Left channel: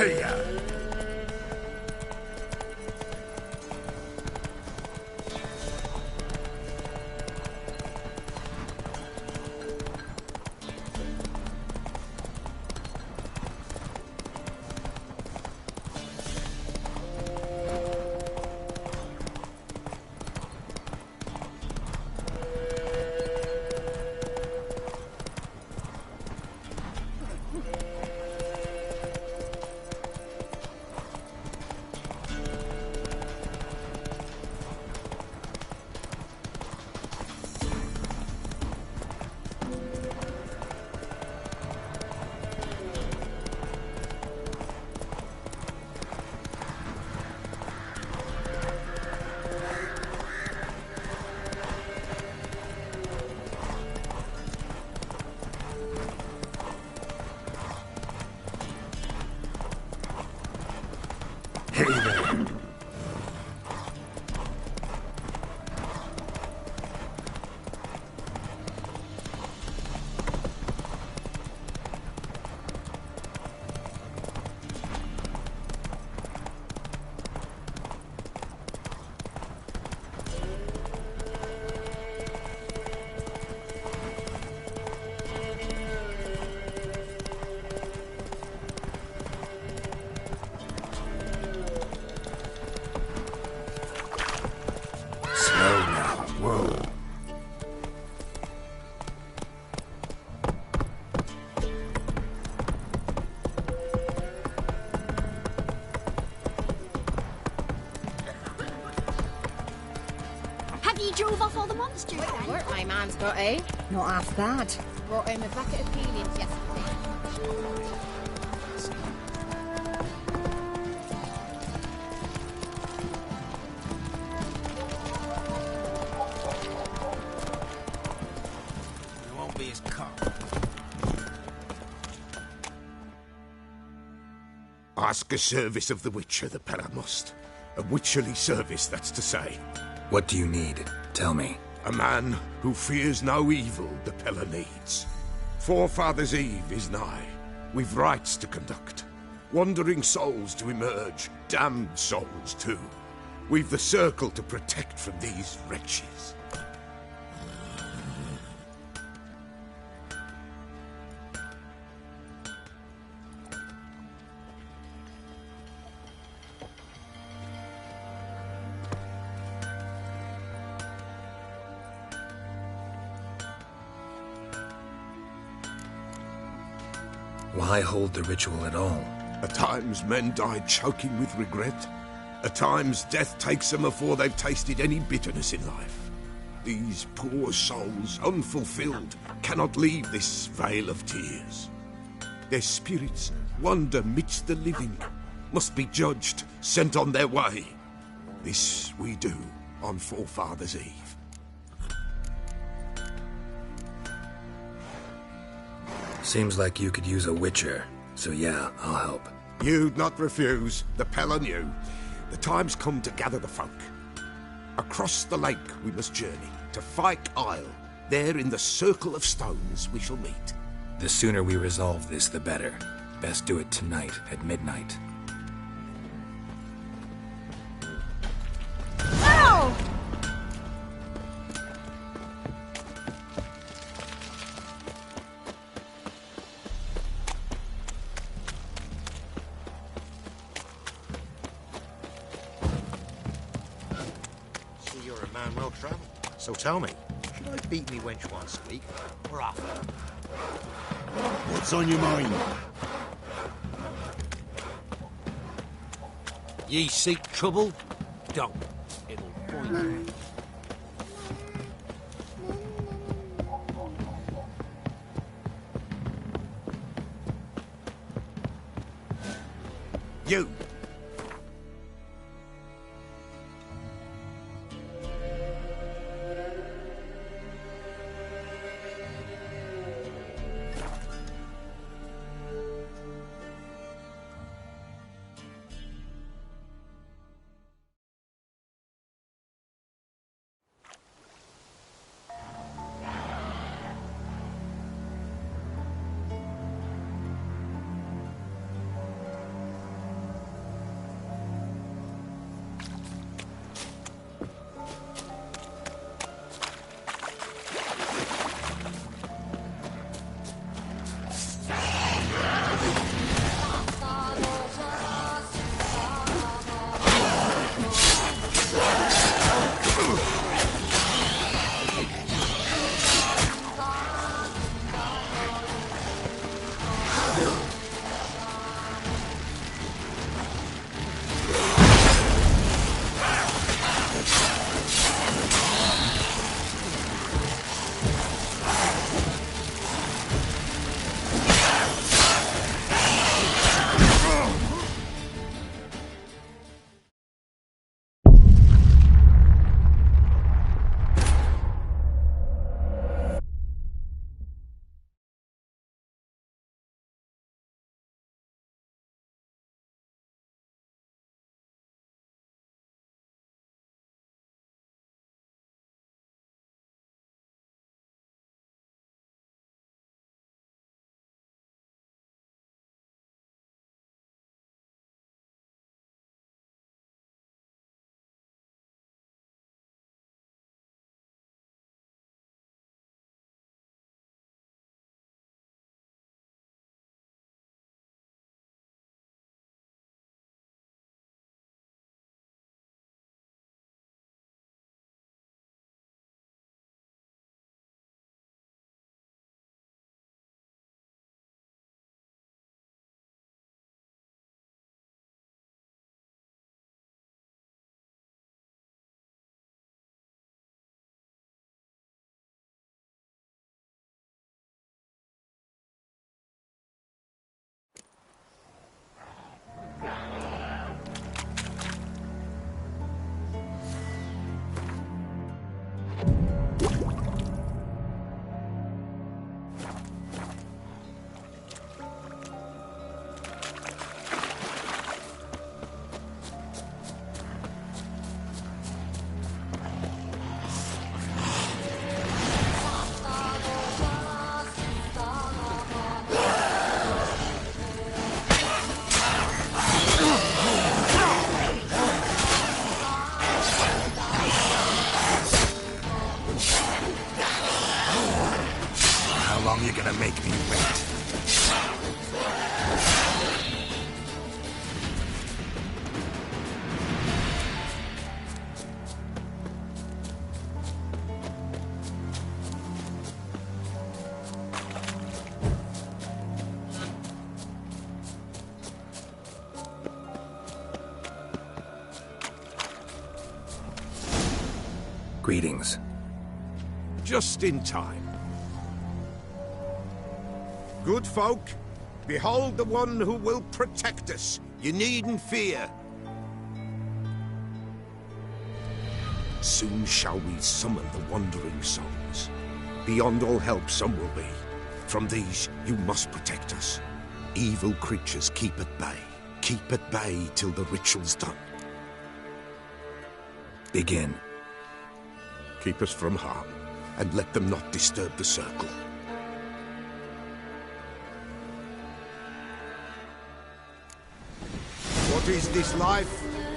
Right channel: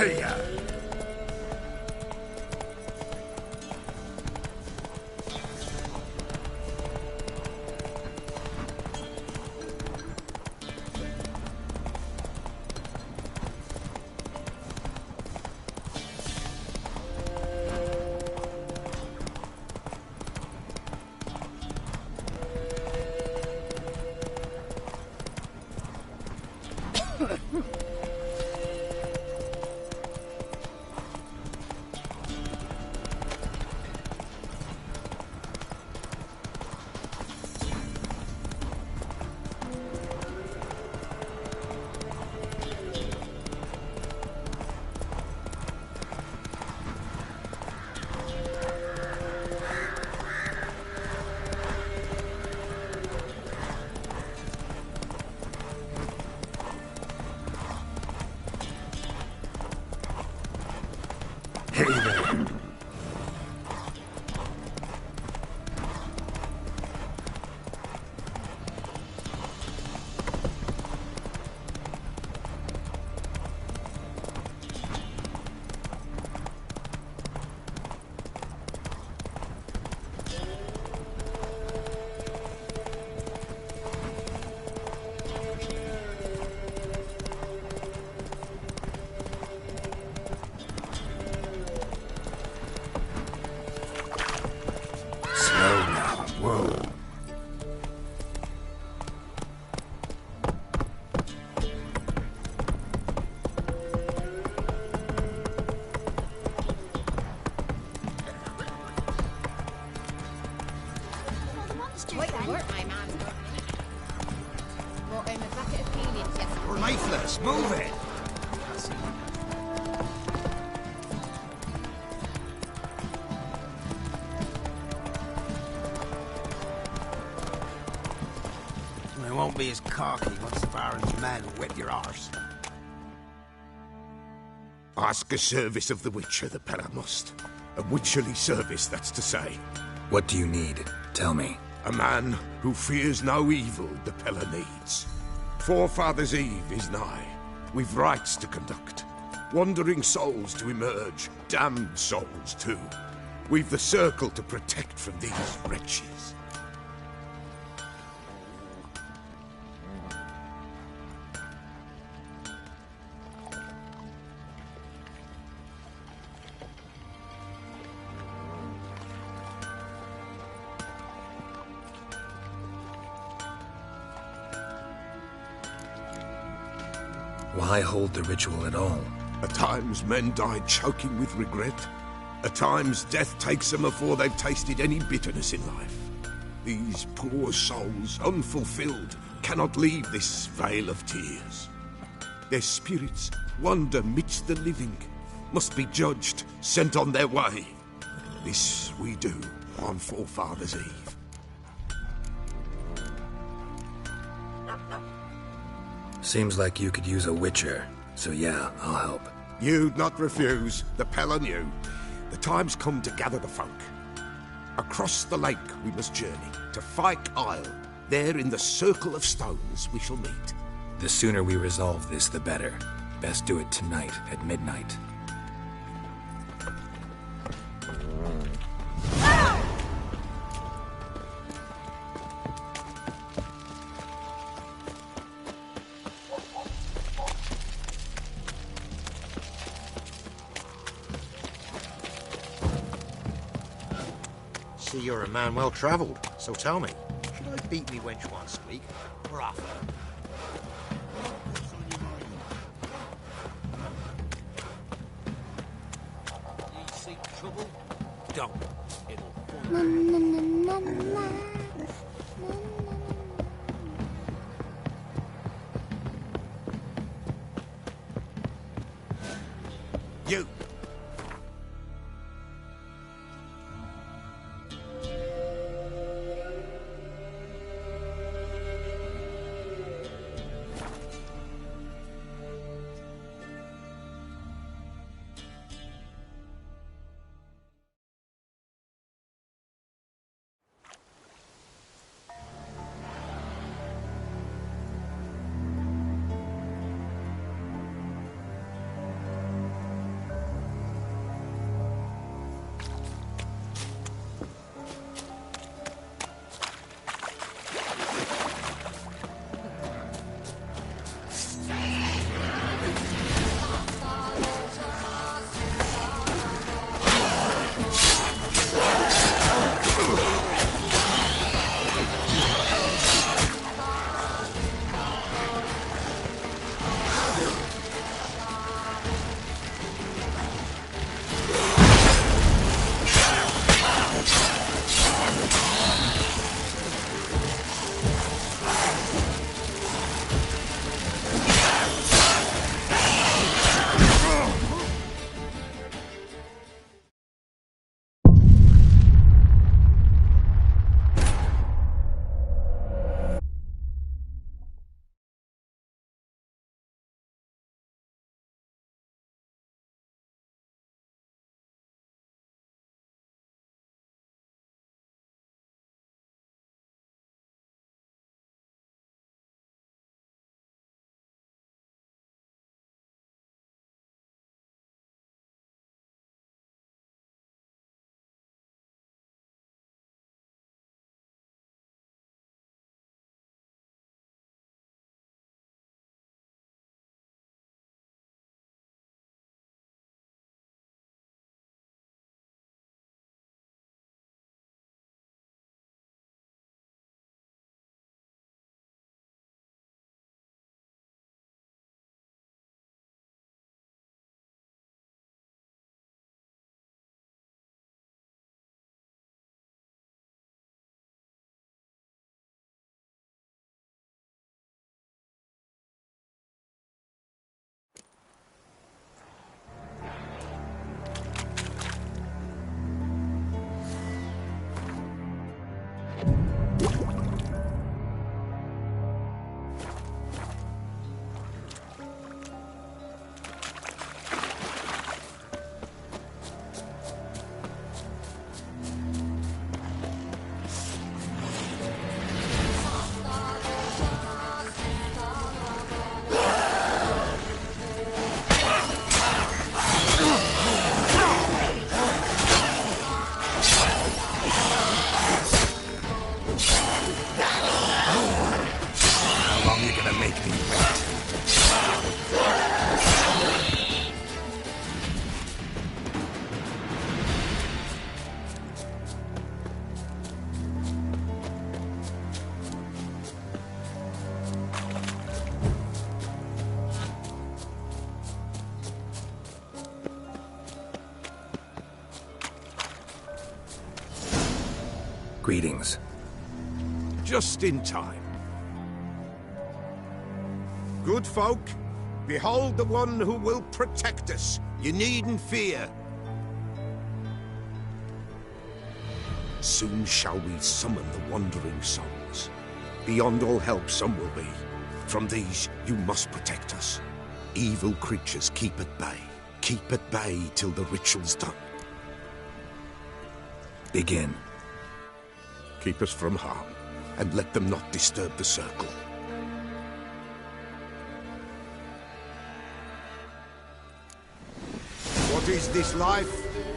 Here. Hey there. Whoa. Have you drove off all the monsters? Quite then? the work my man's got, eh? Not half bad. Brought him a bucket of peelings yesterday. Lifeless, move it. It won't be as cocky as far as the man who whipped your arse. Ask a service of the Witcher, the Pella must. A witcherly service, that's to say. What do you need? Tell me. A man who fears no evil the Pella needs. Forefathers' Eve is nigh. We've rites to conduct. Wandering souls to emerge. Damned souls, too. We've the circle to protect from these wretches. Why hold the ritual at all? At times men die choking with regret. At times death takes them before they've tasted any bitterness in life. These poor souls, unfulfilled, cannot leave this vale of tears. Their spirits wander midst the living, must be judged, sent on their way. This we do on Forefathers' Eve. Seems like you could use a witcher, so yeah, I'll help. You'd not refuse. The Pella knew. The time's come to gather the folk. Across the lake we must journey, to Fyke Isle. There in the circle of stones we shall meet. The sooner we resolve this, the better. Best do it tonight at midnight. Ow! See, you're a man well-travelled, so tell me, should I beat me wench once a week, or often? What's on your mind? Ye seek trouble? Don't. It'll point You! Greetings. Just in time. Good folk, behold the one who will protect us. You needn't fear. Soon shall we summon the wandering souls. Beyond all help some will be. From these you must protect us. Evil creatures keep at bay. Keep at bay till the ritual's done. Begin. Keep us from harm, and let them not disturb the circle. What is this life?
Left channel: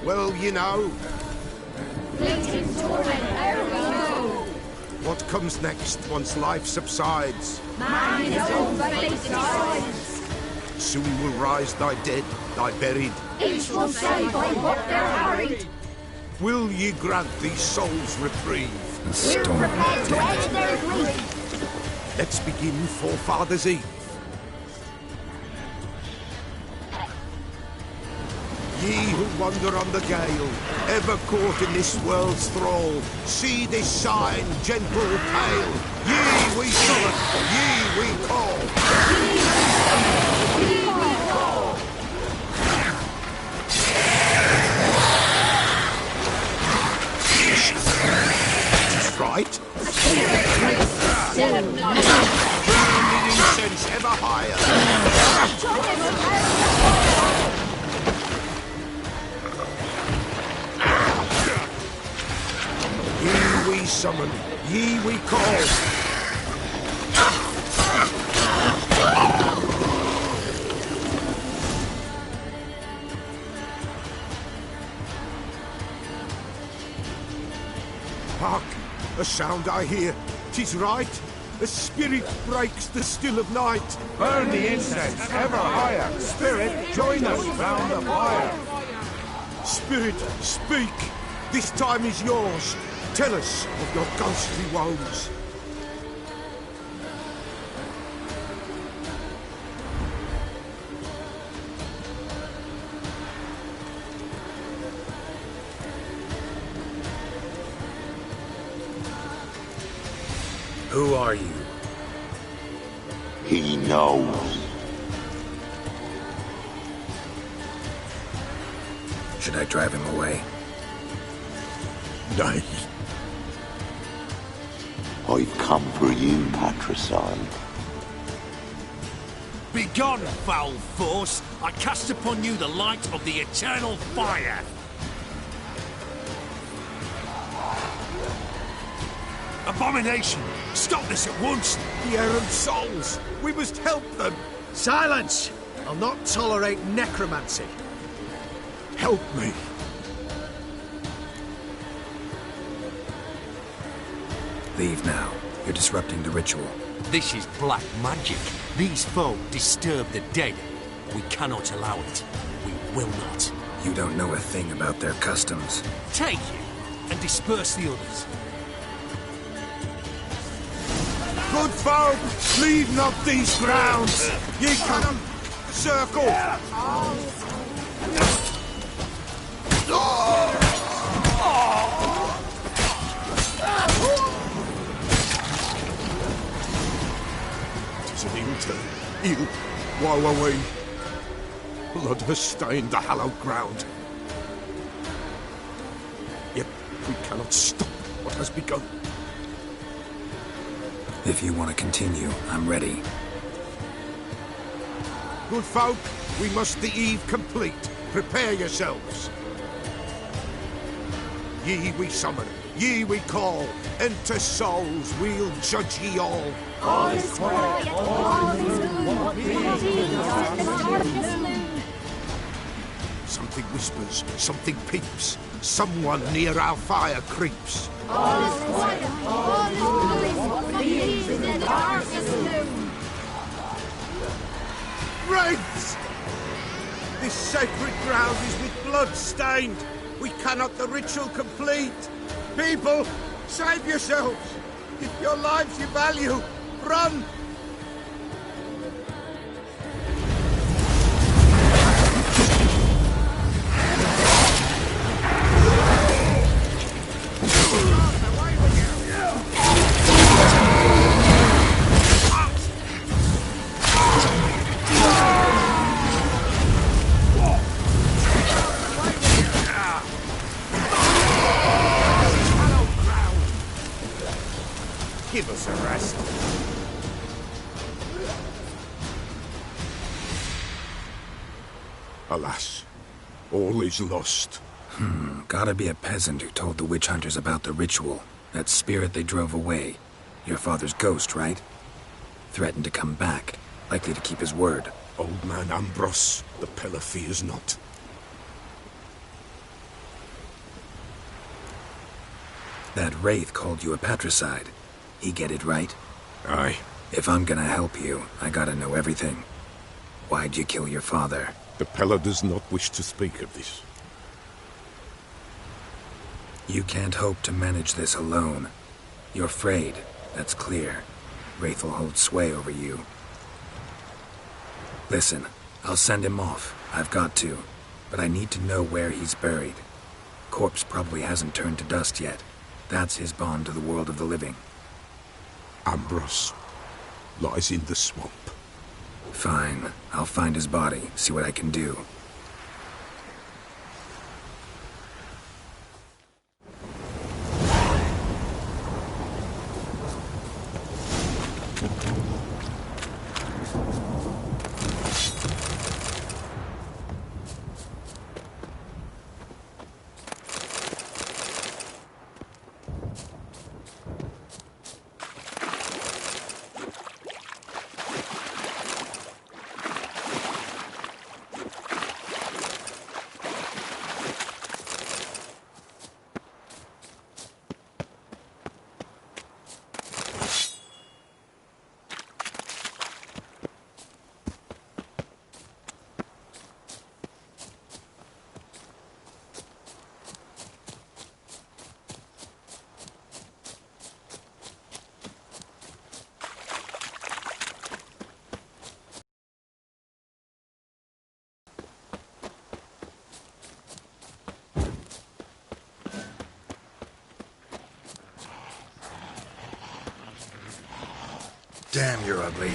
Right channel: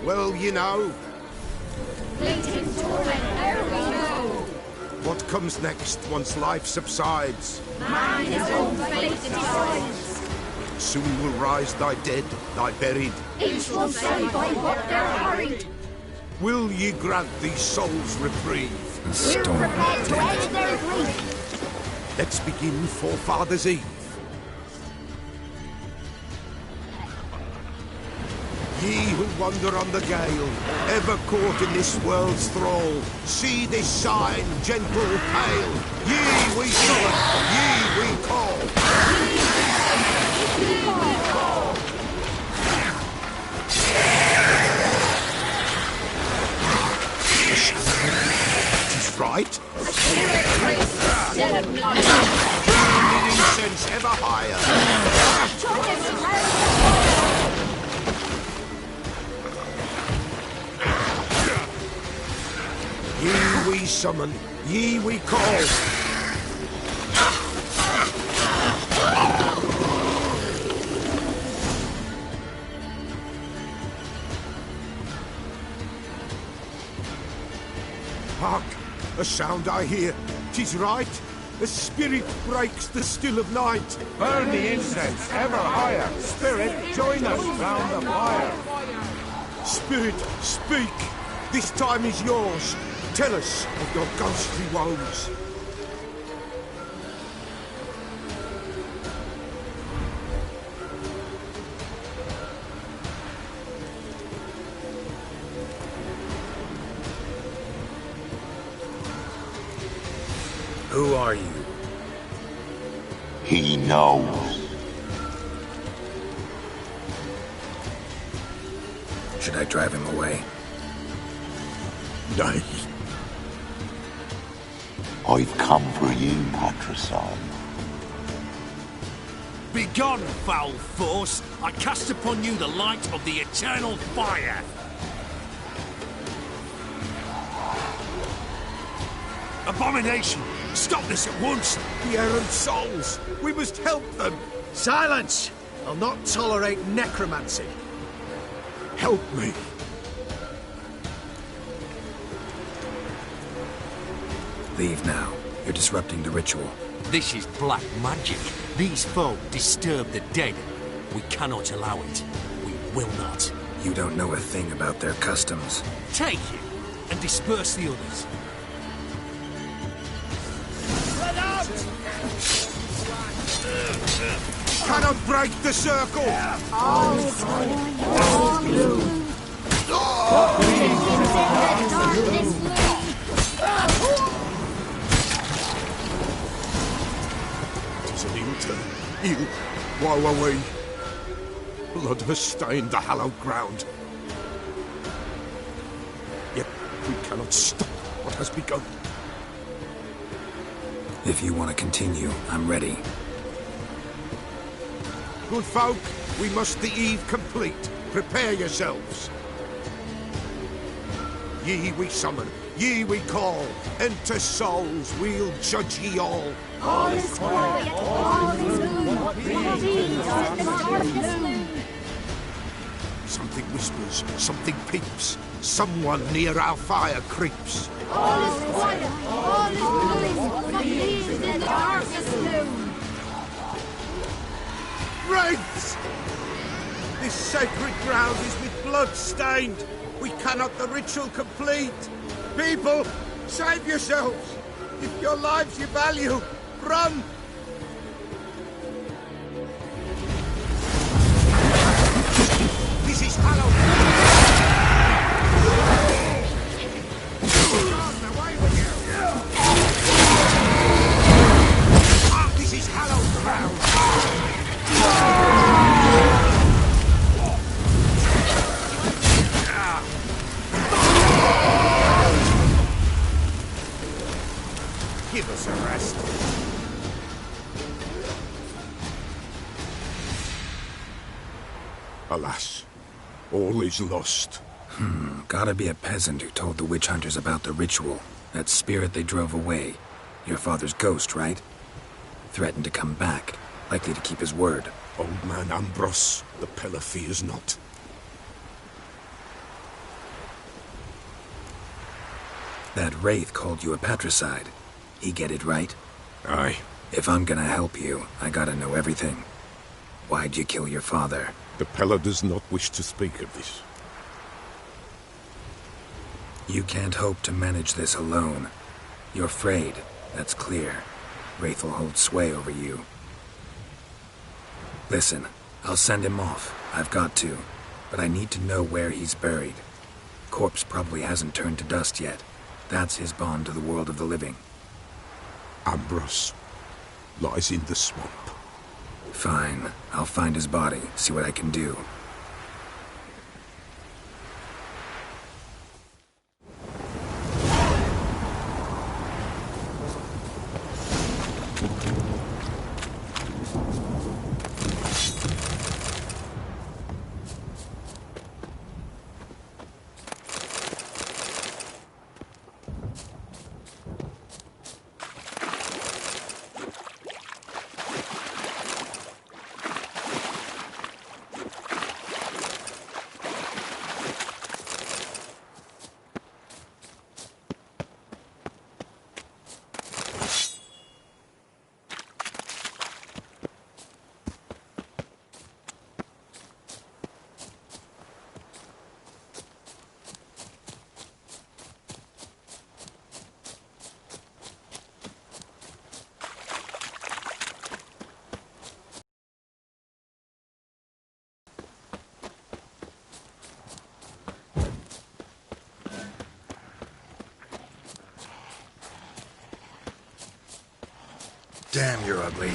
Well, you know. Fleeting torment, ere we know. What comes next once life subsides? Man his own fate decides. Soon will rise thy dead, thy buried. Each will say by what they're harried. Will ye grant these souls reprieve? The We're storm prepared to dead. end their grief. Let's begin Forefathers' Eve. Ye who wander on the gale, ever caught in this world's thrall, see this sign, gentle, pale. Ye we summon, ye we call. Tis right. Burning incense ever higher. Ye we summon, ye we call. Hark, a sound I hear. 'Tis right. A spirit breaks the still of night. Burn the incense ever higher. Spirit, join us round the fire. Spirit, speak. This time is yours. Tell us of your ghostly woes. Who are you? He knows. Should I drive him away? Nay. I've come for you, patricide. Begone, foul force! I cast upon you the light of the eternal fire! Abomination! Stop this at once! The errant souls. We must help them. Silence! I'll not tolerate necromancy. Help me. Leave now. You're disrupting the ritual. This is black magic. These folk disturb the dead. We cannot allow it. We will not. You don't know a thing about their customs. Take it and disperse the others. Good folk, leave not these grounds. Ye cannot break the circle. Tis an ill turn. Ill. Woe away. Blood has stained the hallowed ground. Yet we cannot stop what has begun. If you want to continue, I'm ready. Good folk, we must the eve complete. Prepare yourselves. Ye we summon, ye we call. Enter souls, we'll judge ye all. All is quiet, all is gloom. Something whispers, something peeps. Someone near our fire creeps. All is quiet, all is gloom. What believes in the darkest gloom. Wraiths! This sacred ground is with blood stained. We cannot the ritual complete. People, save yourselves. If your lives you value, run! This is Halloween. Alas, all is lost. Gotta be a peasant who told the witch hunters about the ritual. That spirit they drove away. Your father's ghost, right? Threatened to come back. Likely to keep his word. Old man Ambrose, the Pillar fears not. That wraith called you a patricide. He get it right? Aye. If I'm gonna help you, I gotta know everything. Why'd you kill your father? The Pillar does not wish to speak of this. You can't hope to manage this alone. You're afraid, that's clear. Wraith will hold sway over you. Listen, I'll send him off. I've got to. But I need to know where he's buried. Corpse probably hasn't turned to dust yet. That's his bond to the world of the living. Ambrose lies in the swamp. Fine. I'll find his body, see what I can do. Damn, you're ugly.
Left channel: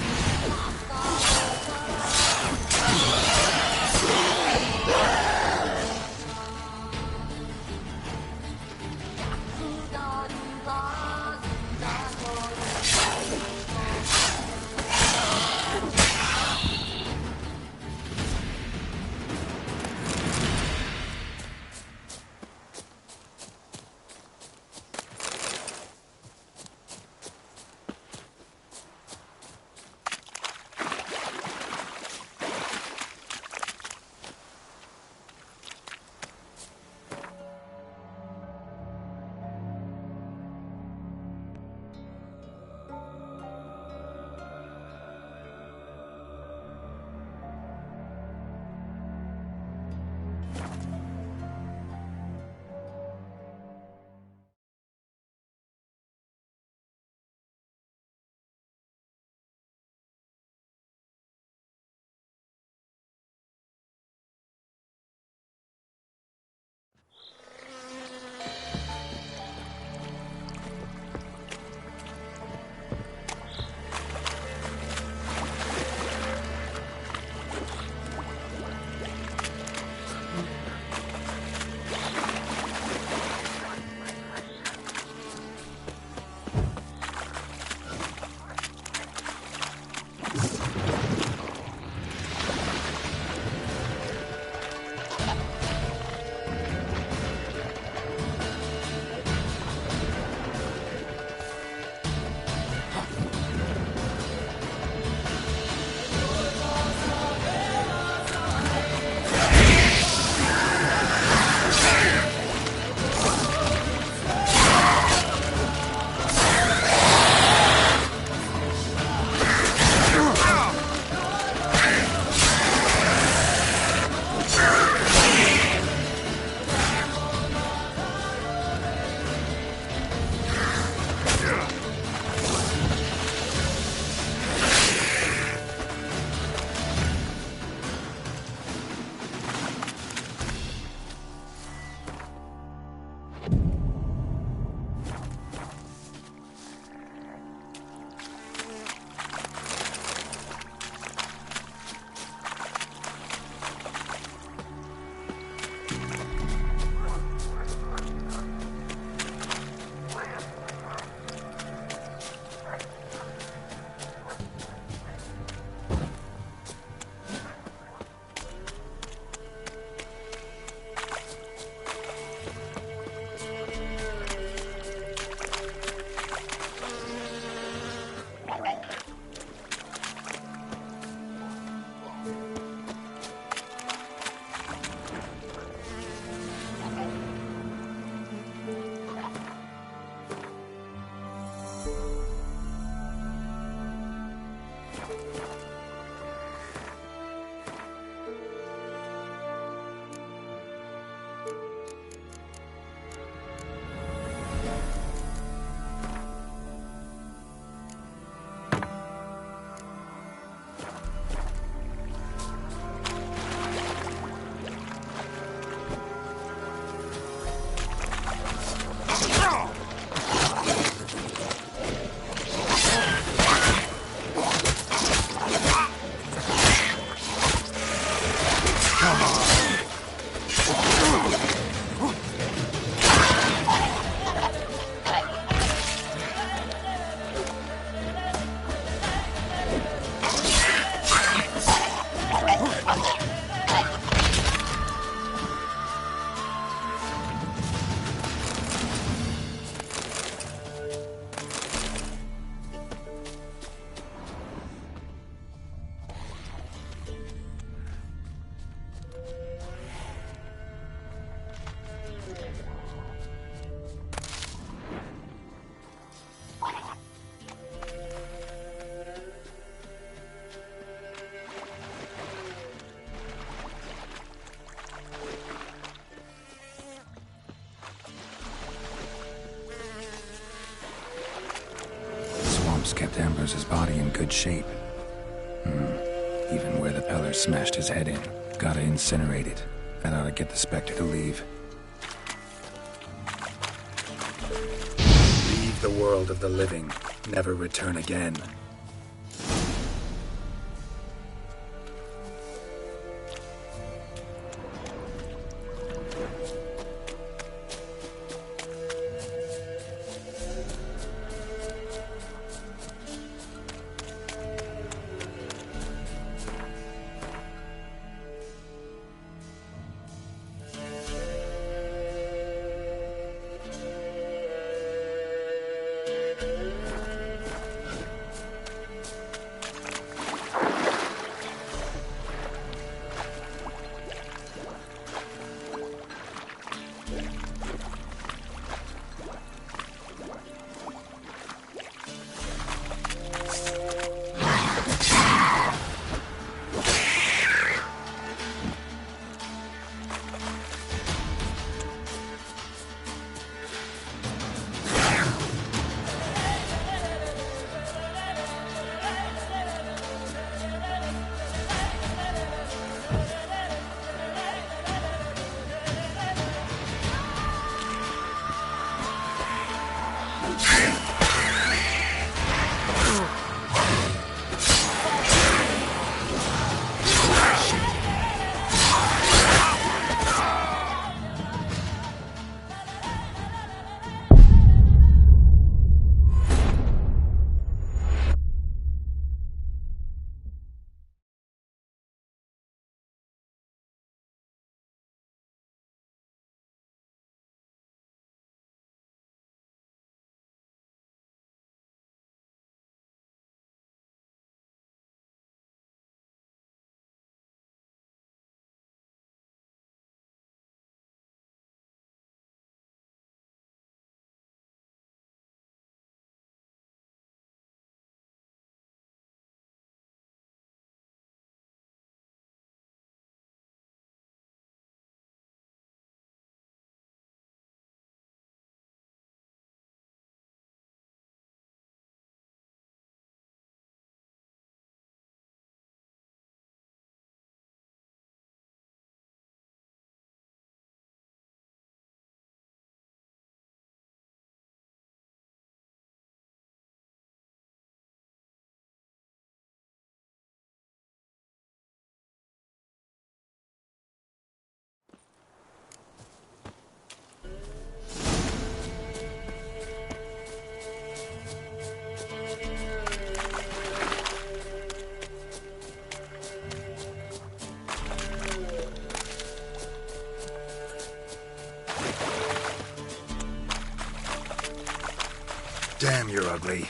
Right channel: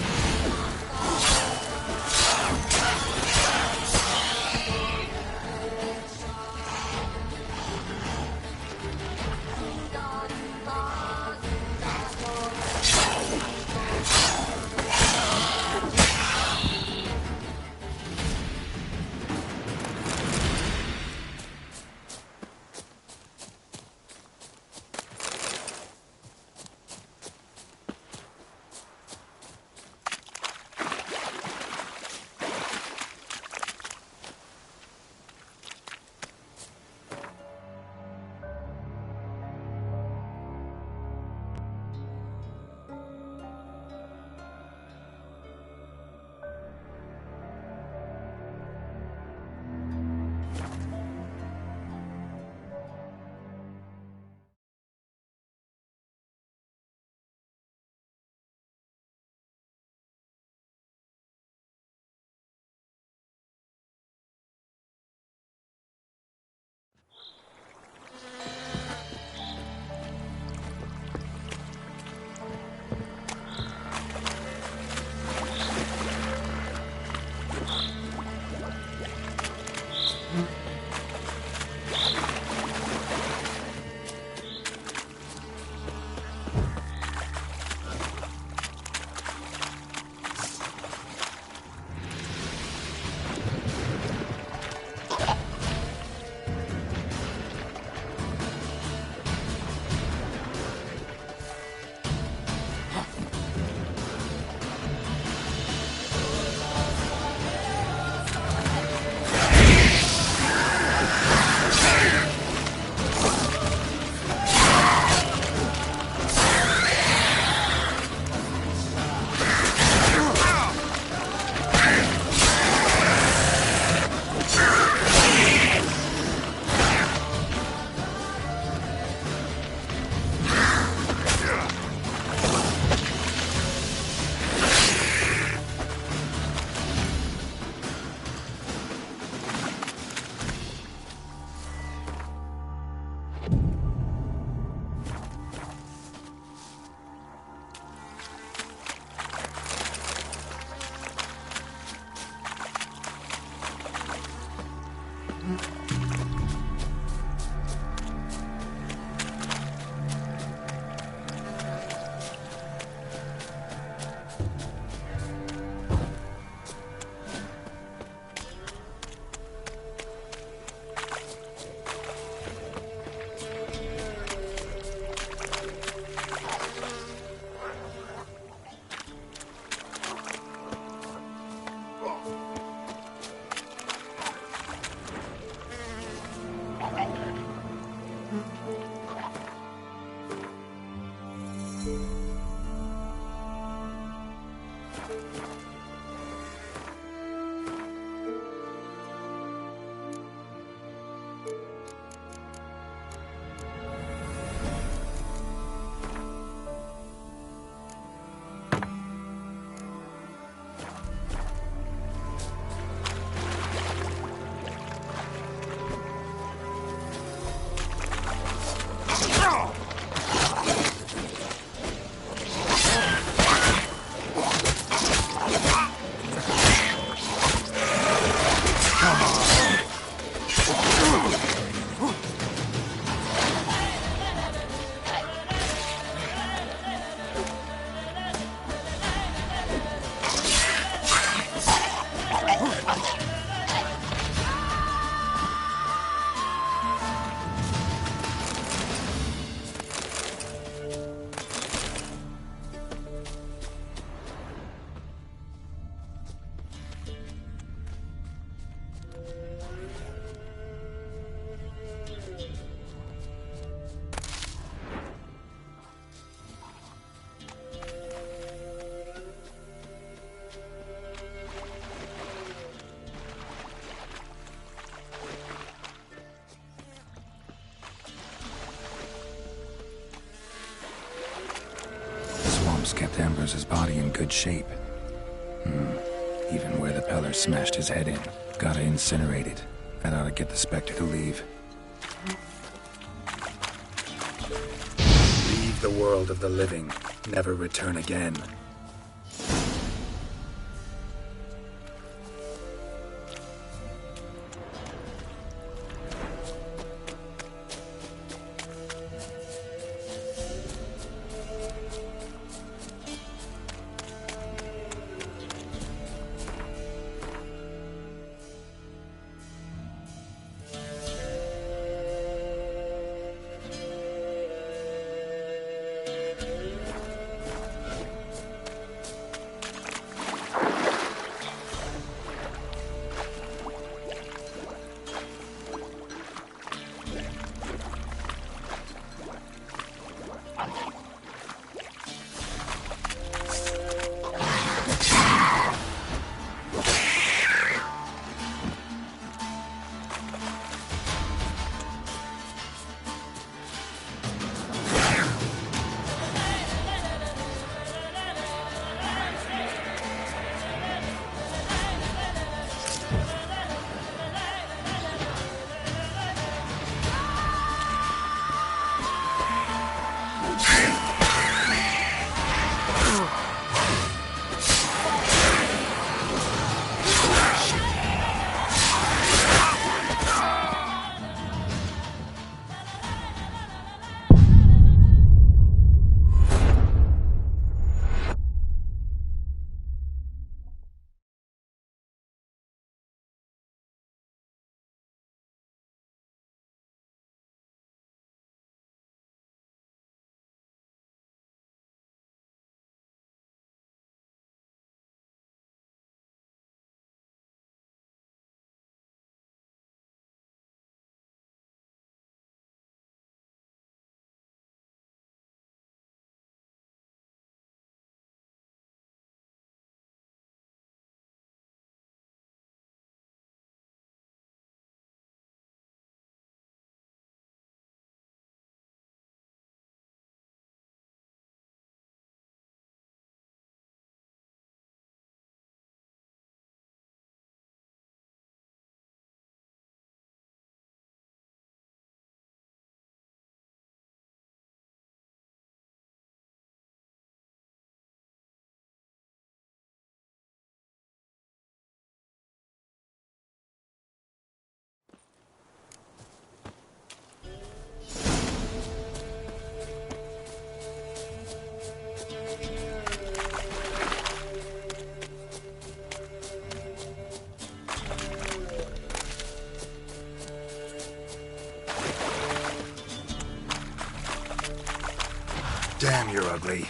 kept Ambrose's body in good shape. Even where the Peller smashed his head in. Gotta incinerate it. That ought to get the Spectre to leave. Leave the world of the living. Never return again. Damn, you're ugly.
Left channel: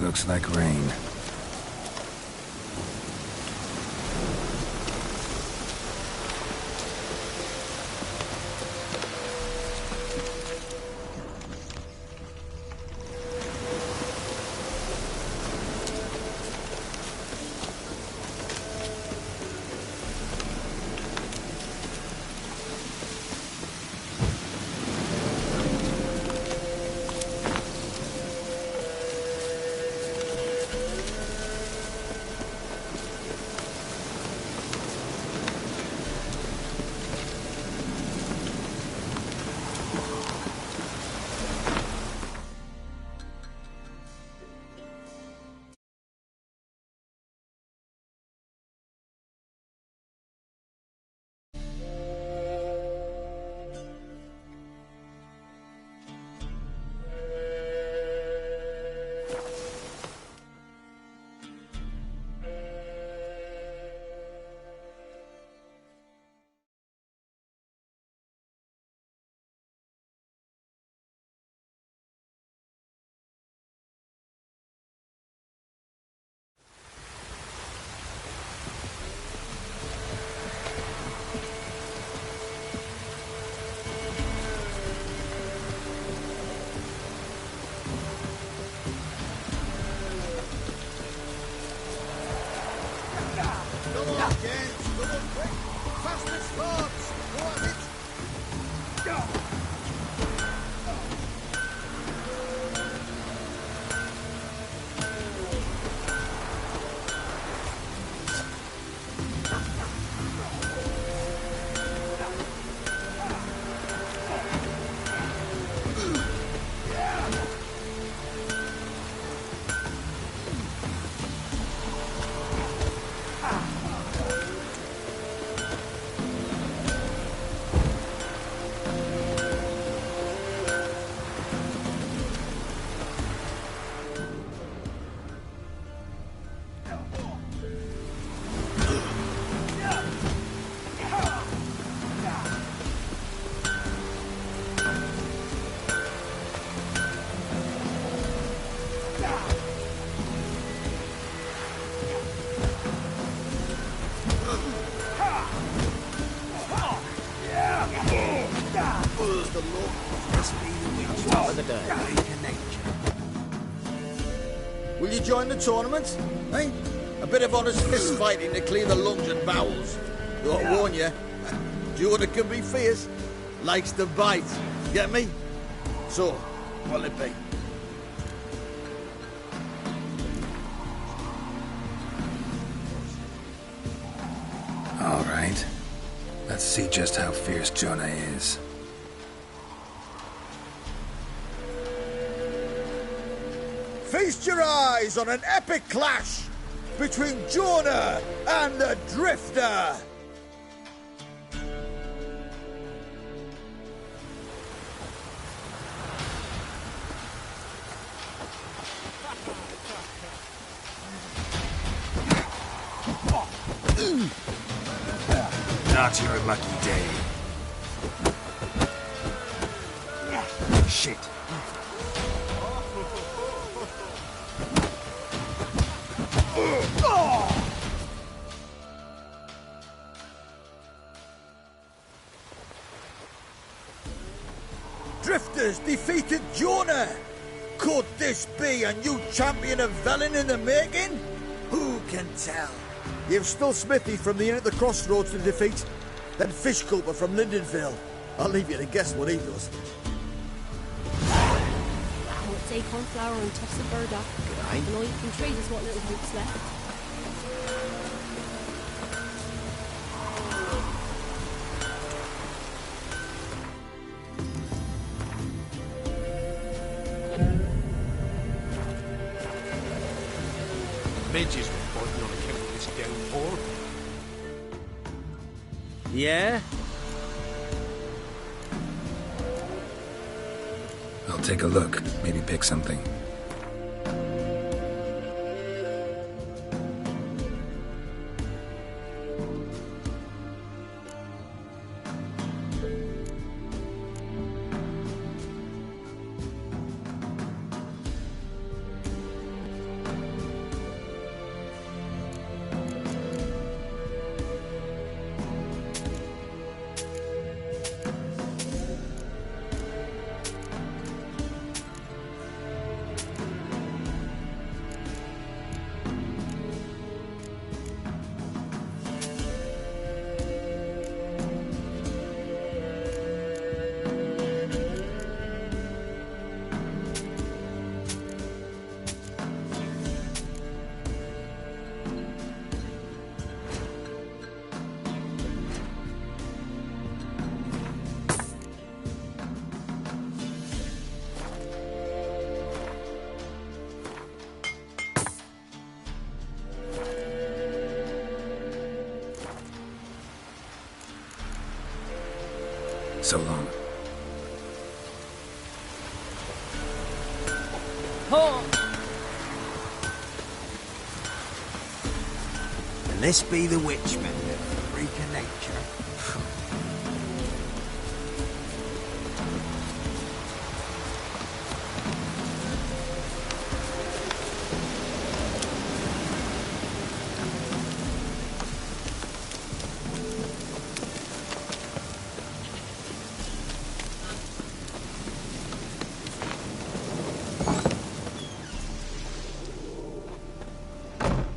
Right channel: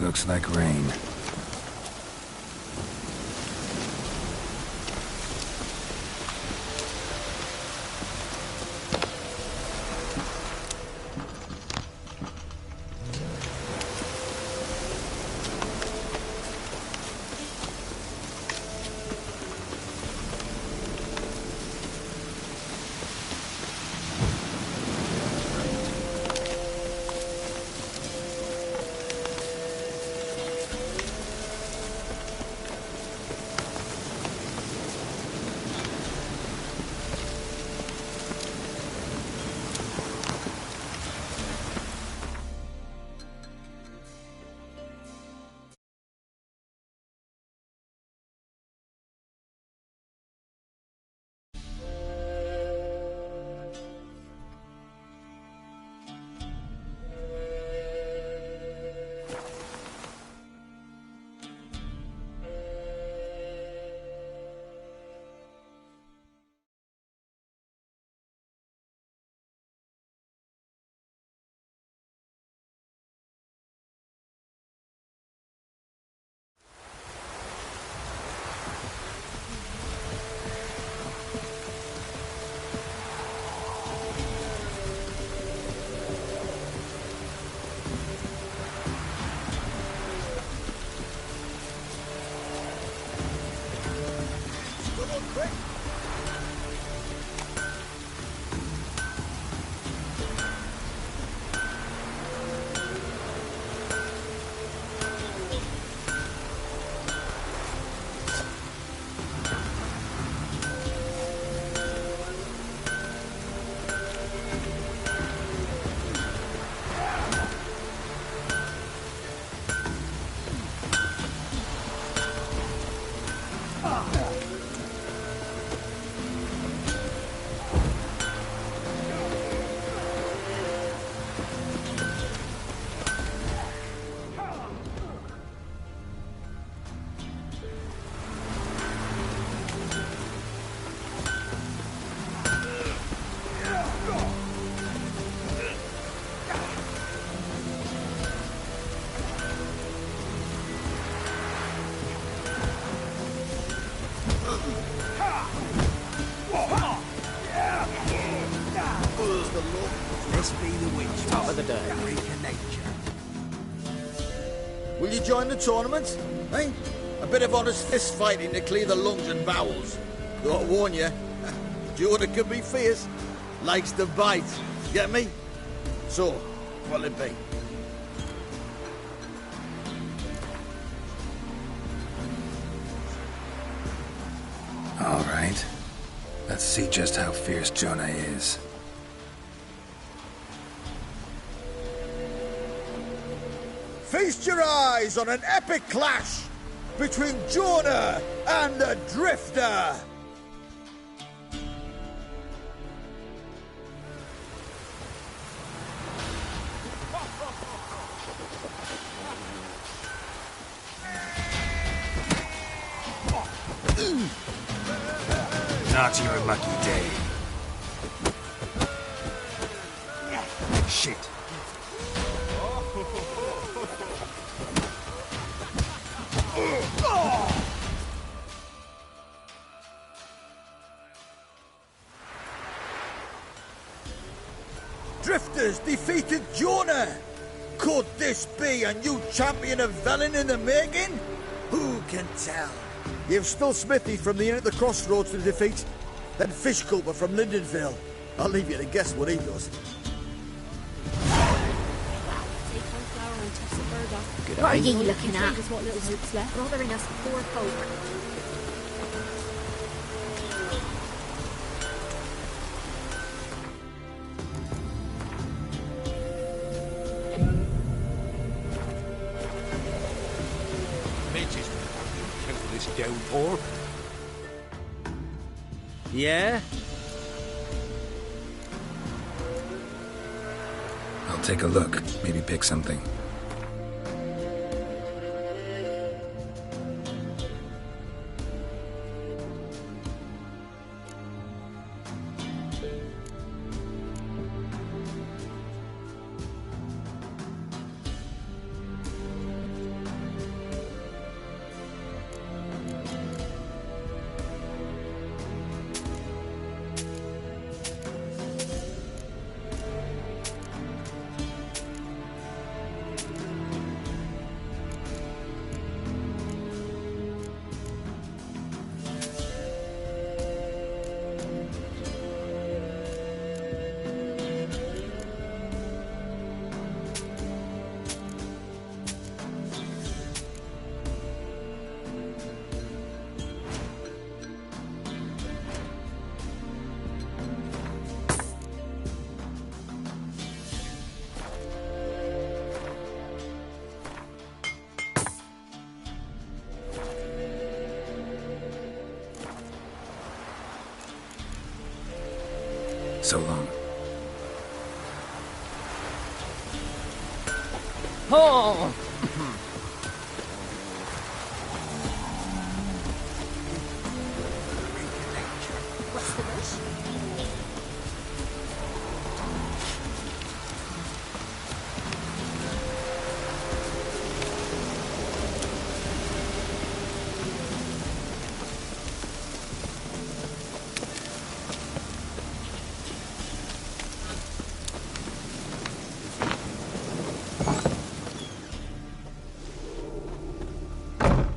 Looks like rain. the law. This be the witch. Top of the day. Freak of nature. Will you join the tournament? Eh? A bit of honest fist fighting to clear the lungs and bowels. Though I warn you, Jonah can be fierce. Likes to bite. Get me? So, what'll it be? All right. Let's see just how fierce Jonah is. Feast your eyes on an epic clash between Jonah and the Drifter! Not your lucky day. Shit. Drifters defeated Jonah! Could this be a new champion of Velen in the making? Who can tell? You've still Smithy from the inn at the crossroads to defeat, then Fishculper from Lindenville. I'll leave you to guess what he does. Take on flour and toss a bird up. Good What are you idea. looking trade us what little hope's left? Midges reporting on account of this downpour. Yeah? I'll take a look. Maybe pick something. So long. Oh! This be the witchman, freak of nature.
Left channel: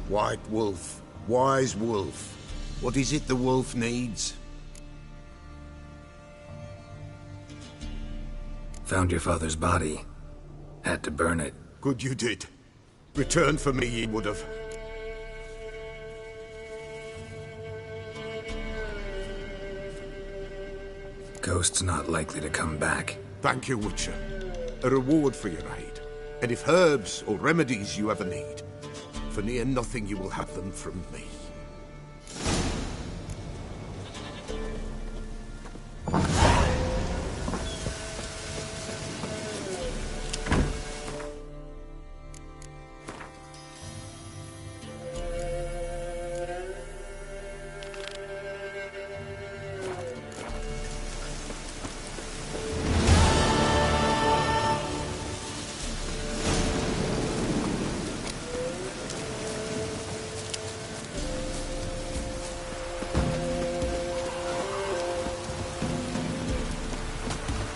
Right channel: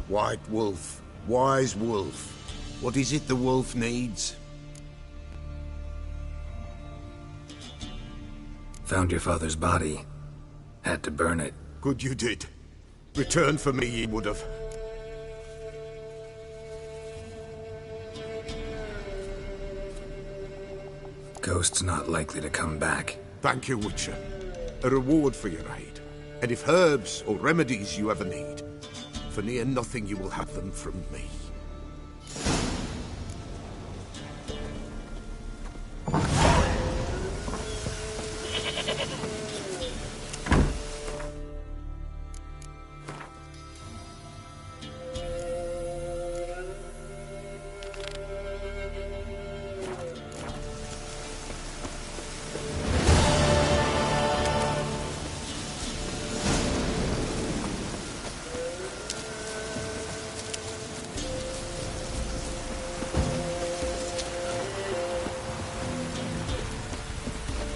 White wolf, wise wolf. What is it the wolf needs? Found your father's body. Had to burn it. Good you did. Return for me ye would have. Ghost's not likely to come back. Thank you, Witcher. A reward for your aid. And if herbs or remedies you ever need, for near nothing you will have them from me.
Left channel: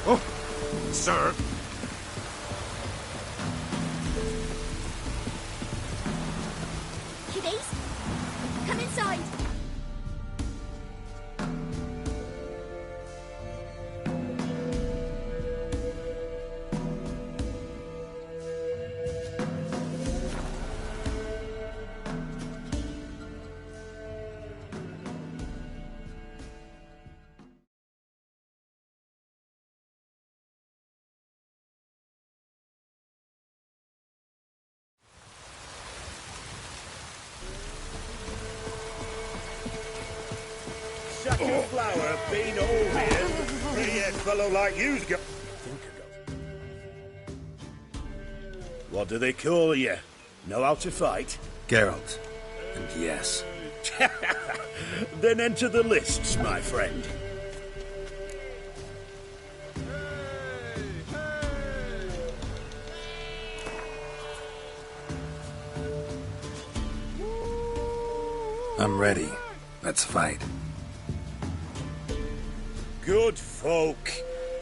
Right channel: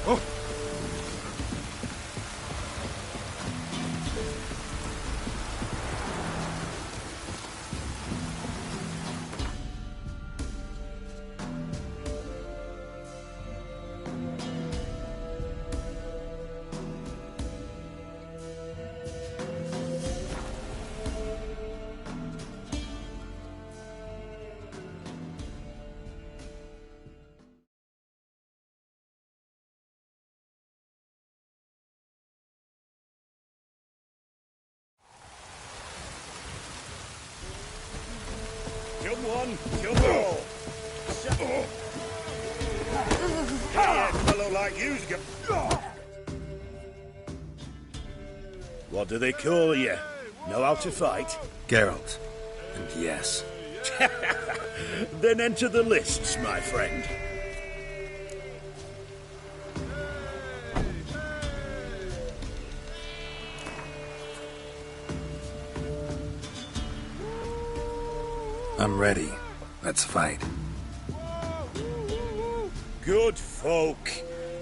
Oh, sir. Kiddies, come inside. Like you's got. What do they call you? Know how to fight? Geralt. And yes. Then enter the lists, my friend. I'm ready. Let's fight. Good folk.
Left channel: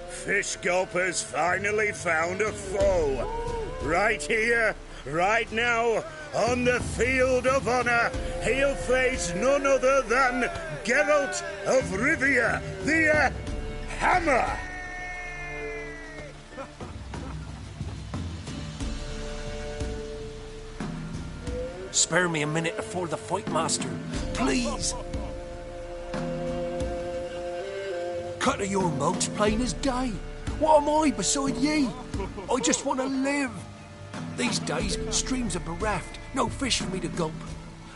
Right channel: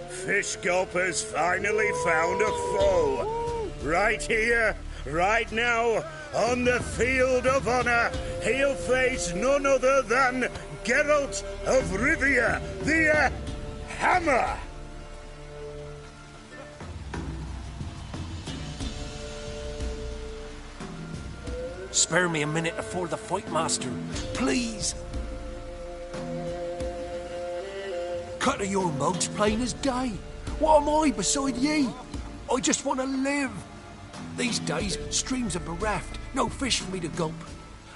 Fish Gulper's finally found a foe. Right here, right now, on the field of honor, he'll face none other than Geralt of Rivia, the Hammer. Spare me a minute before the fight, Master. Please. Cut of your mouth's plain as day. What am I beside ye? I just want to live. These days, streams are bereft, no fish for me to gulp.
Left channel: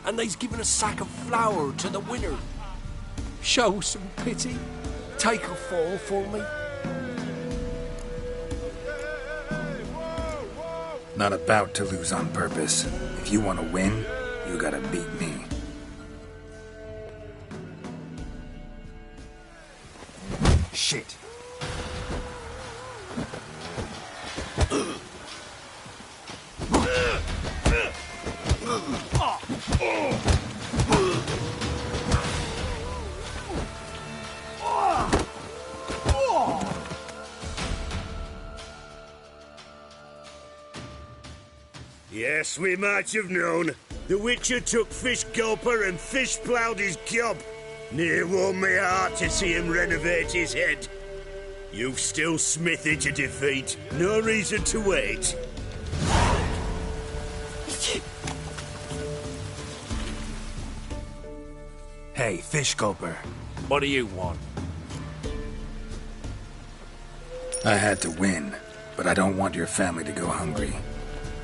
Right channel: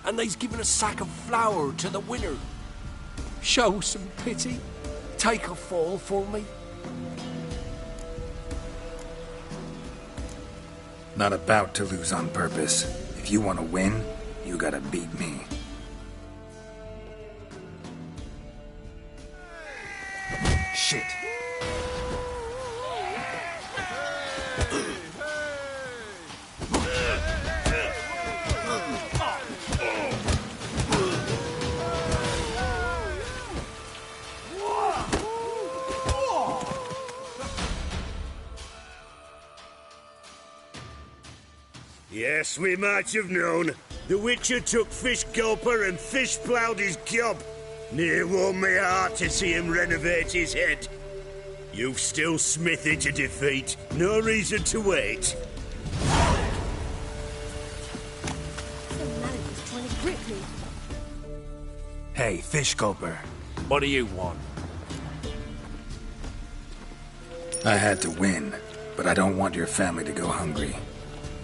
And they's given a sack of flour to the winner. Show some pity. Take a fall for me. Not about to lose on purpose. If you want to win, you gotta beat me. Shit. Yes, we might have known. The Witcher took Fish Gulper and fish-ploughed his gob. Near warmed me heart to see him renovate his head. You've still Smithy to defeat. No reason to wait. Hey, Fish Gulper. What do you want? I had to win, but I don't want your family to go hungry.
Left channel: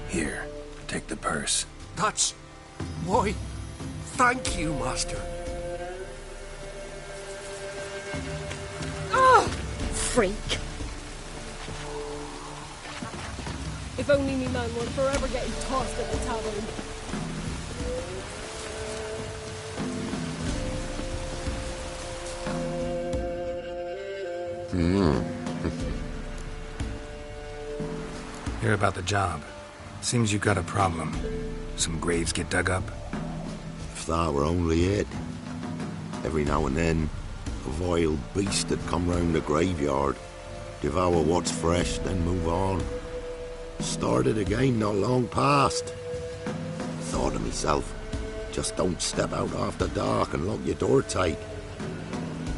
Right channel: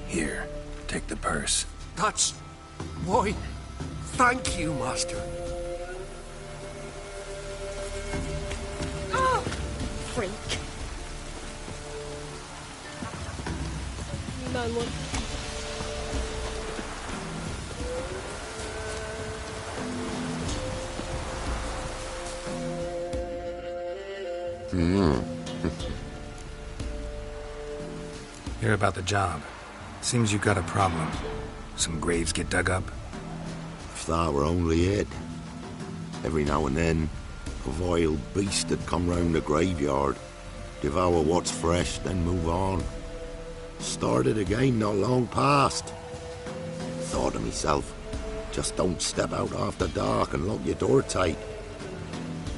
Here, take the purse. That's... why... thank you, Master. Oh, freak. If only me man would forever get tossed at the tavern. Hear about the job. Seems you got a problem. Some graves get dug up? If that were only it. Every now and then, a vile beast would come round the graveyard, devour what's fresh, then move on. Started again not long past. Thought to myself, just don't step out after dark and lock your door tight.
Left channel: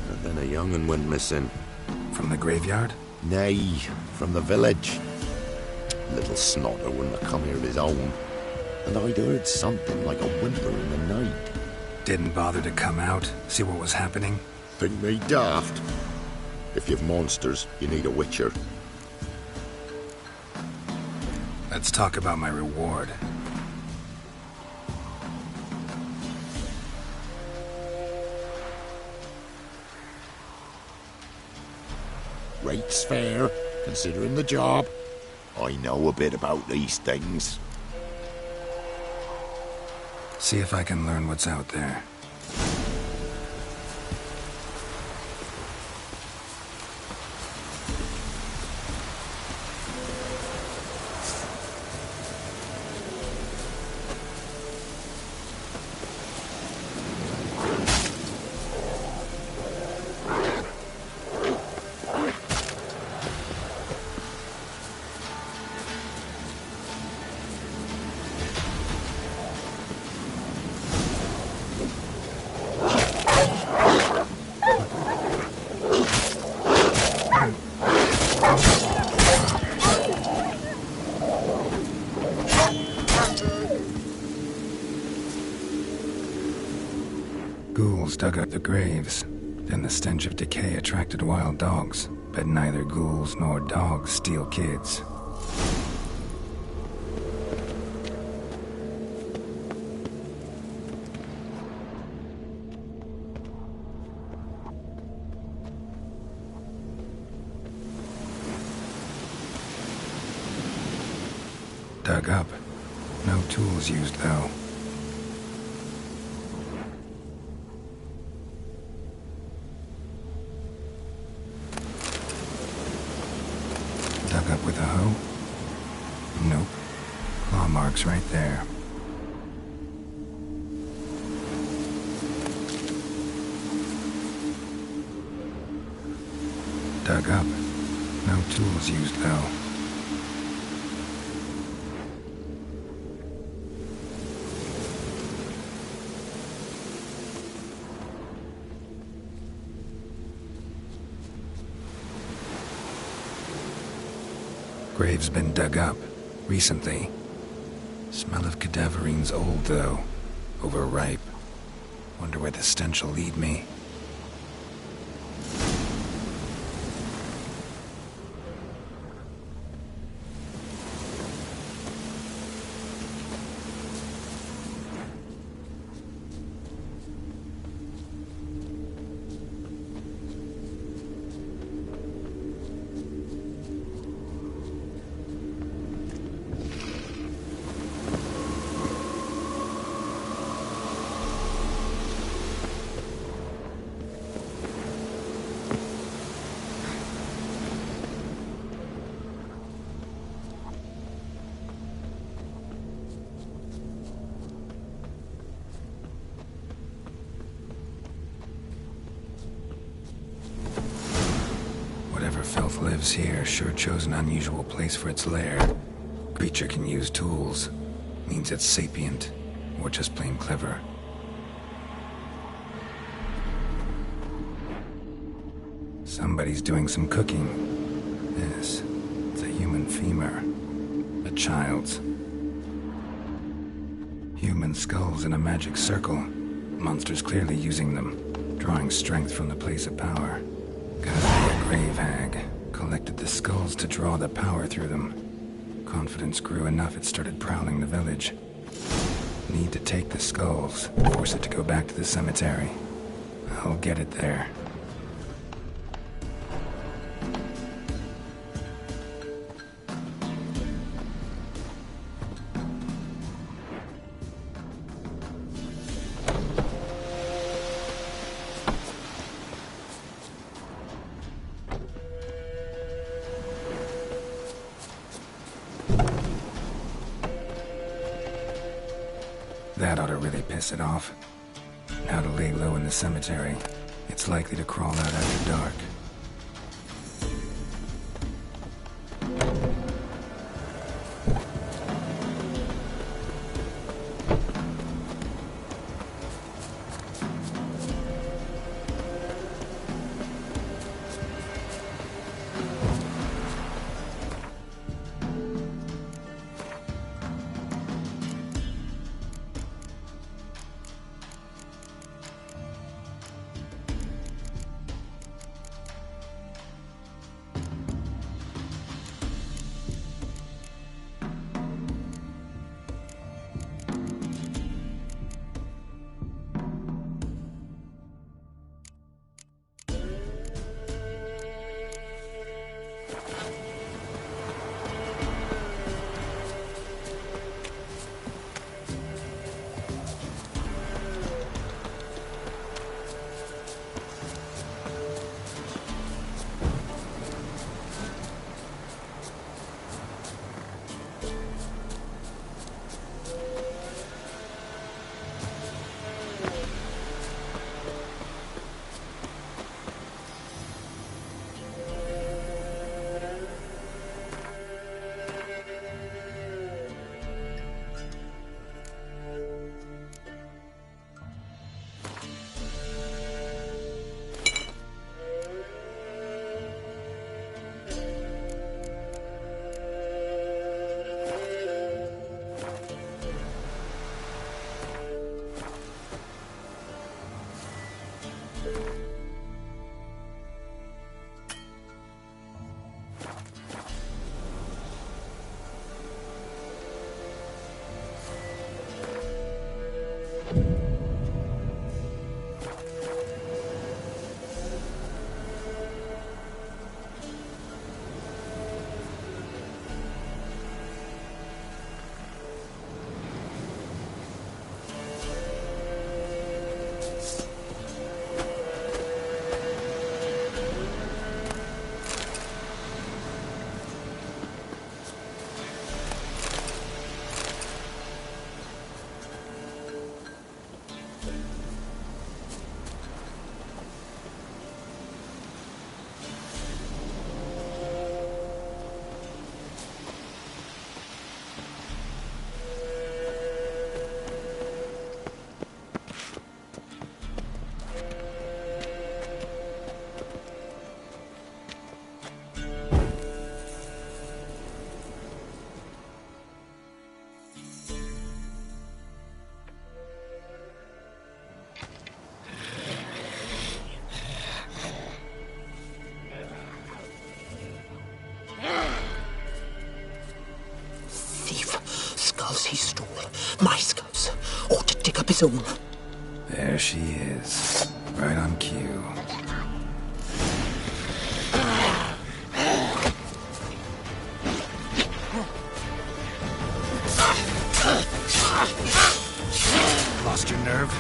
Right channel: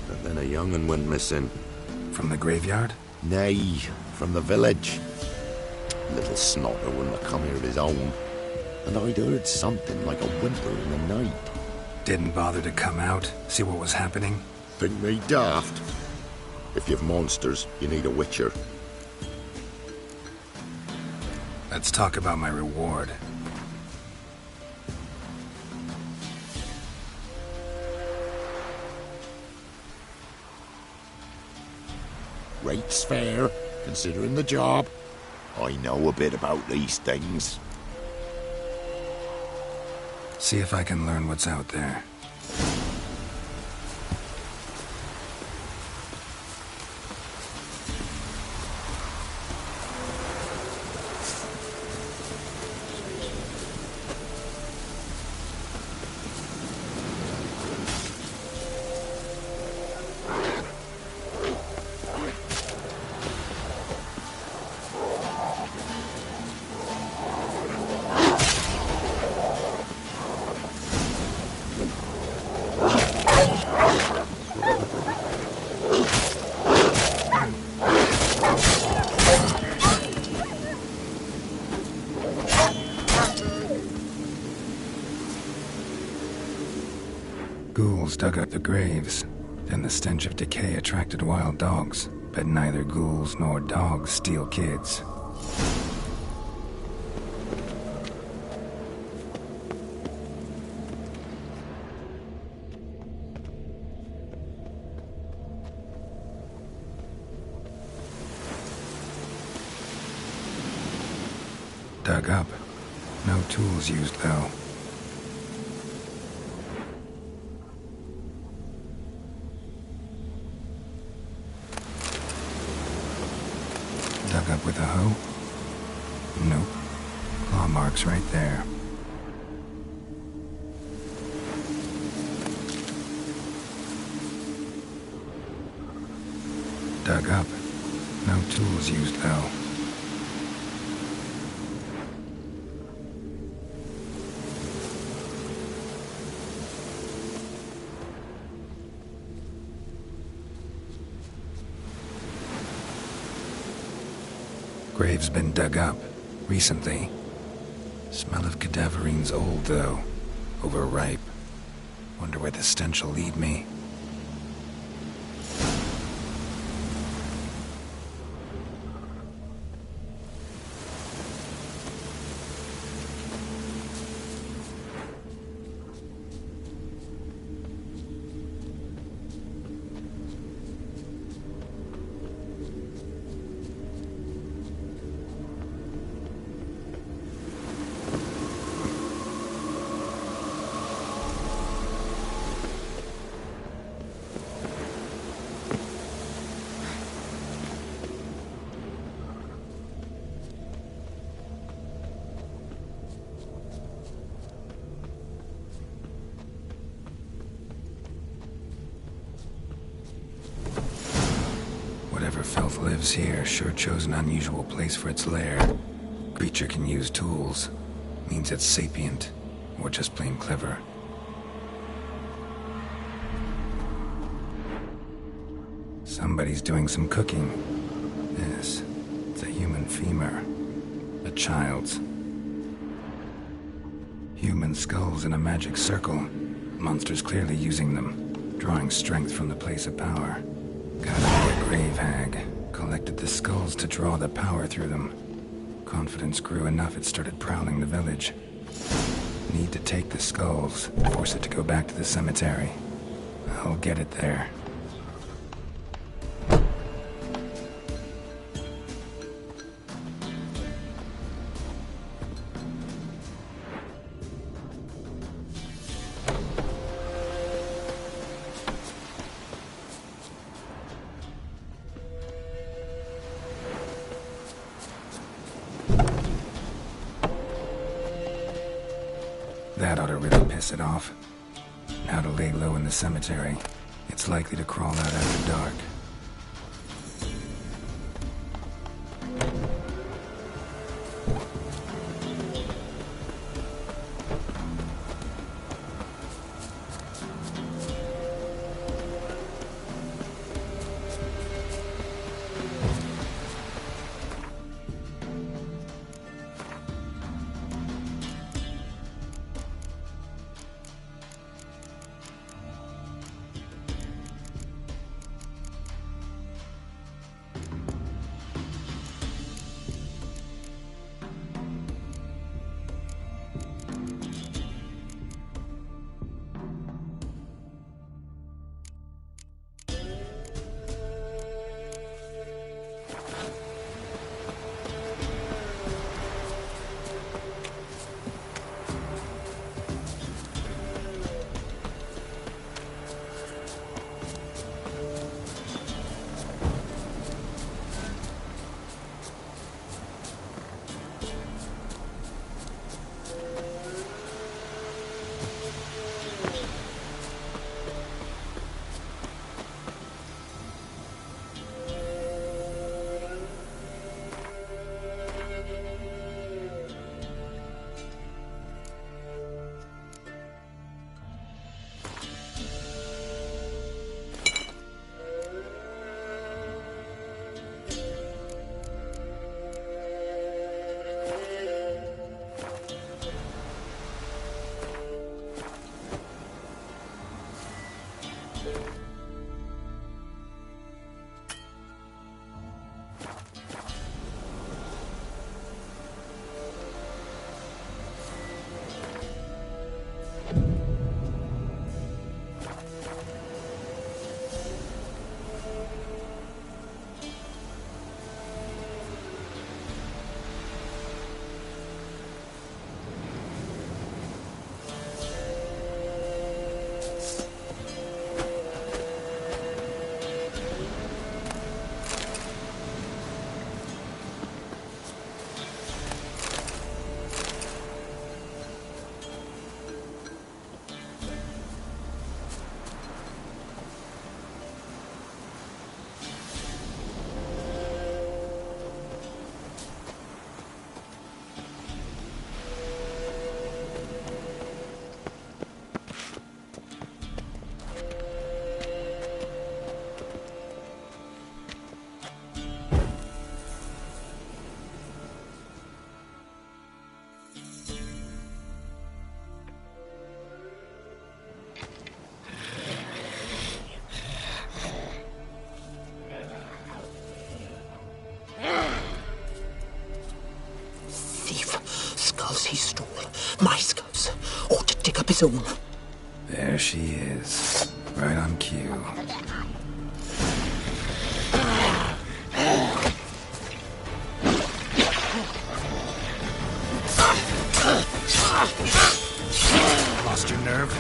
But then a young'un went missing. From the graveyard? Nay, from the village. Little snotter wouldn't have come here of his own. And I'd heard something like a whimper in the night. Didn't bother to come out, see what was happening? Think me daft. If you've monsters, you need a witcher. Let's talk about my reward. Rate's fair, considering the job. I know a bit about these things. See if I can learn what's out there. dug up the graves. Then the stench of decay attracted wild dogs, but neither ghouls nor dogs steal kids. Dug up. No tools used, though. Dug up with a hoe? Nope. Claw marks right there. Dug up. No tools used, though. Grave's been dug up, recently. Smell of cadaverines old, though. Overripe. Wonder where the stench will lead me. Whatever filth lives here sure chose an unusual place for its lair. Creature can use tools. Means it's sapient, or just plain clever. Somebody's doing some cooking. Yes, it's a human femur. A child's. Human skulls in a magic circle. Monsters clearly using them, drawing strength from the place of power. Gotta be a grave hag. Collected the skulls to draw the power through them. Confidence grew enough it started prowling the village. Need to take the skulls, force it to go back to the cemetery. I'll get it there. That ought to really piss it off. Now to lay low in the cemetery. It's likely to crawl out after dark. he stole my skulls, or to dig up his own. There she is, right on cue. Lost your nerve?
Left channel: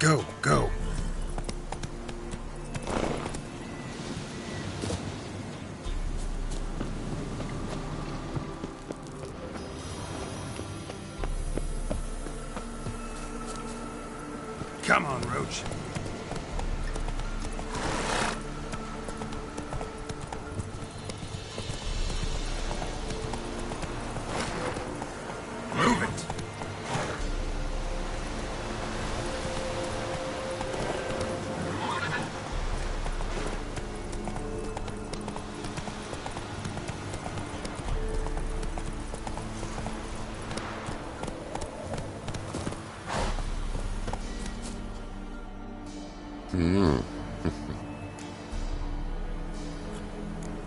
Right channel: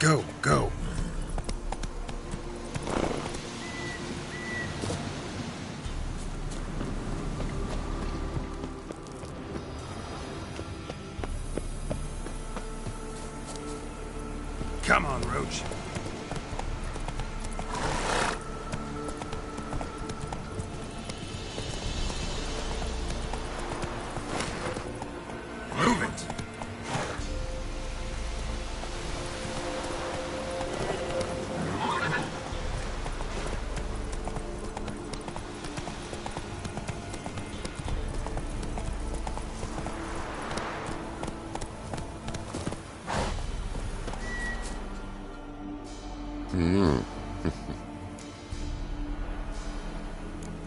Go, go. Come on, Roach. Move it.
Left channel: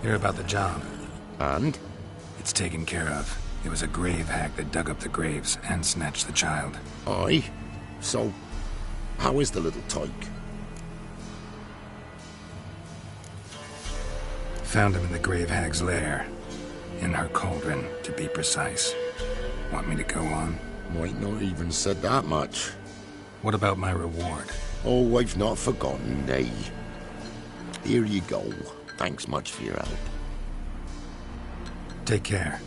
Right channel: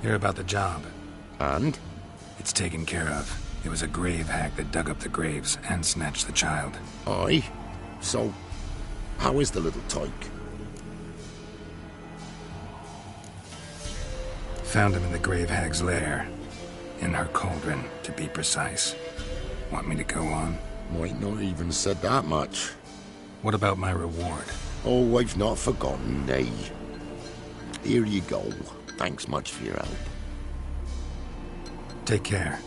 Hear about the job. And? It's taken care of. It was a grave hack that dug up the graves and snatched the child. Aye? So, how is the little tyke? Found him in the grave hag's lair. In her cauldron, to be precise. Want me to go on? Might not even said that much. What about my reward? Oh, I've not forgotten, nay. Here you go. Thanks much for your help. Take care.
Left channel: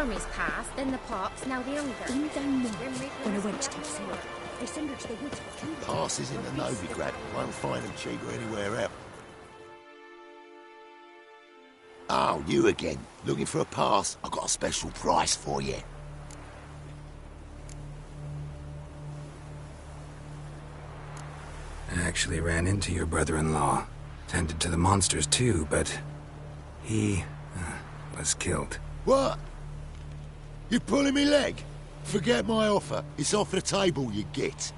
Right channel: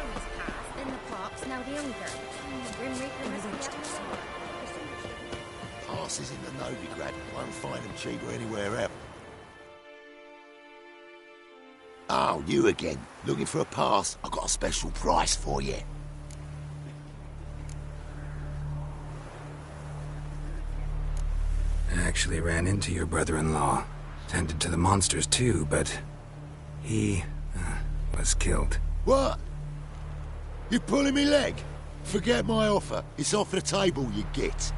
armies passed, then the pops, now the hunger. Grim Reaper must be Passes in the Novigrad. Won't find them cheap or anywhere else. Oh, you again. Looking for a pass? I've got a special price for you. I actually ran into your brother-in-law. Tended to the monsters too, but he was killed. What? You pulling me leg? Forget my offer. It's off the table, you git.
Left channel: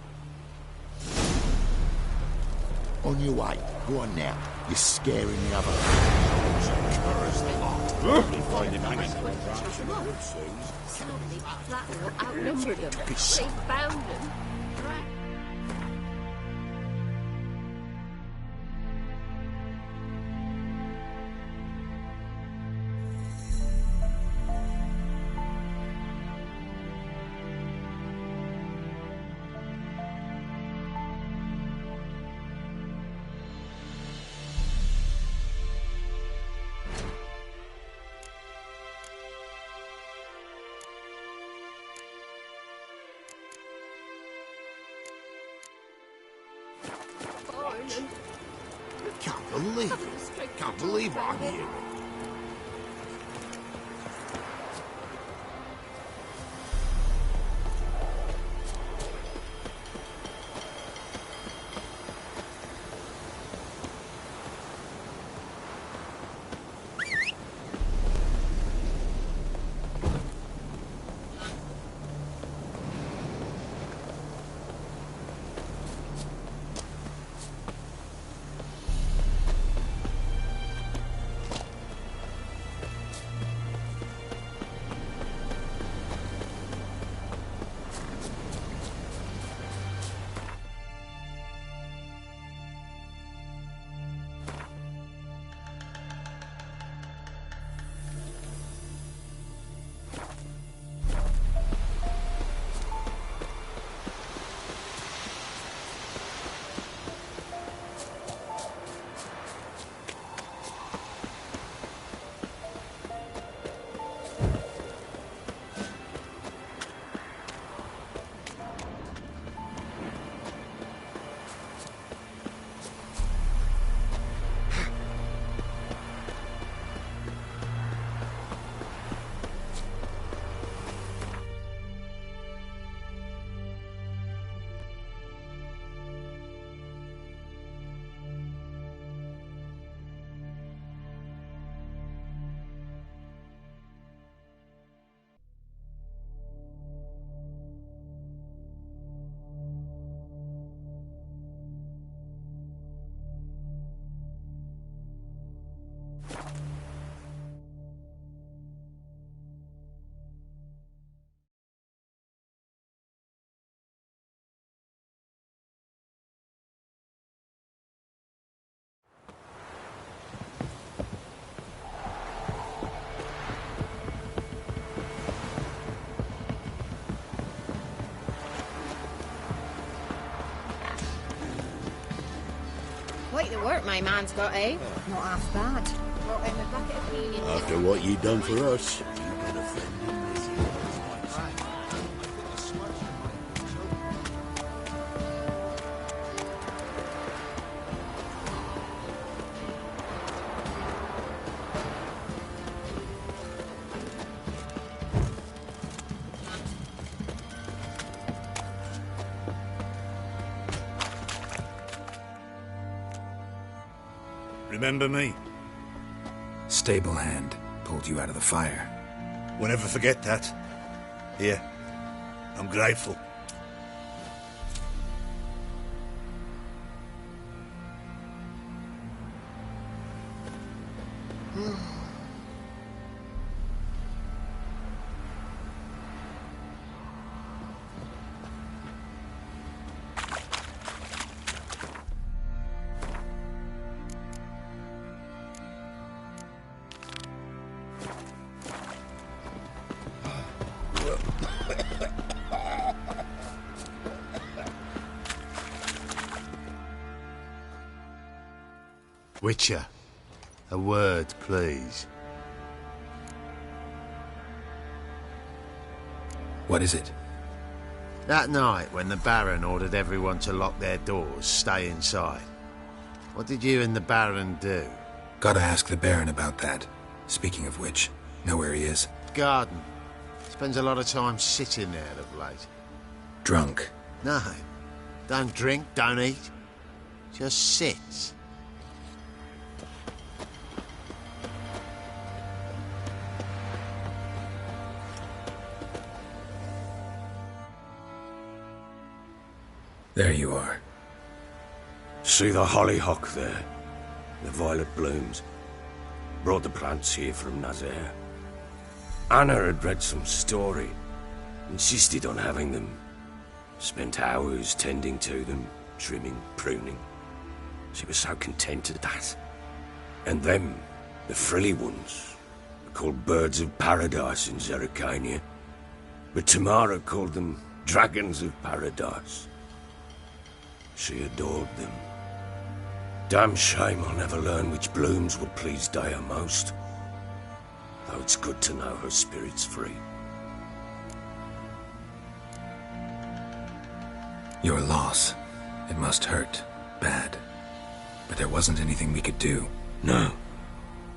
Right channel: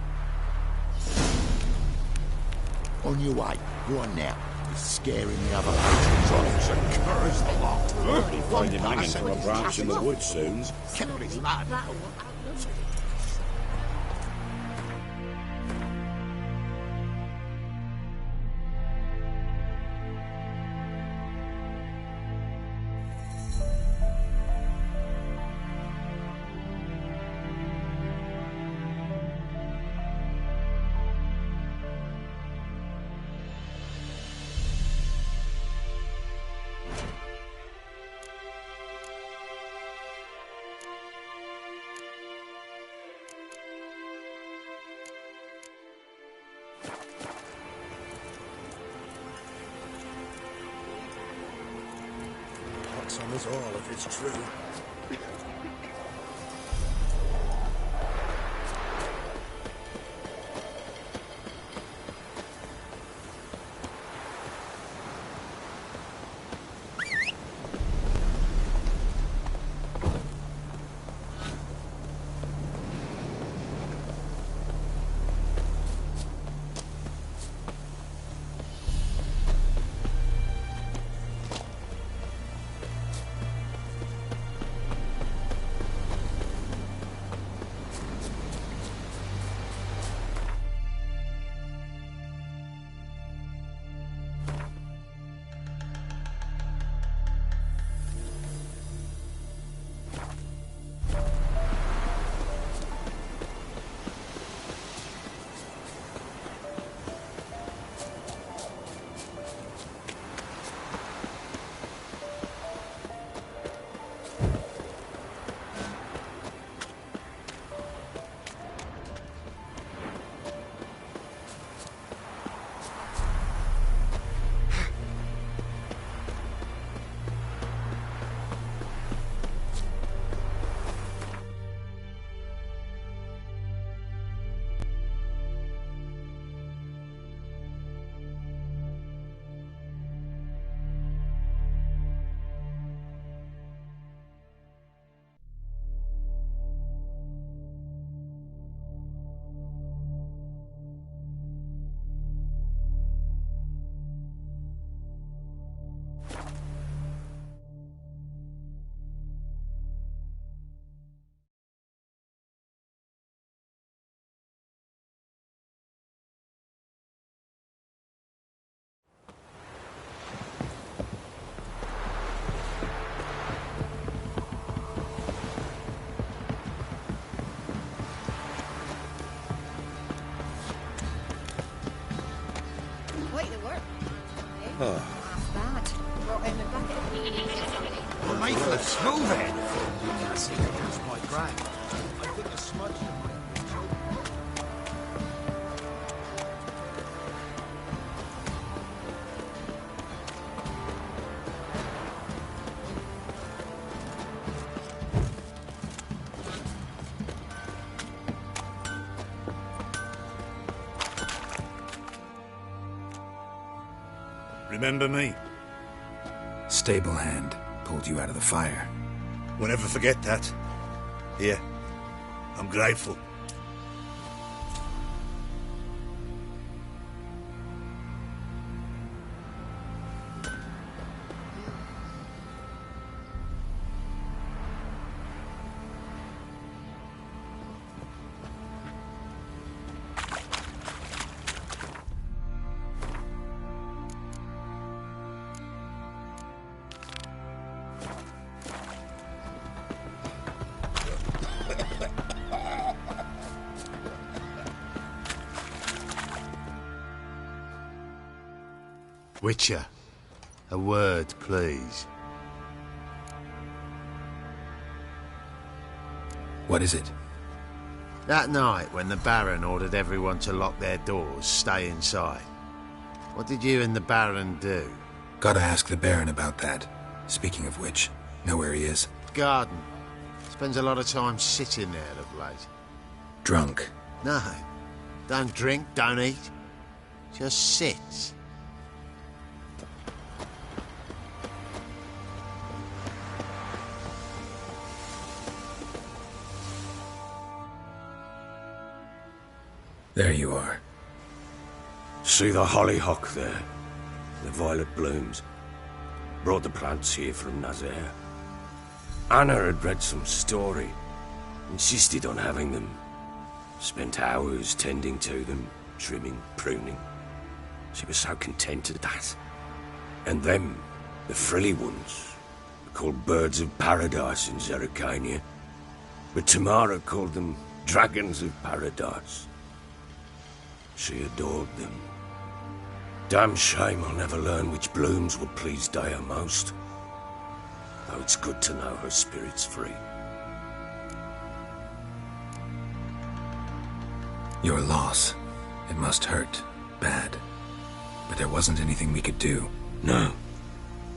On your way. Go on now. You're scaring the other ladies and curs the lot. Probably find him hanging from a branch in the woods soon. Flatwell outnumbered them. They found them. believe I hear. That's on us all if it's true. Quite the work my man's got, eh? Not half bad. Brought him a bucket of peas. After what you done for us. Remember me? Stable hand pulled you out of the fire. We'll never forget that. Here, I'm grateful. Witcher, a word, please. What is it? That night when the Baron ordered everyone to lock their doors, stay inside. What did you and the Baron do? Gotta ask the Baron about that. Speaking of which, know where he is? Garden. Spends a lot of time sitting there of late. Drunk. No. Don't drink, don't eat. Just sits. There you are. See the hollyhock there? The violet blooms. Brought the plants here from Nazaire. Anna had read some story. Insisted on having them. Spent hours tending to them, trimming, pruning. She was so content at that. And them, the frilly ones, are called birds of paradise in Zerrikania. But Tamara called them dragons of paradise. She adored them. Damn shame I'll never learn which blooms would please Dea most. Though it's good to know her spirit's free. Your loss. It must hurt. Bad. But there wasn't anything we could do. No.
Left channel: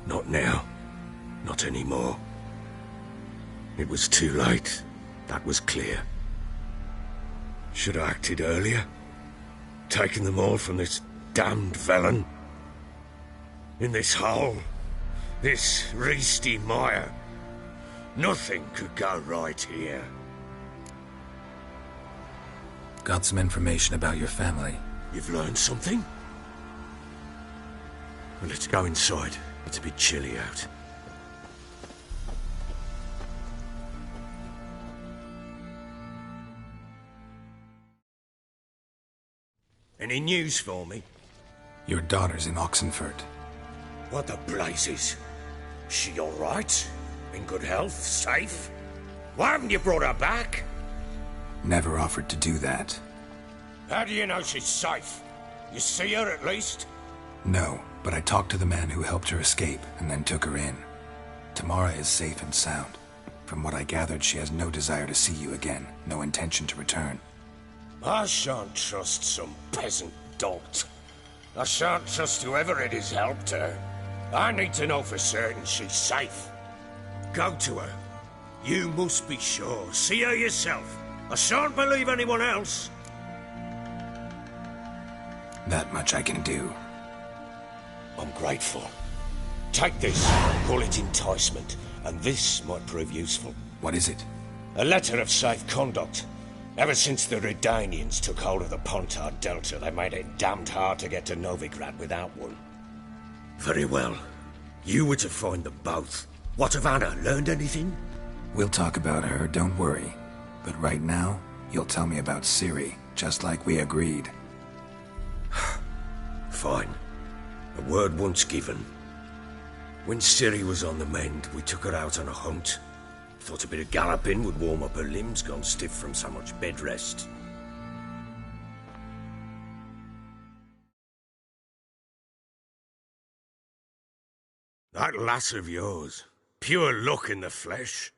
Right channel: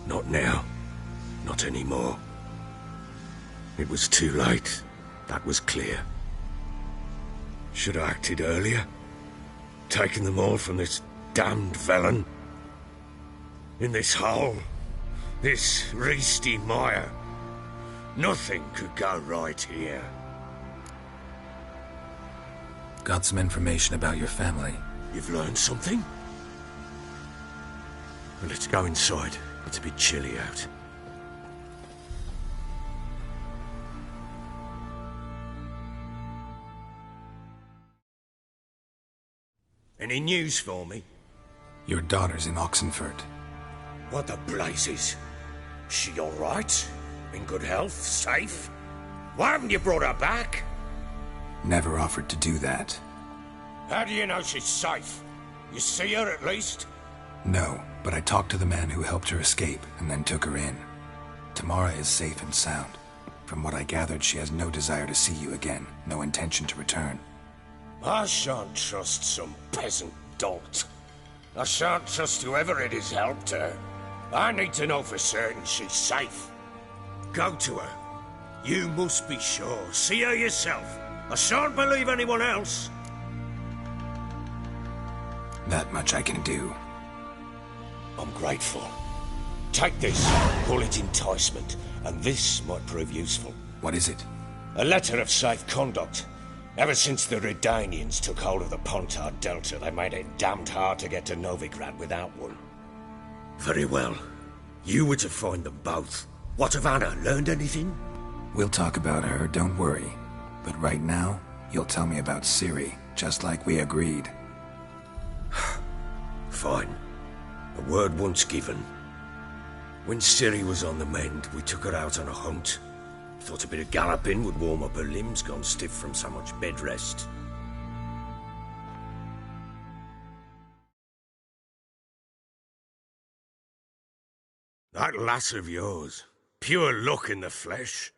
Not now. Not anymore. It was too late. That was clear. Should have acted earlier. Taken them all from this damned Velen. In this hole. This reesty mire. Nothing could go right here. Got some information about your family. You've learned something? Well, let's go inside. It's a bit chilly out. Any news for me? Your daughter's in Oxenfurt. What the blazes? She all right? In good health? Safe? Why haven't you brought her back? Never offered to do that. How do you know she's safe? You see her at least? No, but I talked to the man who helped her escape and then took her in. Tamara is safe and sound. From what I gathered, she has no desire to see you again, no intention to return. I shan't trust some peasant dolt. I shan't trust whoever it is helped her. I need to know for certain she's safe. Go to her. You must be sure. See her yourself. I shan't believe anyone else. That much I can do. I'm grateful. Take this. Call it enticement. And this might prove useful. What is it? A letter of safe conduct. Ever since the Redanians took hold of the Pontard Delta, they made it damned hard to get to Novigrad without one. Very well. You were to find them both. What of Anna? Learned anything? We'll talk about her, don't worry. But right now, you'll tell me about Ciri, just like we agreed. Fine. A word once given. When Ciri was on the mend, we took her out on a hunt. Thought a bit of galloping would warm up her limbs, gone stiff from so much bed rest. That lass of yours, pure luck in the flesh.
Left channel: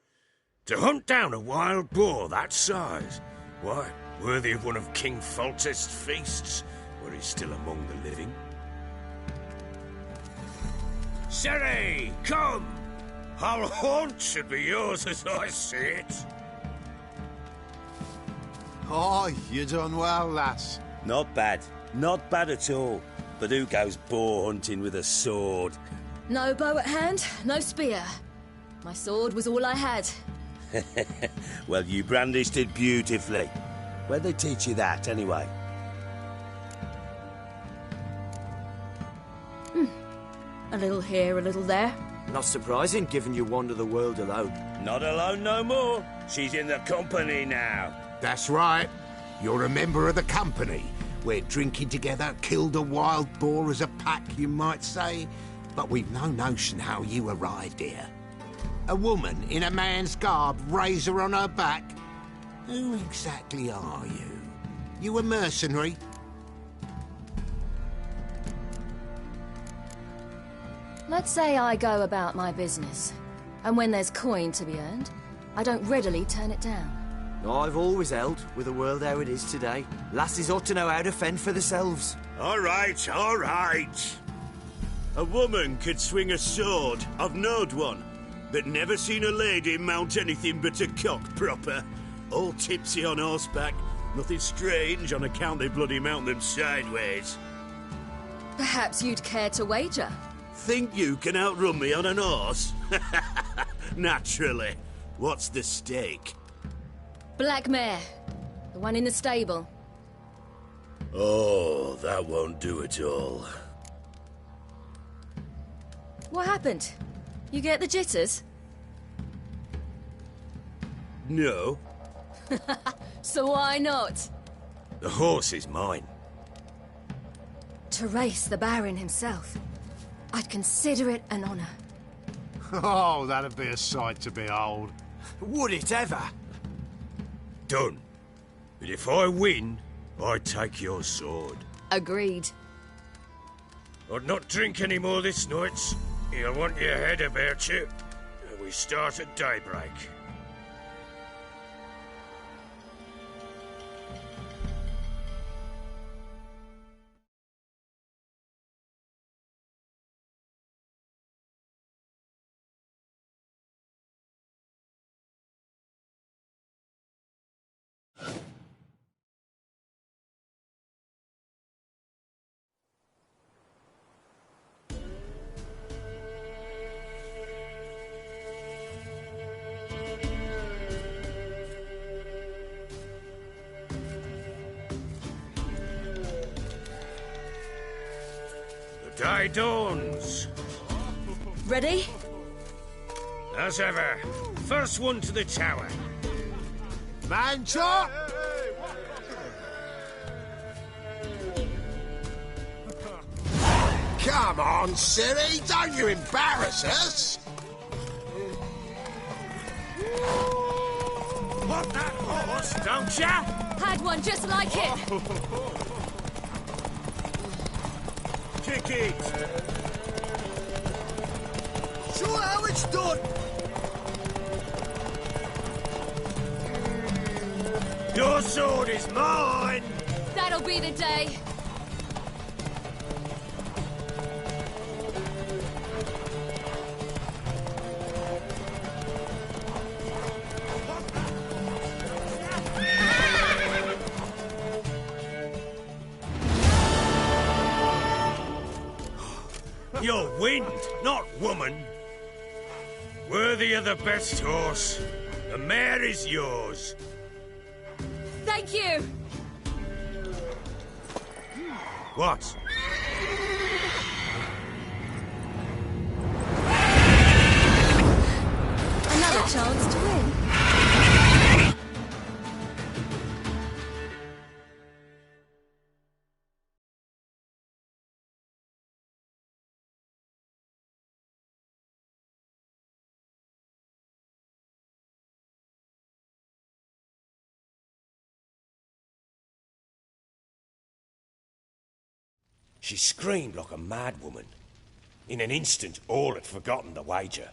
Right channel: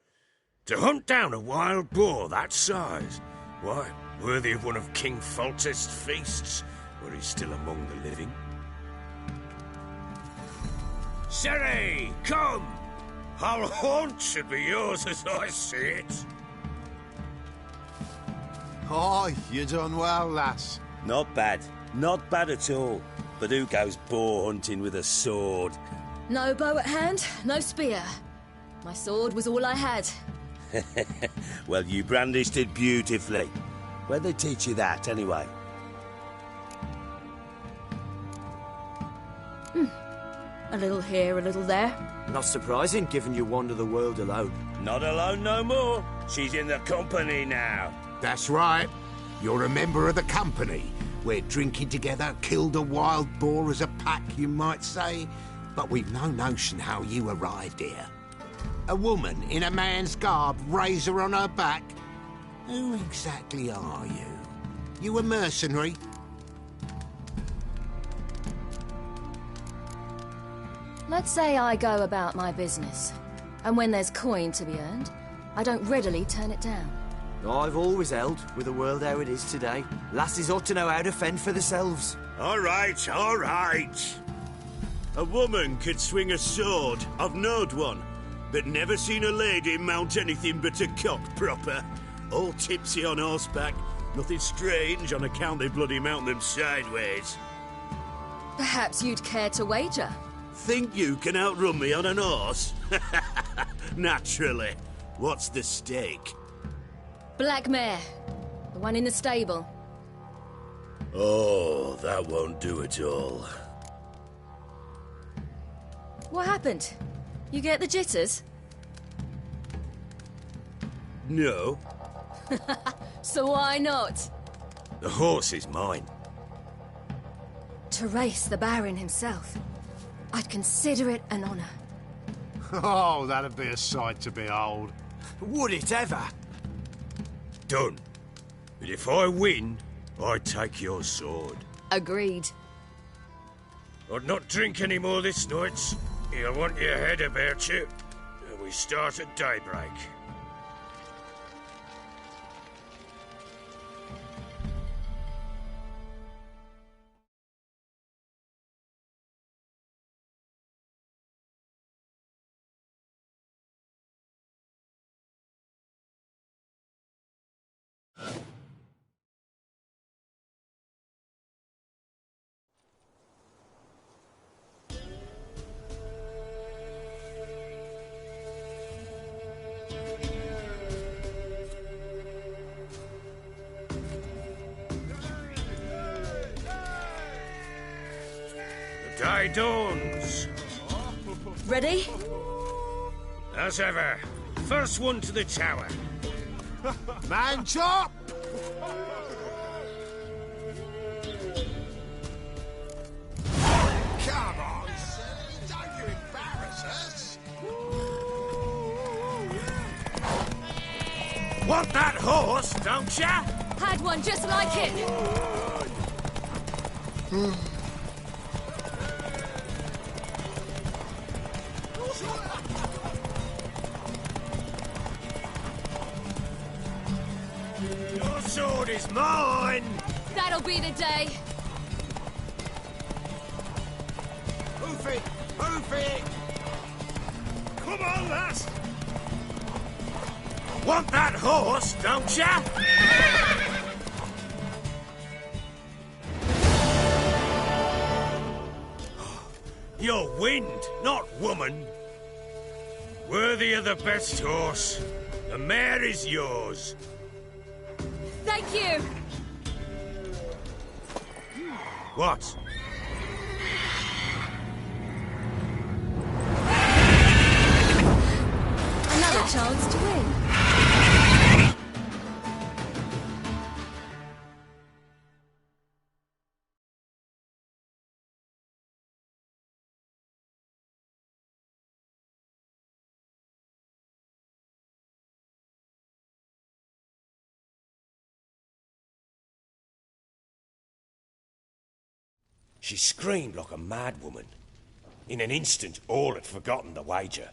To hunt down a wild boar that size, why, worthy of one of King Foltest's feasts, were he still among the living. Ciri, come! Our haunt should be yours as I see it. Oh, you done well, lass. Not bad. Not bad at all. But who goes boar hunting with a sword? No bow at hand, no spear. My sword was all I had. Well, you brandished it beautifully. Where'd they teach you that, anyway? A little here, a little there. Not surprising, given you wander the world alone. Not alone no more. She's in the company now. That's right. You're a member of the company. We're drinking together, killed a wild boar as a pack, you might say. But we've no notion how you arrived here. A woman in a man's garb, razor on her back. Who exactly are you? You a mercenary? Let's say I go about my business. And when there's coin to be earned, I don't readily turn it down. I've always held, with the world how it is today, lasses ought to know how to fend for themselves. All right, all right. A woman could swing a sword. I've knowed one. But never seen a lady mount anything but a cock proper. All tipsy on horseback. Nothing strange on account they bloody mount them sideways. Perhaps you'd care to wager? Think you can outrun me on an horse? Naturally. What's the stake? Black mare. The one in the stable. Oh, that won't do it all. What happened? You get the jitters? No. So why not? The horse is mine. To race the Baron himself. I'd consider it an honor. Oh, that'd be a sight to behold. Would it ever? Done. But if I win, I take your sword. Agreed. I'd not drink any more this night. You'll want your head about you. We start at daybreak. The day dawns. Ready? As ever. First one to the tower. Man chop! Come on, silly, don't you embarrass us! Want that horse, don't ya? Had one just like it. Kick it. Show how it's done! Your sword is mine! That'll be the day. Move it! Move it! Come on, lass! Want that horse, don't ya? You're wind, not woman. Worthy of the best horse. The mare is yours. Thank you. What? Another chance to win. She screamed like a mad woman. In an instant, all had forgotten the wager.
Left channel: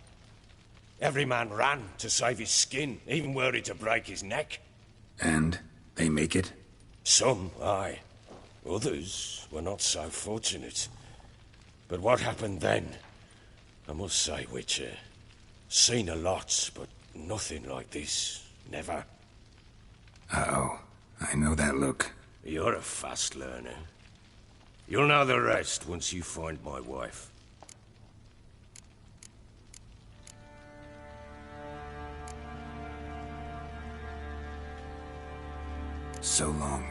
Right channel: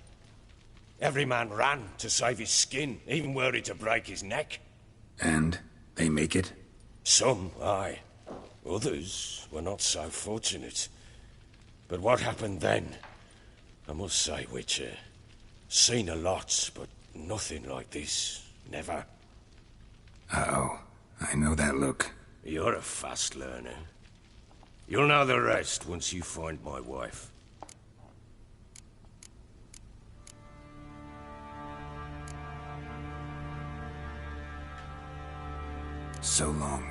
Every man ran to save his skin, even worried to break his neck. And they make it? Some, aye. Others were not so fortunate. But what happened then? I must say, Witcher, seen a lot, but nothing like this. Never. Uh-oh. I know that look. You're a fast learner. You'll know the rest once you find my wife. So long.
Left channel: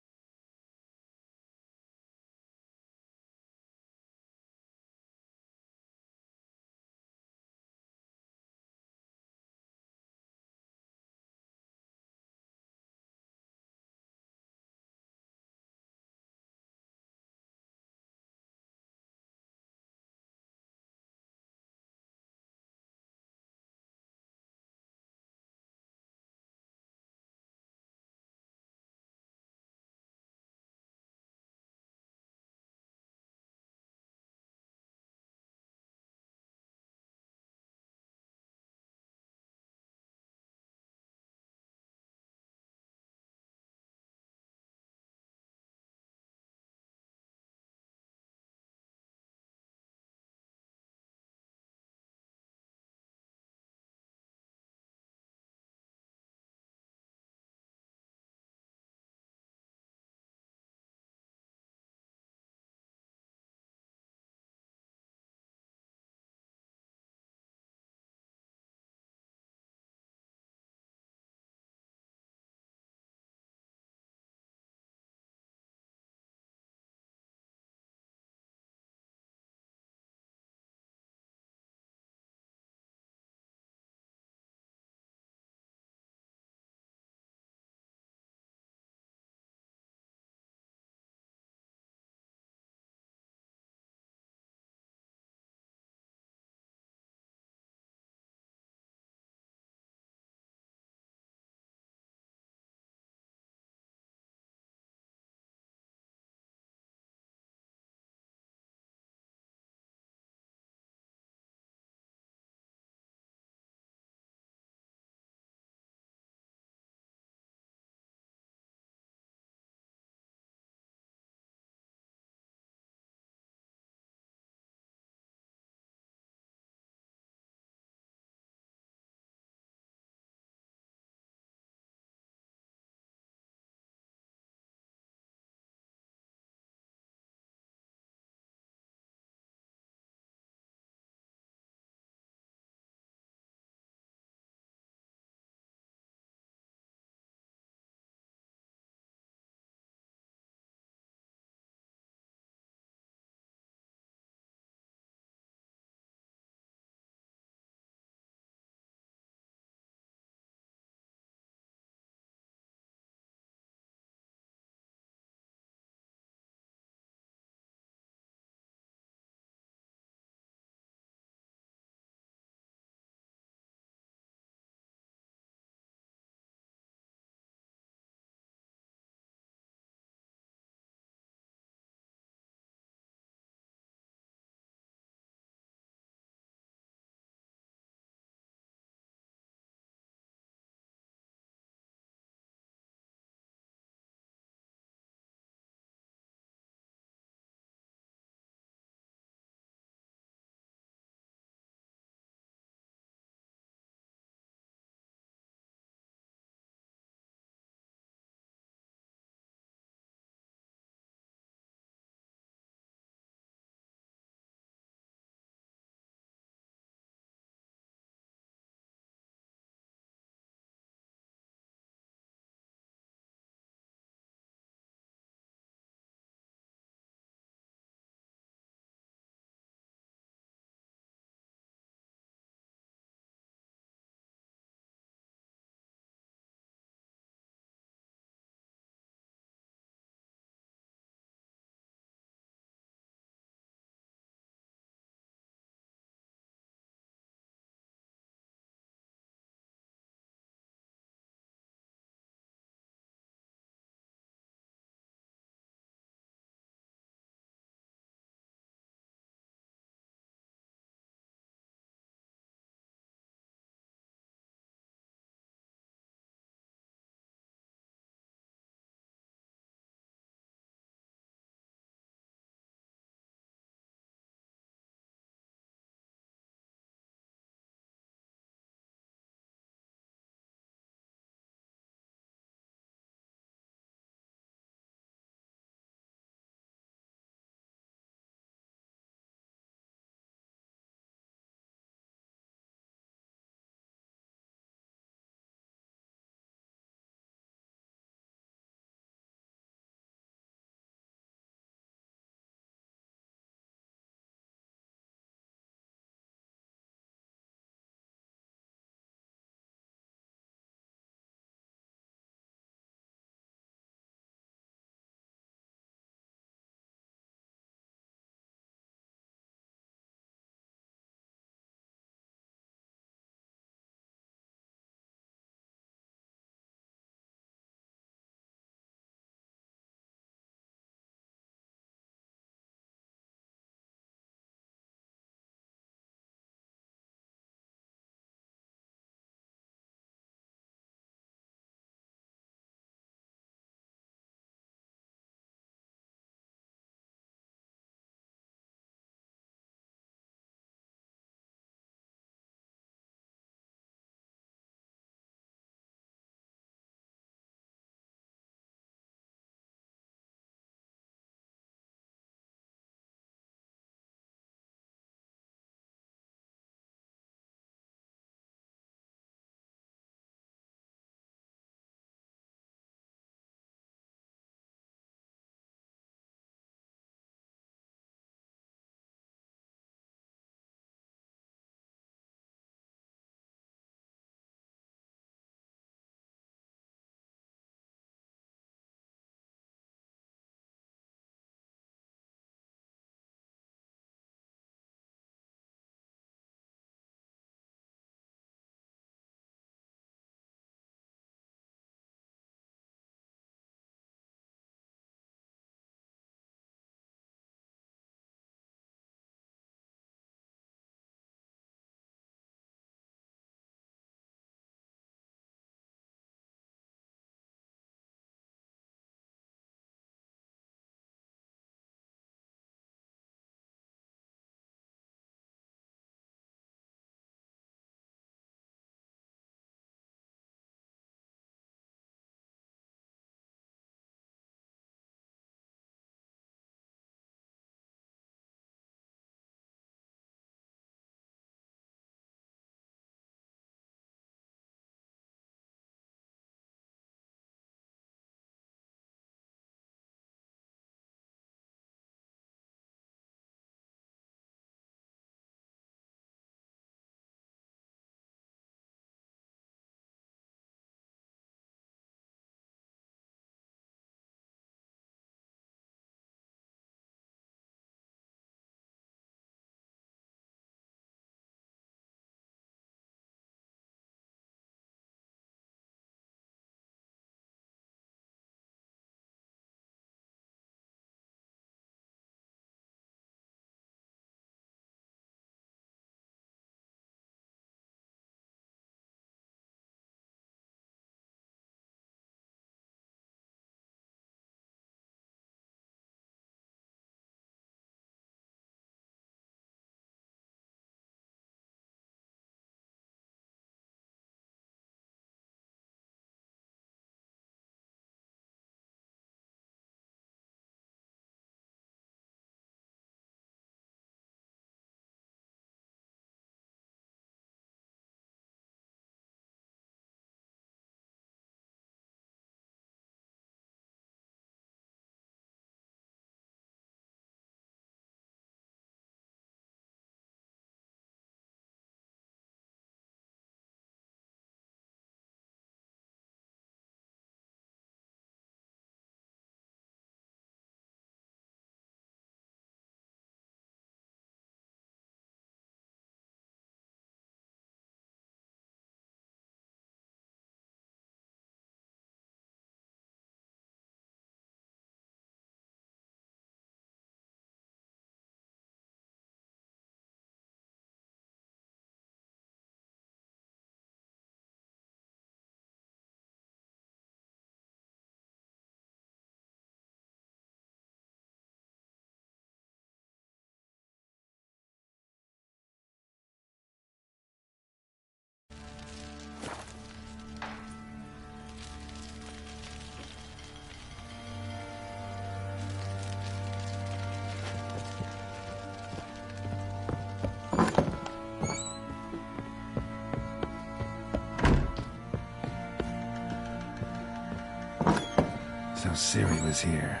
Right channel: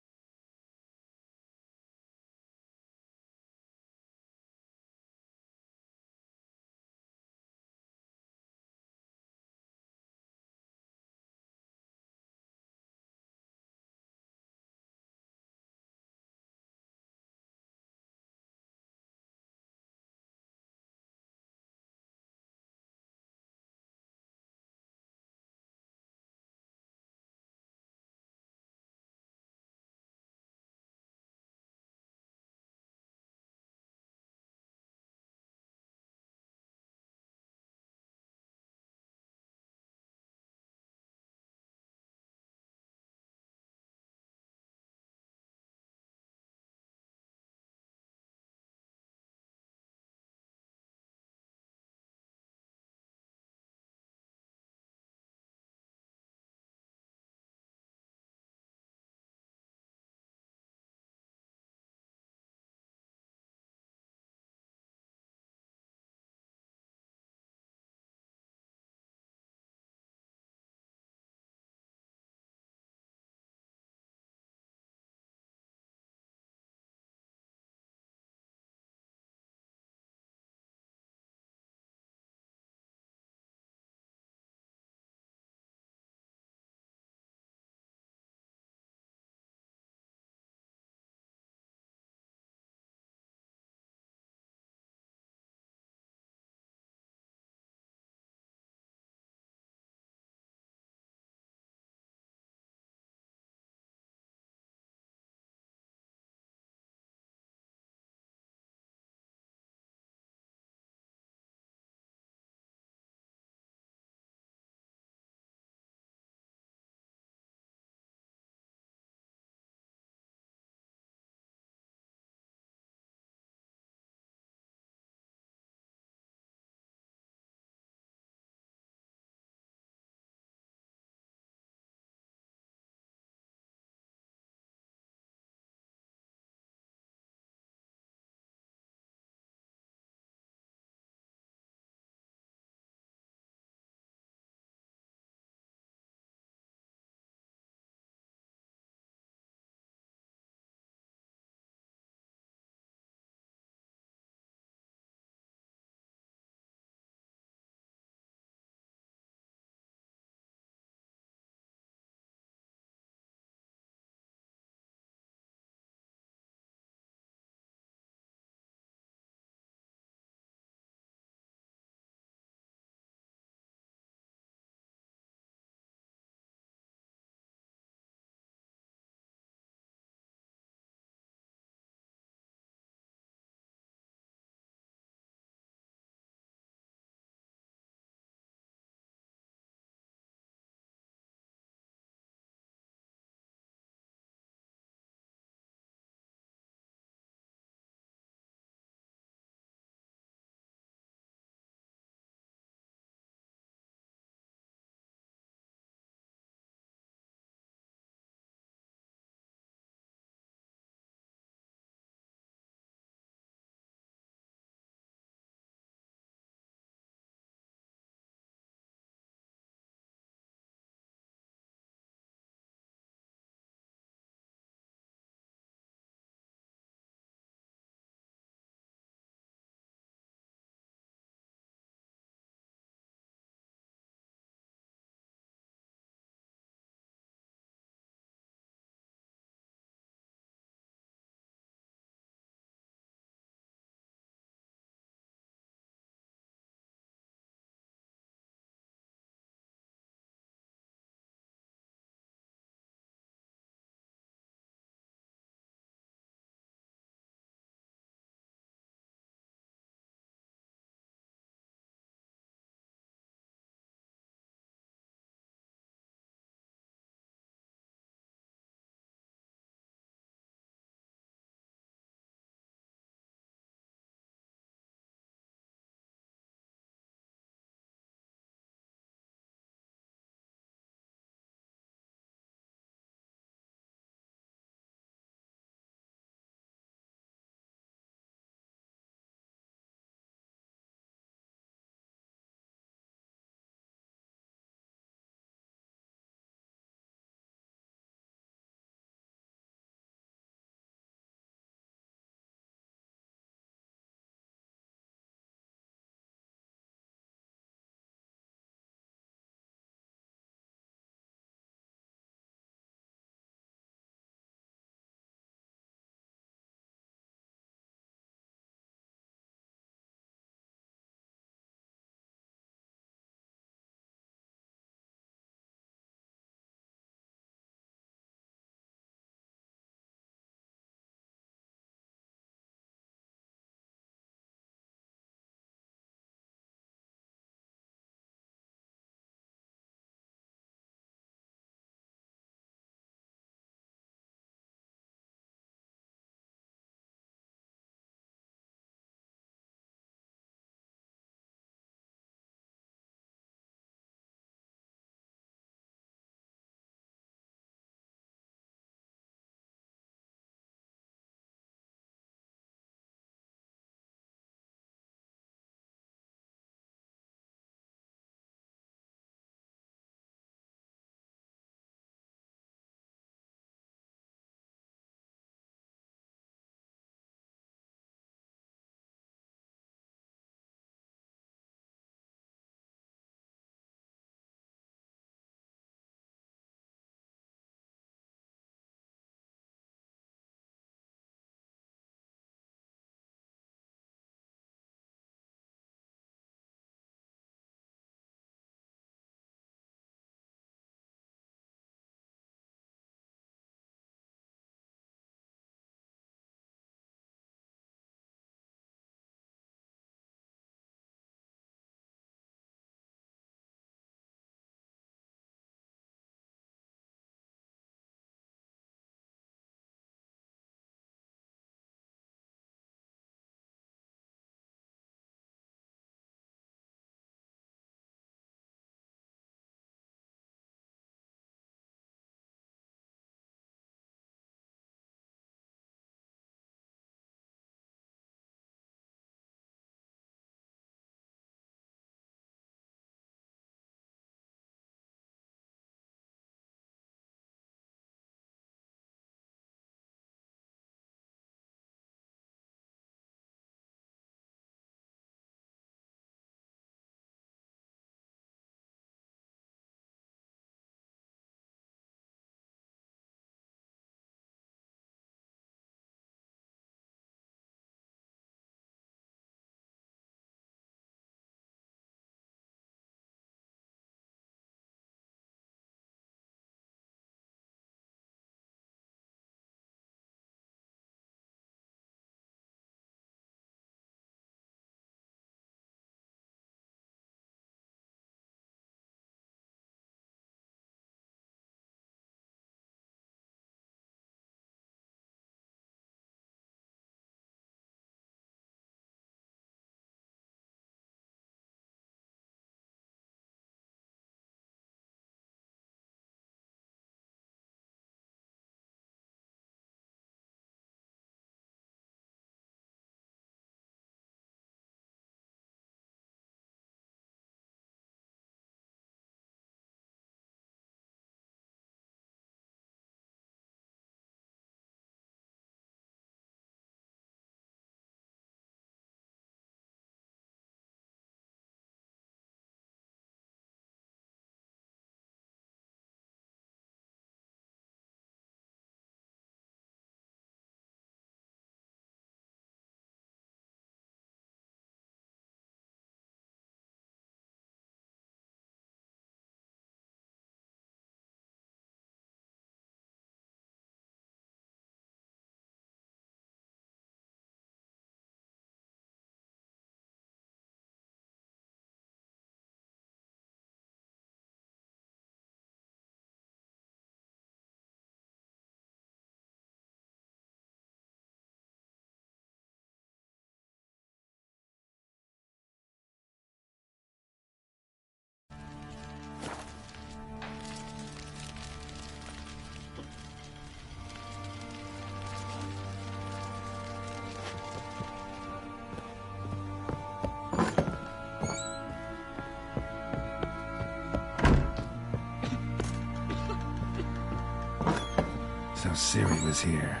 Ciri was here.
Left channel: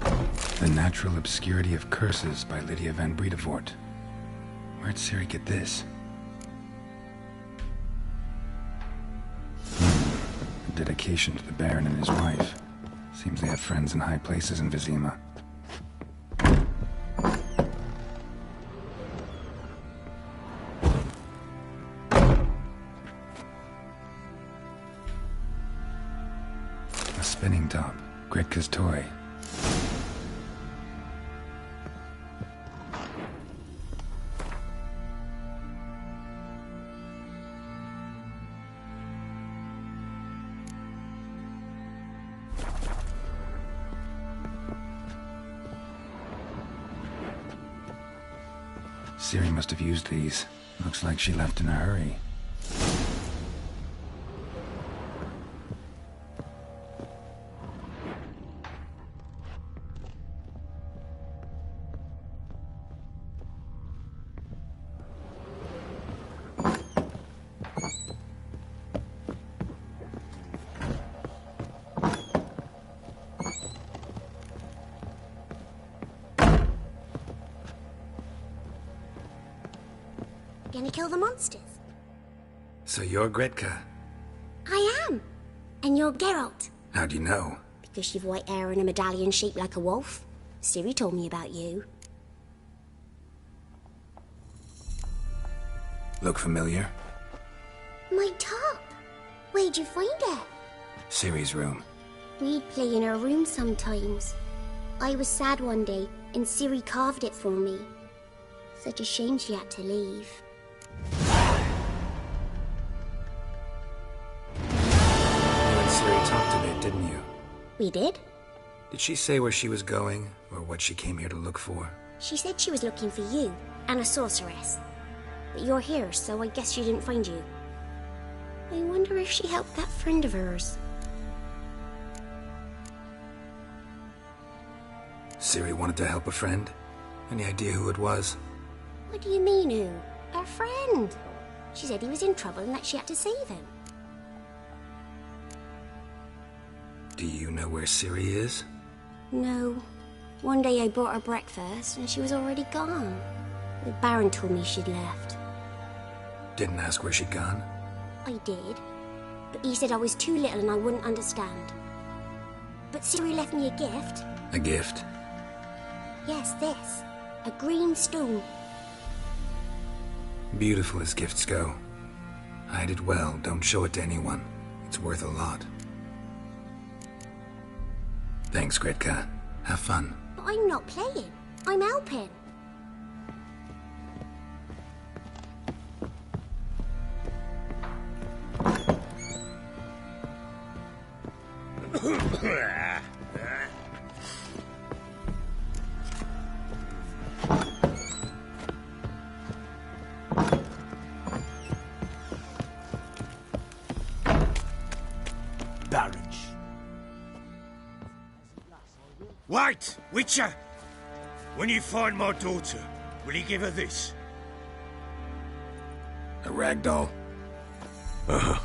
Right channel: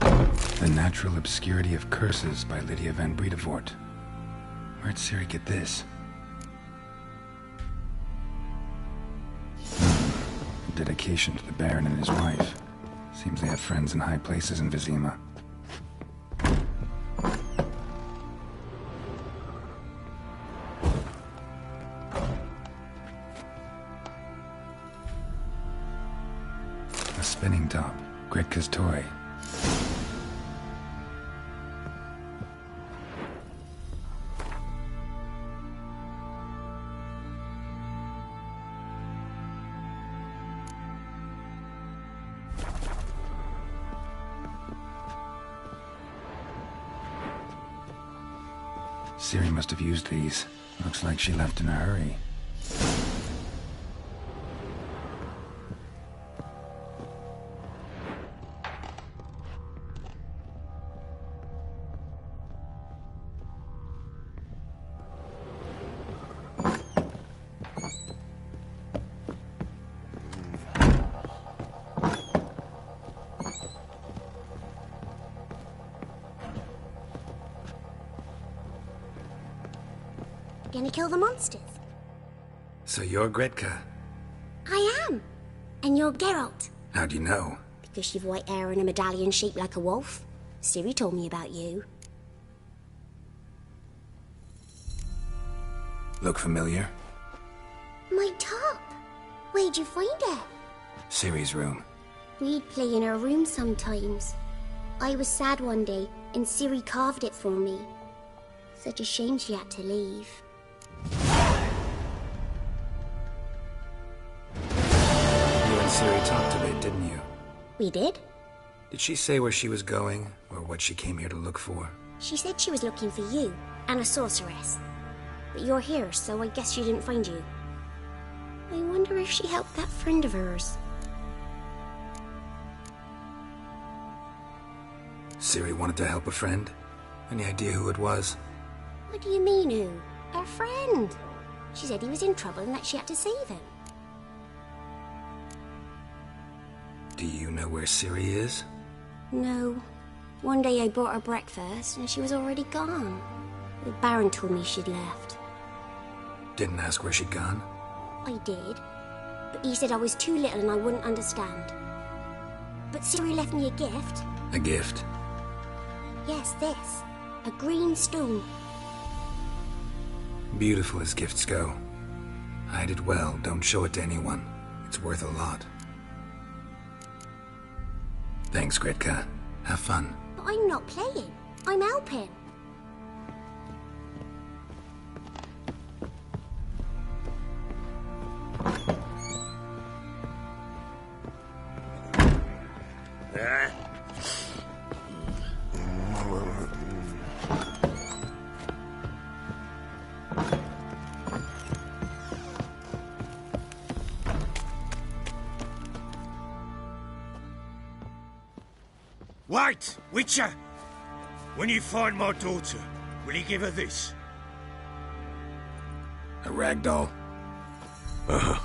The Natural Obscurity of Curses by Lydia van Bredevoort. Where'd Ciri get this? A dedication to the Baron and his wife. Seems they have friends in high places in Vizima. A spinning top. Gretka's toy. Ciri must have used these. Looks like she left in a hurry. Gonna kill the monsters? So you're Gretka? I am. And you're Geralt. How'd you know? Because you've white hair and a medallion shaped like a wolf. Ciri told me about you. Look familiar? My top. Where'd you find it? Ciri's room. We'd play in her room sometimes. I was sad one day, and Ciri carved it for me. Such a shame she had to leave. You and Ciri talked a bit, didn't you? We did? Did she say where she was going, or what she came here to look for? She said she was looking for you, and a sorceress. But you're here, so I guess she didn't find you. I wonder if she helped that friend of hers. Ciri wanted to help a friend? Any idea who it was? What do you mean, who? Her friend. She said he was in trouble and that she had to save him. Do you know where Ciri is? No. One day I brought her breakfast and she was already gone. The Baron told me she'd left. Didn't ask where she'd gone? I did. But he said I was too little and I wouldn't understand. But Ciri left me a gift. A gift? Yes, this. A green stone. Beautiful as gifts go. Hide it well, don't show it to anyone. It's worth a lot. Thanks, Gretka. Have fun. But I'm not playing. I'm helping. Wait, Witcher! When you find my daughter, will you give her this? A rag doll? Uh-huh.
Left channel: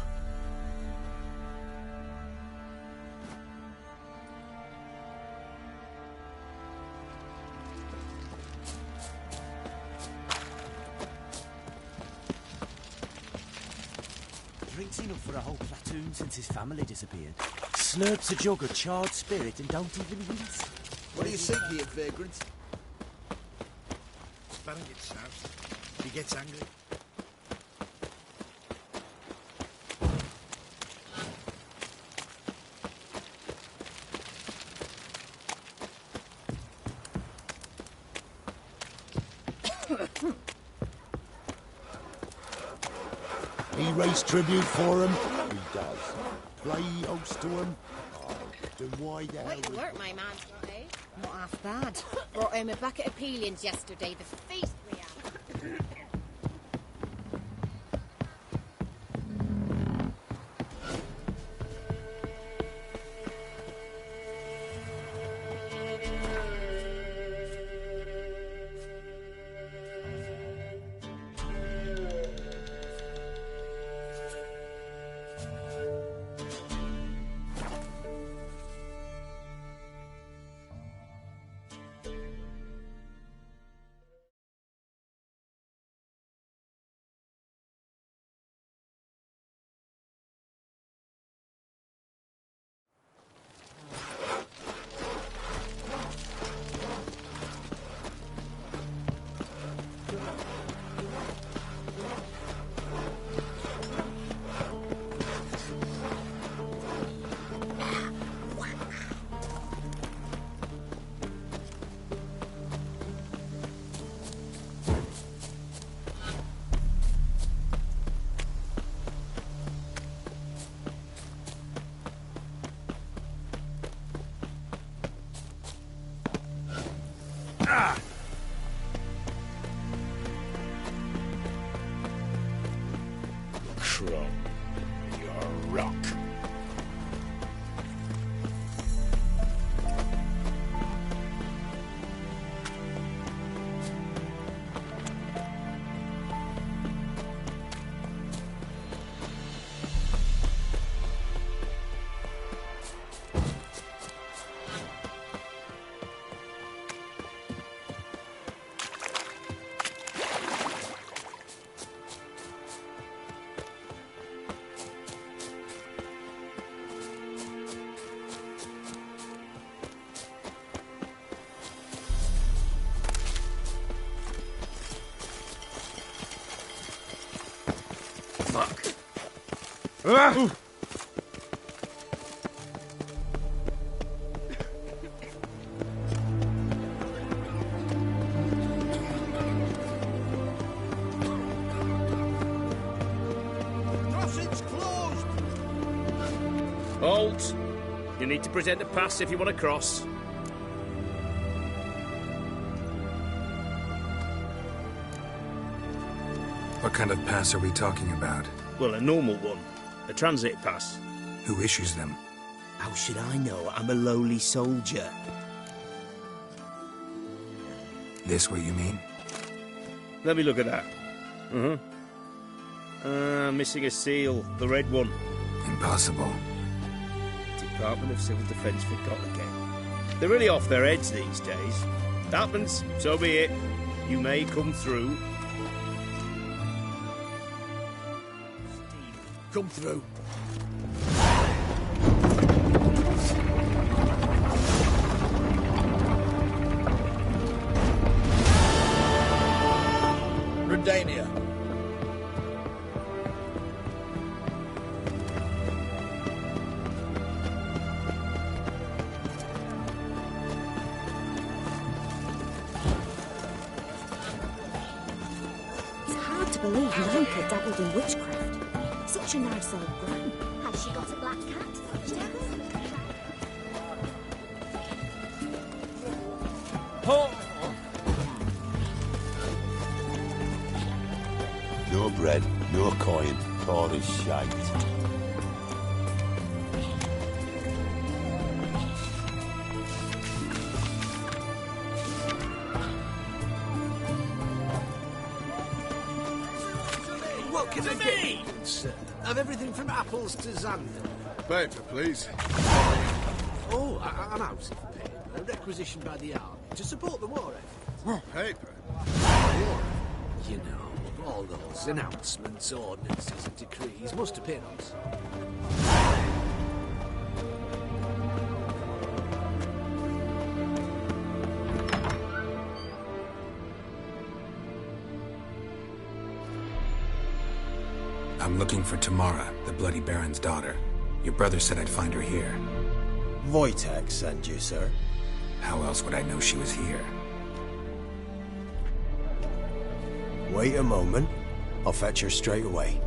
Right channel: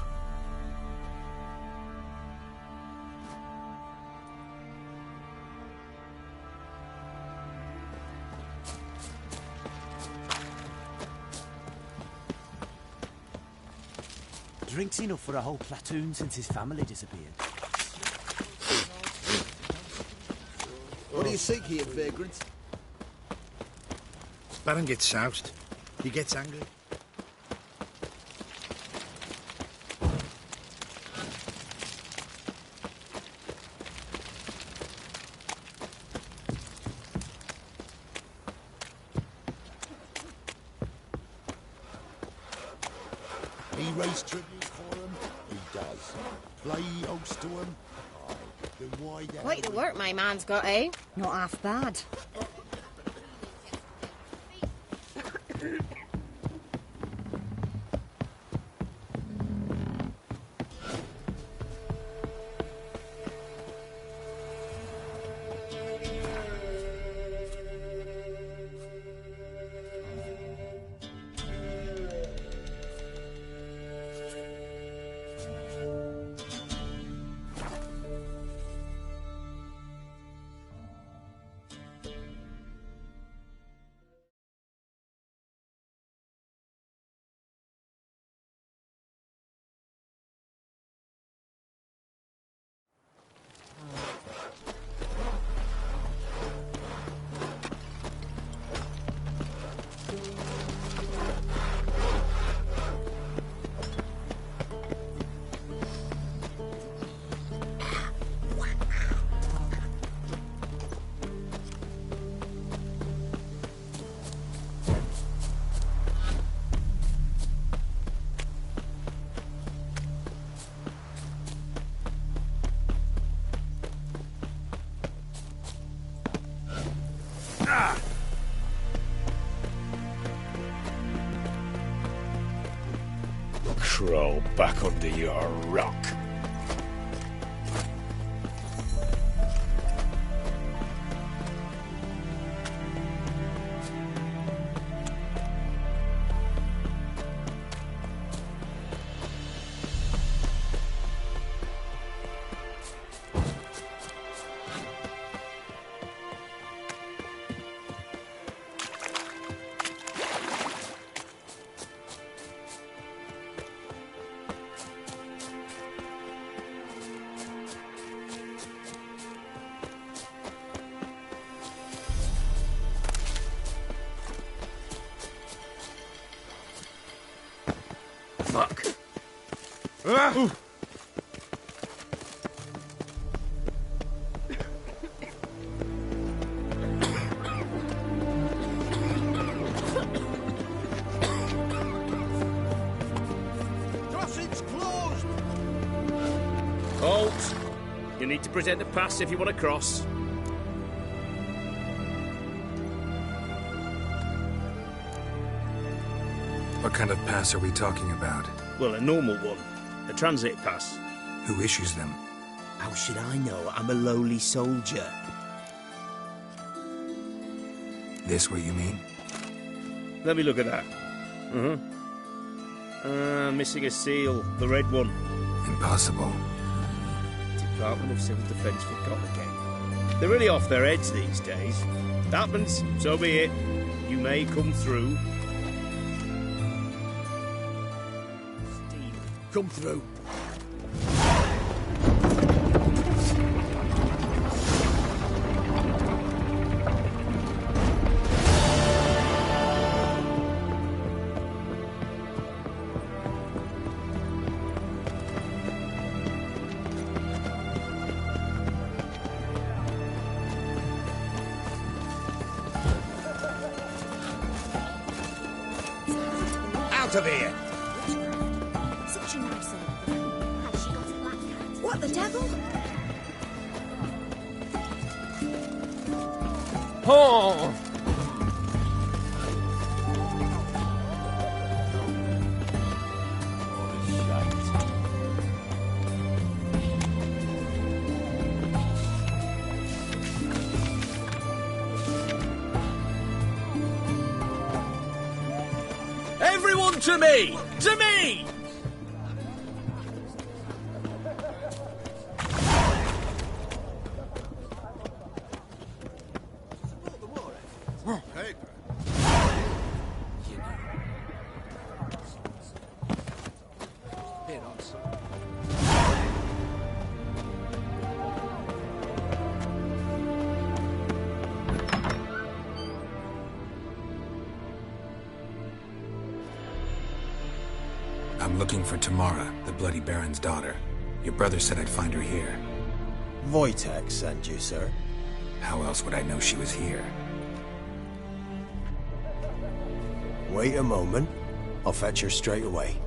Drinks enough for a whole platoon since his family disappeared. Slurps a jug of charred spirit and don't even rinse it. What do you seek here, vagrant? Baron gets soused. He gets angry. He raised tribute for him? He does. Play host to him? Oh, then why the Quite the work my man's got, eh? Not half bad. Brought him a bucket of peelings yesterday. The feast we had. Crawl back under your rock. Fuck. Crossing's closed! Halt! You need to present a pass if you want to cross. What kind of pass are we talking about? Well, a normal one. A transit pass. Who issues them? How should I know? I'm a lowly soldier. This what you mean? Let me look at that. Missing a seal. The red one. Impossible. Department of Civil Defence forgot again. They're really off their heads these days. Happens, so be it. You may come through. Come through. Redania. It's hard to believe Out of here! dabbled in witchcraft. Such a nice old woman. Has she got a black cat? What, the devil? Oh! Your bread, your coin, all this shite. Everyone to me! To me! Of everything from apples to xanthan. Paper, please. Oh, I'm out. A requisition by the hour to support the war effort. Paper? You know, all those announcements, ordinances, and decrees must appear on some. I'm looking for Tamara, the Bloody Baron's daughter. Your brother said I'd find her here. Wojtek sent you, sir. How else would I know she was here? Wait a moment. I'll fetch her straight away.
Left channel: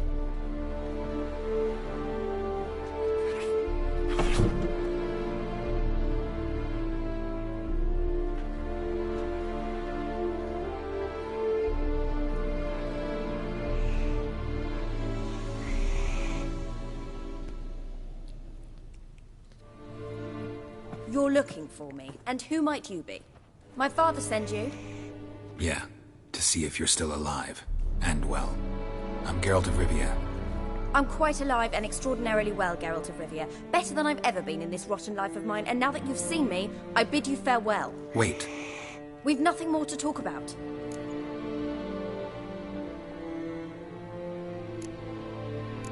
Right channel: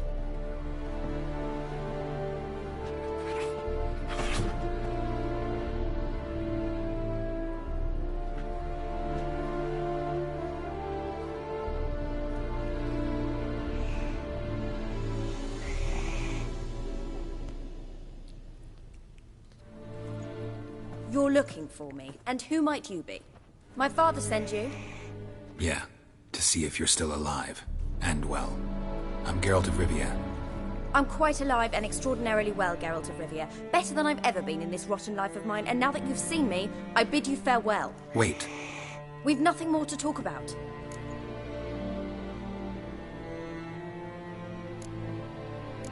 You're looking for me, and who might you be? My father sent you? Yeah, to see if you're still alive. And well. I'm Geralt of Rivia. I'm quite alive and extraordinarily well, Geralt of Rivia. Better than I've ever been in this rotten life of mine, and now that you've seen me, I bid you farewell. Wait. We've nothing more to talk about.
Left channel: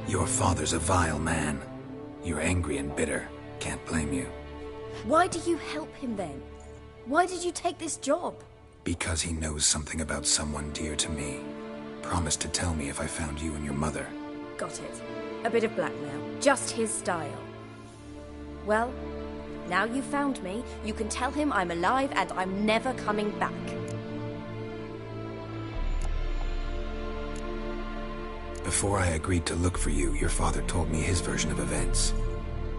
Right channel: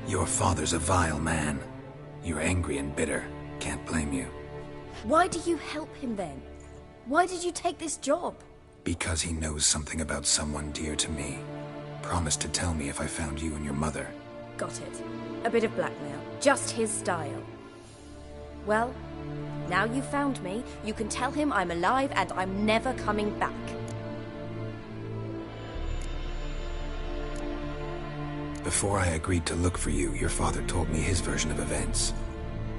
Your father's a vile man. You're angry and bitter. Can't blame you. Why do you help him then? Why did you take this job? Because he knows something about someone dear to me. Promised to tell me if I found you and your mother. Got it. A bit of blackmail. Just his style. Well, now you've found me, you can tell him I'm alive and I'm never coming back. Before I agreed to look for you, your father told me his version of events.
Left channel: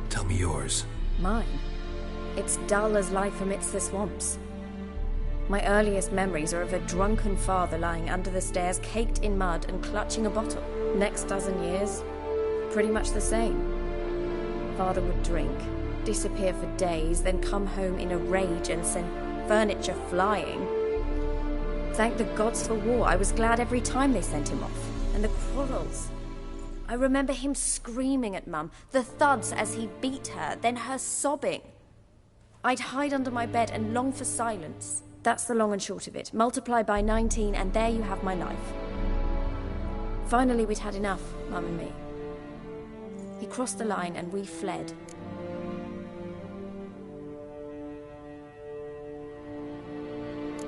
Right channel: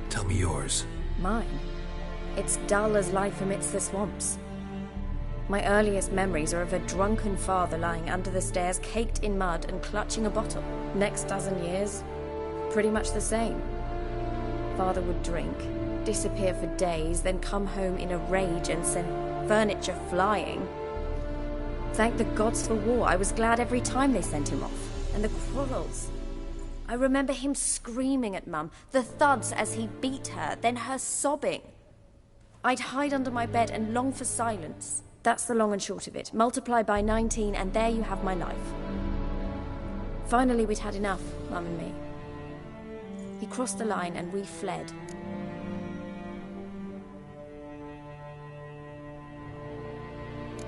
Tell me yours. Mine? It's dull as life amidst the swamps. My earliest memories are of a drunken father lying under the stairs, caked in mud and clutching a bottle. Next dozen years, pretty much the same. Father would drink, disappear for days, then come home in a rage and send furniture flying. Thank the gods for war. I was glad every time they sent him off. And the quarrels. I remember him screaming at Mum, the thuds as he beat her, then her sobbing. I'd hide under my bed and long for silence. That's the long and short of it. Multiply by 19 and there you have my life. Finally we'd had enough, Mum and me. He crossed the line and we fled.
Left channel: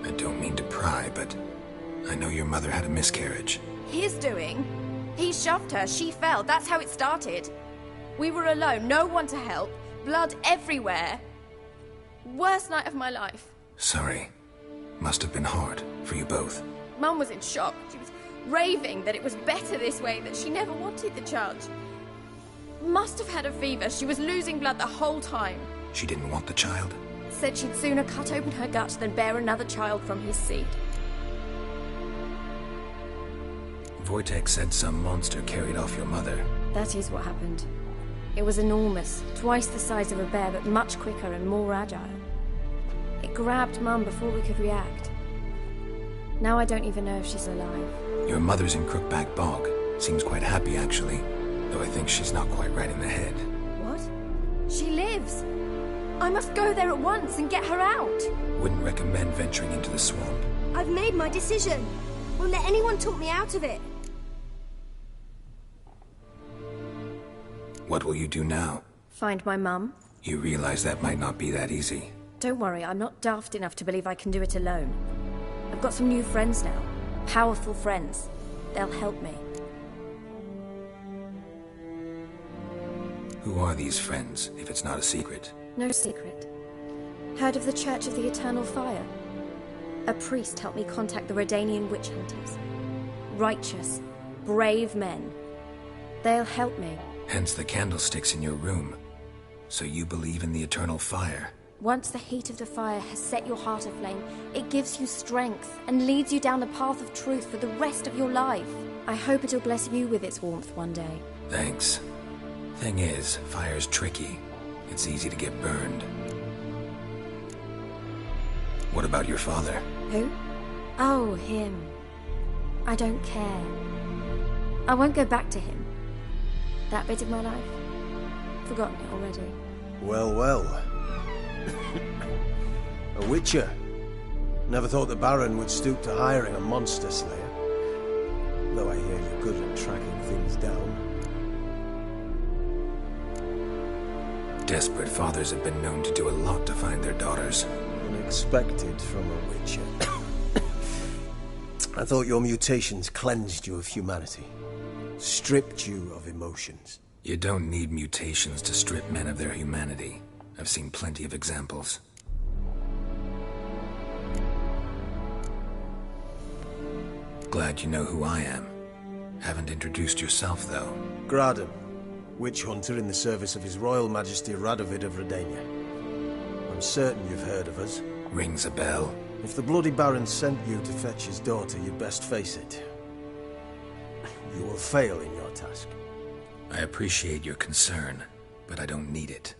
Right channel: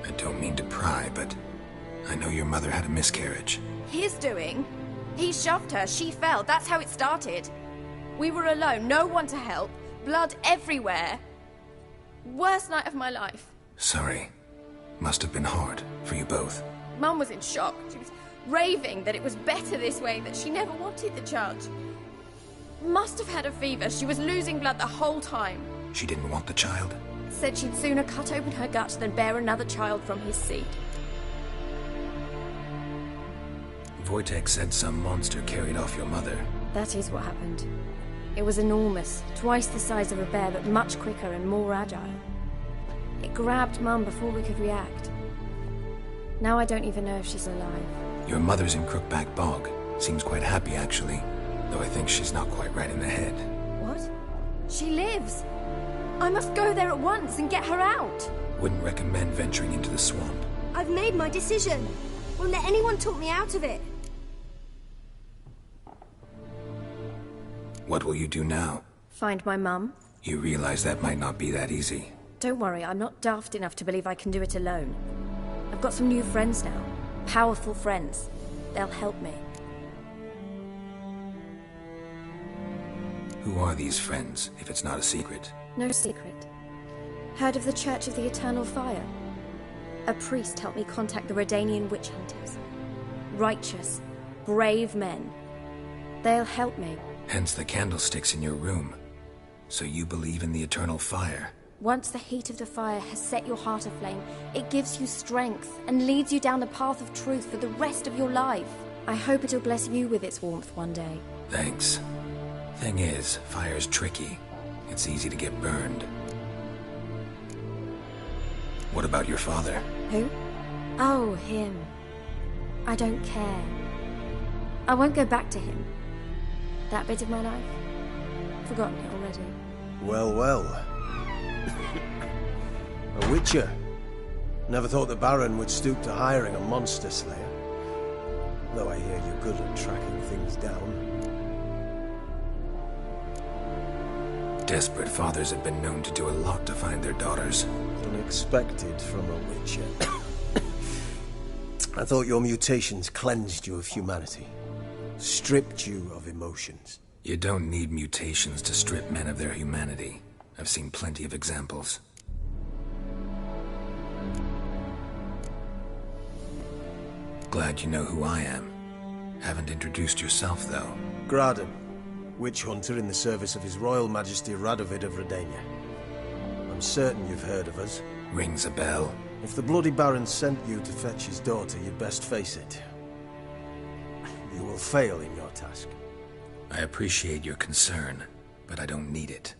I don't mean to pry, but I know your mother had a miscarriage. His doing? He shoved her, she fell, that's how it started. We were alone, no one to help, blood everywhere. Worst night of my life. Sorry. Must have been hard for you both. Mum was in shock. She was raving that it was better this way, that she never wanted the child. Must have had a fever, she was losing blood the whole time. She didn't want the child? Said she'd sooner cut open her gut than bear another child from his seed. Wojtek said some monster carried off your mother. That is what happened. It was enormous, twice the size of a bear, but much quicker and more agile. It grabbed Mum before we could react. Now I don't even know if she's alive. Your mother's in Crookback Bog. Seems quite happy, actually. Though I think she's not quite right in the head. What? She lives! I must go there at once and get her out! Wouldn't recommend venturing into the swamp. I've made my decision. Won't let anyone talk me out of it. What will you do now? Find my mum. You realize that might not be that easy. Don't worry, I'm not daft enough to believe I can do it alone. I've got some new friends now. Powerful friends. They'll help me. Who are these friends, if it's not a secret? No secret. Heard of the Church of the Eternal Fire? A priest helped me contact the Redanian witch hunters. Righteous, brave men. They'll help me. Hence the candlesticks in your room. So you believe in the eternal fire? Once the heat of the fire has set your heart aflame, it gives you strength and leads you down the path of truth for the rest of your life. I hope it'll bless you with its warmth one day. Thanks. Thing is, fire's tricky. It's easy to get burned. What about your father? Who? Oh, him. I don't care. I won't go back to him. That bit of my life? Forgotten it already. Well, well. A witcher. Never thought the Baron would stoop to hiring a monster slayer. Though I hear you're good at tracking things down. Desperate fathers have been known to do a lot to find their daughters. Unexpected from a witcher. I thought your mutations cleansed you of humanity. Stripped you of emotions. You don't need mutations to strip men of their humanity. I've seen plenty of examples. Glad you know who I am. Haven't introduced yourself, though. Graden, witch hunter in the service of His Royal Majesty Radovid of Redania. I'm certain you've heard of us. Rings a bell. If the Bloody Baron sent you to fetch his daughter, you'd best face it. You will fail in your task. I appreciate your concern, but I don't need it.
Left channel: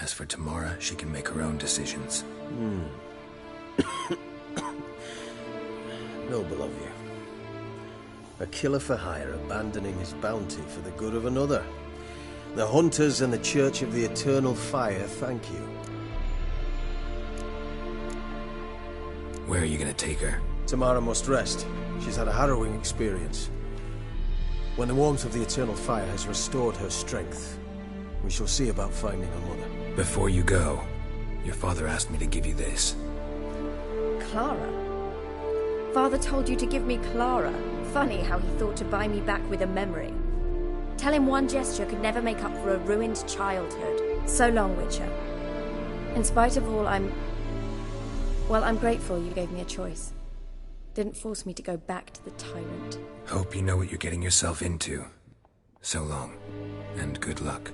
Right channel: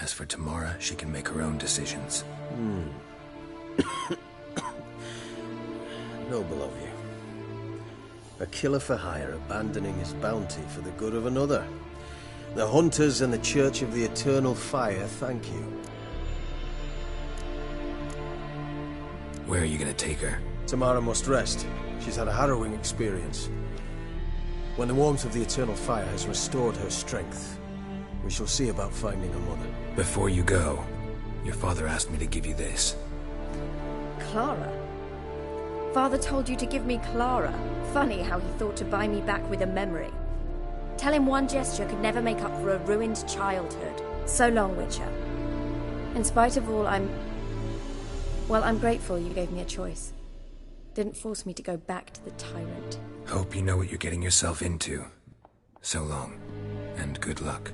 As for Tamara, she can make her own decisions. Noble of you. A killer for hire abandoning his bounty for the good of another. The Hunters and the Church of the Eternal Fire thank you. Where are you gonna take her? Tamara must rest. She's had a harrowing experience. When the warmth of the Eternal Fire has restored her strength, we shall see about finding her mother. Before you go, your father asked me to give you this. Clara? Father told you to give me Clara. Funny how he thought to buy me back with a memory. Tell him one gesture could never make up for a ruined childhood. So long, Witcher. In spite of all, I'm grateful you gave me a choice. Didn't force me to go back to the tyrant. Hope you know what you're getting yourself into. So long, and good luck.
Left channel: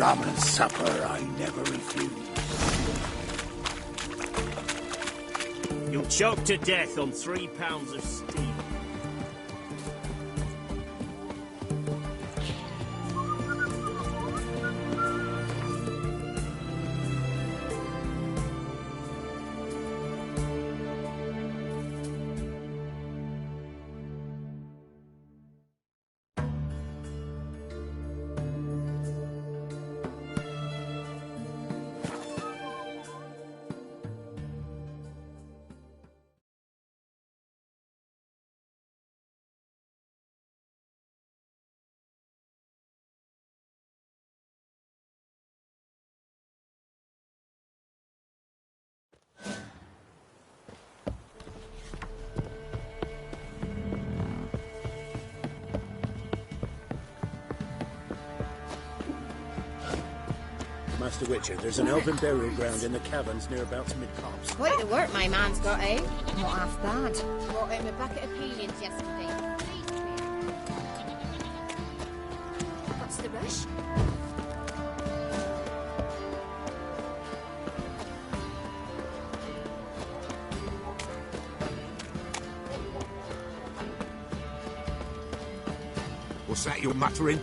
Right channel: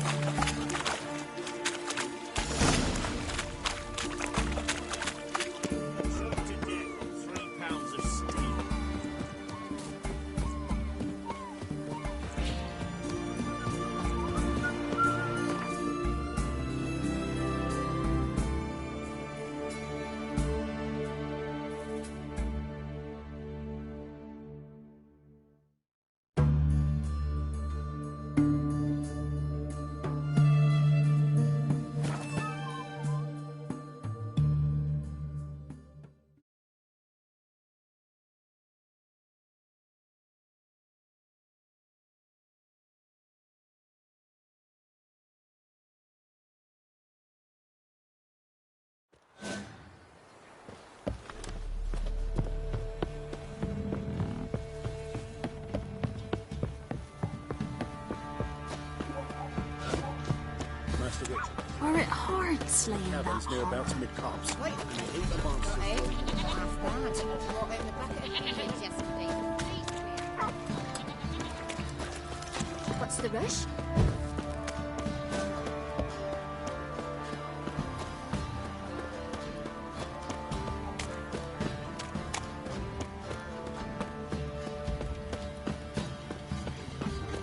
Rum supper I never refuse. You'll choke to death on 3 pounds of steam. Master Witcher, there's an open burial ground in the caverns near about mid-copse. Quite the work my man's got, eh? Not half bad. Brought him a bucket of peelings yesterday. What's the rush? What's that you're muttering?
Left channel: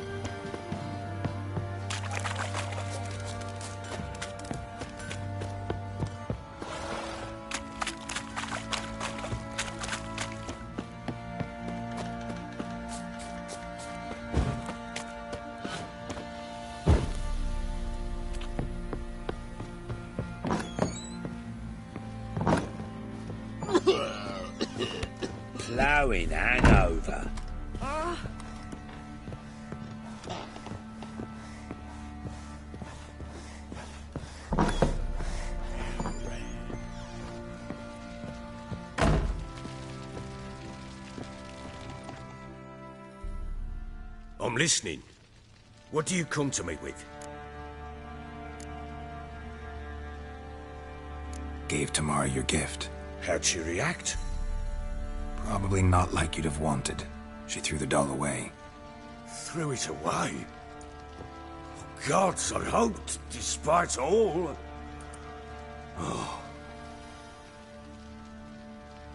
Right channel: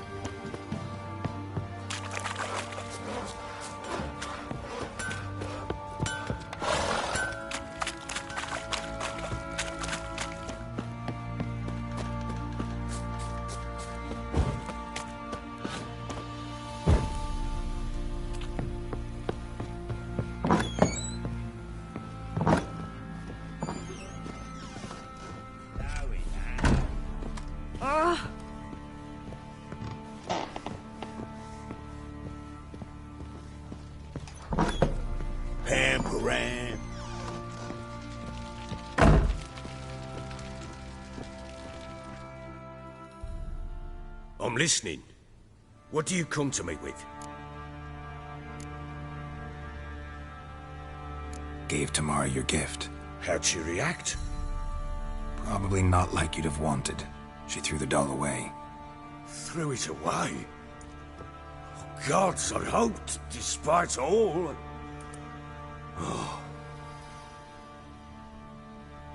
Ploughing hangover. Ah! Ham. I'm listening. What do you come to me with? Gave Tamara your gift. How'd she react? Probably not like you'd have wanted. She threw the doll away. Threw it away? Oh, gods, I hoped, despite all... Oh.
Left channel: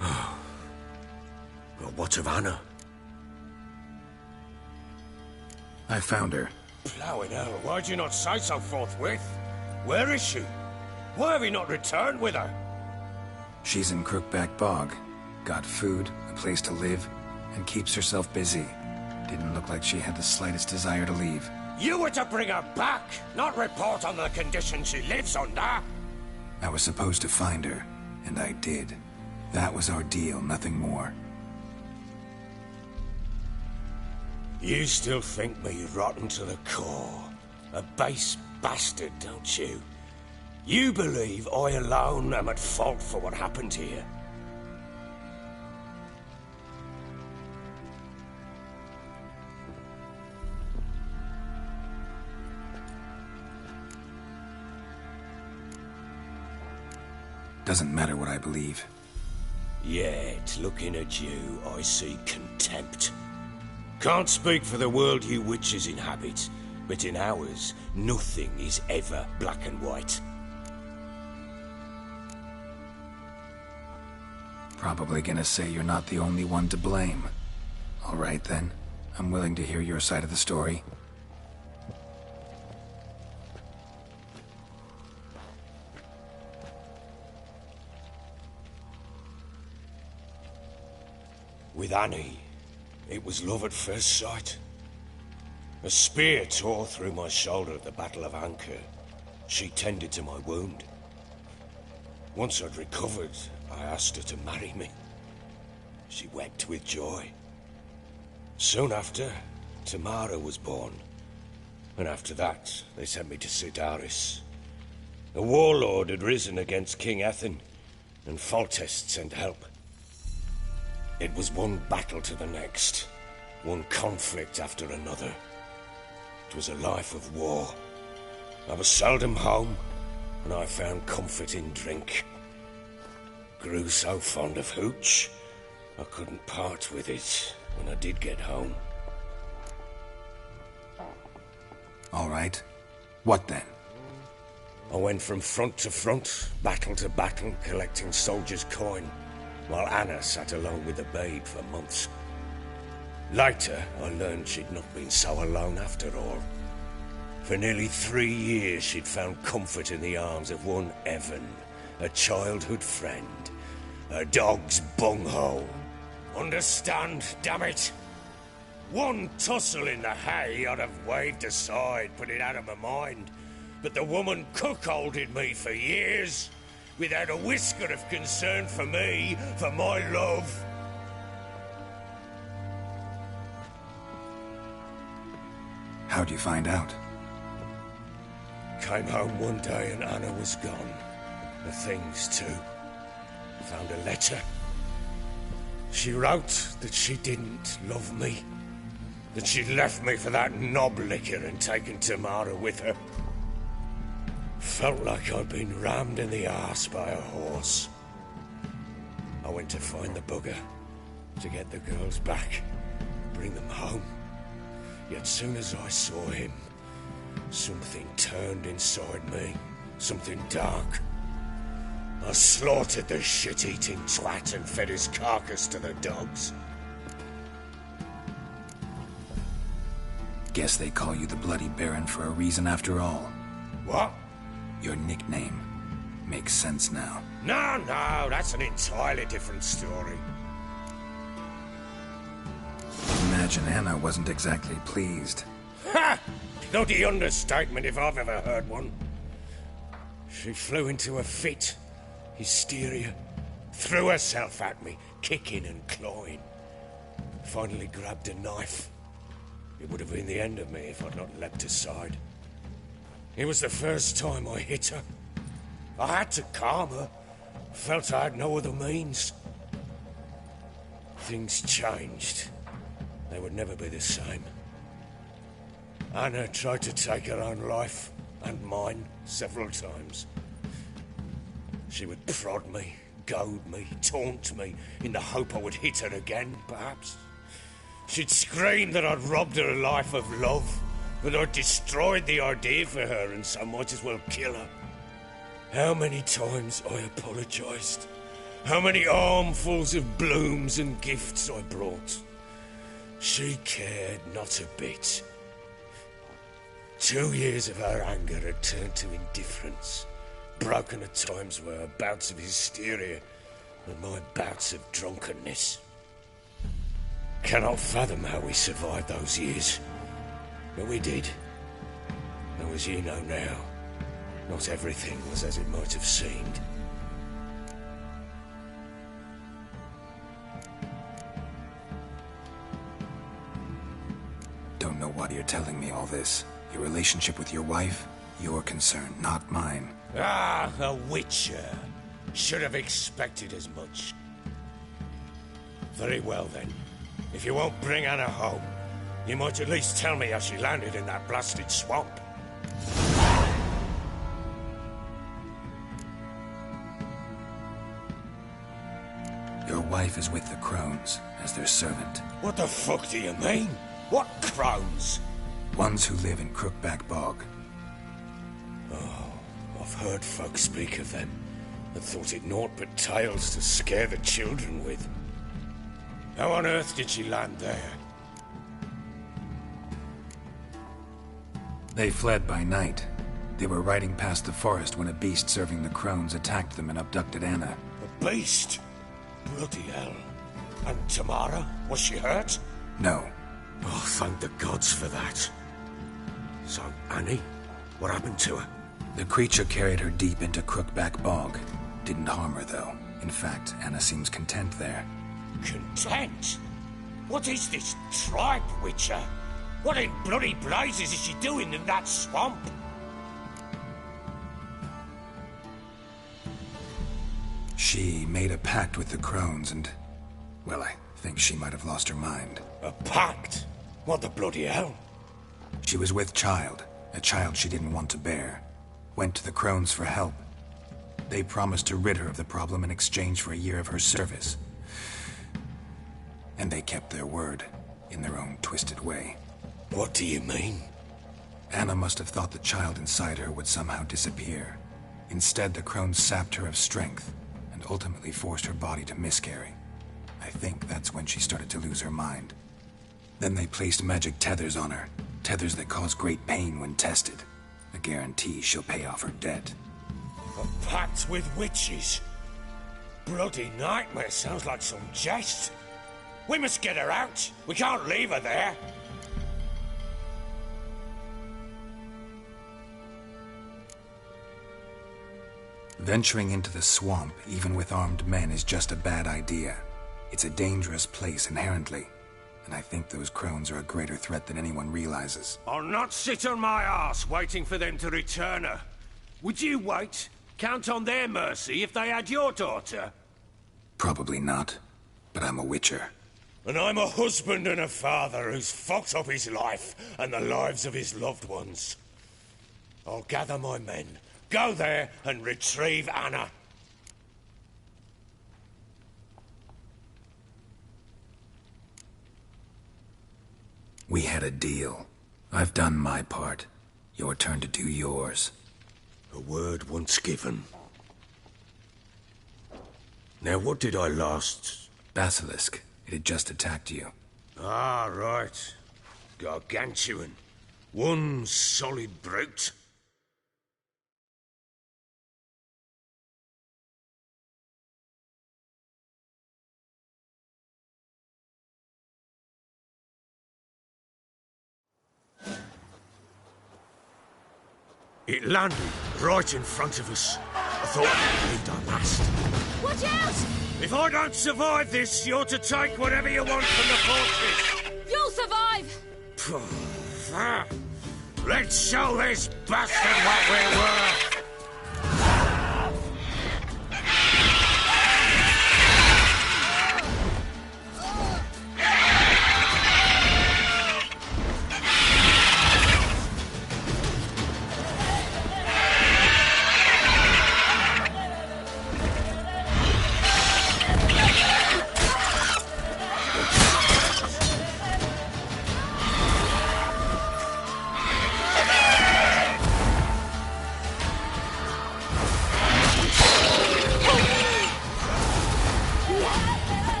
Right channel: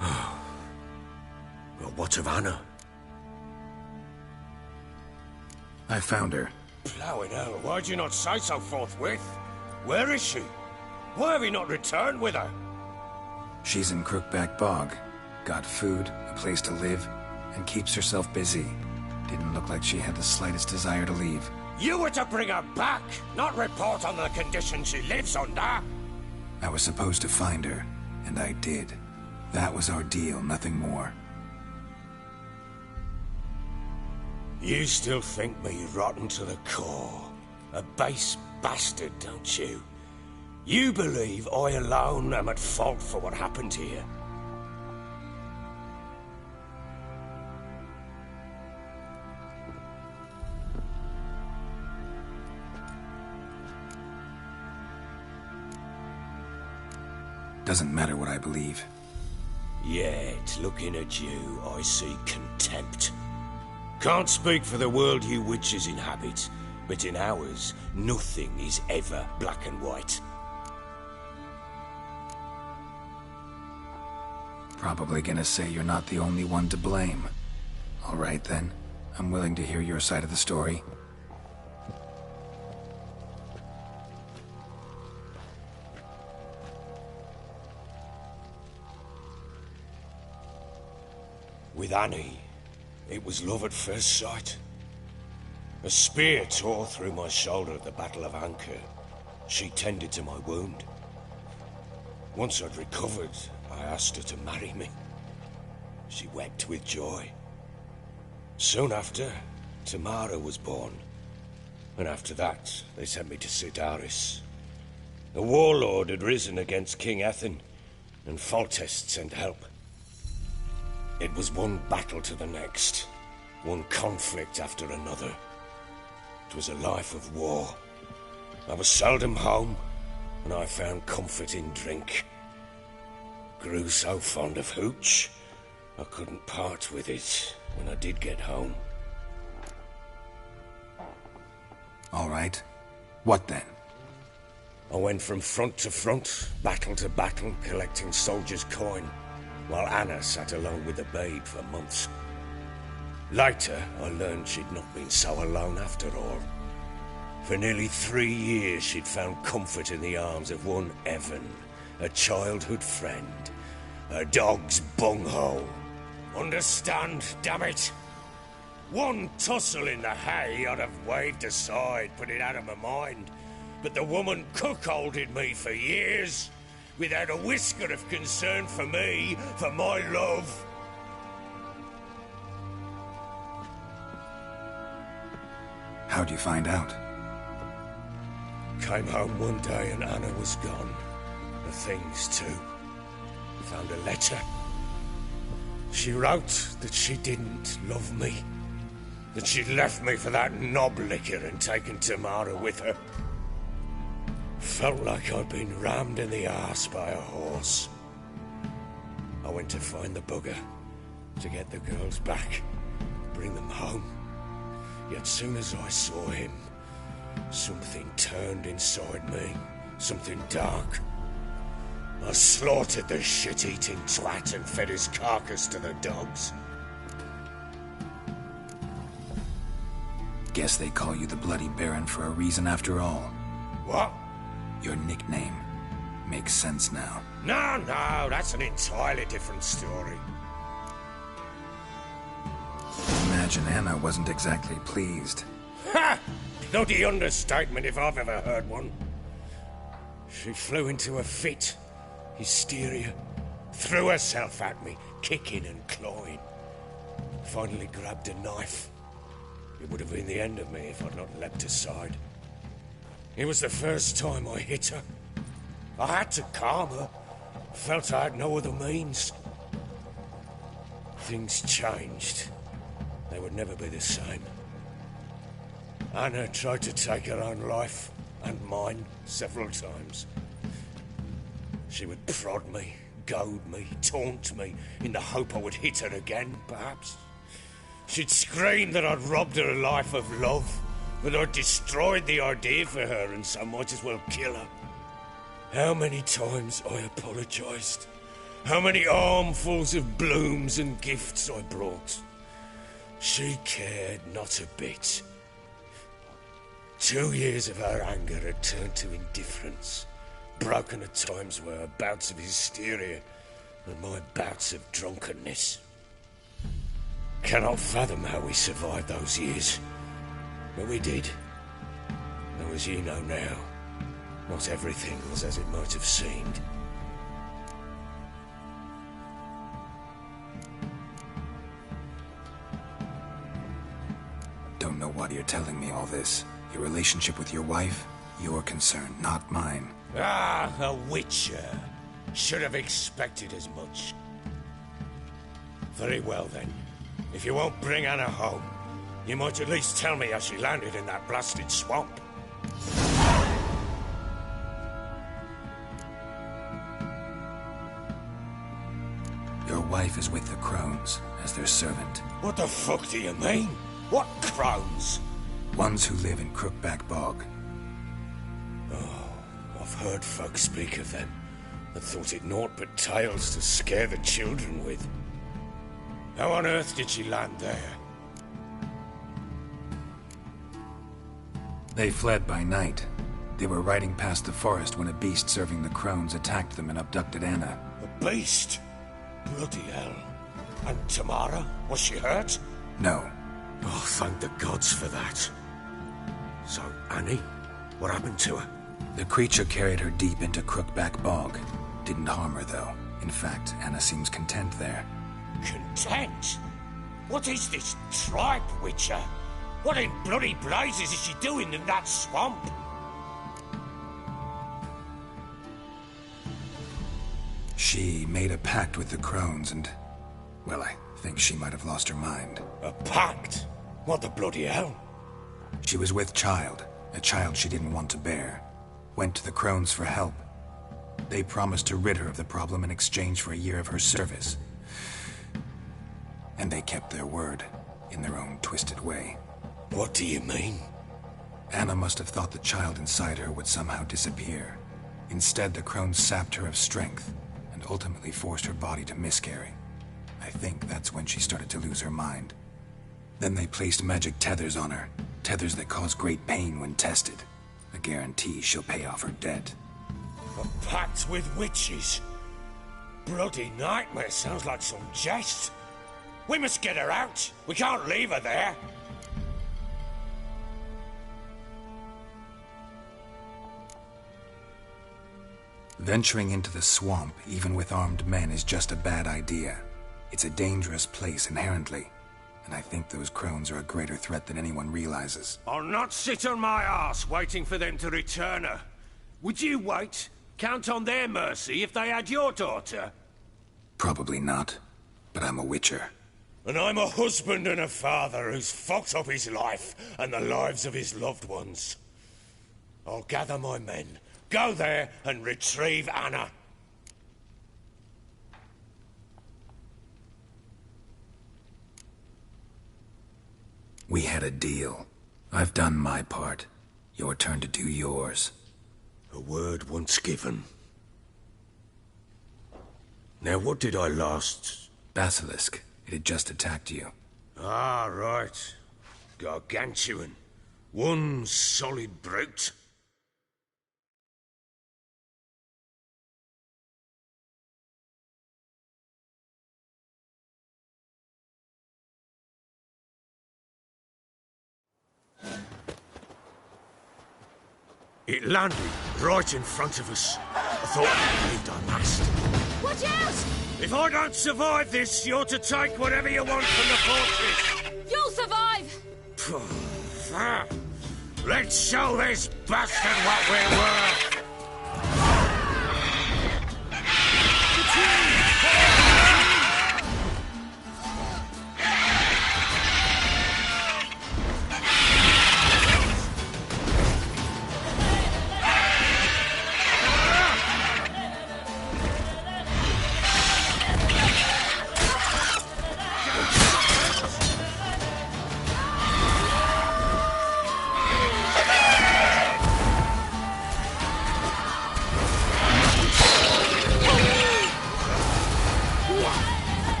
Oh. Well, what of Anna? I found her. Ploughing hell, why'd you not say so forthwith? Where is she? Why have you not returned with her? She's in Crookback Bog. Got food, a place to live, and keeps herself busy. Didn't look like she had the slightest desire to leave. You were to bring her back, not report on the conditions she lives under. I was supposed to find her, and I did. That was our deal, nothing more. You still think me rotten to the core. A base bastard, don't you? You believe I alone am at fault for what happened here. Doesn't matter what I believe. Yet, looking at you, I see contempt. Can't speak for the world you witches inhabit, but in ours, nothing is ever black and white. Probably gonna say you're not the only one to blame. All right then, I'm willing to hear your side of the story. With Annie, it was love at first sight. A spear tore through my shoulder at the Battle of Anchor. She tended to my wound. Once I'd recovered, I asked her to marry me. She wept with joy. Soon after, Tamara was born. And after that, they sent me to Sidaris. A warlord had risen against King Ethan, and Foltest sent help. It was one battle to the next, one conflict after another. It was a life of war. I was seldom home, and I found comfort in drink. Grew so fond of hooch, I couldn't part with it when I did get home. All right. What then? I went from front to front, battle to battle, collecting soldiers' coin, while Anna sat alone with the babe for months. Later, I learned she'd not been so alone after all. For nearly 3 years, she'd found comfort in the arms of one Evan, a childhood friend, a dog's bunghole. Understand, damn it? One tussle in the hay I'd have waved aside, put it out of my mind. But the woman cuckolded me for years, without a whisker of concern for me, for my love. How'd you find out? Came home one day and Anna was gone. The things, too. Found a letter. She wrote that she didn't love me. That she'd left me for that knob licker and taken Tamara with her. Felt like I'd been rammed in the arse by a horse. I went to find the bugger, to get the girls back, bring them home. Yet soon as I saw him, something turned inside me, something dark. I slaughtered the shit-eating twat and fed his carcass to the dogs. Guess they call you the Bloody Baron for a reason after all. What? Your nickname. Makes sense now. No, that's an entirely different story. Imagine Anna wasn't exactly pleased. Ha! Bloody understatement if I've ever heard one. She flew into a fit. Hysteria. Threw herself at me, kicking and clawing. Finally grabbed a knife. It would have been the end of me if I'd not leapt aside. It was the first time I hit her. I had to calm her. Felt I had no other means. Things changed. They would never be the same. Anna tried to take her own life, and mine, several times. She would prod me, goad me, taunt me, in the hope I would hit her again, perhaps. She'd scream that I'd robbed her life of love, that I'd destroyed the idea for her and so might as well kill her. How many times I apologized. How many armfuls of blooms and gifts I brought. She cared not a bit. 2 years of her anger had turned to indifference, broken at times were her bouts of hysteria and my bouts of drunkenness. Cannot fathom how we survived those years, but we did. Though as you know now, not everything was as it might have seemed. Don't know why you're telling me all this. Your relationship with your wife? Your concern, not mine. Ah, a witcher. Should have expected as much. Very well then. If you won't bring Anna home, you might at least tell me how she landed in that blasted swamp. Your wife is with the Crones, as their servant. What the fuck do you mean? What Crones? Ones who live in Crookback Bog. Oh, I've heard folk speak of them, and thought it naught but tales to scare the children with. How on earth did she land there? They fled by night. They were riding past the forest when a beast serving the Crones attacked them and abducted Anna. A beast? Bloody hell. And Tamara? Was she hurt? No. Oh, thank the gods for that. So, Annie? What happened to her? The creature carried her deep into Crookback Bog. Didn't harm her, though. In fact, Anna seems content there. Content? What is this tripe, Witcher? What in bloody blazes is she doing in that swamp? She made a pact with the Crones and... well, I think she might have lost her mind. A pact? What the bloody hell? She was with child, a child she didn't want to bear. Went to the Crones for help. They promised to rid her of the problem in exchange for a year of her service. And they kept their word, in their own twisted way. What do you mean? Anna must have thought the child inside her would somehow disappear. Instead, the crones sapped her of strength and ultimately forced her body to miscarry. I think that's when she started to lose her mind. Then they placed magic tethers on her, tethers that cause great pain when tested. A guarantee she'll pay off her debt. A pact with witches? Bloody nightmare, sounds like some jest. We must get her out. We can't leave her there. Venturing into the swamp, even with armed men, is just a bad idea. It's a dangerous place inherently, and I think those crones are a greater threat than anyone realizes. I'll not sit on my arse waiting for them to return her. Would you wait? Count on their mercy if they had your daughter? Probably not, but I'm a witcher. And I'm a husband and a father who's fucked up his life and the lives of his loved ones. I'll gather my men, go there and retrieve Anna. We had a deal. I've done my part. Your turn to do yours. A word once given. Now, what did I last... Basilisk. It had just attacked you. Ah, right. Gargantuan. One solid brute. It landed right in front of us. I thought we believed our last. Watch out! If I don't survive this, you're to take whatever you want from the fortress. You'll survive! Let's show this bastard what we're worth.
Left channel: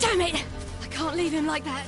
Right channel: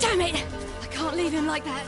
Damn it! I can't leave him like that.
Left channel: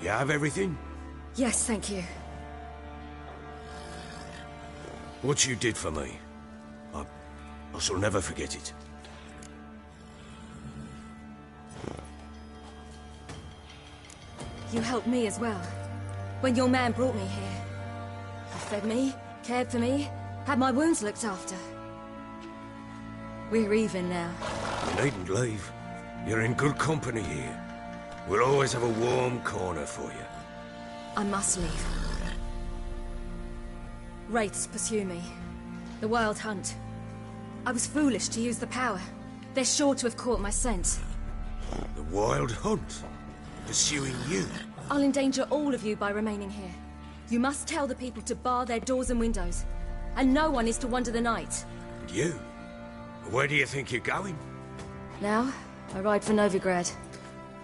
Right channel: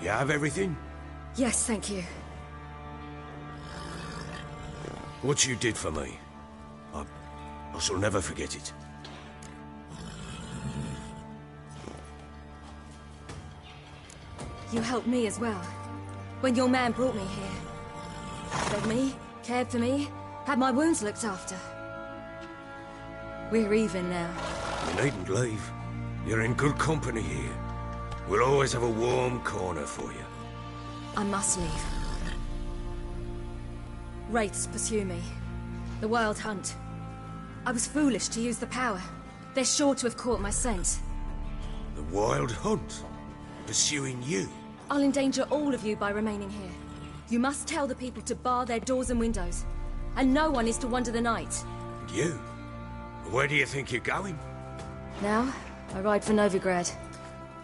You have everything? Yes, thank you. What you did for me, I shall never forget it. You helped me as well. When your man brought me here. Fed me, cared for me, had my wounds looked after. We're even now. You needn't leave. You're in good company here. We'll always have a warm corner for you. I must leave. Wraiths pursue me. The Wild Hunt. I was foolish to use the power. They're sure to have caught my scent. The Wild Hunt? Pursuing you? I'll endanger all of you by remaining here. You must tell the people to bar their doors and windows. And no one is to wander the night. And you? Where do you think you're going? Now, I ride for Novigrad.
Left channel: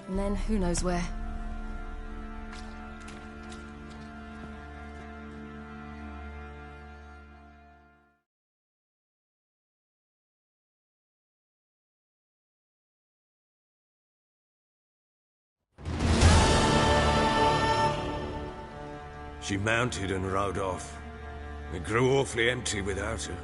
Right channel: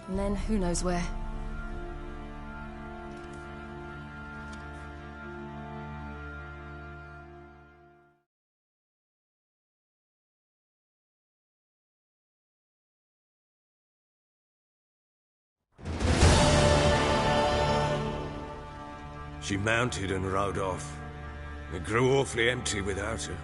And then, who knows where. She mounted and rode off. It grew awfully empty without her.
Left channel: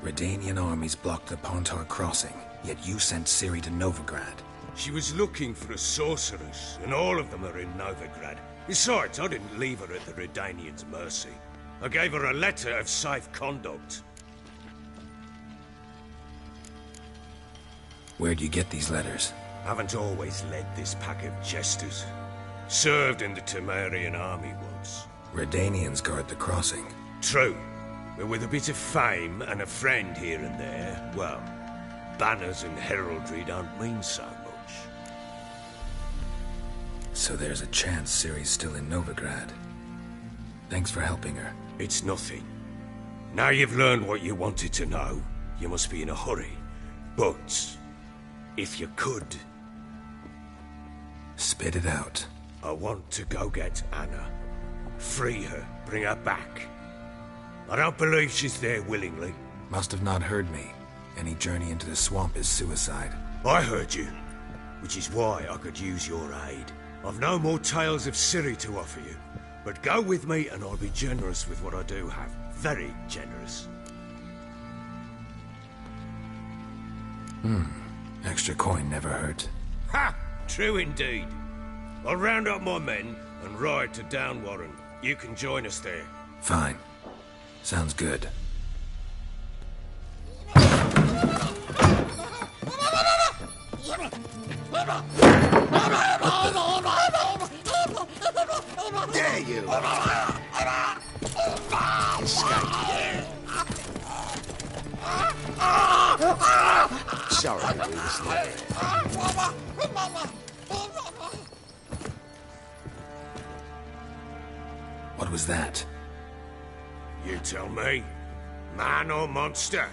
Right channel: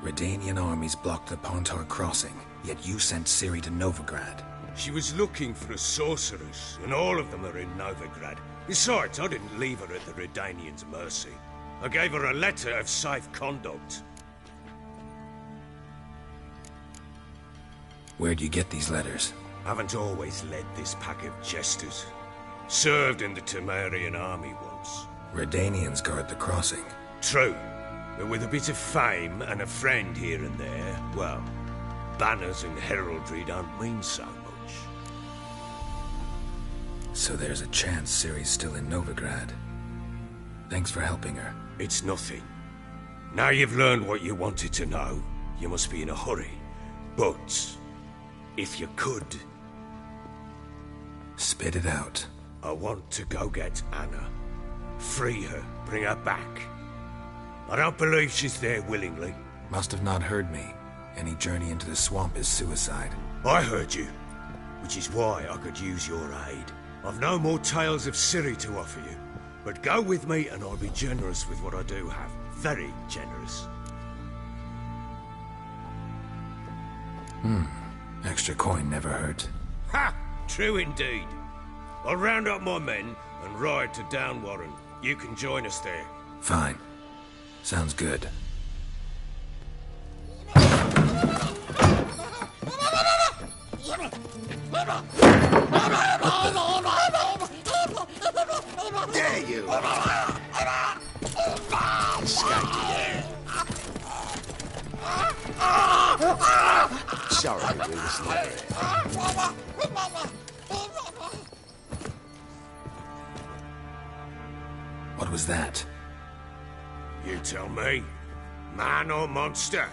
Redanian armies blocked the Pontar crossing, yet you sent Ciri to Novigrad. She was looking for a sorceress, and all of them are in Novigrad. Besides, I didn't leave her at the Redanians' mercy. I gave her a letter of safe conduct. Where'd you get these letters? Haven't always led this pack of jesters. Served in the Temerian army once. Redanians guard the crossing. True. But with a bit of fame and a friend here and there, well, banners and heraldry don't mean so much. So there's a chance Ciri's still in Novigrad. Thanks for helping her. It's nothing. Now you've learned what you wanted to know, you must be in a hurry. But, if you could... Spit it out. I want to go get Anna. Free her, bring her back. I don't believe she's there willingly. Must have not heard me. Any journey into the swamp is suicide. I heard you, which is why I could use your aid. I've no more tales of Ciri to offer you, but go with me and I'll be generous with what I do have. Very generous. Extra coin never hurt. Ha! True indeed. I'll round up my men and ride to Downwarren. You can join us there. Fine. Sounds good. Dare you! Escape. Sorry, we was never here. What was that? You tell me. Man or monster?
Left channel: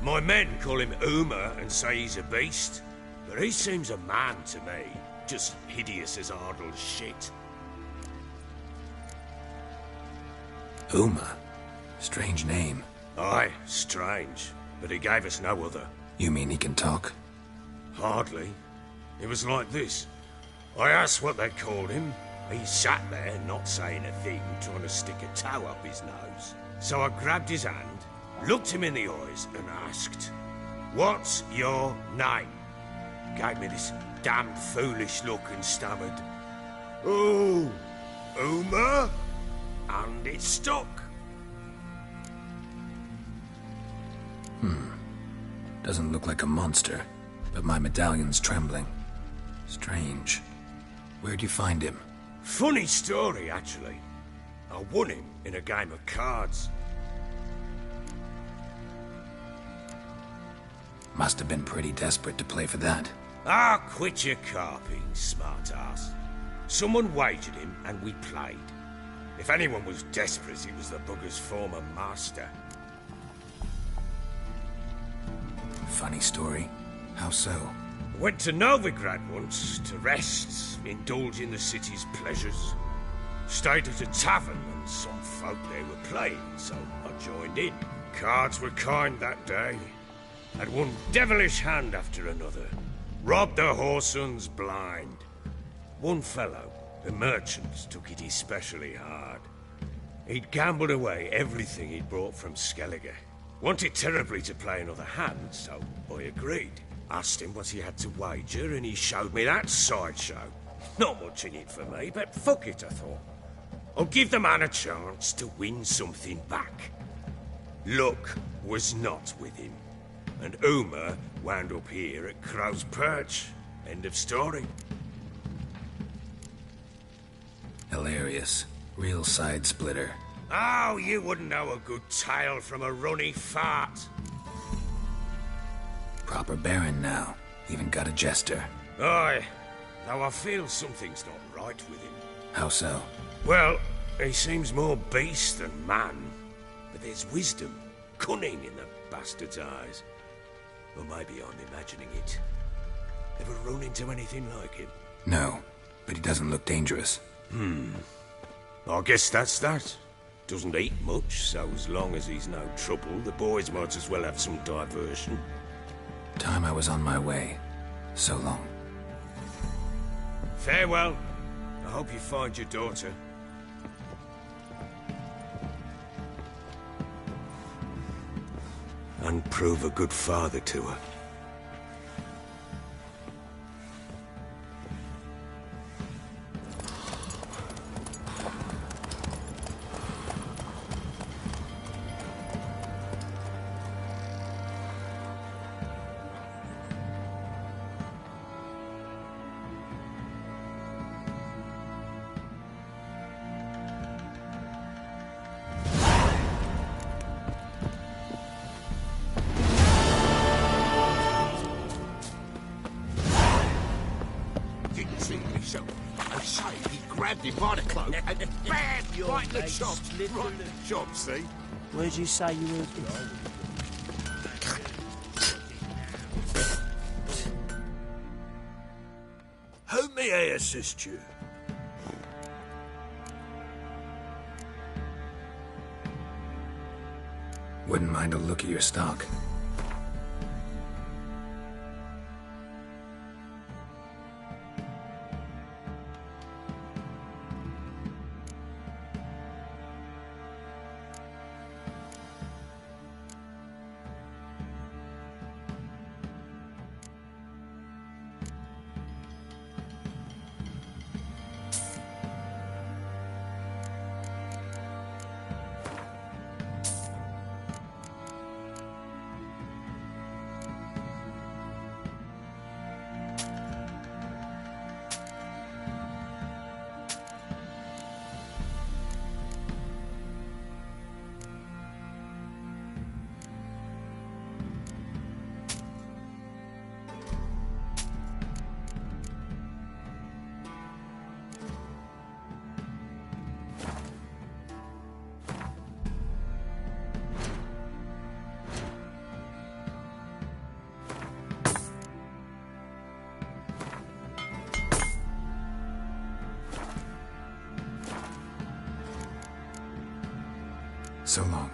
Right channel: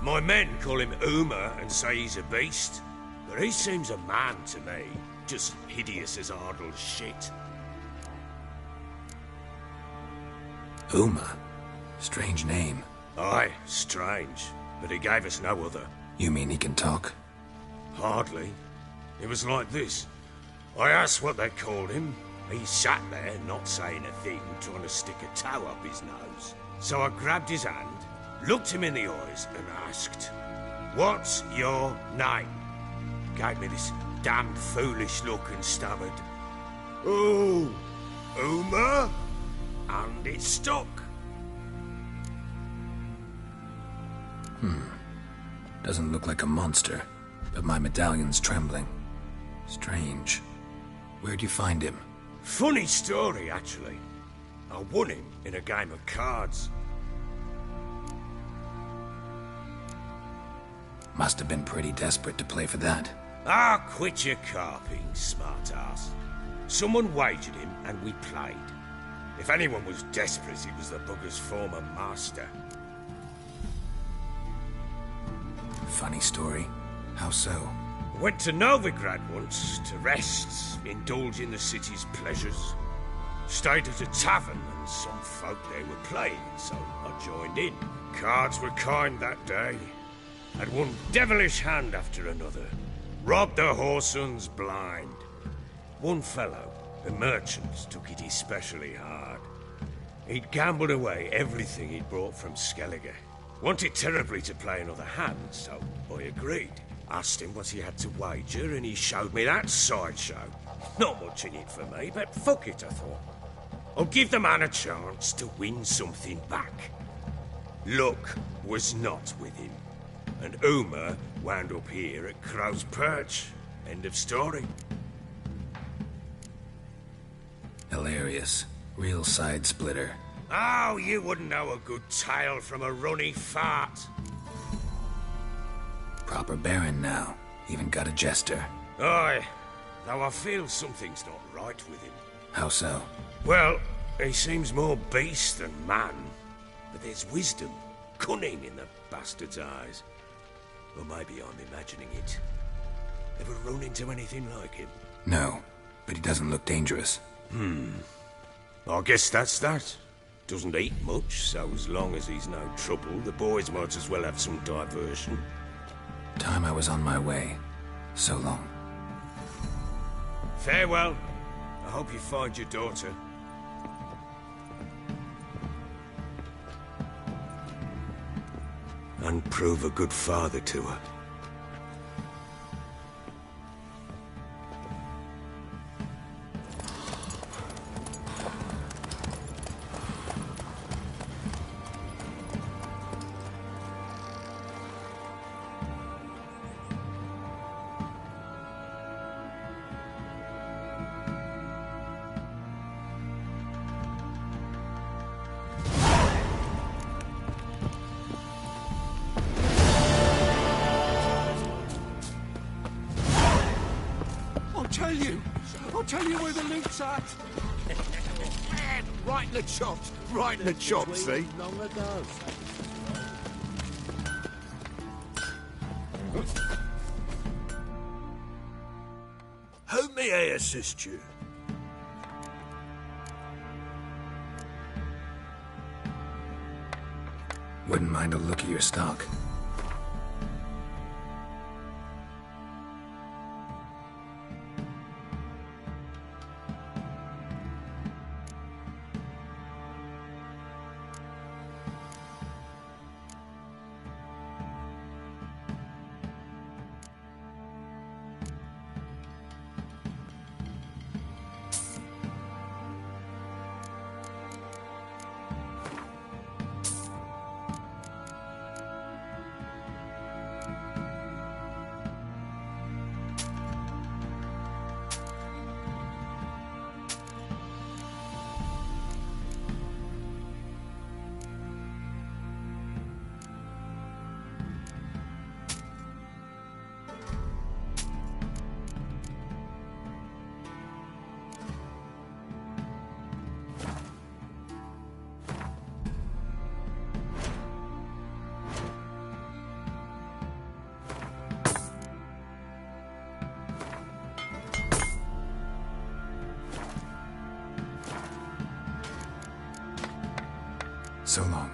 My men call him Uma and say he's a beast, but he seems a man to me. Just hideous as Ardle's shit. Uma? Strange name. Aye, strange. But he gave us no other. You mean he can talk? Hardly. It was like this. I asked what they called him. He sat there, not saying a thing, trying to stick a toe up his nose. So I grabbed his hand, looked him in the eyes, and asked, "What's your name?" Gave me this damn foolish look and stammered, "Oh, Uma?" And it stuck. Doesn't look like a monster, but my medallion's trembling. Strange. Where'd you find him? Funny story, actually. I won him in a game of cards. Must have been pretty desperate to play for that. Ah, quit your carping, smart-ass. Someone wagered him, and we played. If anyone was desperate, it was the bugger's former master. Funny story. How so? Went to Novigrad once to rest, indulge in the city's pleasures. Stayed at a tavern and some folk there were playing, so I joined in. Cards were kind that day. Had one devilish hand after another. Robbed the whoresons blind. One fellow, a merchant, took it especially hard. He'd gambled away everything he'd brought from Skellige. Wanted terribly to play another hand, so I agreed. Asked him what he had to wager, and he showed me that sideshow. Not much in it for me, but fuck it, I thought. I'll give the man a chance to win something back. Luck was not with him, and Uma wound up here at Crow's Perch. End of story. Hilarious. Real side splitter. Oh, you wouldn't know a good tale from a runny fart. Proper baron now. Even got a jester. Aye, though I feel something's not right with him. How so? Well, he seems more beast than man. But there's wisdom, cunning in the bastard's eyes. Or maybe I'm imagining it. Ever run into anything like him? No, but he doesn't look dangerous. I guess that's that. Doesn't eat much, so as long as he's no trouble, the boys might as well have some diversion. Time I was on my way. So long. Farewell. I hope you find your daughter. And prove a good father to her. Right in the chops. Right in the chops, see? Where did you say you How may I assist you? Wouldn't mind a look at your stock. So long.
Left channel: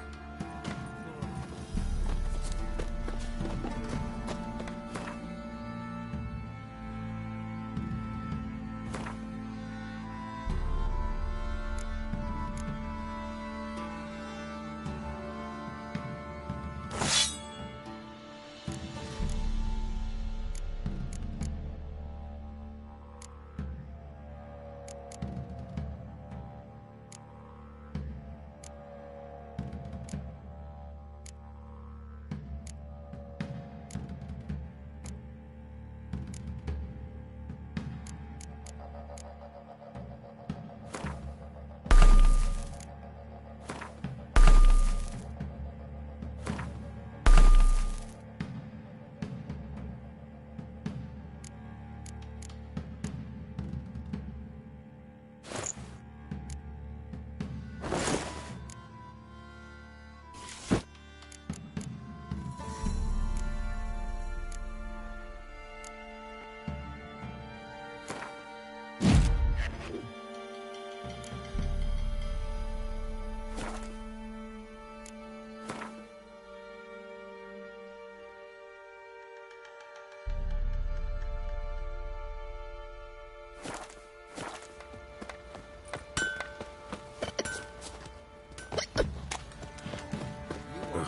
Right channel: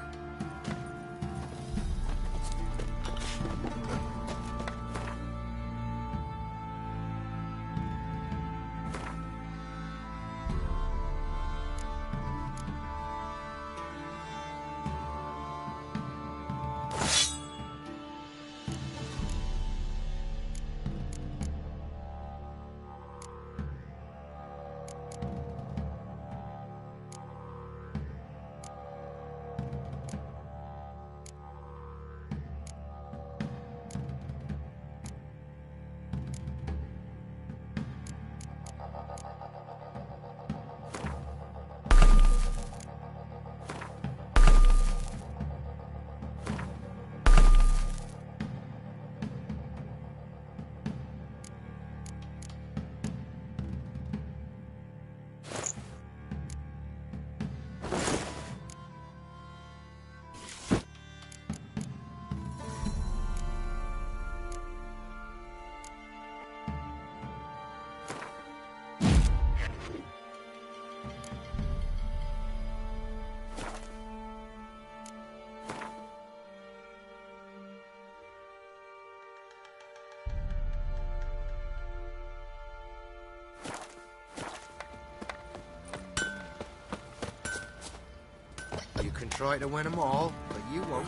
try to win them all, but you won't.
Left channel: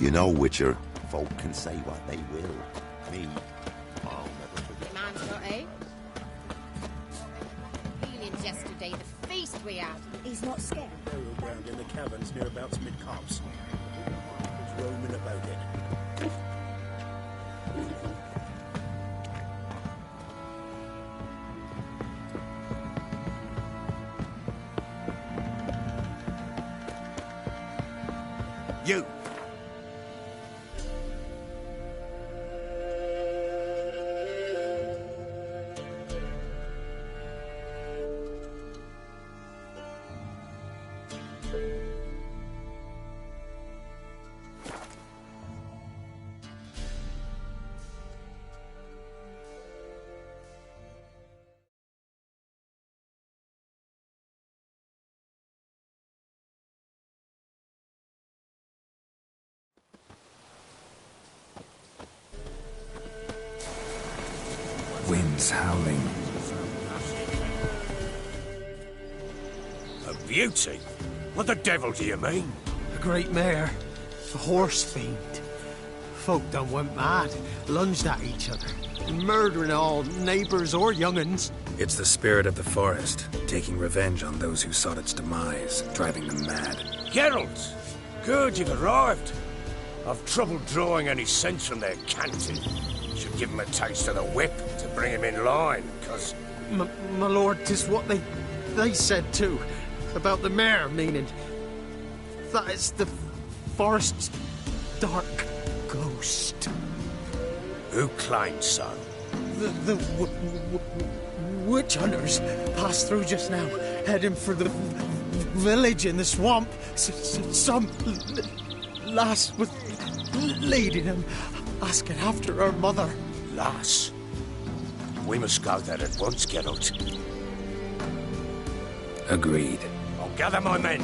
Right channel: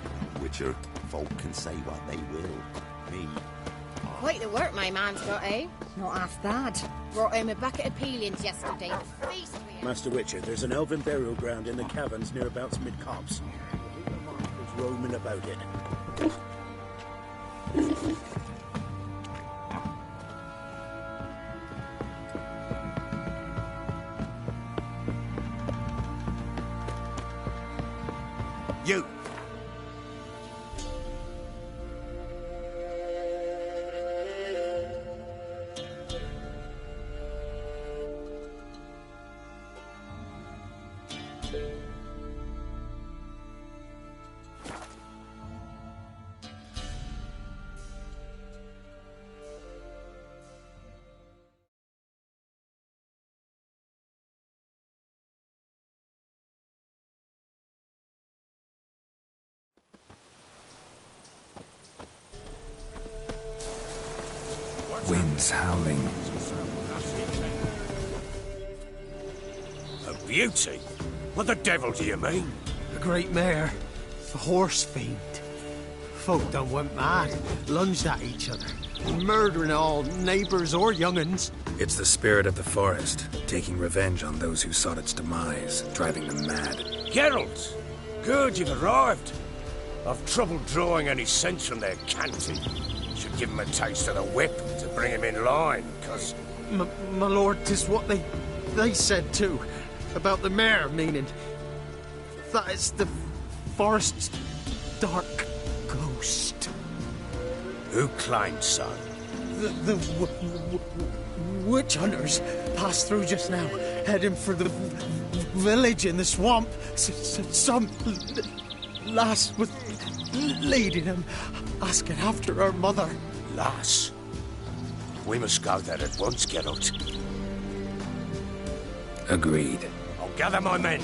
You know, Witcher, folk can say what they will. Me, Quite the work my man's got, eh? Not half bad. Brought him a bucket of peelings yesterday. The feast we had. Master Richard, there's an elven burial ground in the caverns nearabouts mid-copse. There's roaming about it. you! Winds howling. A beauty? What the devil do you mean? A great mare. A horse fiend. Folk done went mad, lunged at each other, murdering all neighbours or young'uns. It's the spirit of the forest, taking revenge on those who sought its demise, driving them mad. Geralt! Good, you've arrived. I've trouble drawing any sense from their canting. Should give him a taste of the whip to bring him in line, cause... My lord, 'tis what they said too, about the mare, meaning that it's the forest's dark ghost. Who claimed so? The witch hunters passed through just now, heading for the village in the swamp. Some lass was leading them, asking after her mother. Lass? We must go there at once, Geralt. Agreed. I'll gather my men.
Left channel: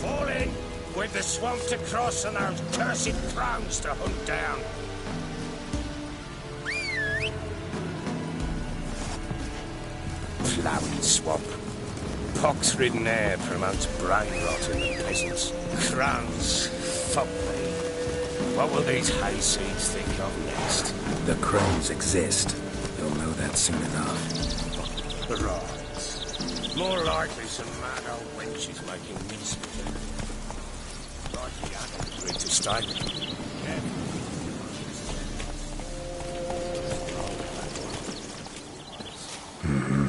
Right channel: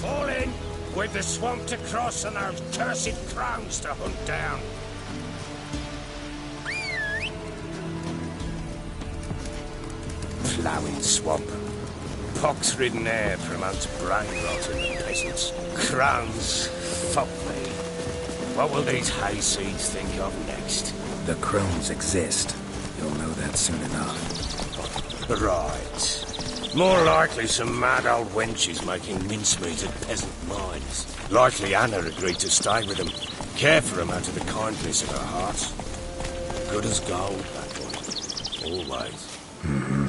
Fall in! With the swamp to cross and those cursed crows to hunt down. Ploughing swamp. Pox-ridden air promotes brain rot in the peasants. Crones, fuck me. What will these hayseeds think of next? The crones exist. You'll know that soon enough. Right. More likely some mad old wenches making mincemeat of peasant minds. Likely Anna agreed to stay with them, care for them out of the kindness of her heart. Good as gold, that one. Always. Mm-hmm.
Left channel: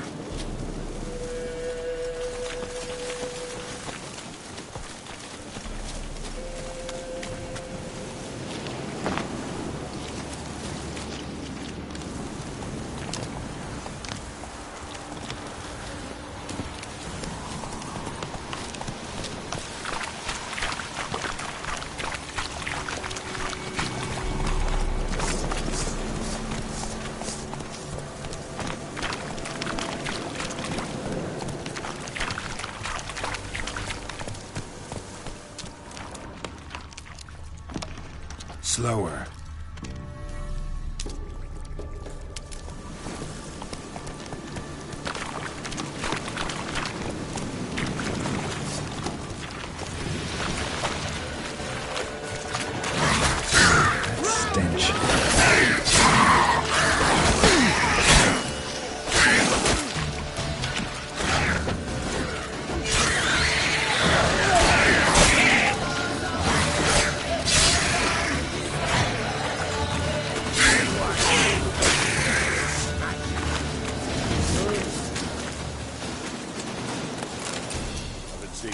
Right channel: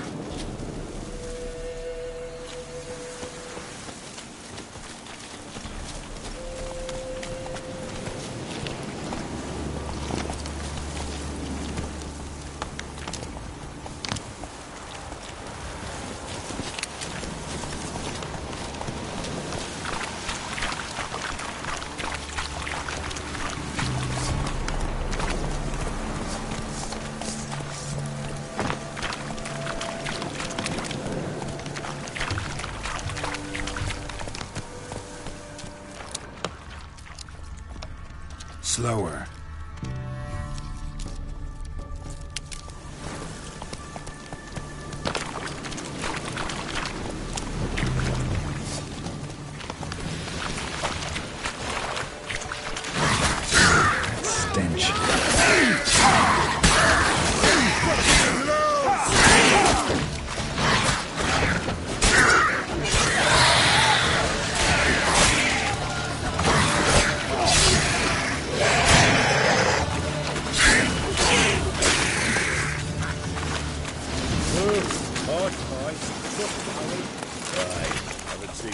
Slower. Stench.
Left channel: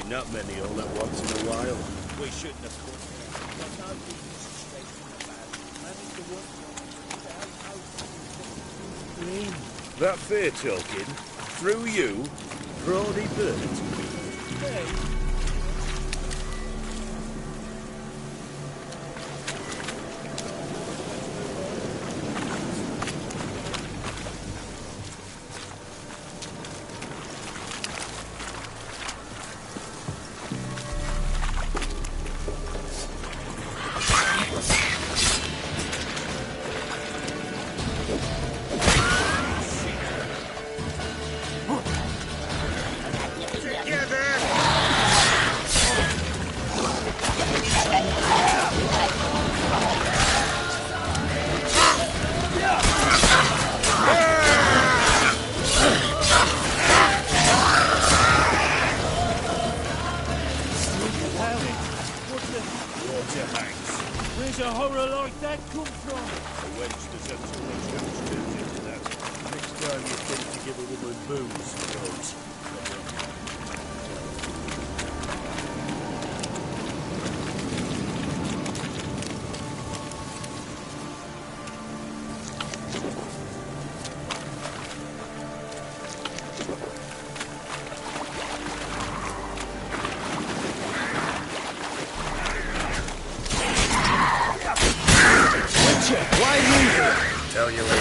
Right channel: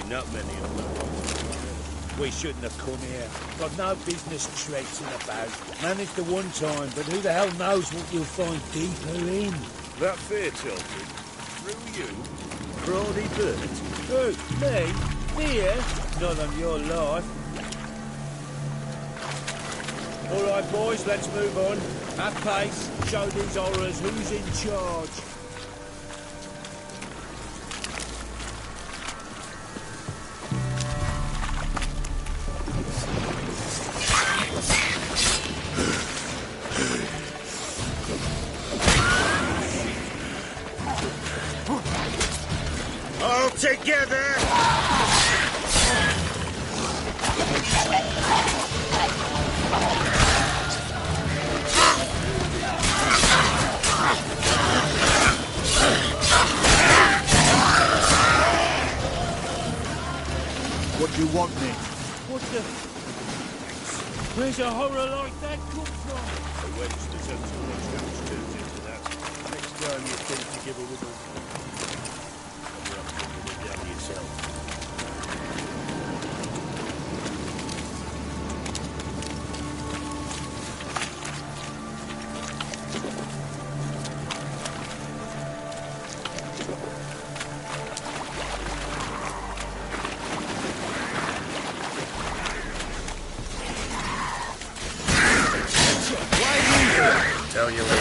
Not many all at once in a while. We shouldn't have come here. Got no business traipsing about. Managed at one time, but who the hell knows what you'll find deeper in? That fair talking? Through you? Brody Burt? Who? Me? Here? Not on your life. All right, boys, let's move on. Have pace. Show these horrors who's in charge. Where's a horror like that come from? A wench that had too much goes into that. Next time you think to give a woman booze, folks, you'll have to do it yourself. Tell you later.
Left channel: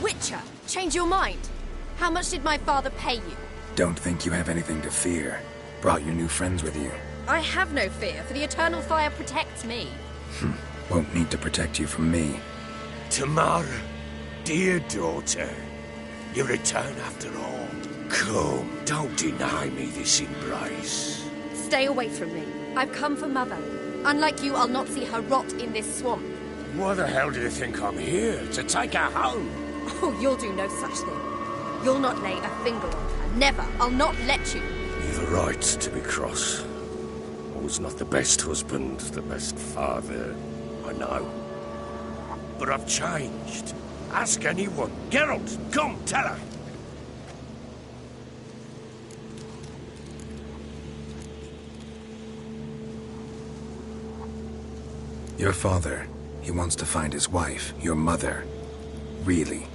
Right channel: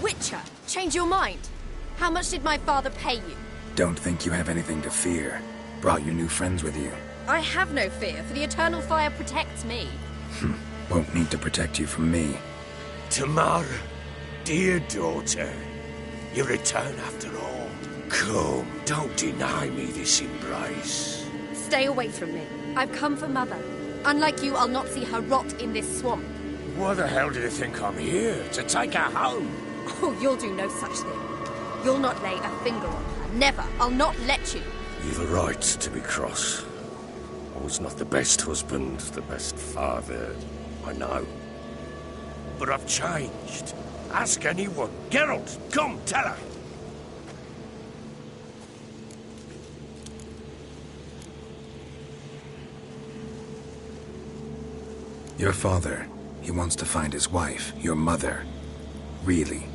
Witcher, change your mind. How much did my father pay you? Don't think you have anything to fear. Brought your new friends with you. I have no fear, for the eternal fire protects me. Won't need to protect you from me. Tamara, dear daughter, you return after all. Come, don't deny me this embrace. Stay away from me. I've come for Mother. Unlike you, I'll not see her rot in this swamp. Why the hell do you think I'm here? To take her home? Oh, you'll do no such thing. You'll not lay a finger on her. Never. I'll not let you. You've a right to be cross. I was not the best husband, the best father, I know. But I've changed. Ask anyone. Geralt, come, tell her. Your father, he wants to find his wife, your mother. Really?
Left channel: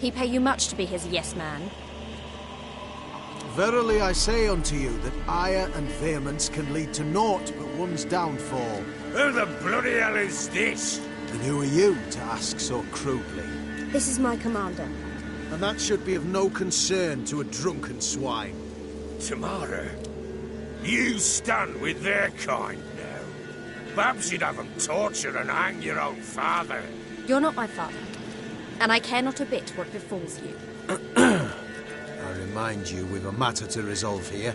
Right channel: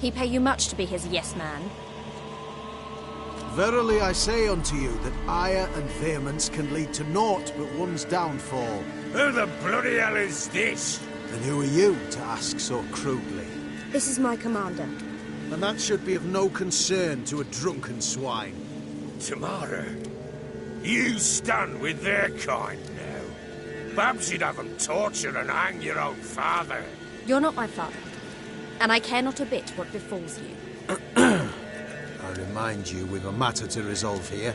He pay you much to be his yes man. Verily I say unto you that ire and vehemence can lead to naught but one's downfall. Who the bloody hell is this? And who are you to ask so crudely? This is my commander. And that should be of no concern to a drunken swine. Tamara, you stand with their kind now. Perhaps you'd have them torture and hang your own father. You're not my father, and I care not a bit what befalls you. I remind you, we've a matter to resolve here.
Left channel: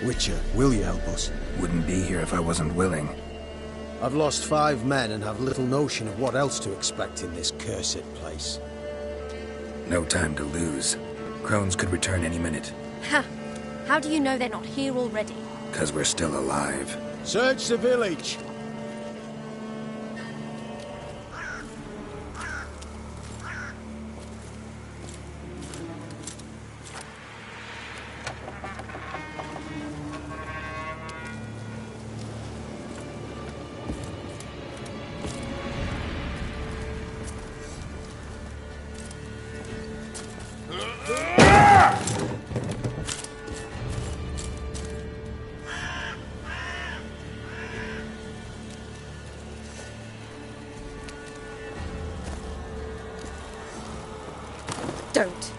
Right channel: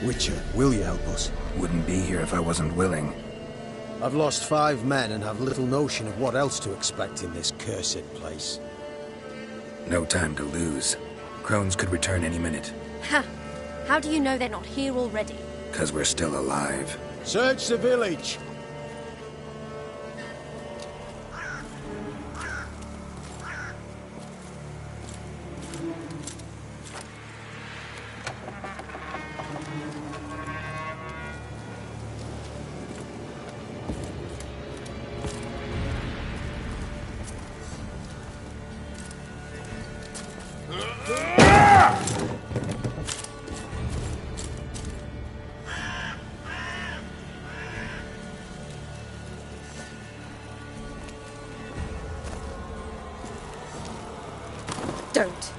Witcher, will you help us? Wouldn't be here if I wasn't willing. I've lost 5 men and have little notion of what else to expect in this cursed place. No time to lose. Crones could return any minute. Ha! How do you know they're not here already? 'Cause we're still alive. Search the village! Don't.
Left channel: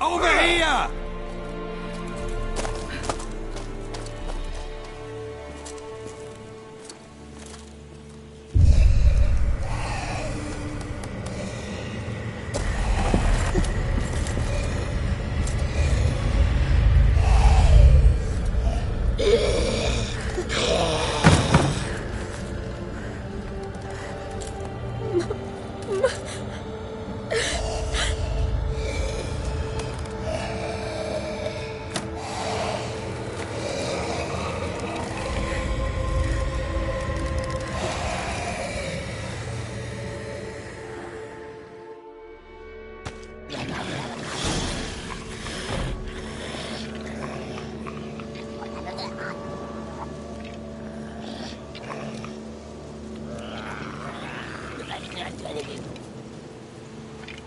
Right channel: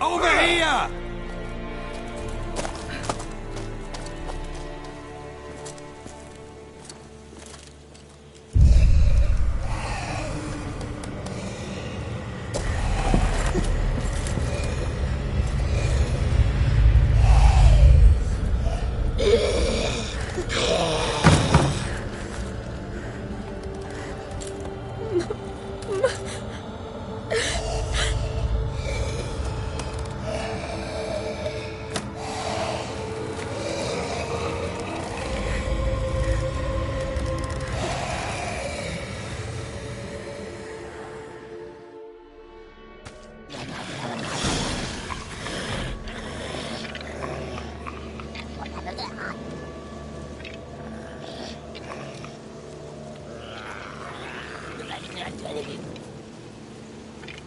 Over here!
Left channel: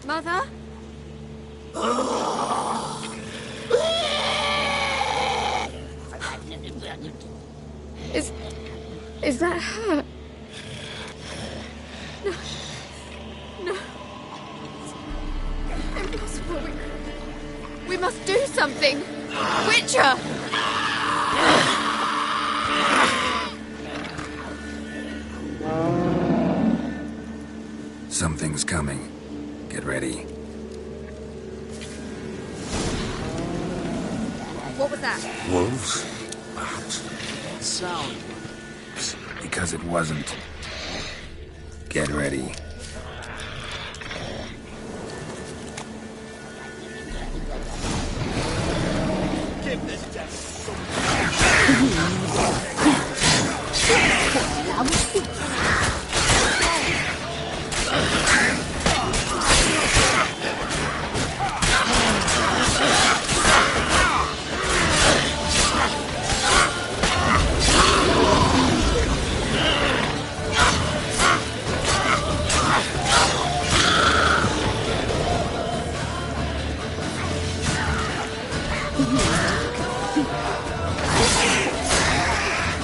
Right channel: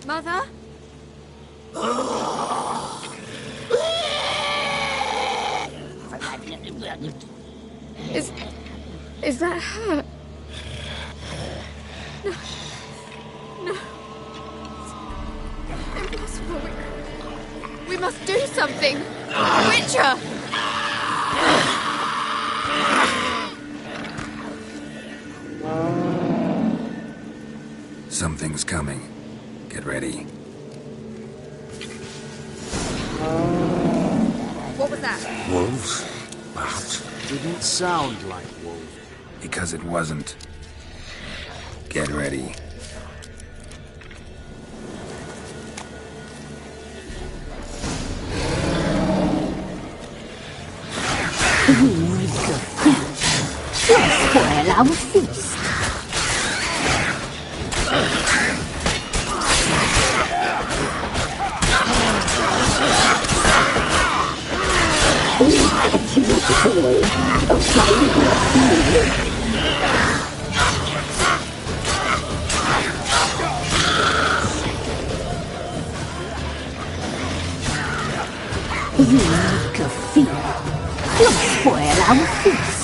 Mother? Is that her? No. No. It's impossible. We must do something. Witcher! Something's coming. Get ready. that? Wolves? Perhaps. Didn't sound like wolves. Because it wasn't. Get ready. Spoil our feast. You make a feast. Don't spoil our feast.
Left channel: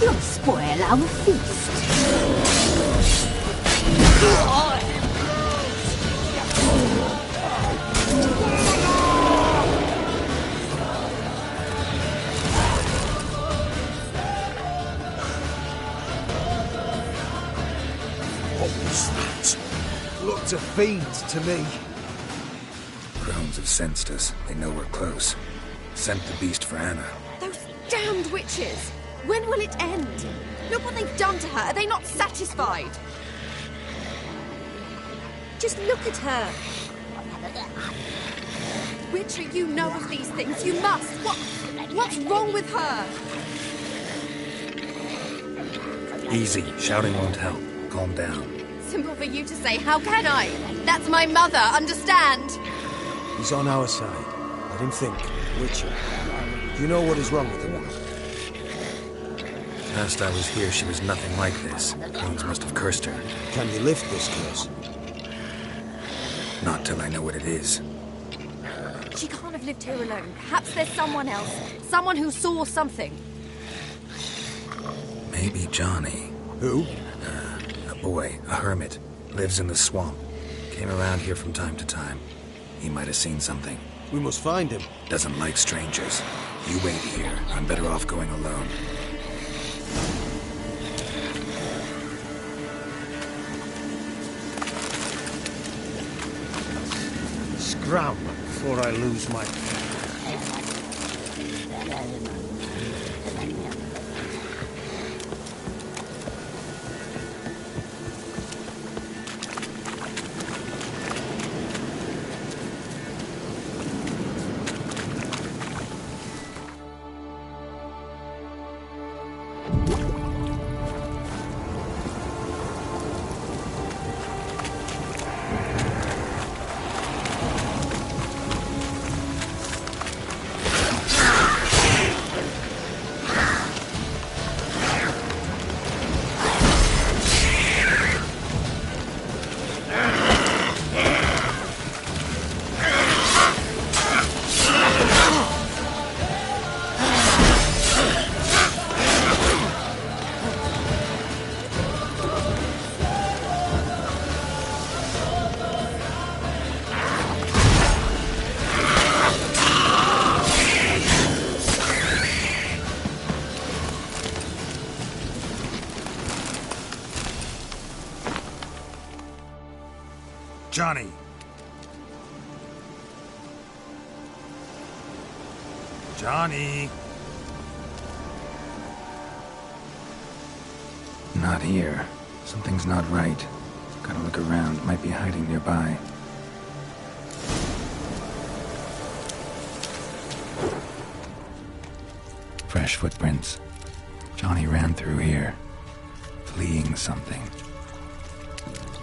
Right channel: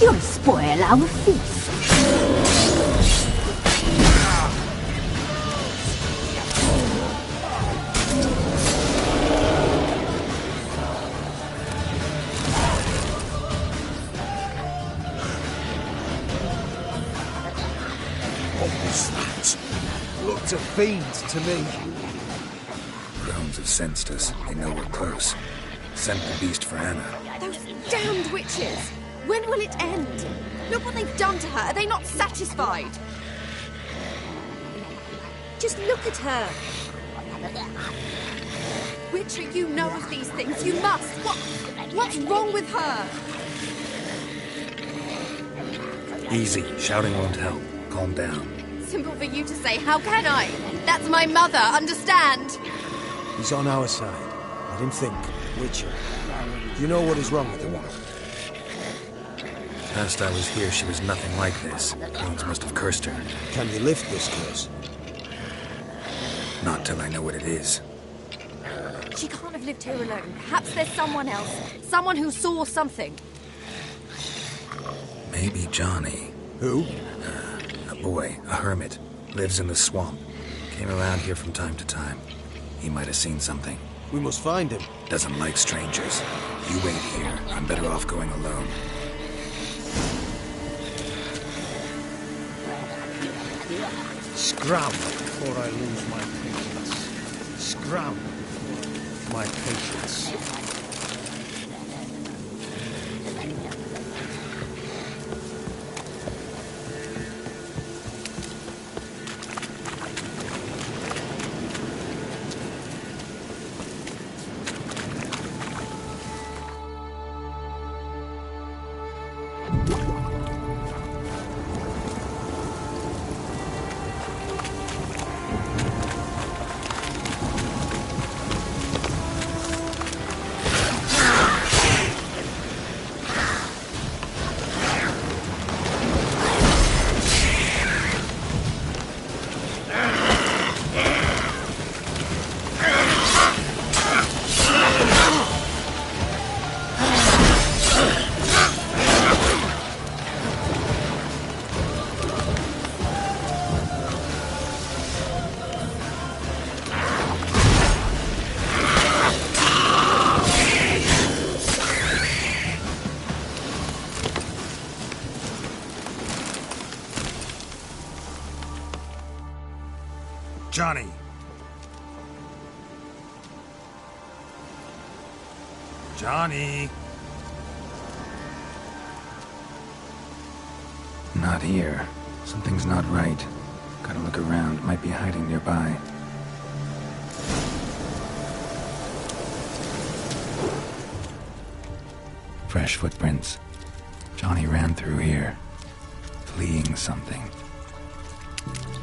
You'll spoil our feast. What was that? Looked a fiend to me. Crones have sensed us. They know we're close. Sent the beast for Anna. Those damned witches! When will it end? Look what they've done to her. Are they not satisfied? Just look at her. Witcher, you know of these things. You must. What's wrong with her? Easy. Shouting won't help. Calm down. Simple for you to say. How can I? That's my mother. Understand? He's on our side. Let him think. Witcher. Do you know what is wrong with the woman? Last I was here, she was nothing like this. Crones must have cursed her. Can you lift this curse? Not till I know what it is. She can't have lived here alone. Perhaps there's someone else. Someone who saw something. Maybe Johnny. Who? A boy, a hermit. Lives in the swamp. Came around here from time to time. He might have seen something. We must find him. Doesn't like strangers. You wait here. I'm better off going alone. Scram before I lose my patience. Scram before I lose my patience. Johnny! Johnny! Not here. Something's not right. Gotta look around. Might be hiding nearby. Fresh footprints. Johnny ran through here. Fleeing something.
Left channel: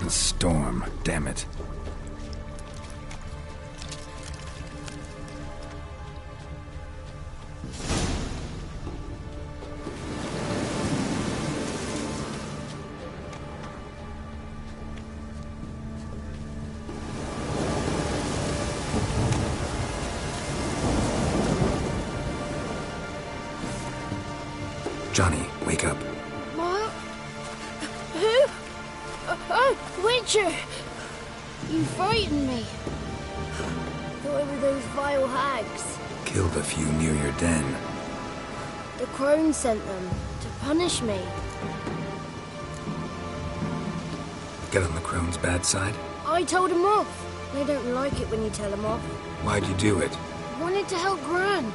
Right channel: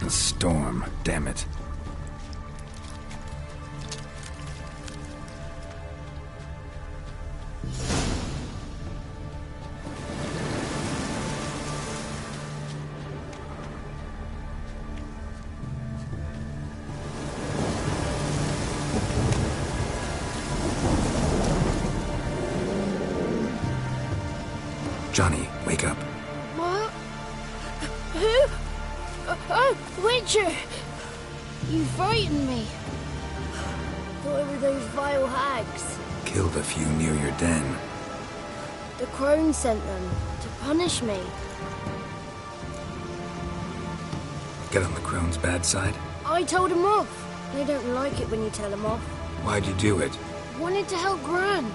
The storm, damn it. Johnny, wake up. What? Who? Oh, Witcher! You frightened me. Thought it were those vile hags. Killed a few near your den. The crone sent them to punish me. Get on the crone's bad side? I told them off. They don't like it when you tell them off. Why'd you do it? Wanted to help Gran.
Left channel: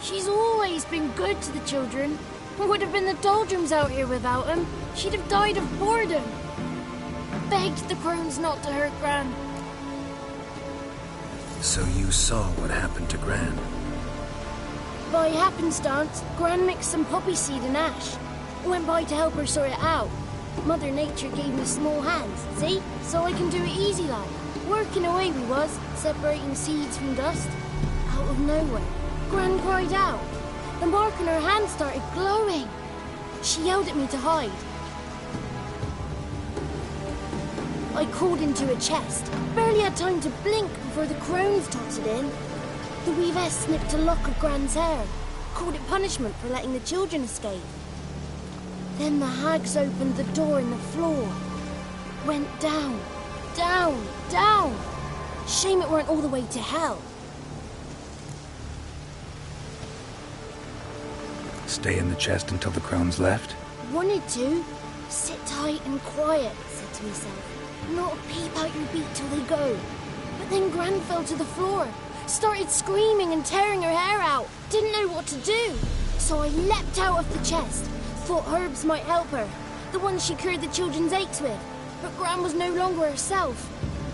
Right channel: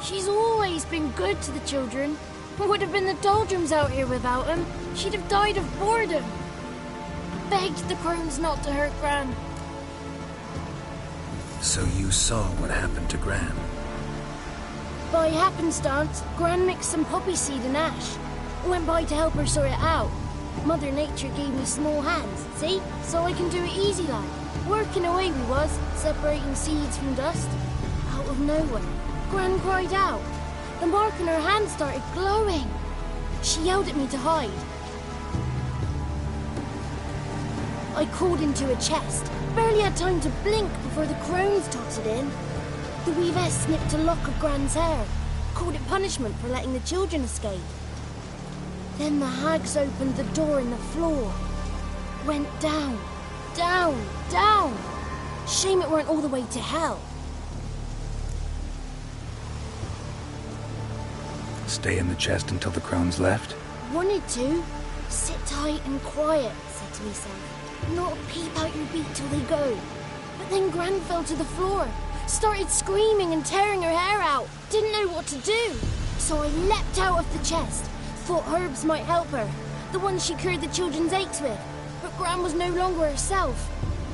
She's always been good to the children. It would have been the doldrums out here without him. She'd have died of boredom. Begged the crones not to hurt Gran. So you saw what happened to Gran? By happenstance, Gran mixed some poppy seed and ash. Went by to help her sort it out. Mother Nature gave me small hands, see? So I can do it easy like. Working away we was, separating seeds from dust. Out of nowhere, Gran cried out. The mark on her hand started glowing. She yelled at me to hide. I crawled into a chest. Barely had time to blink before the crones totted in. The weavess snipped a lock of Gran's hair. Called it punishment for letting the children escape. Then the hags opened the door in the floor. Went down, down, down. Shame it weren't all the way to hell. Stay in the chest until the crones left? Wanted to. Sit tight and quiet, said to myself. Not a peep out your beat till they go. But then Gran fell to the floor. Started screaming and tearing her hair out. Didn't know what to do. So I leapt out of the chest. Thought herbs might help her. The ones she cured the children's aches with. But Gran was no longer herself.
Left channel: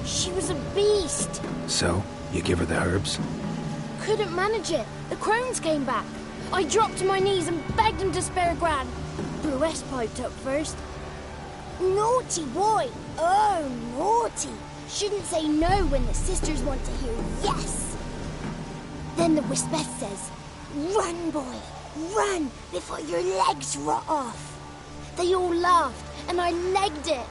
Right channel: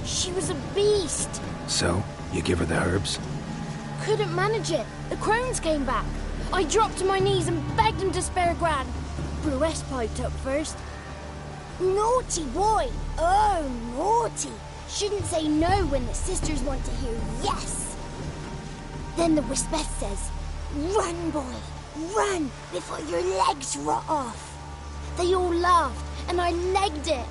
She was a beast. So, you give her the herbs? Couldn't manage it. The crones came back. I dropped to my knees and begged them to spare Gran. Bruess piped up first. Naughty boy. Oh, naughty. Shouldn't say no when the sisters want to hear yes. Then the Wispeth says, run, boy, run before your legs rot off. They all laughed and I legged it.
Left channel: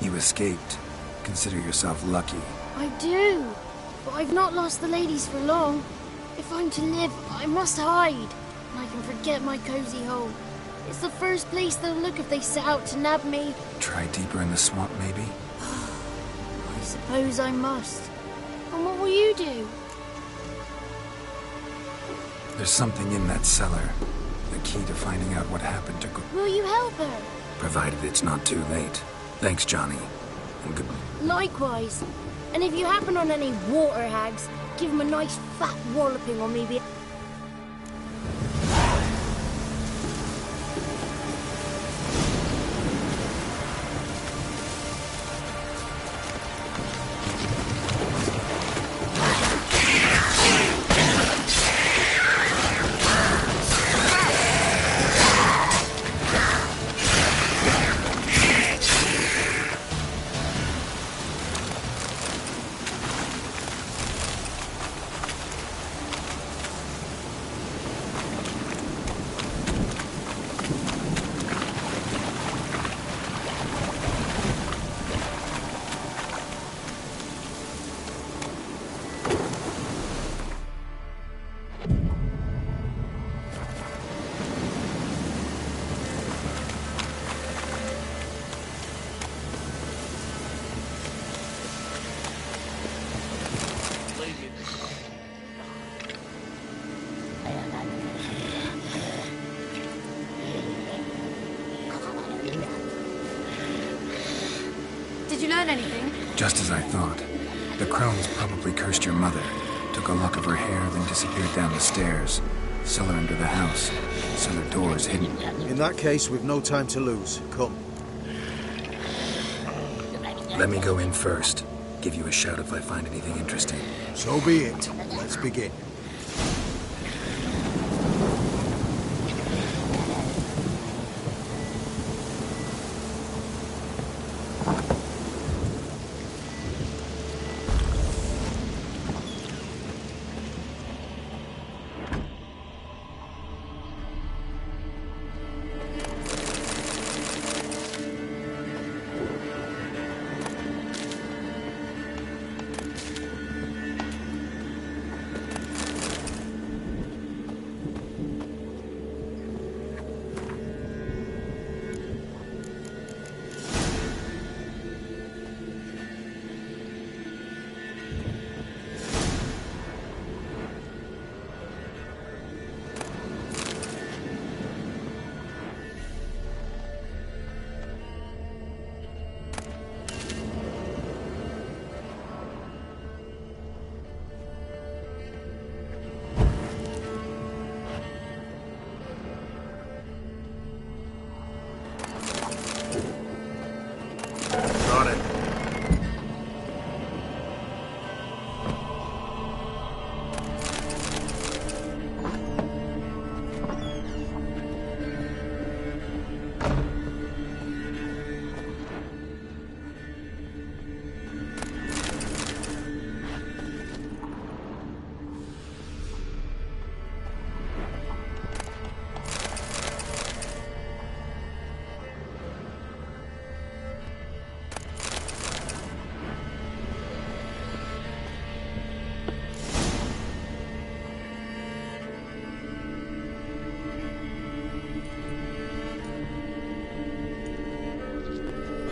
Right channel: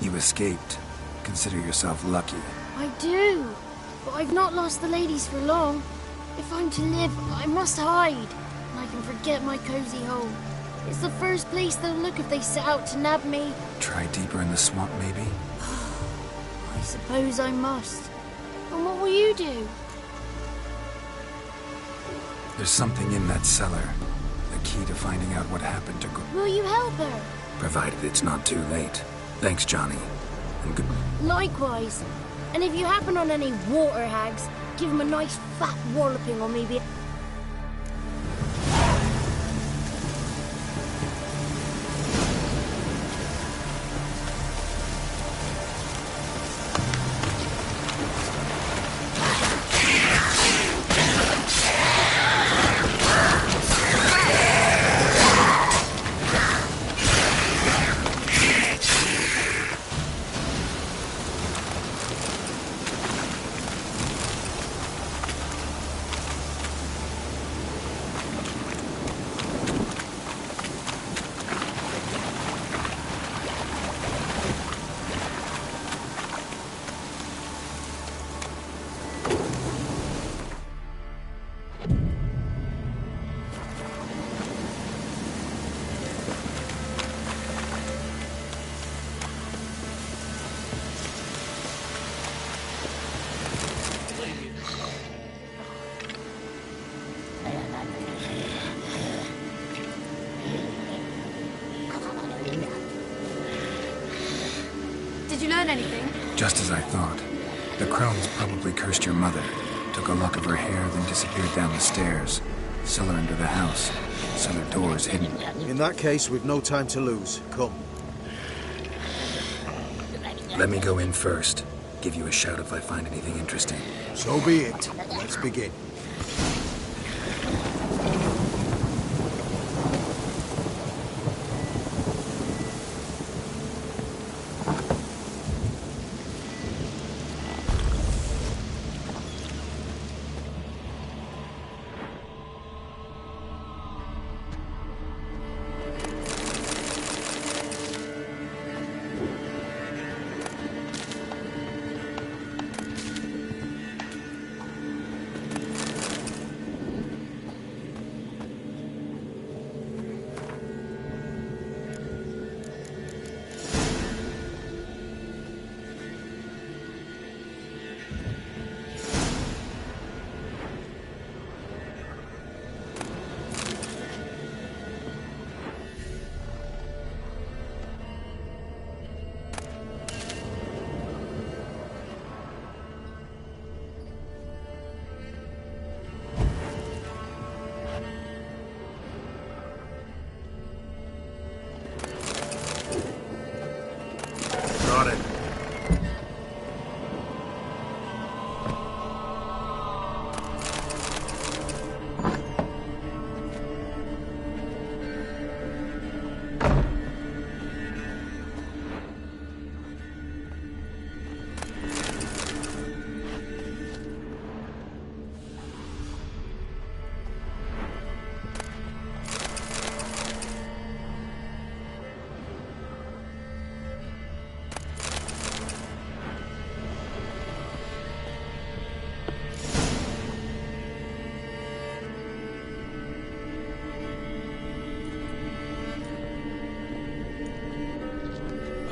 You escaped. Consider yourself lucky. I do, but I've not lost the ladies for long. If I'm to live, I must hide. And I can forget my cozy hole. It's the first place they'll look if they set out to nab me. Try deeper in the swamp, maybe? I suppose I must. And what will you do? There's something in that cellar. The key to finding out what happened to... Will you help her? Provided it's not too late. Thanks, Johnny. And good... Likewise. And if you happen on any water hags, give them a nice fat walloping or maybe... Did you learn anything? Just as I thought. The crones probably cursed your mother. Took a lock of her hair, then disappeared down the stairs. Cellar under the house. Cellar doors hidden. In that case, we've no time to lose. Come. Let me go in first. Give you a shout if I find anything interesting. So be it. Let's begin.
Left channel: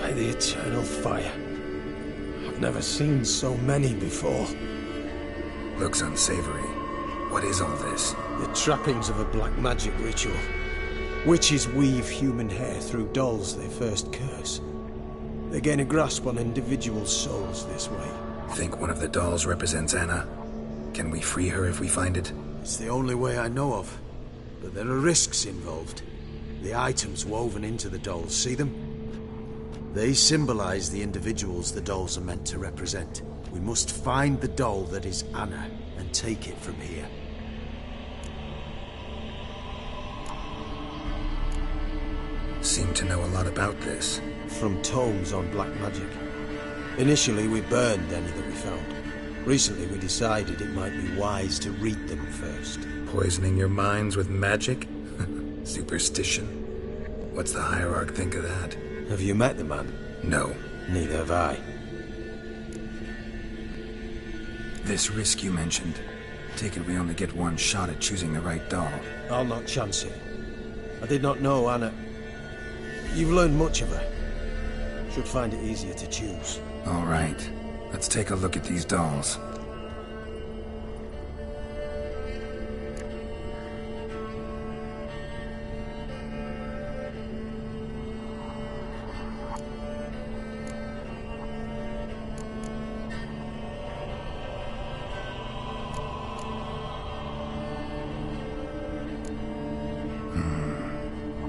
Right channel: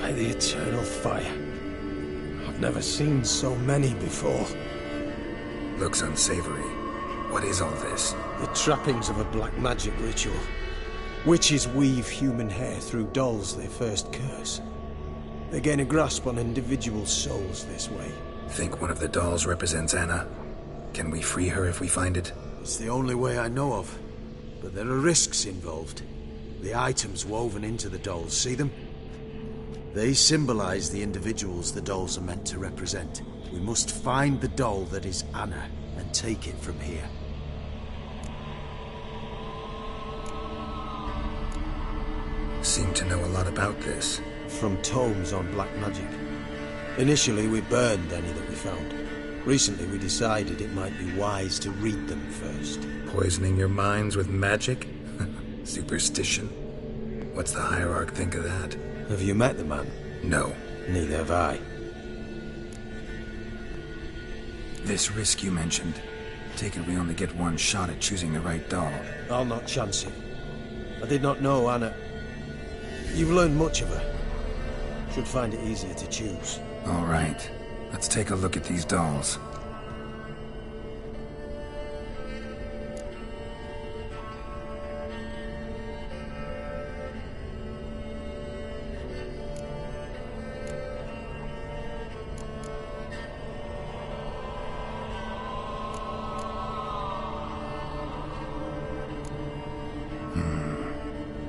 By the eternal fire. I've never seen so many before. Looks unsavory. What is all this? The trappings of a black magic ritual. Witches weave human hair through dolls they first curse. They gain a grasp on individual souls this way. Think one of the dolls represents Anna? Can we free her if we find it? It's the only way I know of. But there are risks involved. The items woven into the dolls, see them? They symbolize the individuals the dolls are meant to represent. We must find the doll that is Anna and take it from here. Seem to know a lot about this. From tomes on black magic. Initially, we burned any that we found. Recently, we decided it might be wise to read them first. Poisoning your minds with magic? Superstition? What's the Hierarch think of that? Have you met the man? No. Neither have I. This risk you mentioned. Take it we only get one shot at choosing the right doll. I'll not chance it. I did not know Anna. You've learned much of her. Should find it easier to choose. All right. Let's take a look at these dolls.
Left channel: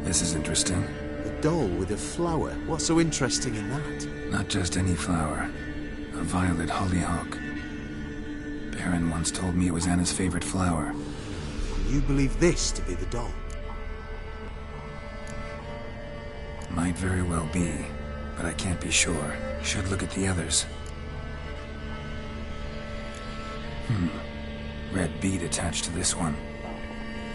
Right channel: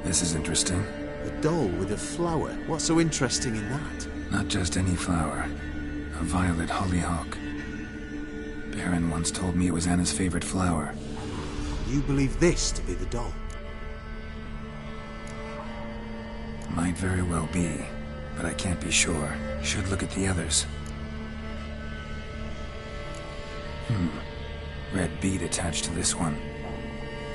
This is interesting. A doll with a flower. What's so interesting in that? Not just any flower. A violet hollyhock. Baron once told me it was Anna's favorite flower. You believe this to be the doll? Might very well be, but I can't be sure. Should look at the others. Red bead attached to this one.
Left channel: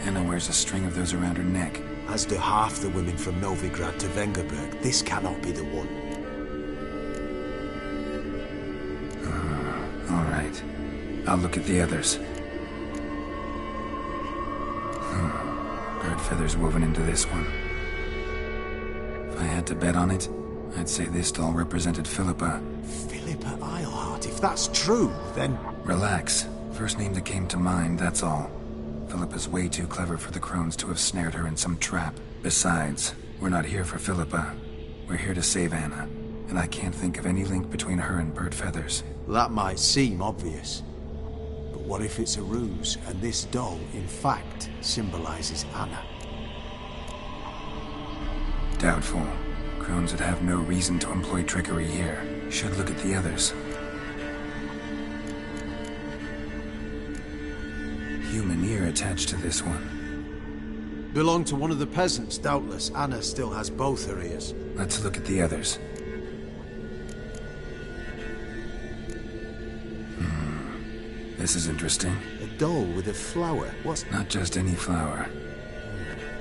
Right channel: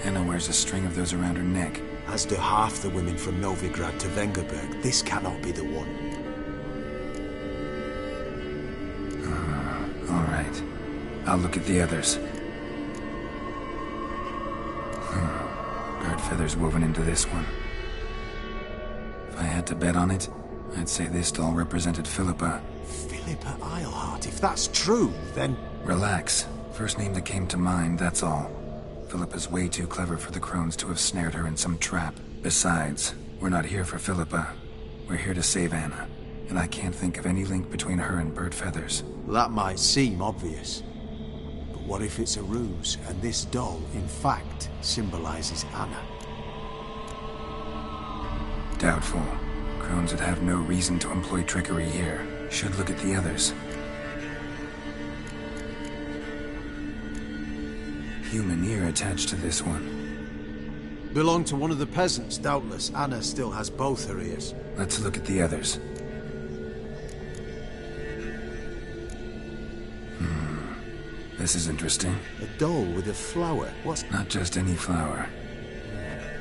Anna wears a string of those around her neck. As do half the women from Novigrad to Vengerberg. This cannot be the one. All right. I'll look at the others. Bird feathers woven into this one. If I had to bet on it, I'd say this doll represented Philippa. Philippa Eilhart. If that's true, then... Relax. First name that came to mind, that's all. Philippa's way too clever for the crones to have snared her in some trap. Besides, we're not here for Philippa. We're here to save Anna. And I can't think of any link between her and Bird Feathers. That might seem obvious. But what if it's a ruse, and this doll, in fact, symbolizes Anna? Doubtful. Crones would have no reason to employ trickery here. Should look at the others. Human ear attached to this one. Belonged to one of the peasants, doubtless. Anna still has both her ears. Let's look at the others. This is interesting. A doll with a flower. What's... Not just any flower.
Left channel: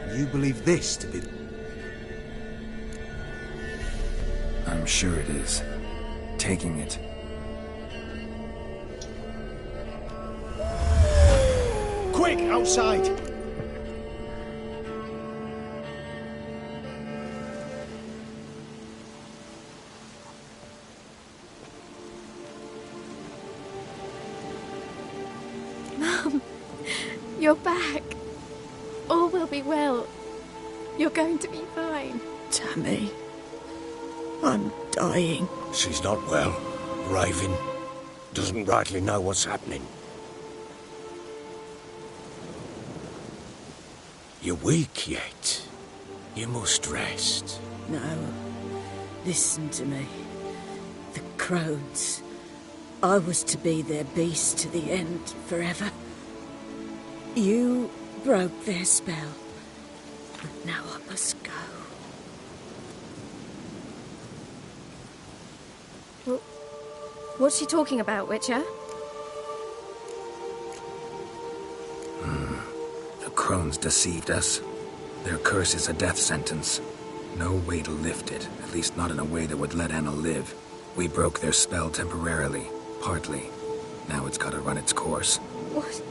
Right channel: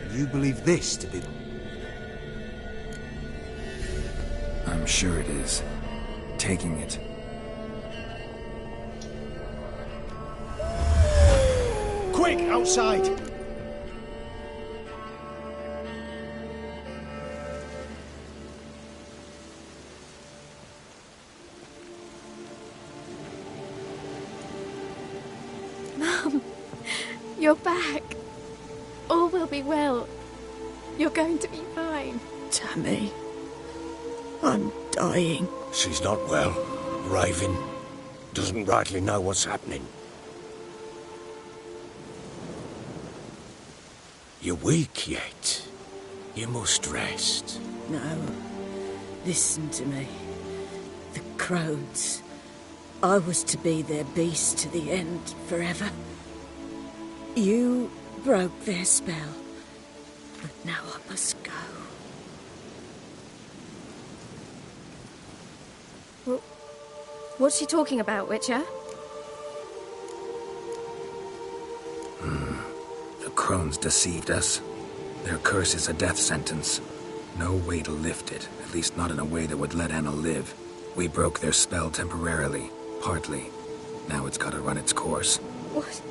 You believe this to be... I'm sure it is. Taking it. Quick, outside! Mum, you're back. All will be well. You're going to be fine. Tammy, I'm dying. She's not well. Raving. Doesn't rightly know what's happening. You're weak yet. You must rest. No. Listen to me. The crones. I was to be their beast to the end, forever. You broke their spell. But now I must go. Well, what's she talking about, Witcher? The crones deceived us. Their curse is a death sentence. No way to lift it, at least not in a way that would let Anna live. We broke their spell temporarily, partly. Now it's gotta run its course. What?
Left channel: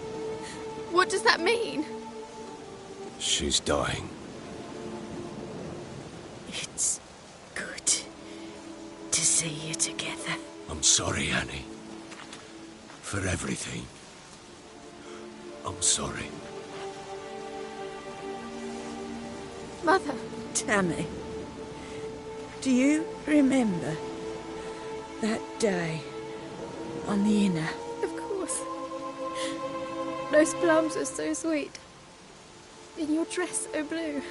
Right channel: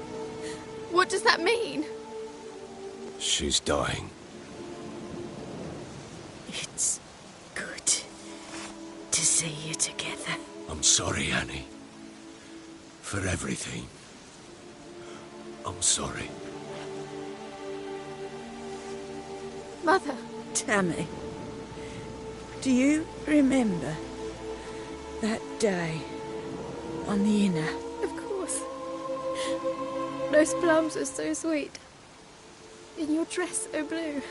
What does that mean? She's dying. It's good. to see you together. I'm sorry, Annie. For everything. I'm sorry. Mother. Tammy, do you remember that day on the Inner? Of course. Those plums were so sweet. And your dress so blue.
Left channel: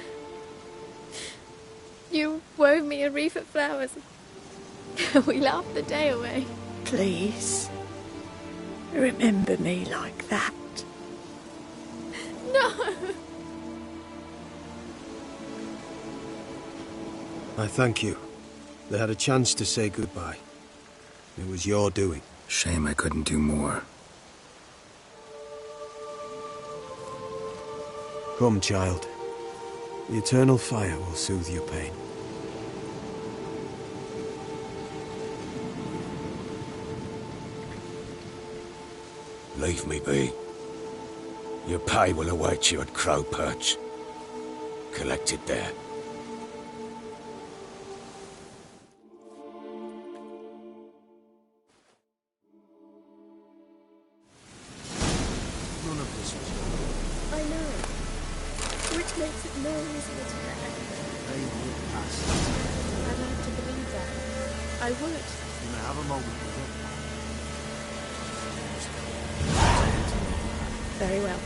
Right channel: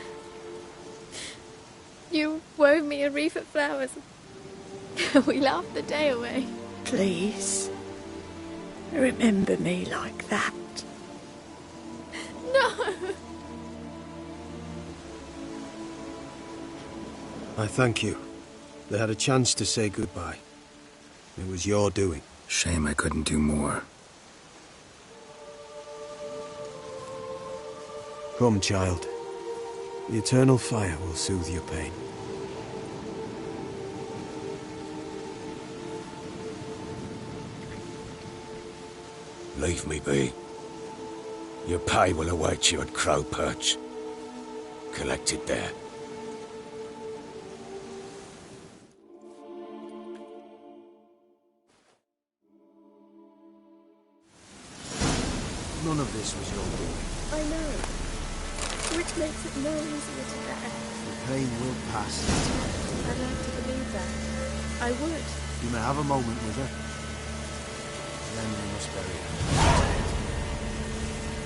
You wove me a wreath of flowers. We laughed the day away. Please, remember me like that. No! I thank you. They had a chance to say goodbye. It was your doing. Shame I couldn't do more. Come, child. The eternal fire will soothe your pain. Leave me be. Your pay will await you at Crow Perch. Collect it there. None of this was your doing. I know. Which makes it no easier to bear. Pain will pass in time. I'd like to believe that. I would. You may have a moment with her. Then you must bury her. Very well.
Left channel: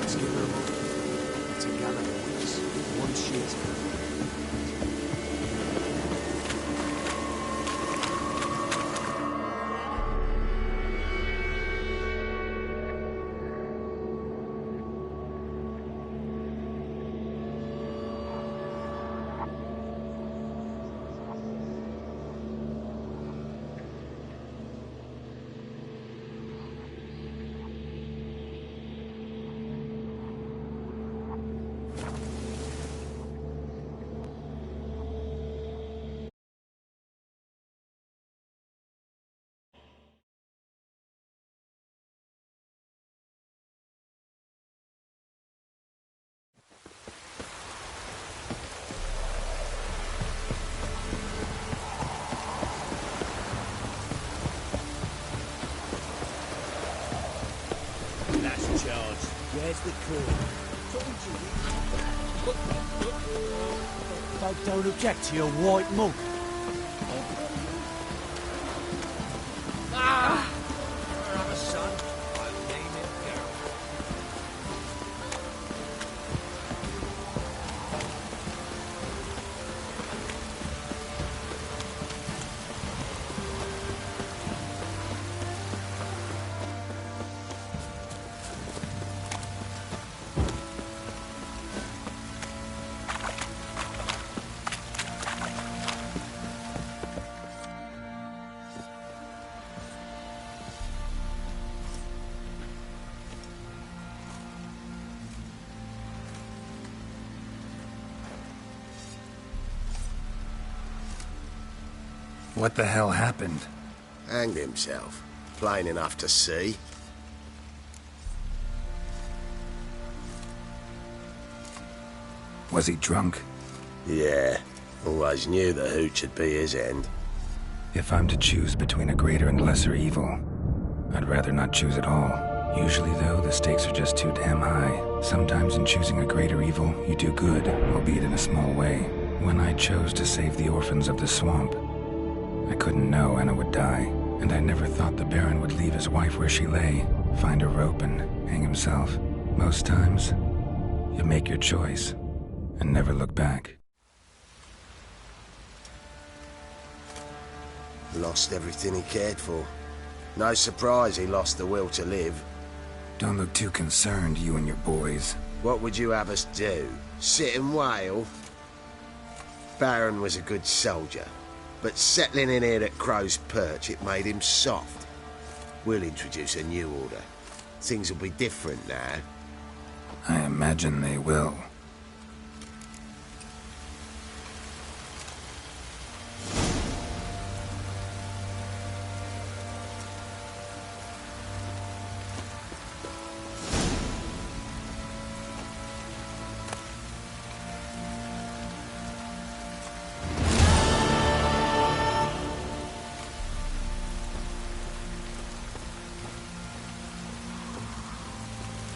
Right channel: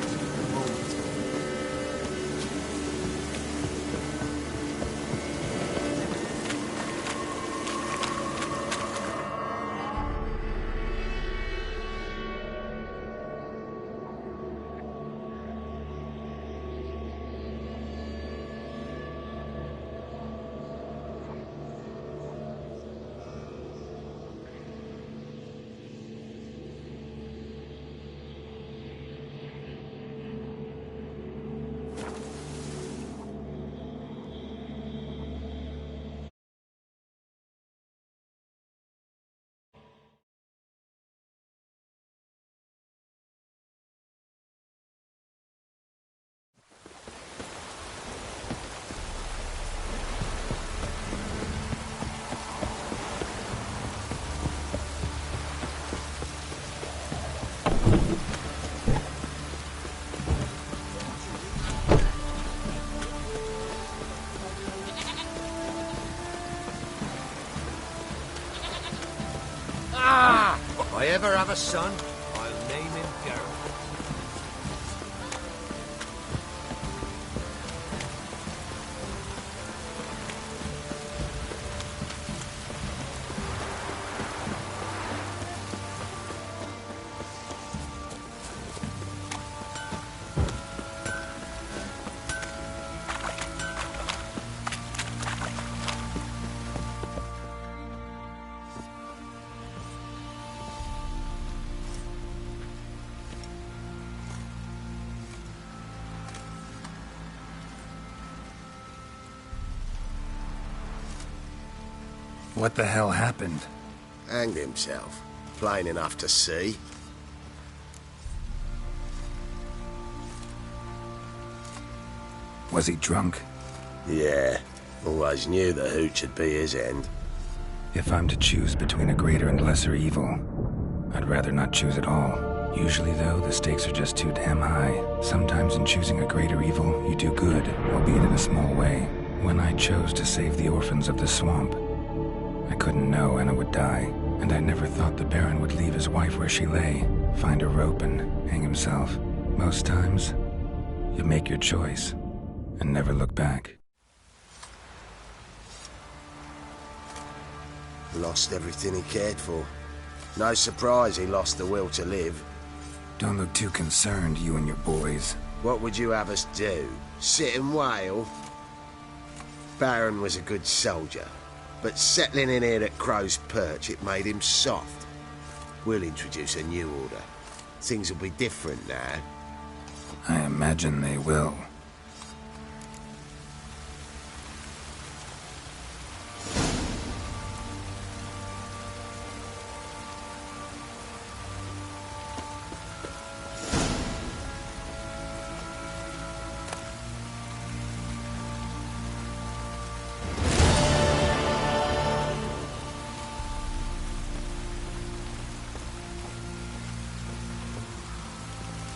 Let's give her a moment to carry this one sheet. Don't eject your white mug. Ah! If I ever have a son, I'll name him Geralt. What the hell happened? Hanged himself. Plain enough to see. Was he drunk? Yeah. Always knew the hooch would be his end. If I'm to choose between a greater and lesser evil, I'd rather not choose at all. Usually, though, the stakes are just too damn high. Sometimes in choosing a greater evil, you do good, albeit in a small way. When I chose to save the orphans of the swamp, I couldn't know Anna would die, and I never thought the Baron would leave his wife where she lay, find a rope and hang himself. Most times, you make your choice and never look back. Lost everything he cared for. No surprise he lost the will to live. Don't look too concerned, you and your boys. What would you have us do? Sit and wail? Baron was a good soldier, but settling in here at Crow's Perch, it made him soft. We'll introduce a new order. Things will be different now. I imagine they will.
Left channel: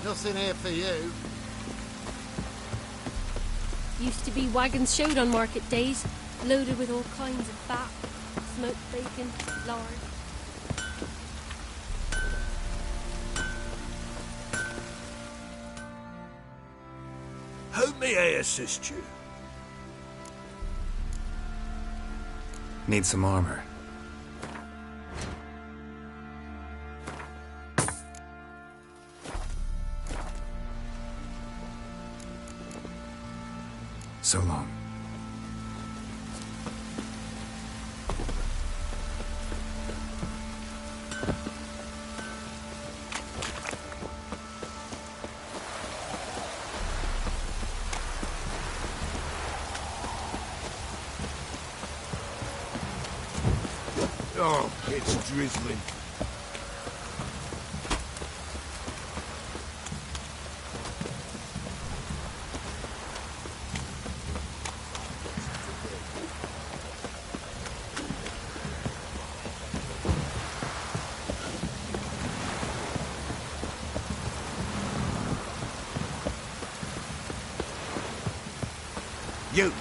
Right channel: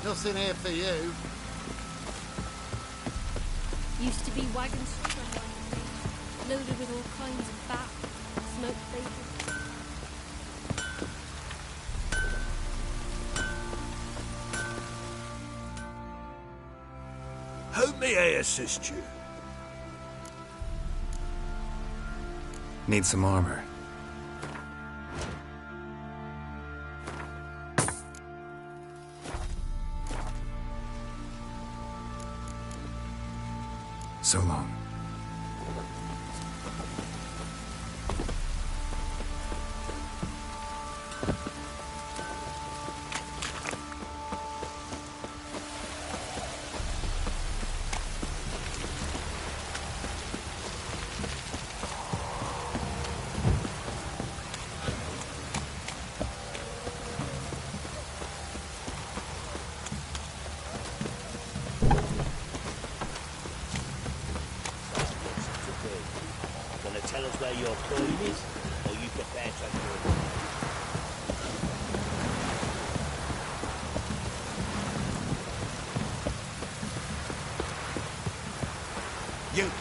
Nothing here for you. Used to be wagons showed on market days, loaded with all kinds of fat, smoked bacon, lard. How may I assist you? Need some armor. So long. Oh, it's drizzling. You!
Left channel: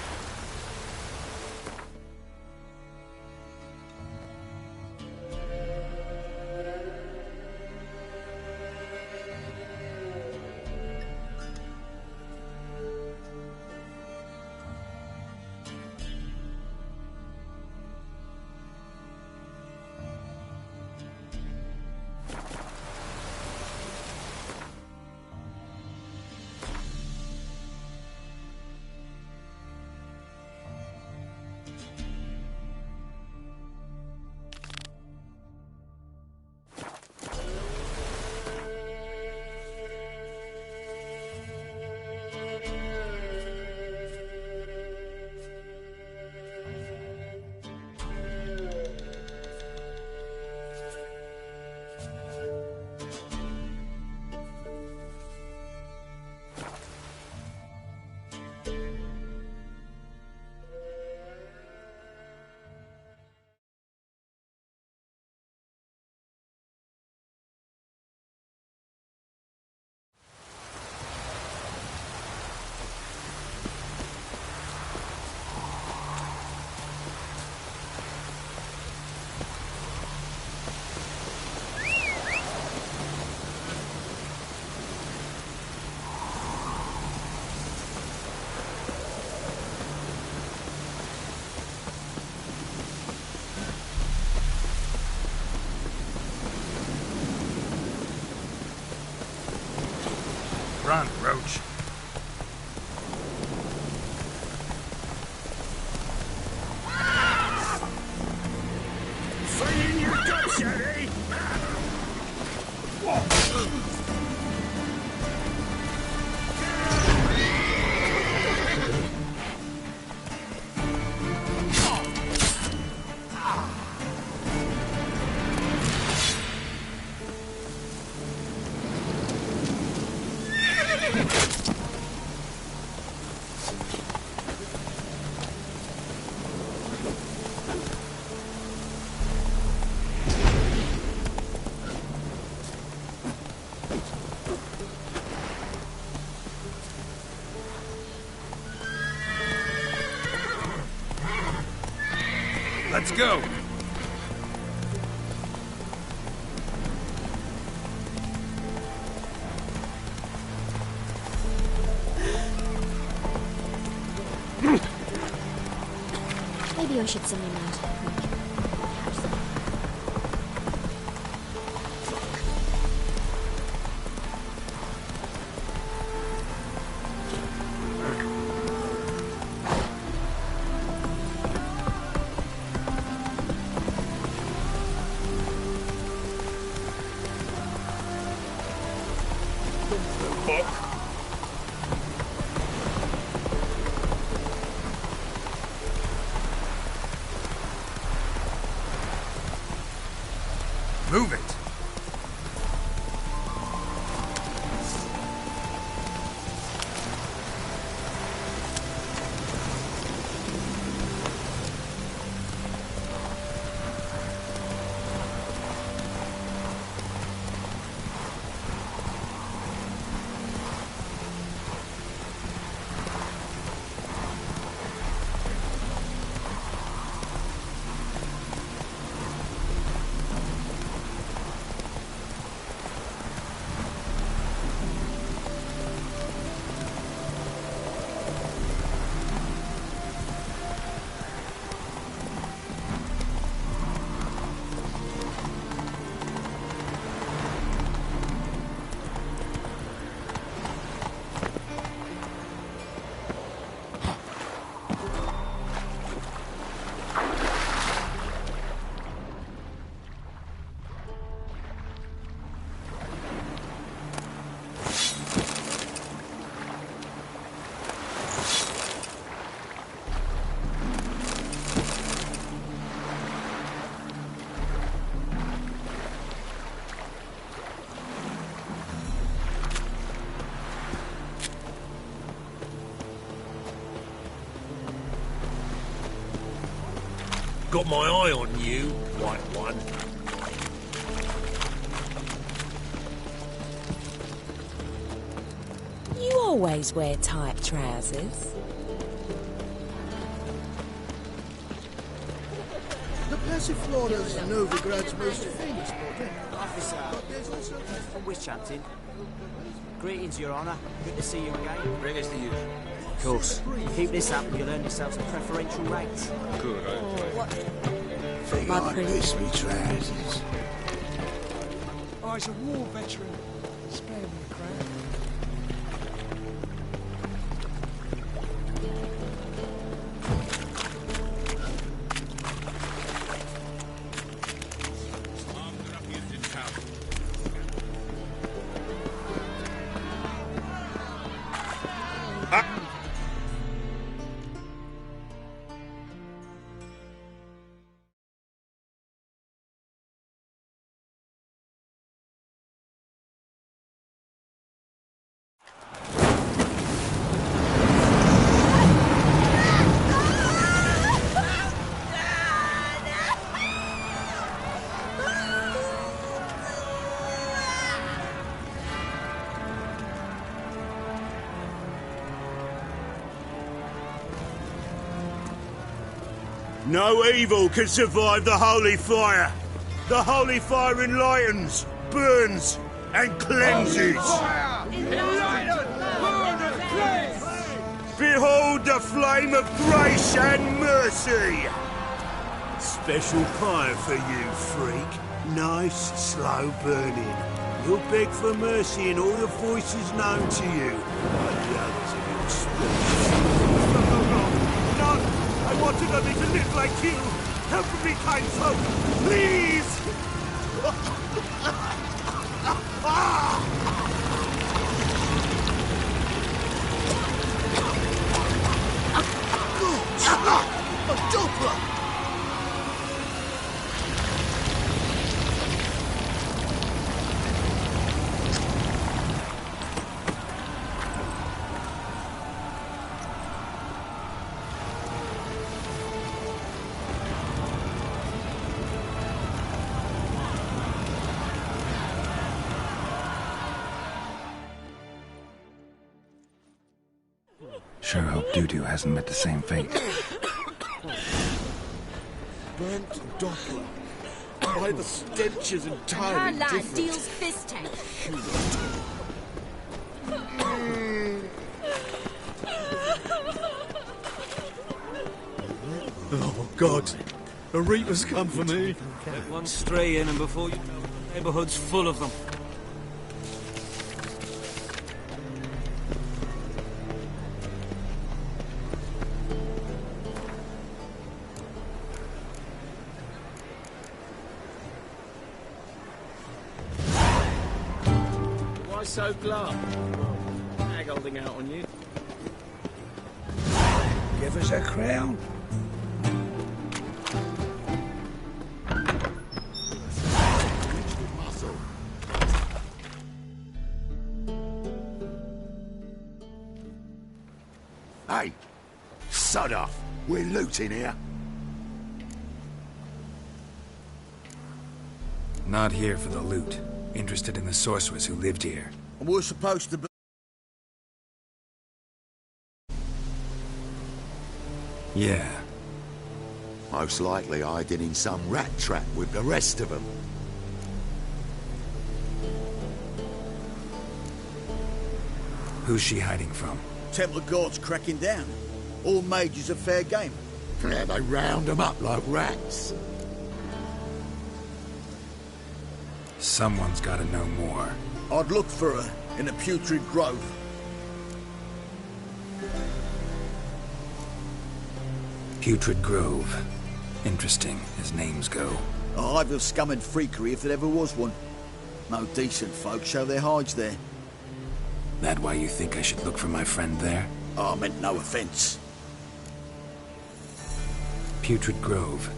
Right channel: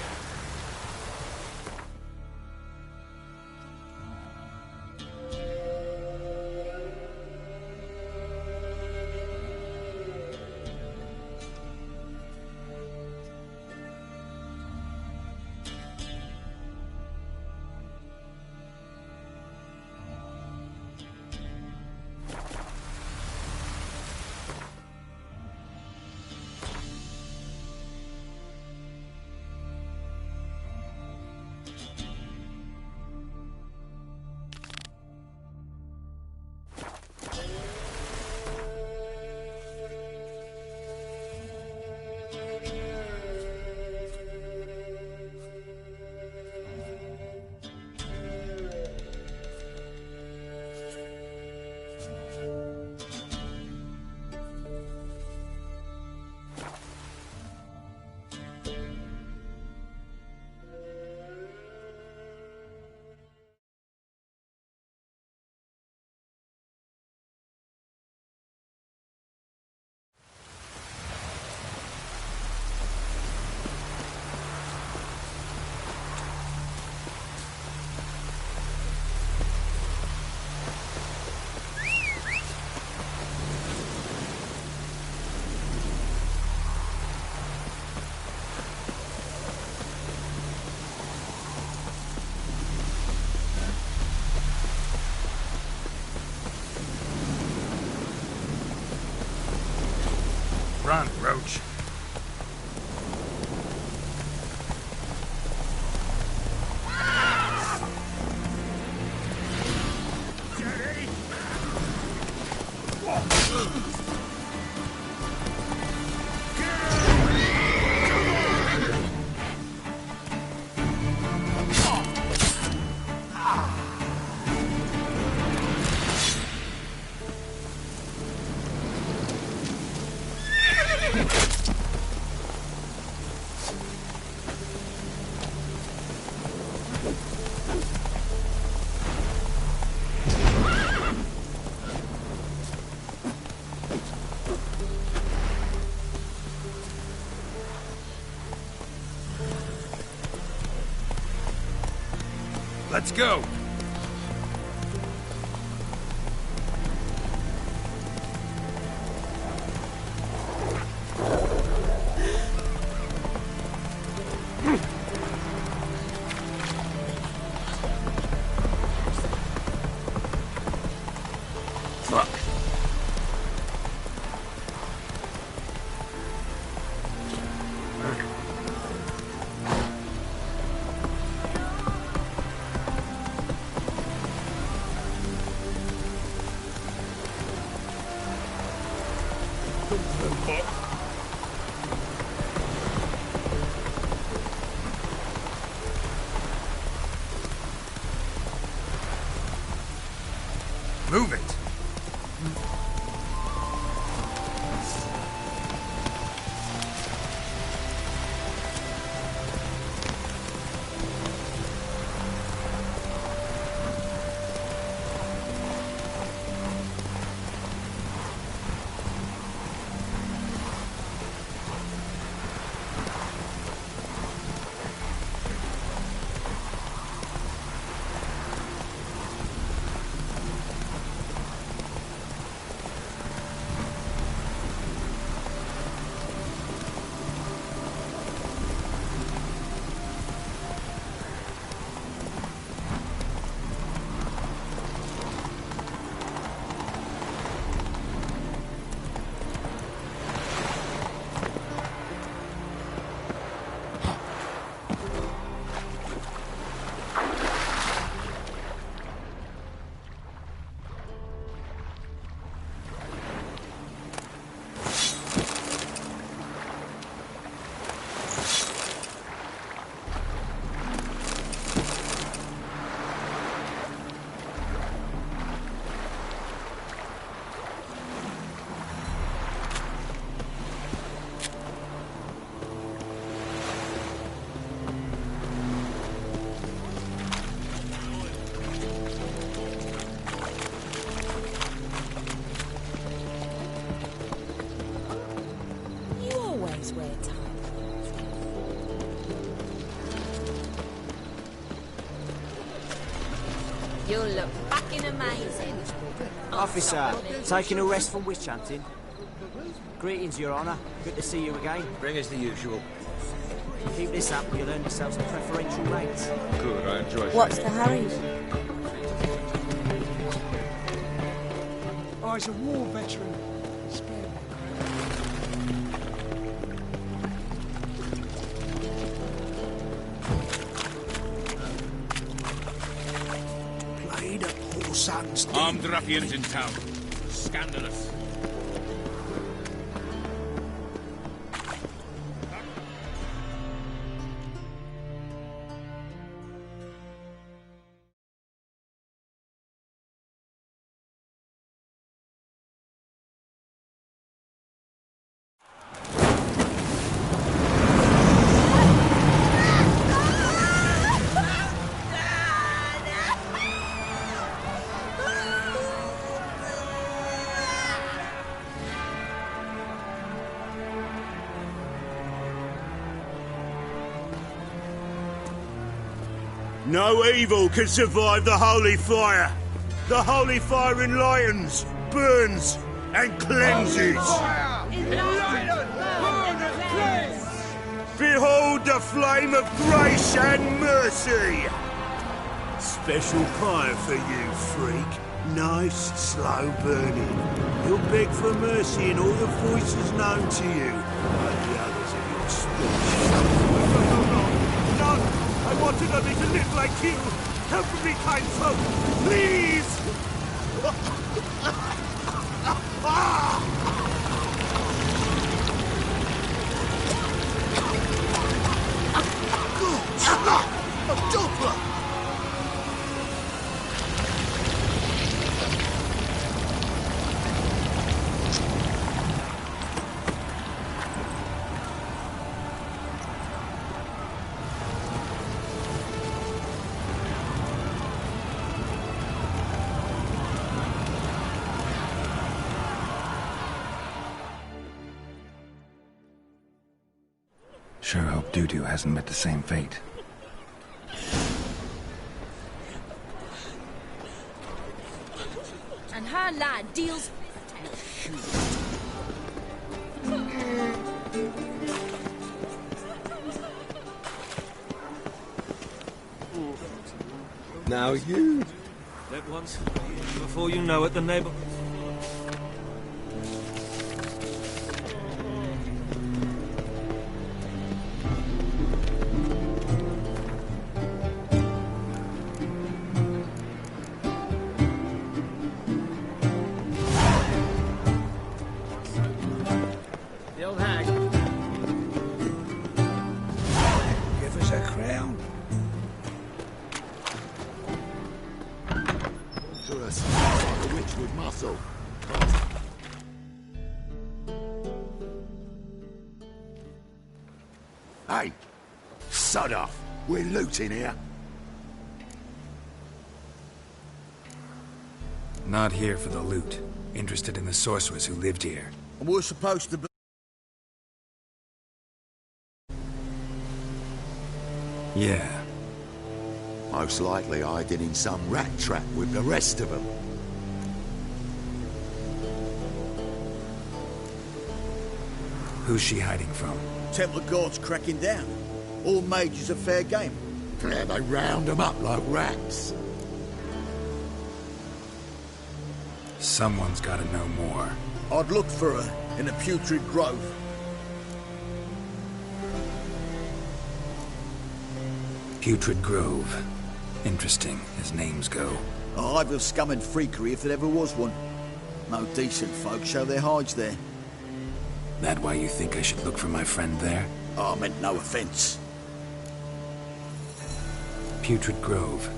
Run, Roach. Let's go! Maybe I should send him out. Fuck. Move it! got my eye on you, white one. You always wear tight trousers. You'll look fucking amazing. Officer, taking a rest from witch hunting. Greetings, Your Honour. Good to see you again. Bring us the usual. Of course. Keep this up and you'll earn yourself some preferential rates. Good, I enjoy it. What's the hurry? My pretty. Oh, he's a war veteran. Spare me, Armed ruffians in town. Scandalous. No evil can survive the holy fire. The holy fire enlightens, burns, and cleanses. Behold the flame of grace and mercy. Special fire for you, freak. Nice, slow burning. You'll beg for mercy in all the voices known to you, like the others of your species. No! I wanted only to live like you! Help me, kind folk! Please! A doppler! Sure hope Doo-Doo hasn't met the same fate. By the stenches and And her lad deals fist tank. Oh, God. A Reaper's come for me. Let one stray in, and before you know it, the neighborhood's full of them. Why so glum? The old hag on the go on you. Give us a crown. A witch with muscle. Hey, sod off. We're looting here. Not here for the loot. Interested in the sorceress who lived here. And we're supposed to be... Yeah. Most likely hiding in some rat trap with the rest of them. Who's she hiding from? Templar Guard's cracking down. All mages are fair game. Yeah, they round them up like rats. Someone's gotta know more. I'd look for her in a putrid grove. Putrid Grove. Interesting, as names go. A hive of scum and freakery if there ever was one. No decent folk show their hides there. That why you think I should look for my friend there? I meant no offence. Putrid Grove.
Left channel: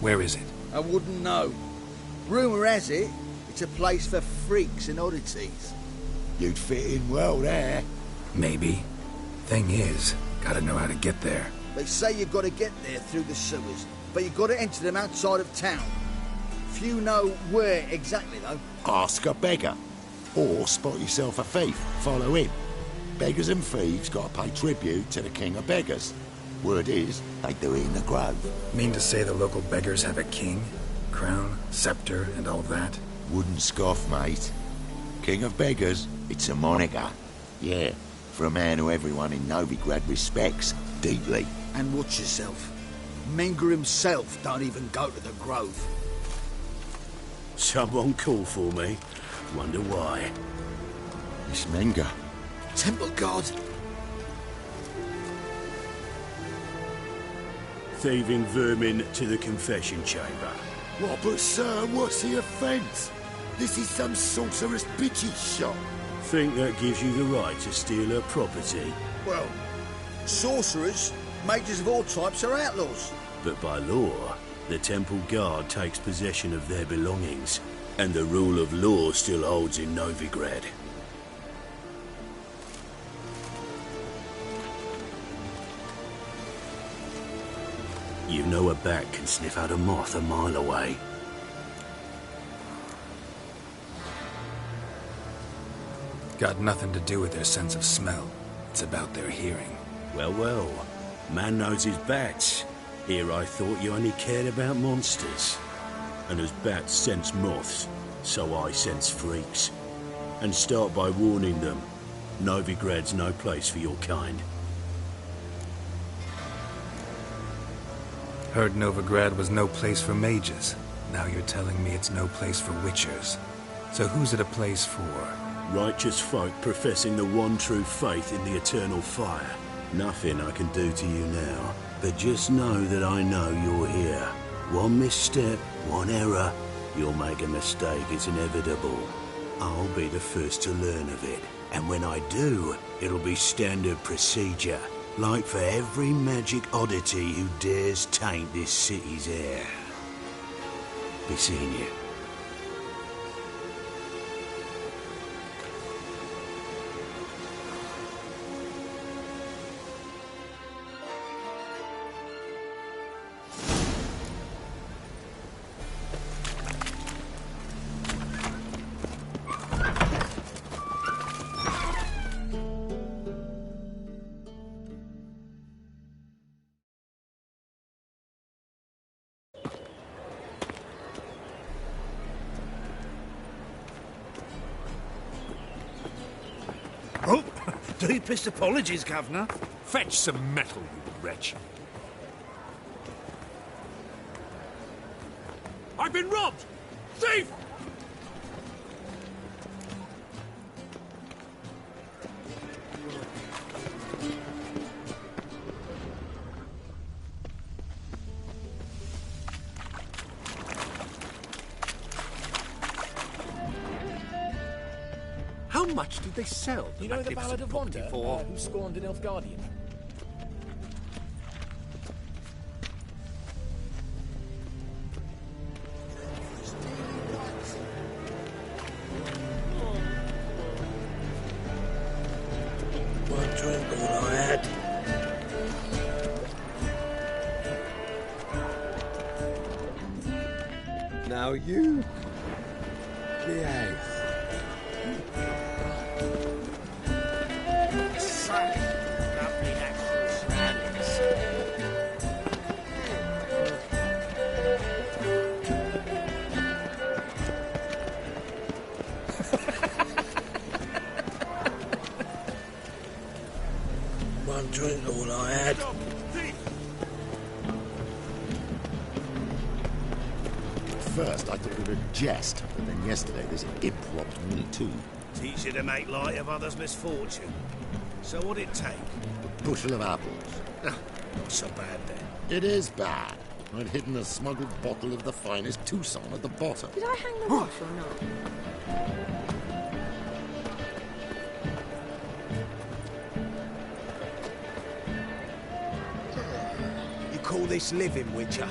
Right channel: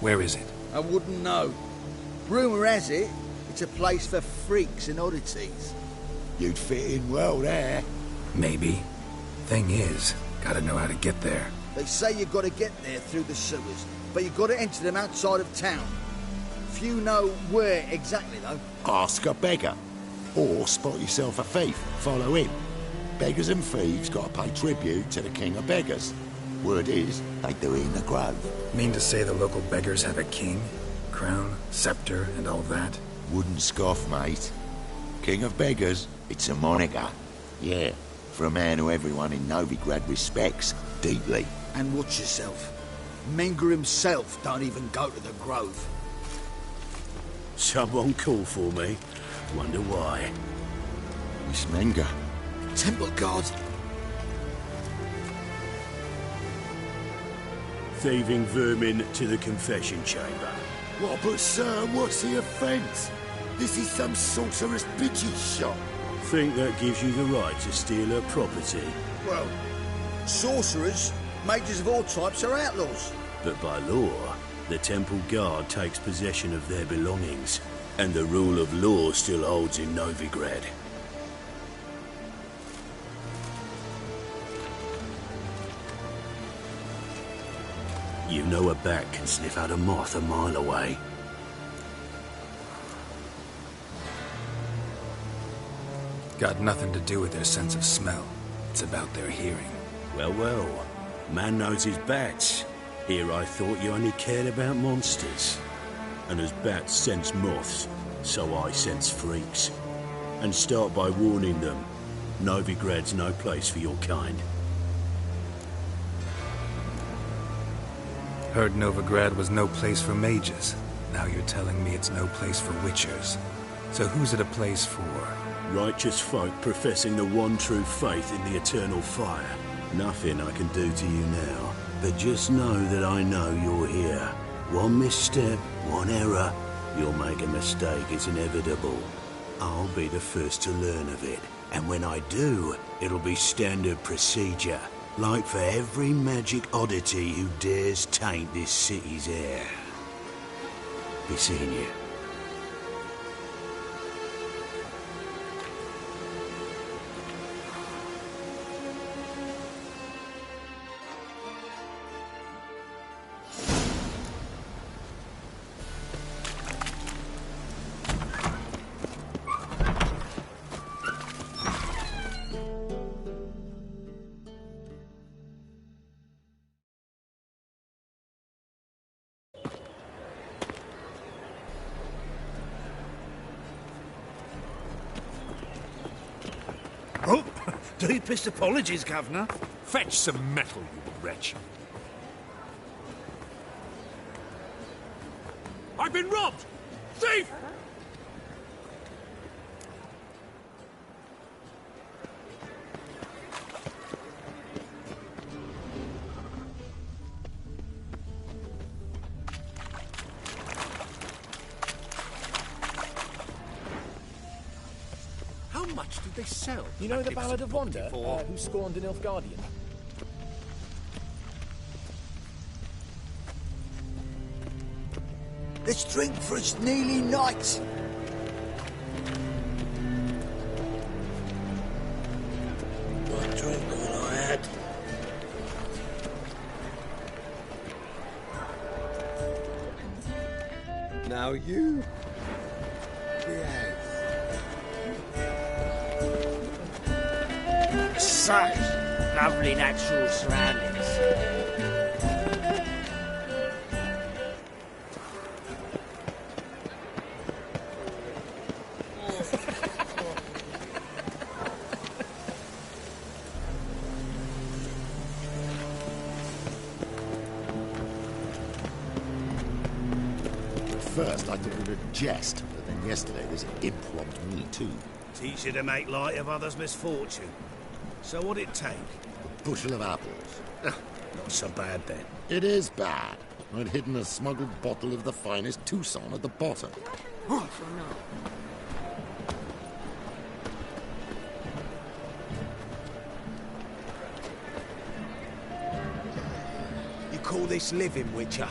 Where is it? I wouldn't know. Rumour has it, it's a place for freaks and oddities. You'd fit in well there. Maybe. Thing is, gotta know how to get there. They say you've got to get there through the sewers, but you've got to enter them outside of town. Few know where exactly, though. Ask a beggar. Or spot yourself a thief. Follow him. Beggars and thieves got to pay tribute to the king of beggars. Word is, they do it in the grove. Mean to say the local beggars have a king, crown, scepter, and all that? Wouldn't scoff, mate. King of beggars, it's a moniker. Yeah, for a man who everyone in Novigrad respects deeply. And watch yourself. Menger himself don't even go to the grove. Someone call for me. Wonder why. Miss Menger. Temple guard. Thieving vermin to the confession chamber. What, but sir, what's the offence? This is some sorcerer's bitch's shop. Think that gives you the right to steal her property? Well, sorcerers, mages of all types are outlaws. But by law, the temple guard takes possession of their belongings, and the rule of law still holds in Novigrad. You know a bat can sniff out a moth a mile away. Got nothing to do with their sense of smell. It's about their hearing. Well, well. Man knows his bats. Here I thought you only cared about monsters. And as bats sense moths, so I sense freaks. And start by warning them. Novigrad's no place for your kind. Heard Novigrad was no place for mages. Now you're telling me it's no place for witchers. So who's it a place for? Righteous folk professing the one true faith in the eternal fire. Nothing I can do to you now, but just know that I know you're here. One misstep, one error, you'll make a mistake, it's inevitable. I'll be the first to learn of it, and when I do, it'll be standard procedure, like for every magic oddity who dares taint this city's air. Be seeing you. Oh, deepest apologies, Governor. Fetch some metal, you wretch. I've been robbed! Thief! How much did they sell? You know the Ballad of Wanda, who scorned an Nilfgaardian? Let's drink for it's nearly night. One drink, all I had. Now you behave. Such lovely natural surroundings. One drink, all I had. At first, I thought it was a jest, but then yesterday this imp robbed me too. Teach you to make light of others' misfortune. So what'd it take? A bushel of apples. Not so bad then. It is bad. I'd hidden a smuggled bottle of the finest Tucson at the bottom. Did I hang the watch or not? You call this living, Witcher?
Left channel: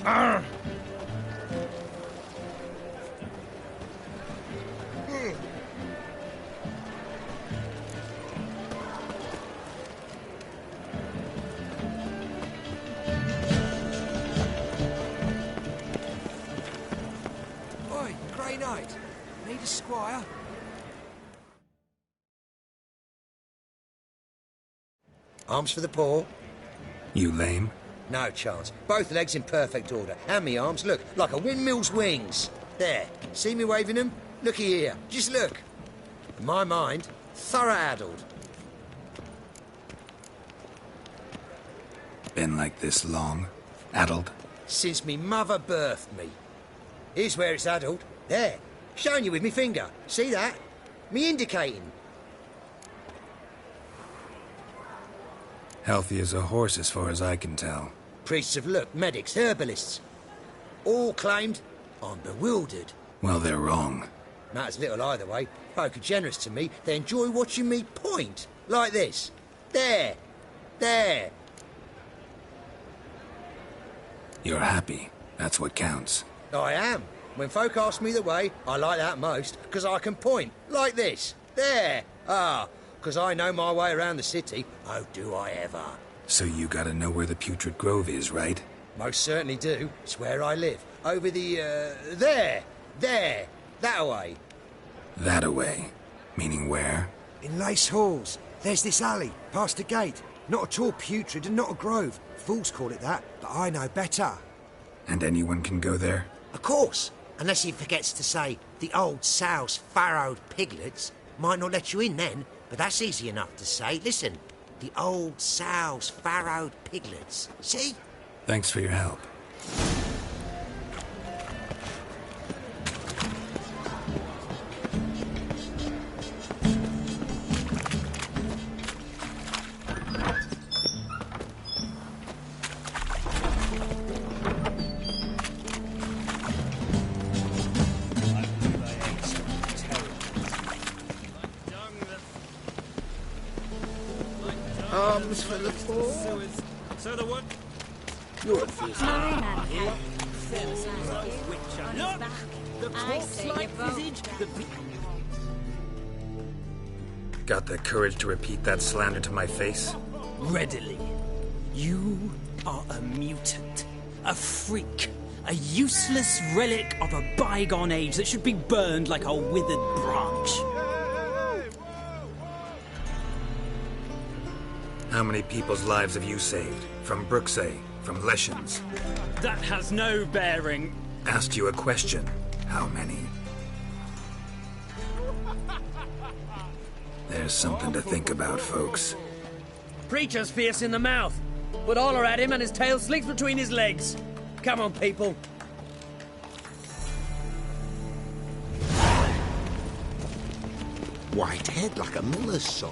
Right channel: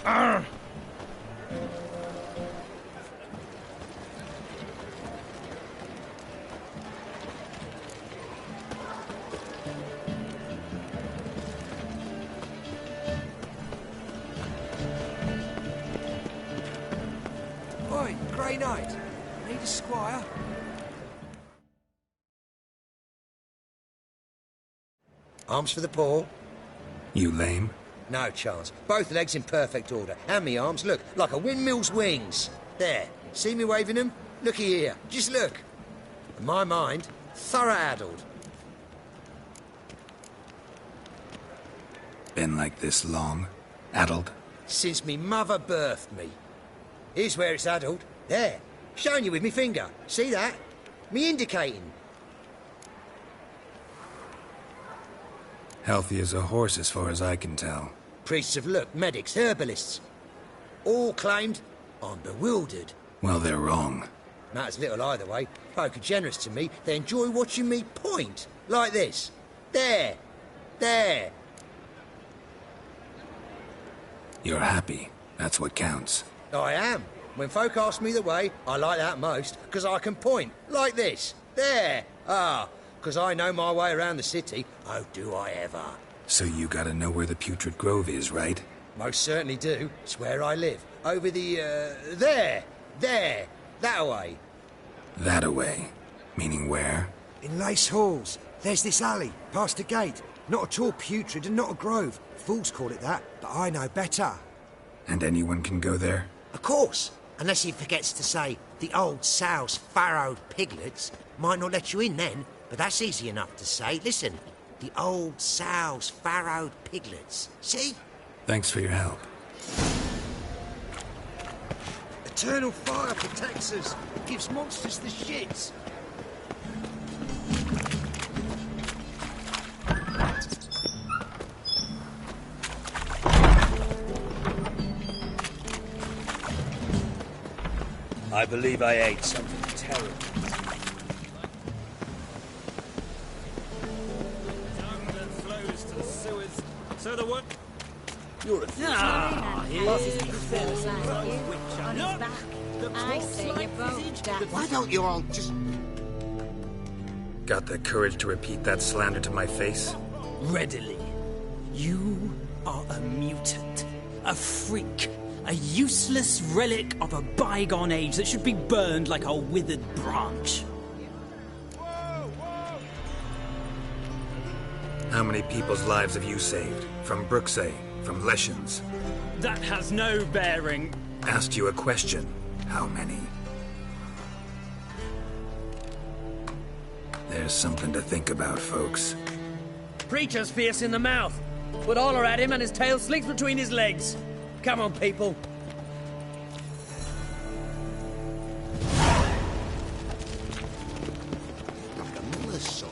Friday night. Need a squire? Arms for the poor. You lame? No chance. Both legs in perfect order. And me arms, look, like a windmill's wings. There. See me waving them? Looky here. Just look. In my mind, thorough addled. Been like this long? Addled? Since me mother birthed me. Here's where it's addled. There. Showing you with me finger. See that? Me indicating. Healthy as a horse as far as I can tell. Priests have looked, medics, herbalists. All claimed I'm bewildered. Well, they're wrong. Matters little either way. Folk are generous to me. They enjoy watching me point. Like this. There. There. You're happy. That's what counts. I am. When folk ask me the way, I like that most, because I can point. Like this. There. Ah. Because I know my way around the city. Oh, do I ever. So you gotta know where the Putrid Grove is, right? Most certainly do. It's where I live. Over the, there. There. That way. That away. Meaning where? In Lace Halls. There's this alley, past the gate. Not at all putrid and not a grove. Fools call it that, but I know better. And anyone can go there? Of course. Unless he forgets to say, the old sow's farrowed piglets. Might not let you in then, but that's easy enough to say. Listen, the old sow's farrowed piglets. See? Thanks for your help. Eternal fire protects us. It gives monsters the shits. I believe I ate something terrible. Arms for the sewers. So the what? You're a I say you both. Why don't you all just... Got the courage to repeat that slander to my face? Readily. You are a mutant. A freak. A useless relic of a bygone age that should be burned like a withered branch. How many people's lives have you saved? From Brooksay? From Leshens? That has no bearing. Asked you a question. How many? There's something to think about, folks. Preacher's fierce in the mouth. Put holler at him and his tail slinks between his legs. Come on, people. White head like a miller's son.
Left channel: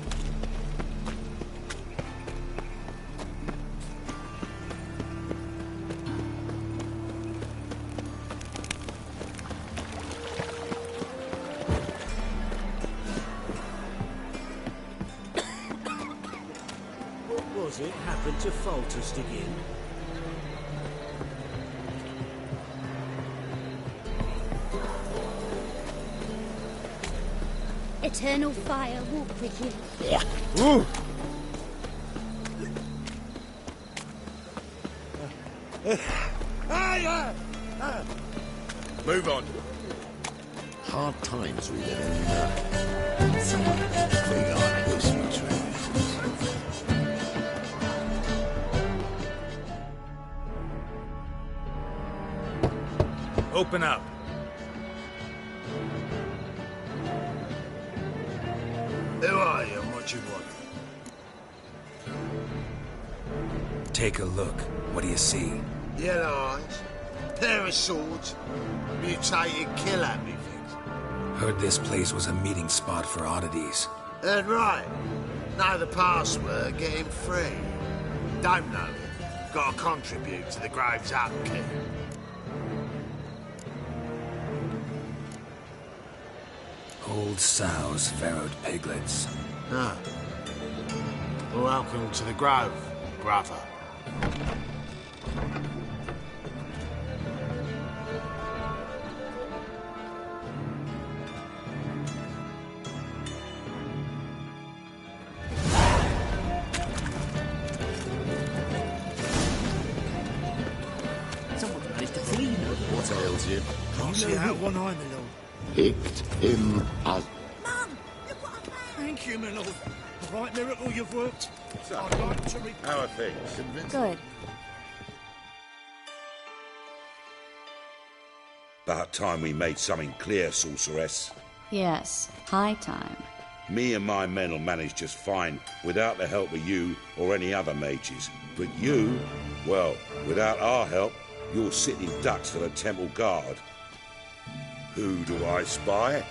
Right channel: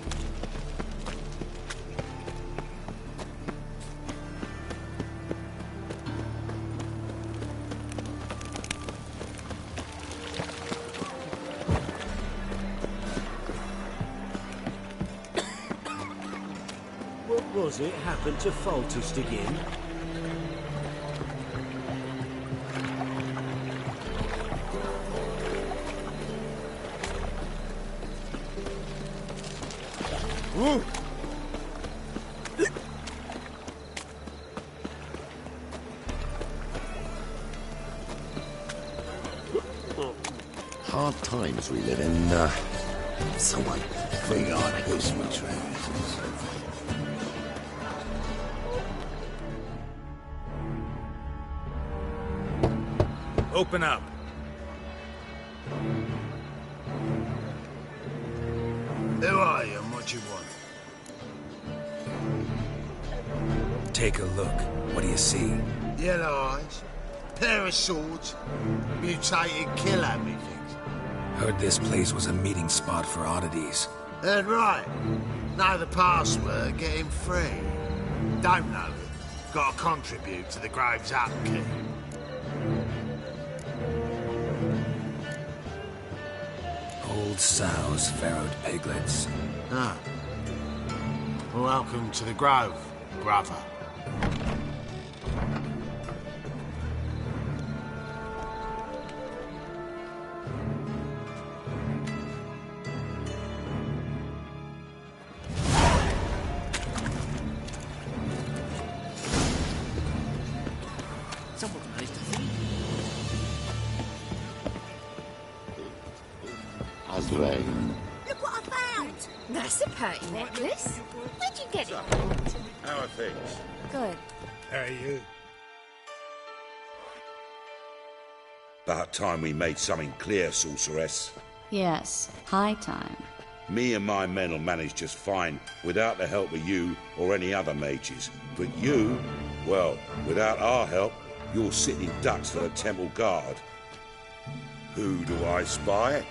What was it happened to Foltest again? Eternal fire walk with you. Ooh. Move on. Hard times we live in, someone big on Christmas traditions. Open up. Who are you and what you want? Take a look. What do you see? Yellow eyes, pair of swords, mutated kill-at-me things. Heard this place was a meeting spot for oddities. Heard right. Know the password, get him free. Don't know it. Gotta contribute to the Grove's upkeep. Old sows, farrowed piglets. Ah. Well, welcome to the Grove, brother. Someone managed to flee. What ails you? You know how one eye alone. picked him as rain. Look what I found! Thank you, Minna. Recipe. Right, Minna, all you've worked. Where'd you get it? How are things? Good. Hey, you. About time we made something clear, sorceress. Yes, high time. Me and my men will manage just fine without the help of you or any other mages. But you, well, without our help, you're sitting ducks for the temple guard. Who do I spy?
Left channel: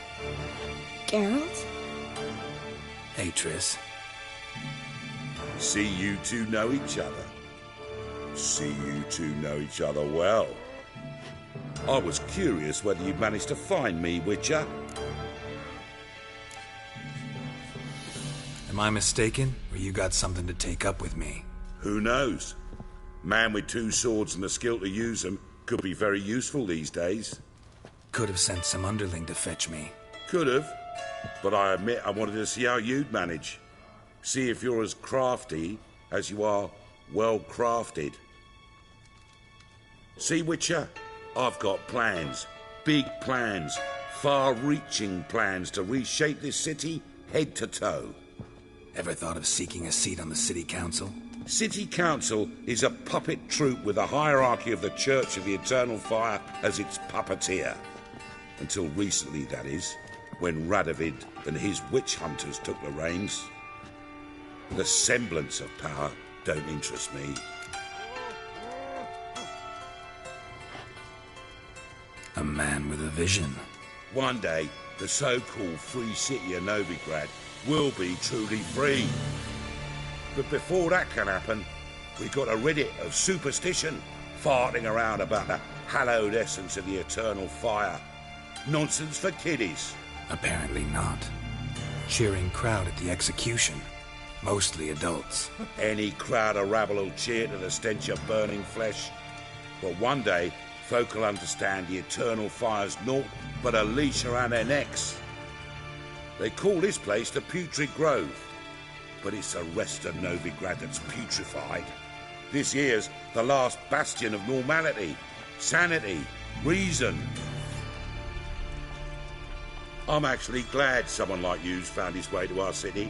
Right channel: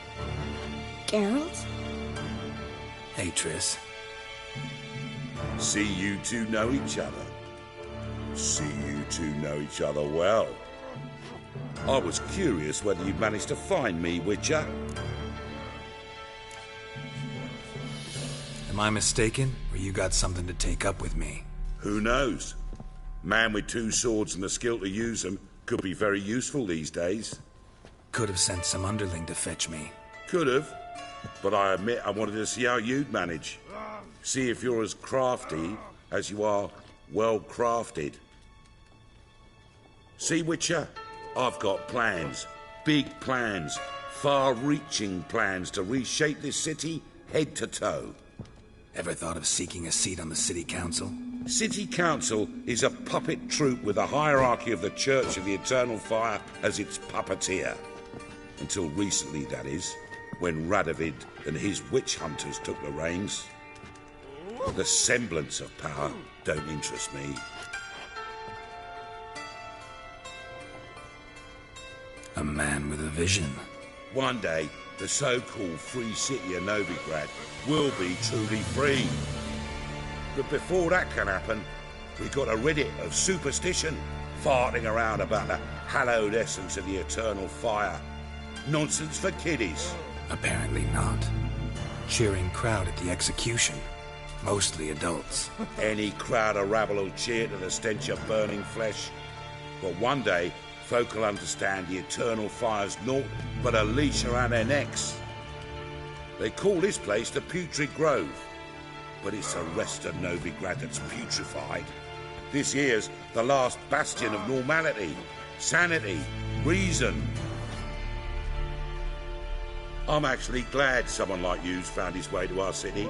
Geralt? Hey, Triss. See you two know each other. See you two know each other well. I was curious whether you'd managed to find me, Witcher. Am I mistaken, or you got something to take up with me? Who knows? Man with two swords and the skill to use them could be very useful these days. Could have sent some underling to fetch me. Could have, but I admit I wanted to see how you'd manage. See if you're as crafty as you are well-crafted. See, Witcher, I've got plans. Big plans. Far-reaching plans to reshape this city head to toe. Ever thought of seeking a seat on the city council? City Council is a puppet troupe with a hierarchy of the Church of the Eternal Fire as its puppeteer. Until recently, that is, when Radovid and his witch hunters took the reins. The semblance of power don't interest me. A man with a vision. One day, the so-called free city of Novigrad will be truly free. But before that can happen, we've got to rid it of superstition, farting around about the hallowed essence of the eternal fire. Nonsense for kiddies. Apparently not. Cheering crowd at the execution. Mostly adults. Any crowd of rabble will cheer to the stench of burning flesh. But one day, folk will understand the eternal fire's naught but a leash around their necks. They call this place the Putrid Grove, but it's the rest of Novigrad that's putrefied. This here's the last bastion of normality, sanity, reason. I'm actually glad someone like you's found his way to our city,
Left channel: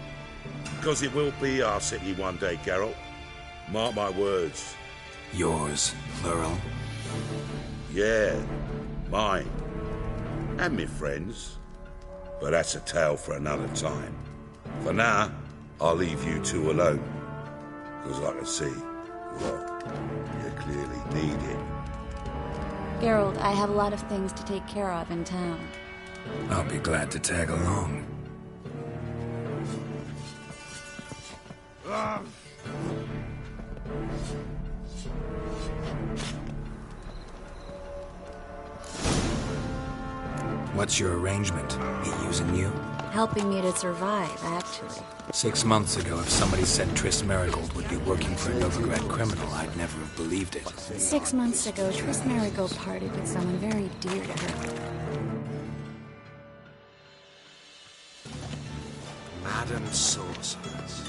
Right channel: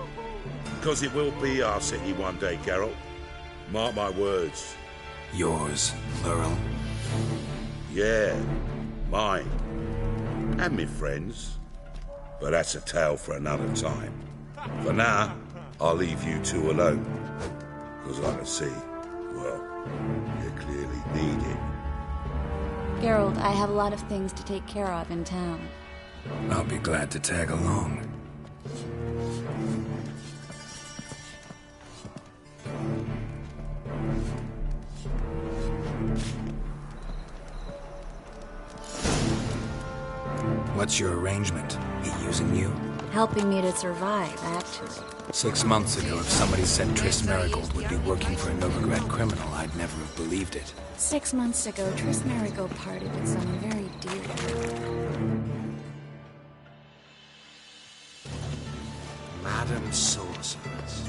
because it will be our city one day, Geralt. Mark my words. Yours, plural? Yeah, mine. And me friends. But that's a tale for another time. For now, I'll leave you two alone. Because I can see, well, you clearly need it. Geralt, I have a lot of things to take care of in town. I'll be glad to tag along. What's your arrangement? He using you? Helping me to survive, actually. 6 months ago, if somebody said Triss Marigold would be working for a Novigrad criminal, I'd never have believed it. 6 months ago, Triss Marigold parted with someone very dear to her. Madam Sorceress.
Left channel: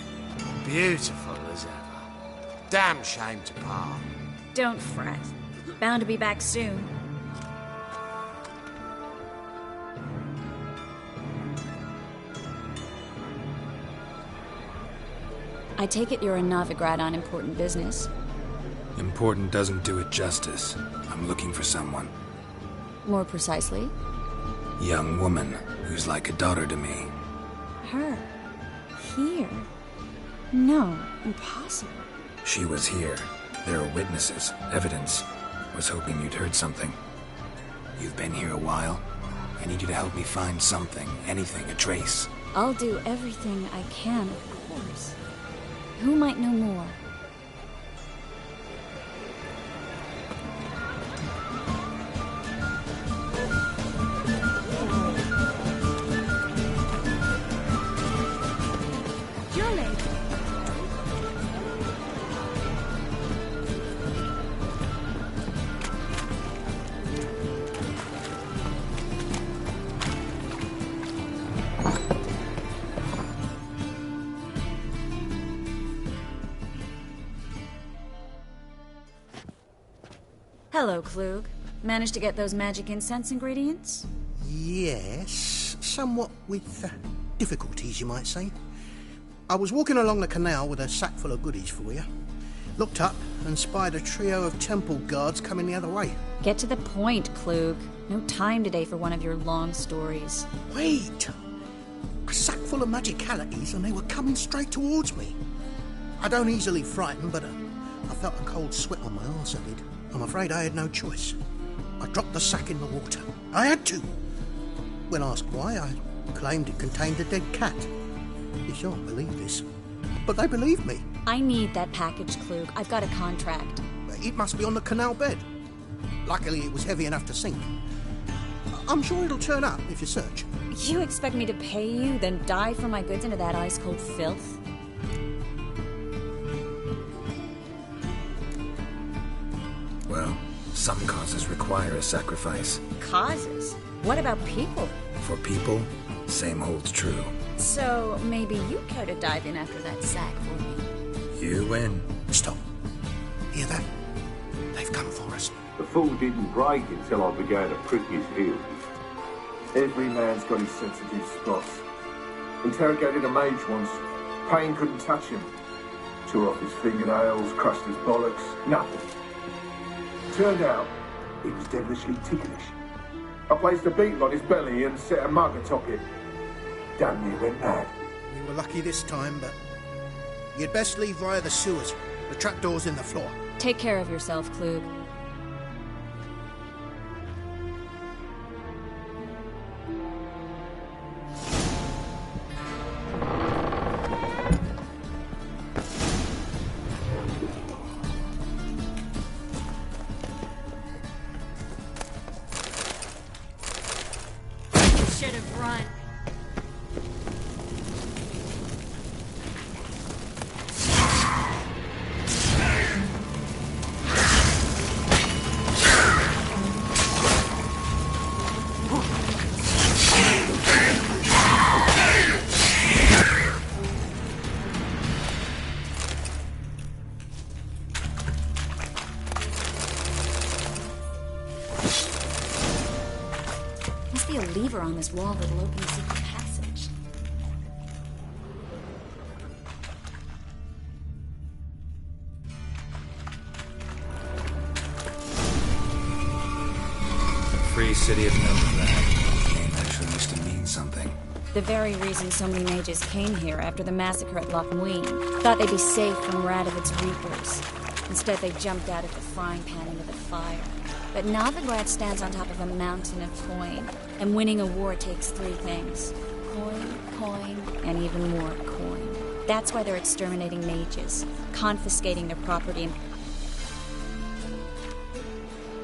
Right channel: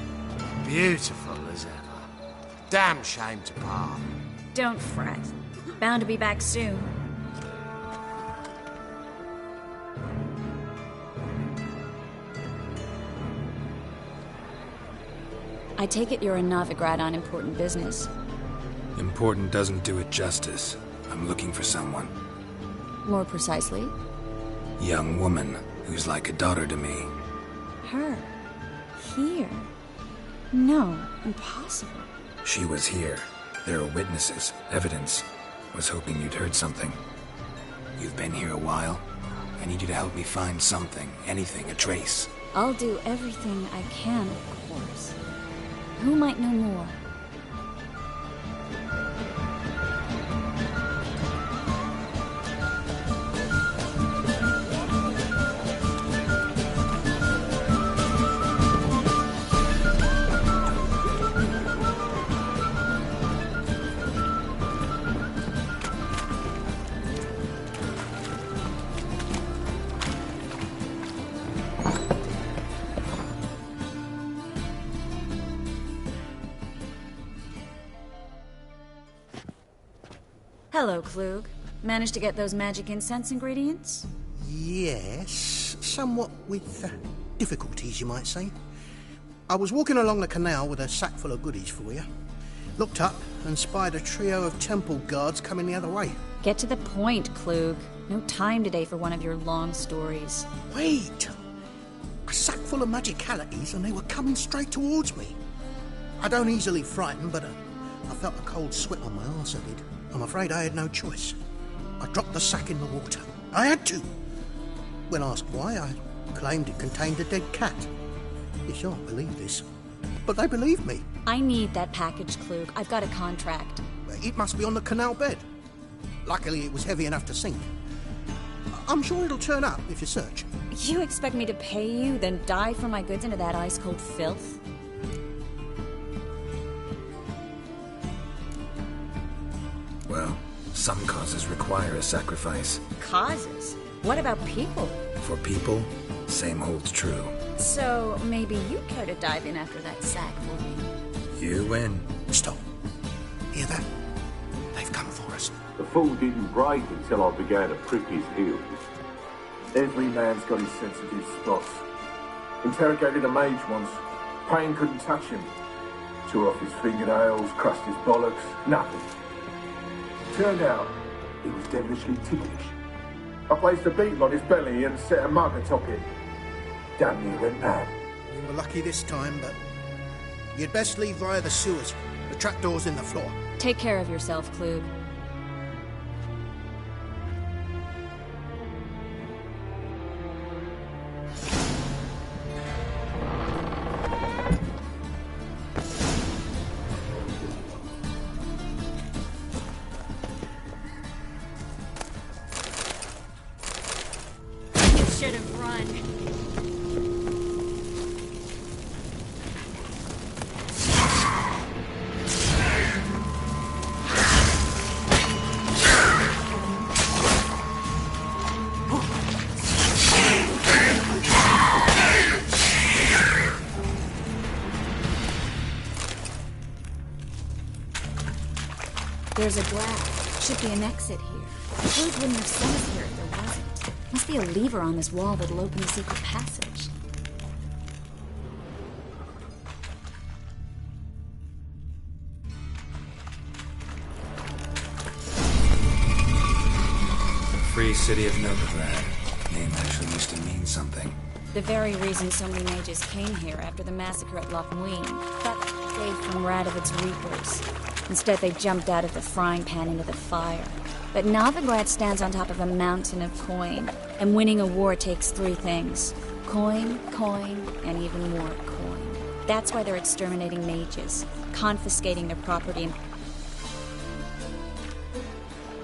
Beautiful as ever. Damn shame to part. Don't fret. Bound to be back soon. I take it you're in Novigrad on important business. Important doesn't do it justice. I'm looking for someone. More precisely? Young woman who's like a daughter to me. Her? Here? No, impossible. She was here. There are witnesses, evidence. Was hoping you'd heard something. You've been here a while. I need you to help me find something, anything, a trace. I'll do everything I can, of course. Who might know more? Hello, Klug. Managed to get those magic incense ingredients? Yes, somewhat with difficulties, you might say. I was walking along the canal with a sack full of goodies for you. Looked up and spied a trio of temple guards coming the other way. Get to the point, Klug. No time today for one of your long stories. Wait! A sack full of magicalities and they were coming straight towards me. I don't easily frighten, but I felt a cold sweat on my arse, I did. I'm afraid I had no choice. I dropped the sack in the water. I had to. When asked why, I claimed it contained a dead cat. You shan't believe this, but they believed me. I need that package, Klug. I've got a contract. It must be on the canal bed. Luckily, it was heavy enough to sink. I'm sure it'll turn up if you search. You expect me to pay you, then dive for my goods into that ice-cold filth? Well, some causes require a sacrifice. Causes? What about people? For people, same holds true. So, maybe you care to dive in after that sack for me? You win. Stop. Hear that? They've come for us. The fool didn't break until I began to prick his heels. Every man's got his sensitive spots. Interrogated a mage once. Pain couldn't touch him. Tore off his fingernails, crushed his bollocks, nothing. Turned out, he was devilishly ticklish. I placed a beetle on his belly and set a mug atop it. Damn near went mad. We were lucky this time, but you'd best leave via the sewers. The trapdoor's in the floor. Take care of yourself, Klug. Should have run. There's a glass. Should be an exit here. It wouldn't have sense here if there wasn't. Must be a lever on this wall that'll open the secret passage. Free City of Novigrad. Name actually used to mean something. The very reason so many mages came here after the massacre at Loch Muin. Thought they'd be safe from Radovid's reapers. Instead, they jumped out of the frying pan into the fire. But Novigrad stands on top of a mountain of coin, and winning a war takes three things. Coin, coin, and even more coin. That's why they're exterminating mages, confiscating their property, and...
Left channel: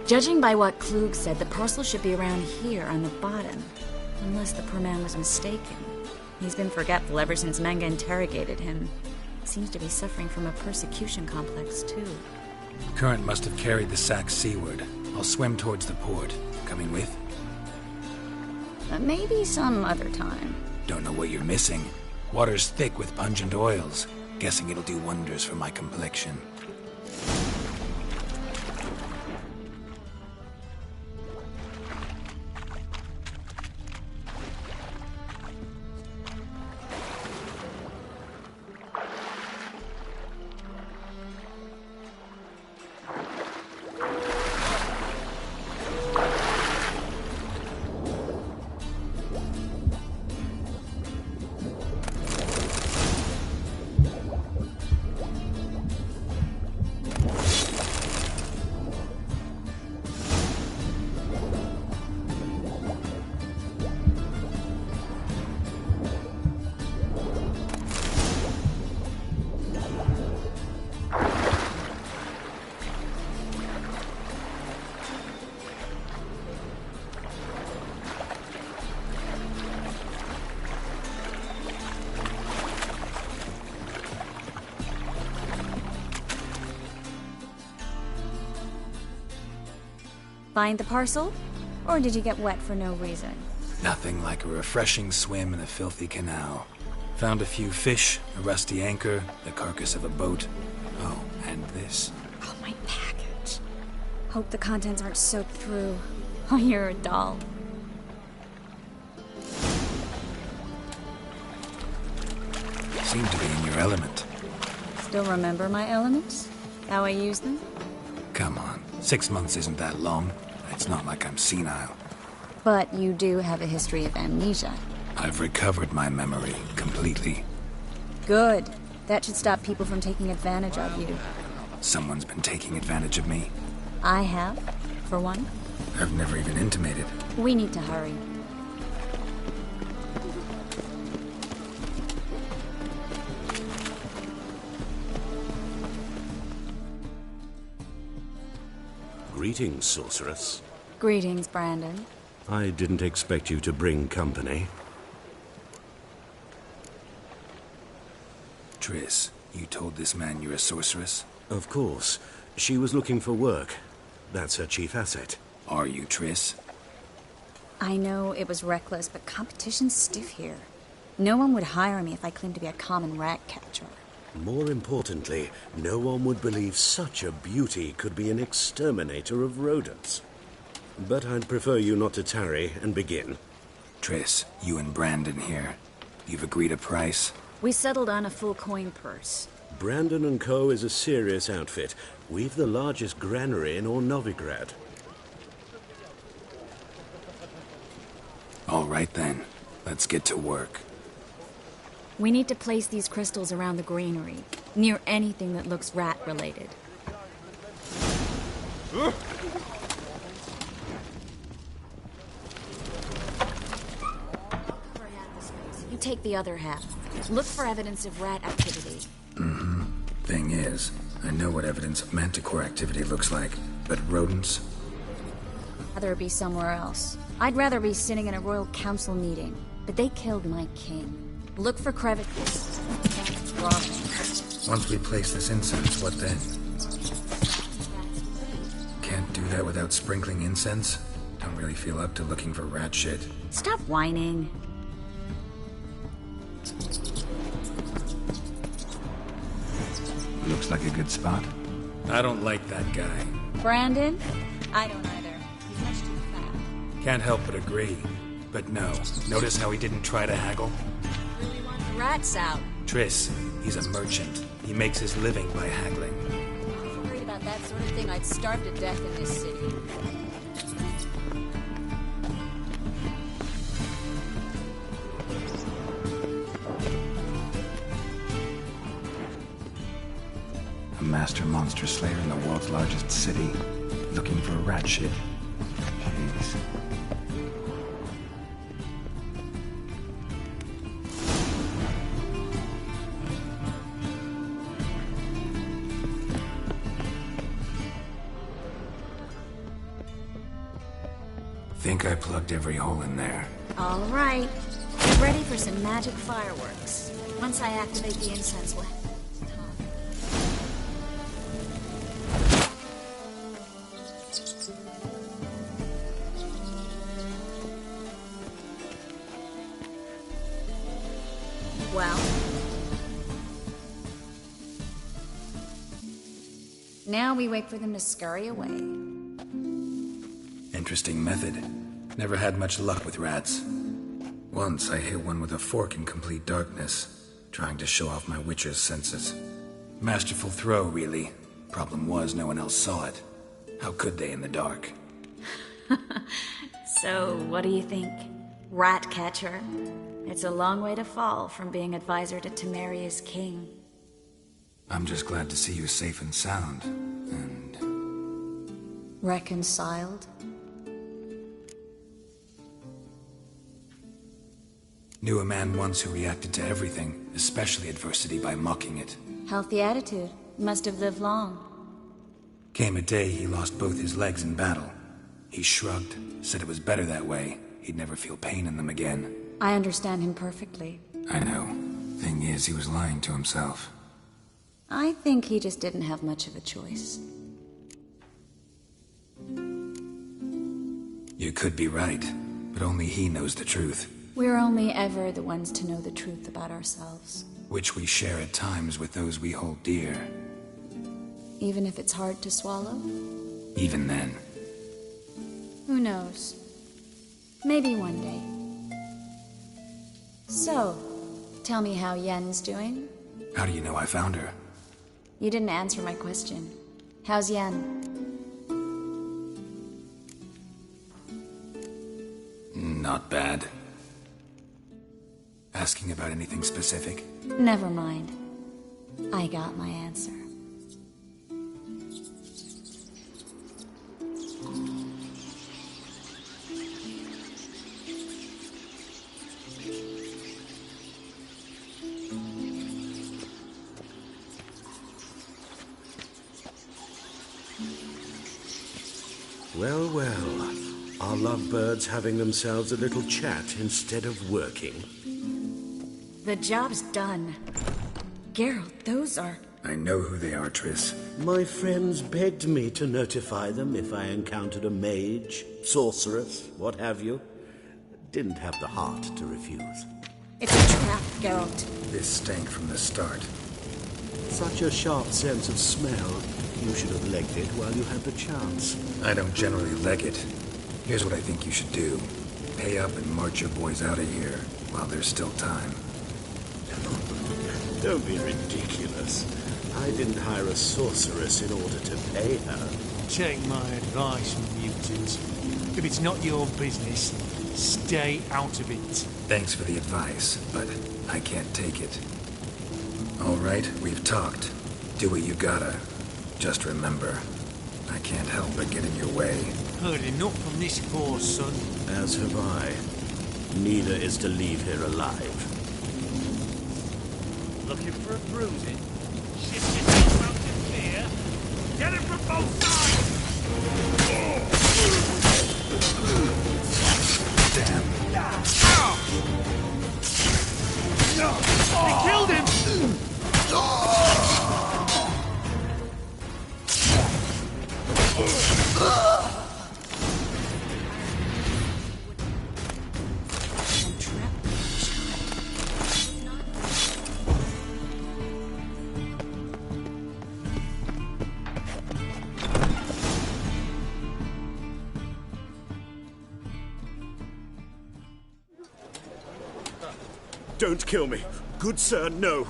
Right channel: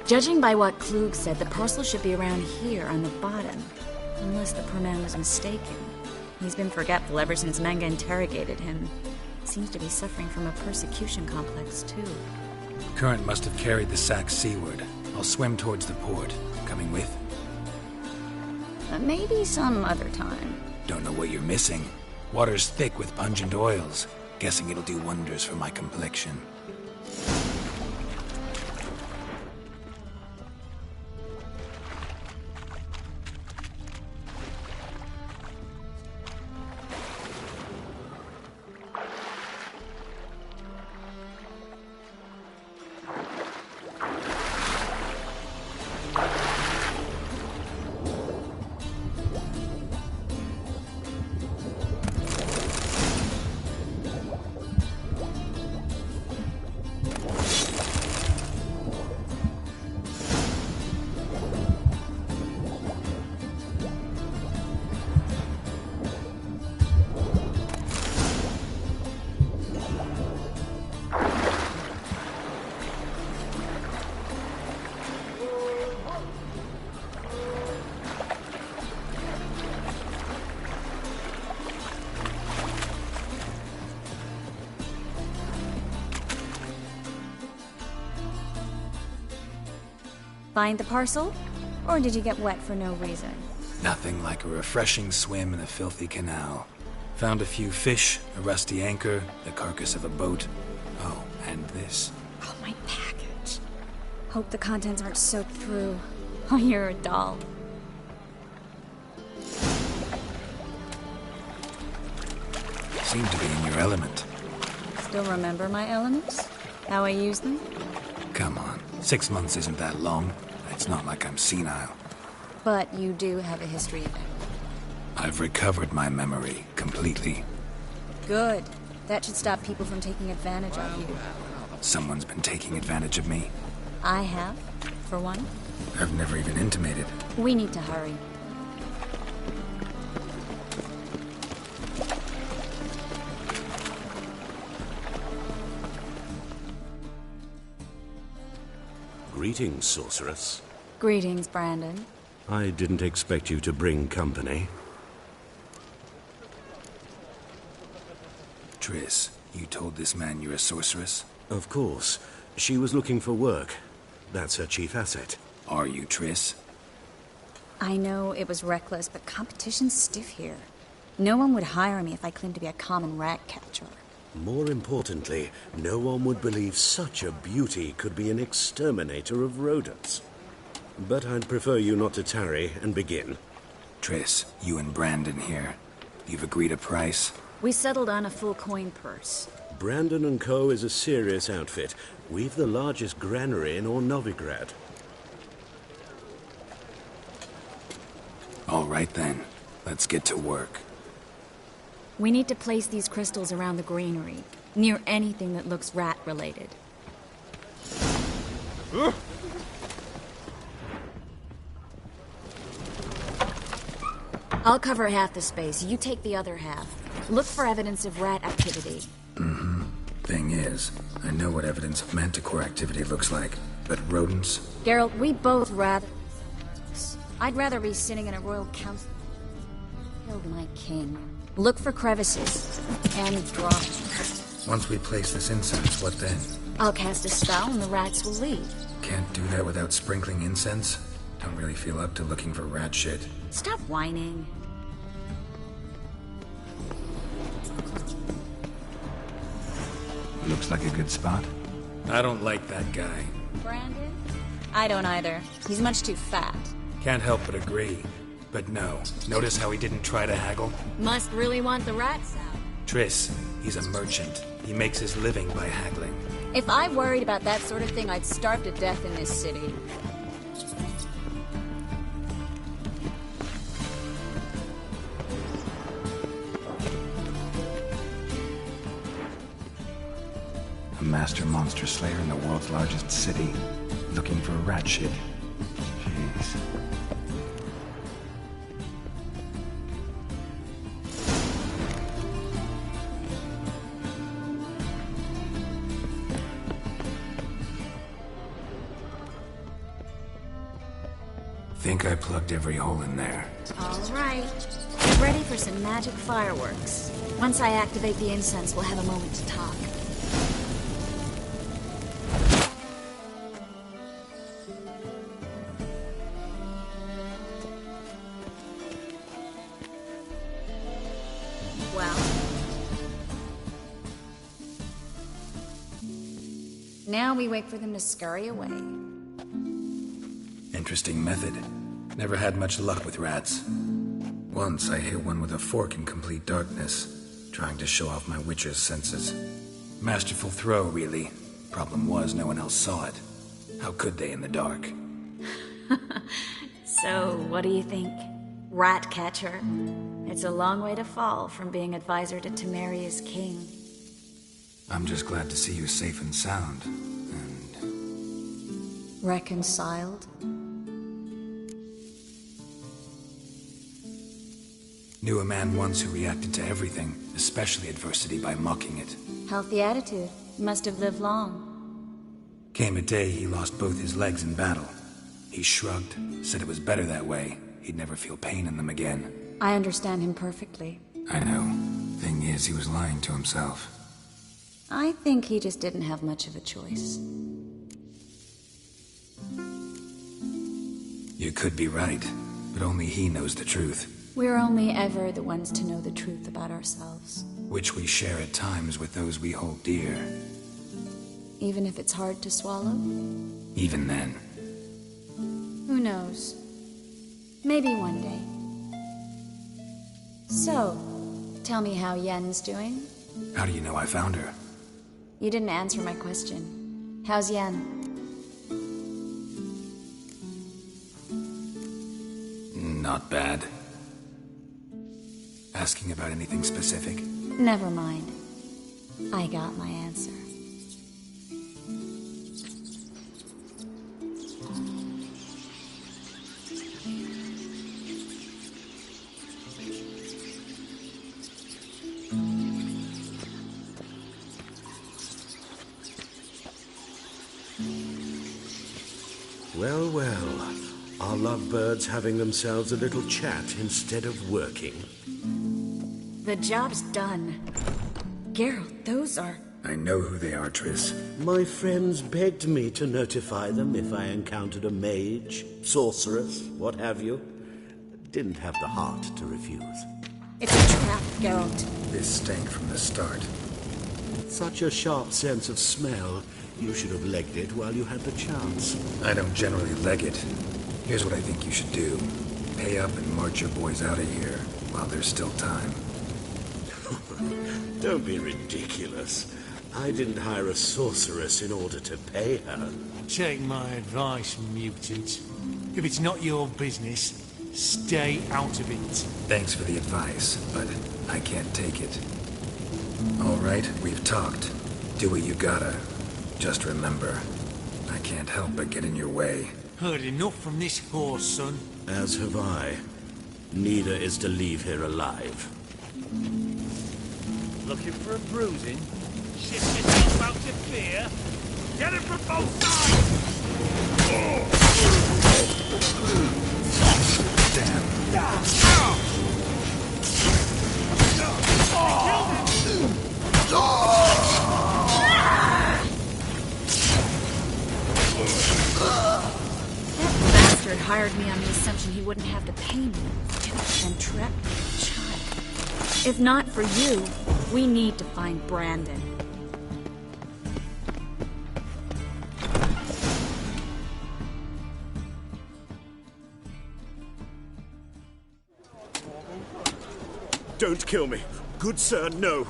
Judging by what Klug said, the parcel should be around here on the bottom. Unless the poor man was mistaken. He's been forgetful ever since Manga interrogated him. Seems to be suffering from a persecution complex, too. Current must have carried the sack seaward. I'll swim towards the port. Coming with? Maybe some other time. Don't know what you're missing. Water's thick with pungent oils. Guessing it'll do wonders for my complexion. Find the parcel? Or did you get wet for no reason? Nothing like a refreshing swim in a filthy canal. Found a few fish, a rusty anchor, the carcass of a boat. Oh, and this. Oh, my package. Hope the contents aren't soaked through. Oh, you're a doll. Seem to be in your element. Still remember my elements? How I use them? Come on, 6 months isn't that long. It's not like I'm senile. But you do have a history of amnesia. I've recovered my memory completely. Good. That should stop people from taking advantage of you. Someone's been taking advantage of me. I have, for one. I've never even intimated. We need to hurry. Greetings, sorceress. Greetings, Brandon. I didn't expect you to bring company. Triss, you told this man you're a sorceress? Of course. She was looking for work. That's her chief asset. Are you, Triss? I know it was reckless, but competition's stiff here. No one would hire me if I claimed to be a common rat catcher. More importantly, no one would believe such a beauty could be an exterminator of rodents. But I'd prefer you not to tarry and begin. Triss, you and Brandon here. You've agreed a price? We settled on a full coin purse. Brandon & Co. is a serious outfit. We've the largest granary in all Novigrad. All right then. Let's get to work. We need to place these crystals around the granary, near anything that looks rat-related. I'll cover half the space, you take the other half. Look for evidence of rat activity. Mm-hmm. Thing is, I know what evidence of manticore activity looks like, but rodents? Geralt, we'd both rather be somewhere else. I'd rather be sitting in a royal council meeting, but they killed my king. Look for crevices, and drop them. Once we place this incense, what then? I'll cast a spell and the rats will leave. Can't do that without sprinkling incense? Don't really feel up to looking for rat shit. Stop whining. Looks like a good spot. I don't like that guy. Brandon? I don't either. He's much too fat. Can't help but agree. But no. Notice how he didn't try to haggle? Must really want the rats out. Triss, he's a merchant. He makes his living by haggling. If I worried about that sort of thing, I'd starve to death in this city. A master monster slayer in the world's largest city, looking for rat shit. Jeez. Think I plugged every hole in there. All right. Get ready for some magic fireworks. Once I activate the incense, we'll have a moment to talk. Well? Now we wait for them to scurry away. Interesting method. Never had much luck with rats. Once I hit one with a fork in complete darkness, trying to show off my witcher's senses. Masterful throw, really. Problem was, no one else saw it. How could they in the dark? So, what do you think? Rat catcher? It's a long way to fall from being advisor to Temeria's king. I'm just glad to see you safe and sound. And... reconciled? Knew a man once who reacted to everything, especially adversity, by mocking it. Healthy attitude. Must have lived long. Came a day he lost both his legs in battle. He shrugged, said it was better that way. He'd never feel pain in them again. I understand him perfectly. I know. Thing is, he was lying to himself. I think he just didn't have much of a choice. You could be right, but only he knows the truth. We're only ever the ones to know the truth about ourselves. Which we share at times with those we hold dear. Even if it's hard to swallow? Even then. Who knows? Maybe one day. So, Tell me how Yen's doing? How do you know I found her? You didn't answer my question. How's Yen? Not bad. Asking about anything specific? Never mind. I got my answer. Well, well. Are lovebirds having themselves a little chat instead of working? The job's done. Geralt, those are... I know who they are, Triss. My friends begged me to notify them if I encountered a mage, sorceress, what have you. Didn't have the heart to refuse. It's a trap, Geralt. This stank from the start. Such a sharp sense of smell. You should have legged it while you had the chance. I don't generally leg it. Here's what I think you should do. Pay up and march your boys out of here while there's still time. Don't be ridiculous. I didn't hire a sorceress in order to pay her. Take my advice, mutant. If it's not your business, stay out of it. Thanks for the advice, but I can't take it. All right, we've talked. Do what you gotta. Just remember, I can't help but get in your way. Heard enough from this horse, son. As have I. Neither is to leave here alive. Looking for a bruising? Shift yourself out to clear. Get it from both sides! Damn. They killed him! Bastard hired me on the assumption he wouldn't have to pay me, and trapped me as a child. If not for you, we need to find Brandon. Don't kill me. Good sir, no.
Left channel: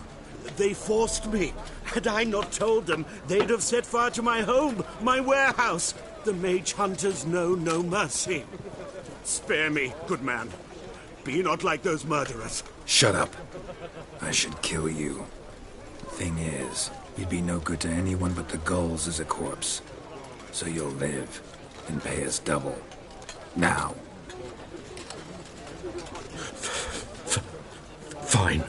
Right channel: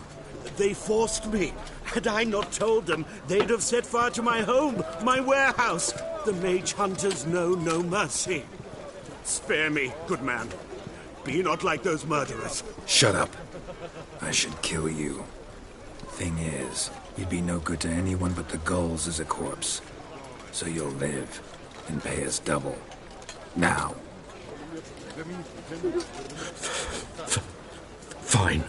They forced me. Had I not told them, they'd have set fire to my home, my warehouse. The mage hunters know no mercy. Spare me, good man. Be not like those murderers. Shut up. I should kill you. Thing is, you'd be no good to anyone but the gulls as a corpse. So you'll live and pay us double. Now. Fine.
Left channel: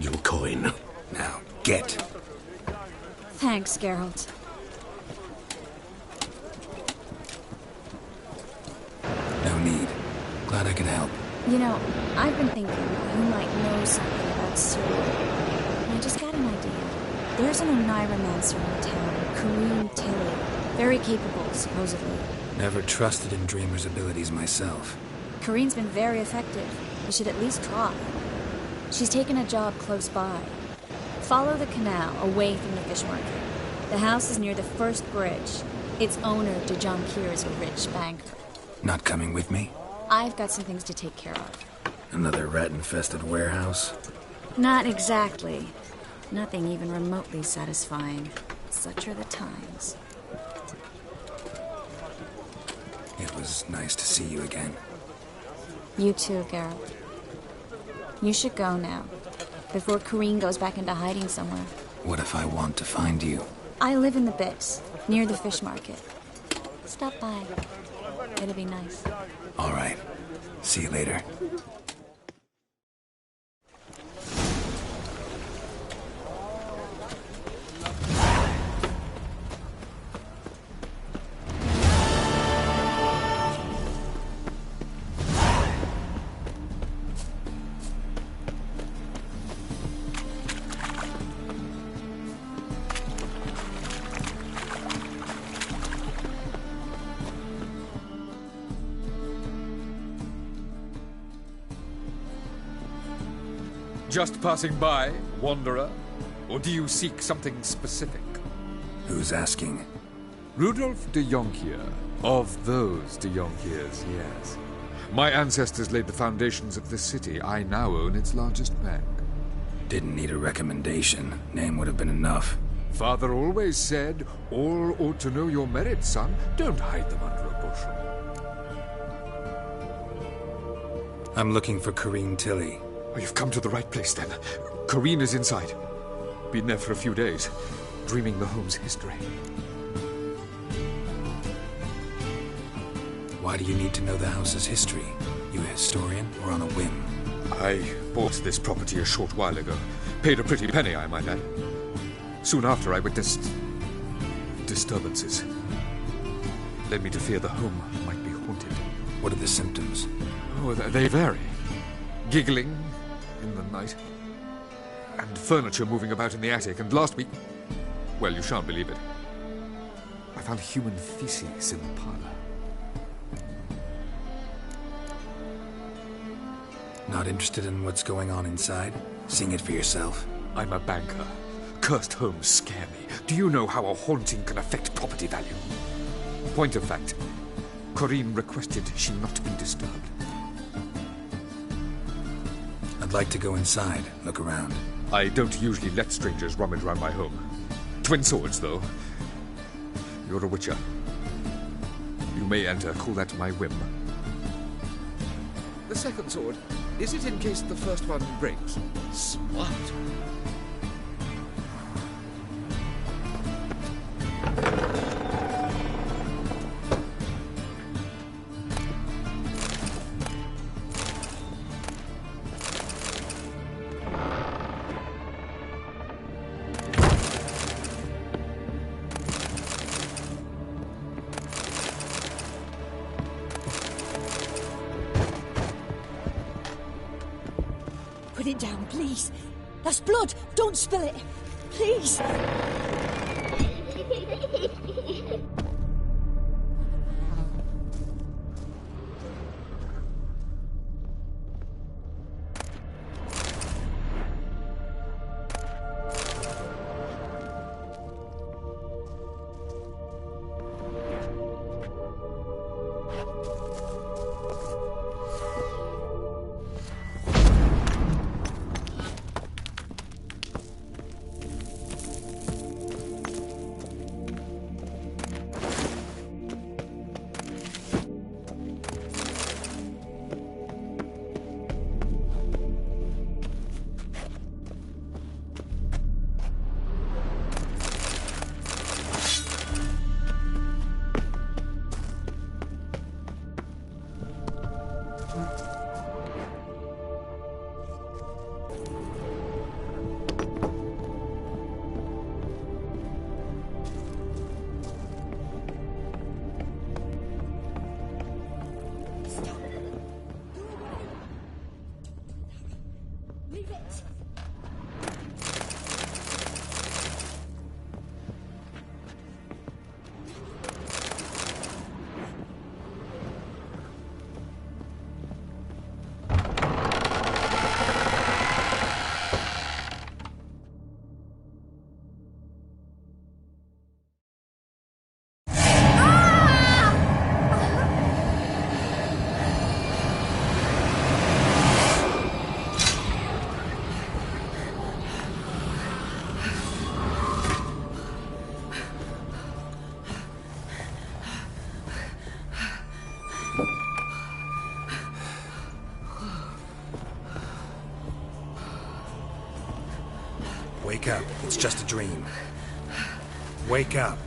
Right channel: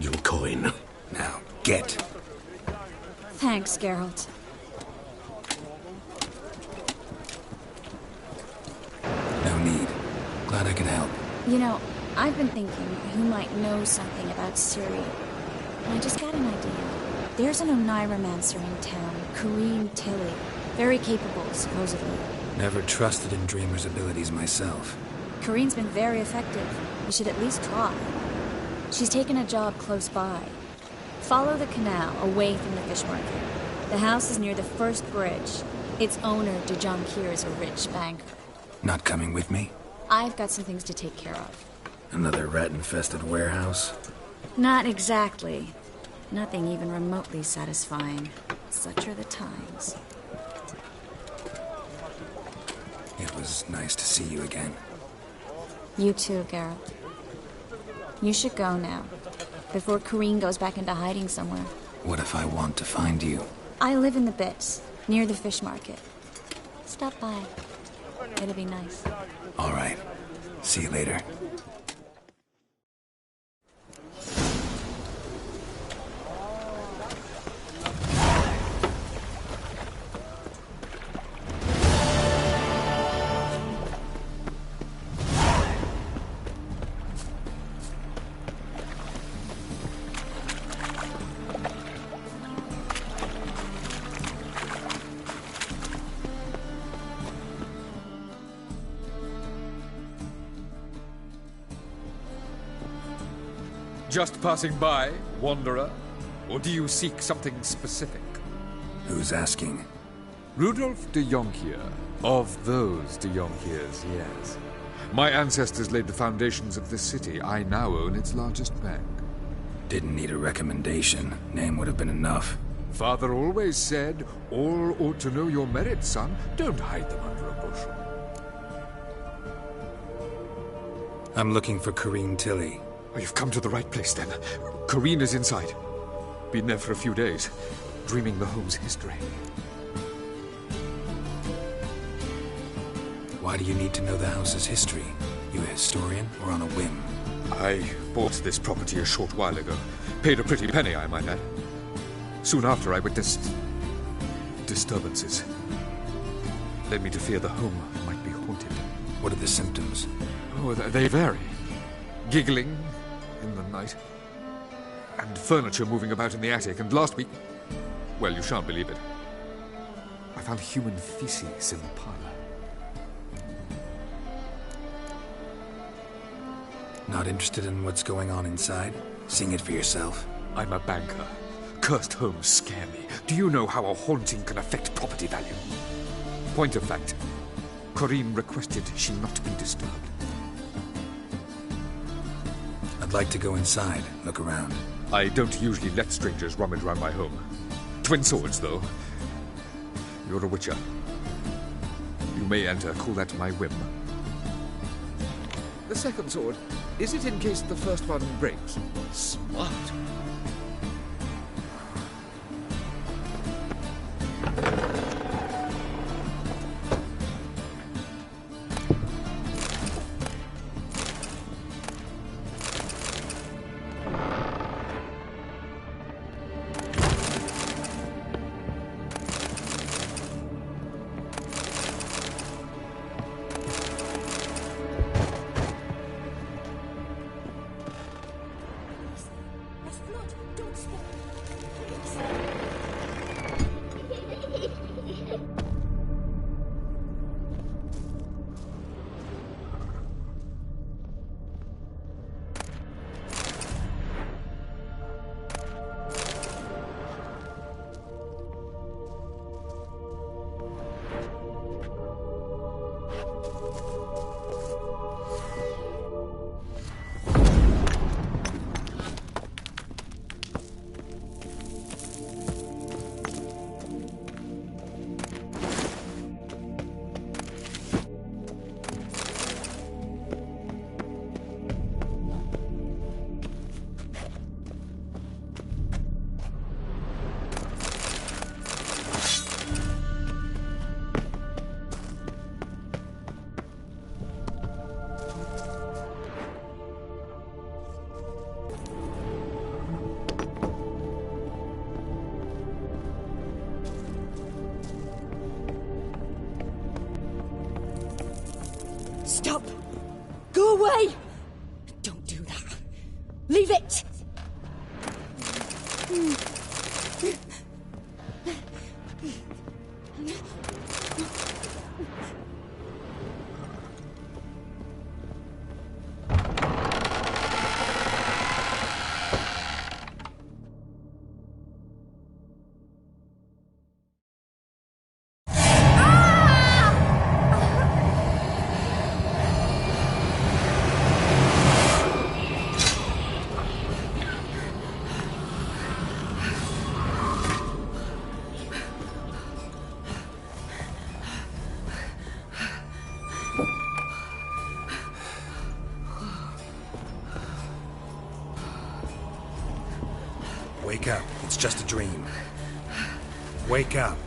Your coin. Now, get. Thanks, Geralt. No need. Glad I could help. You know, I've been thinking who might know something about Syria. And I just got an idea. There's an Oneiromancer in town, Kareen Tilly. Very capable, supposedly. Never trusted in Dreamer's abilities myself. Kareen's been very effective. You should at least try. She's taken a job close by. Follow the canal away from the fish market. The house is near the first bridge. Its owner, Dejonkir, is a rich banker. Not coming with me? I've got some things to take care of. Another rat-infested warehouse? Not exactly. Nothing even remotely satisfying. Such are the times. It was nice to see you again. You too, Geralt. You should go now, before Kareen goes back into hiding somewhere. What if I want to find you? I live in the Bits, near the fish market. Stop by. It'll be nice. All right. See you later. Just passing by, wanderer? Or do you seek something specific? Who's asking? Rudolf de Jonkheer. Of those de Jonkheers, yes. My ancestors laid the foundations of this city. I now own its largest bank. Didn't need a recommendation. Name would have been enough. Father always said, all ought to know your merits, son. Don't hide them under a bushel. I'm looking for Corrine Tilly. Oh, you've come to the right place, then. Corrine is inside. Been there for a few days, dreaming the home's history. Why do you need to know the house's history? You a historian or on a whim? I bought this property a short while ago. Paid a pretty penny, I might add. Soon after, I witnessed disturbances. Led me to fear the home might be haunted. What are the symptoms? Oh, they vary. Giggling in the night. And furniture moving about in the attic. And last week... well, you shan't believe it. I found human feces in the parlor. Not interested in what's going on inside? Seeing it for yourself? I'm a banker. Cursed homes scare me. Do you know how a haunting can affect property value? Point of fact, Corrine requested she not be disturbed. I'd like to go inside, look around. I don't usually let strangers rummage around my home. Twin swords, though. You're a witcher. You may enter, call that my whim. The second sword, is it in case the first one breaks? Smart. Put it down, please. That's blood. Don't spill it. Please. Stop! Go away! Don't do that. Leave it! Wake up. It's just a dream. Wake up.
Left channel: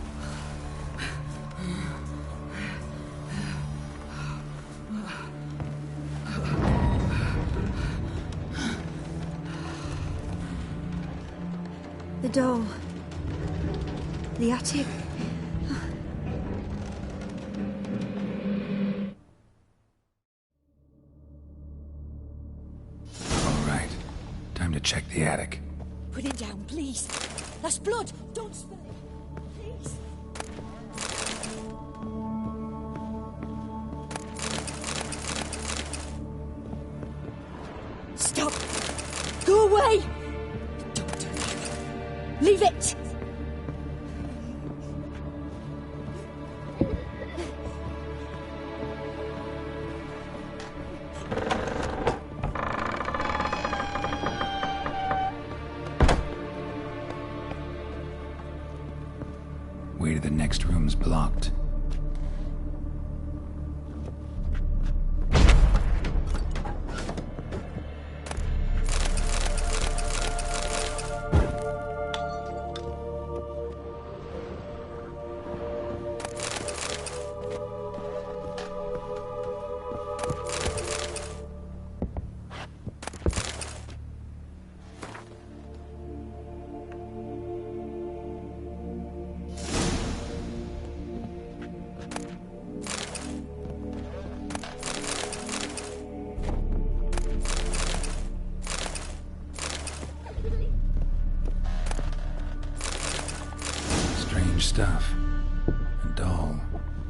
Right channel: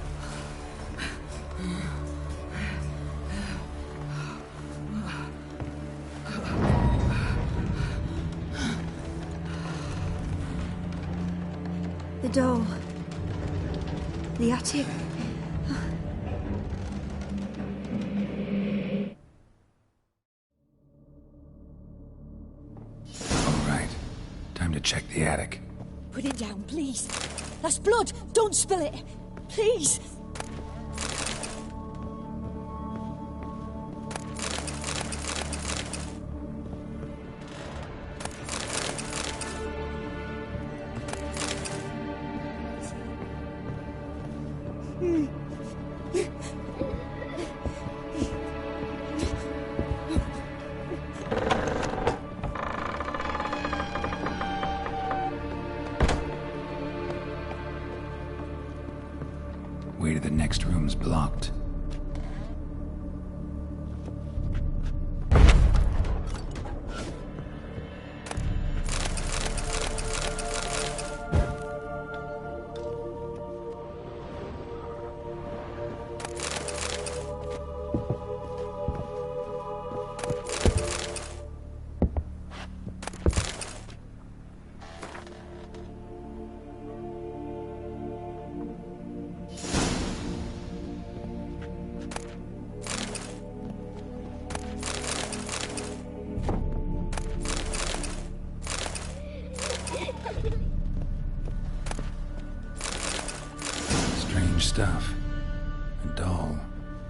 The doll. The attic. All right. Time to check the attic. Put it down, please. That's blood. Don't spill it. Please. Stop. Go away. Don't do that. Leave it.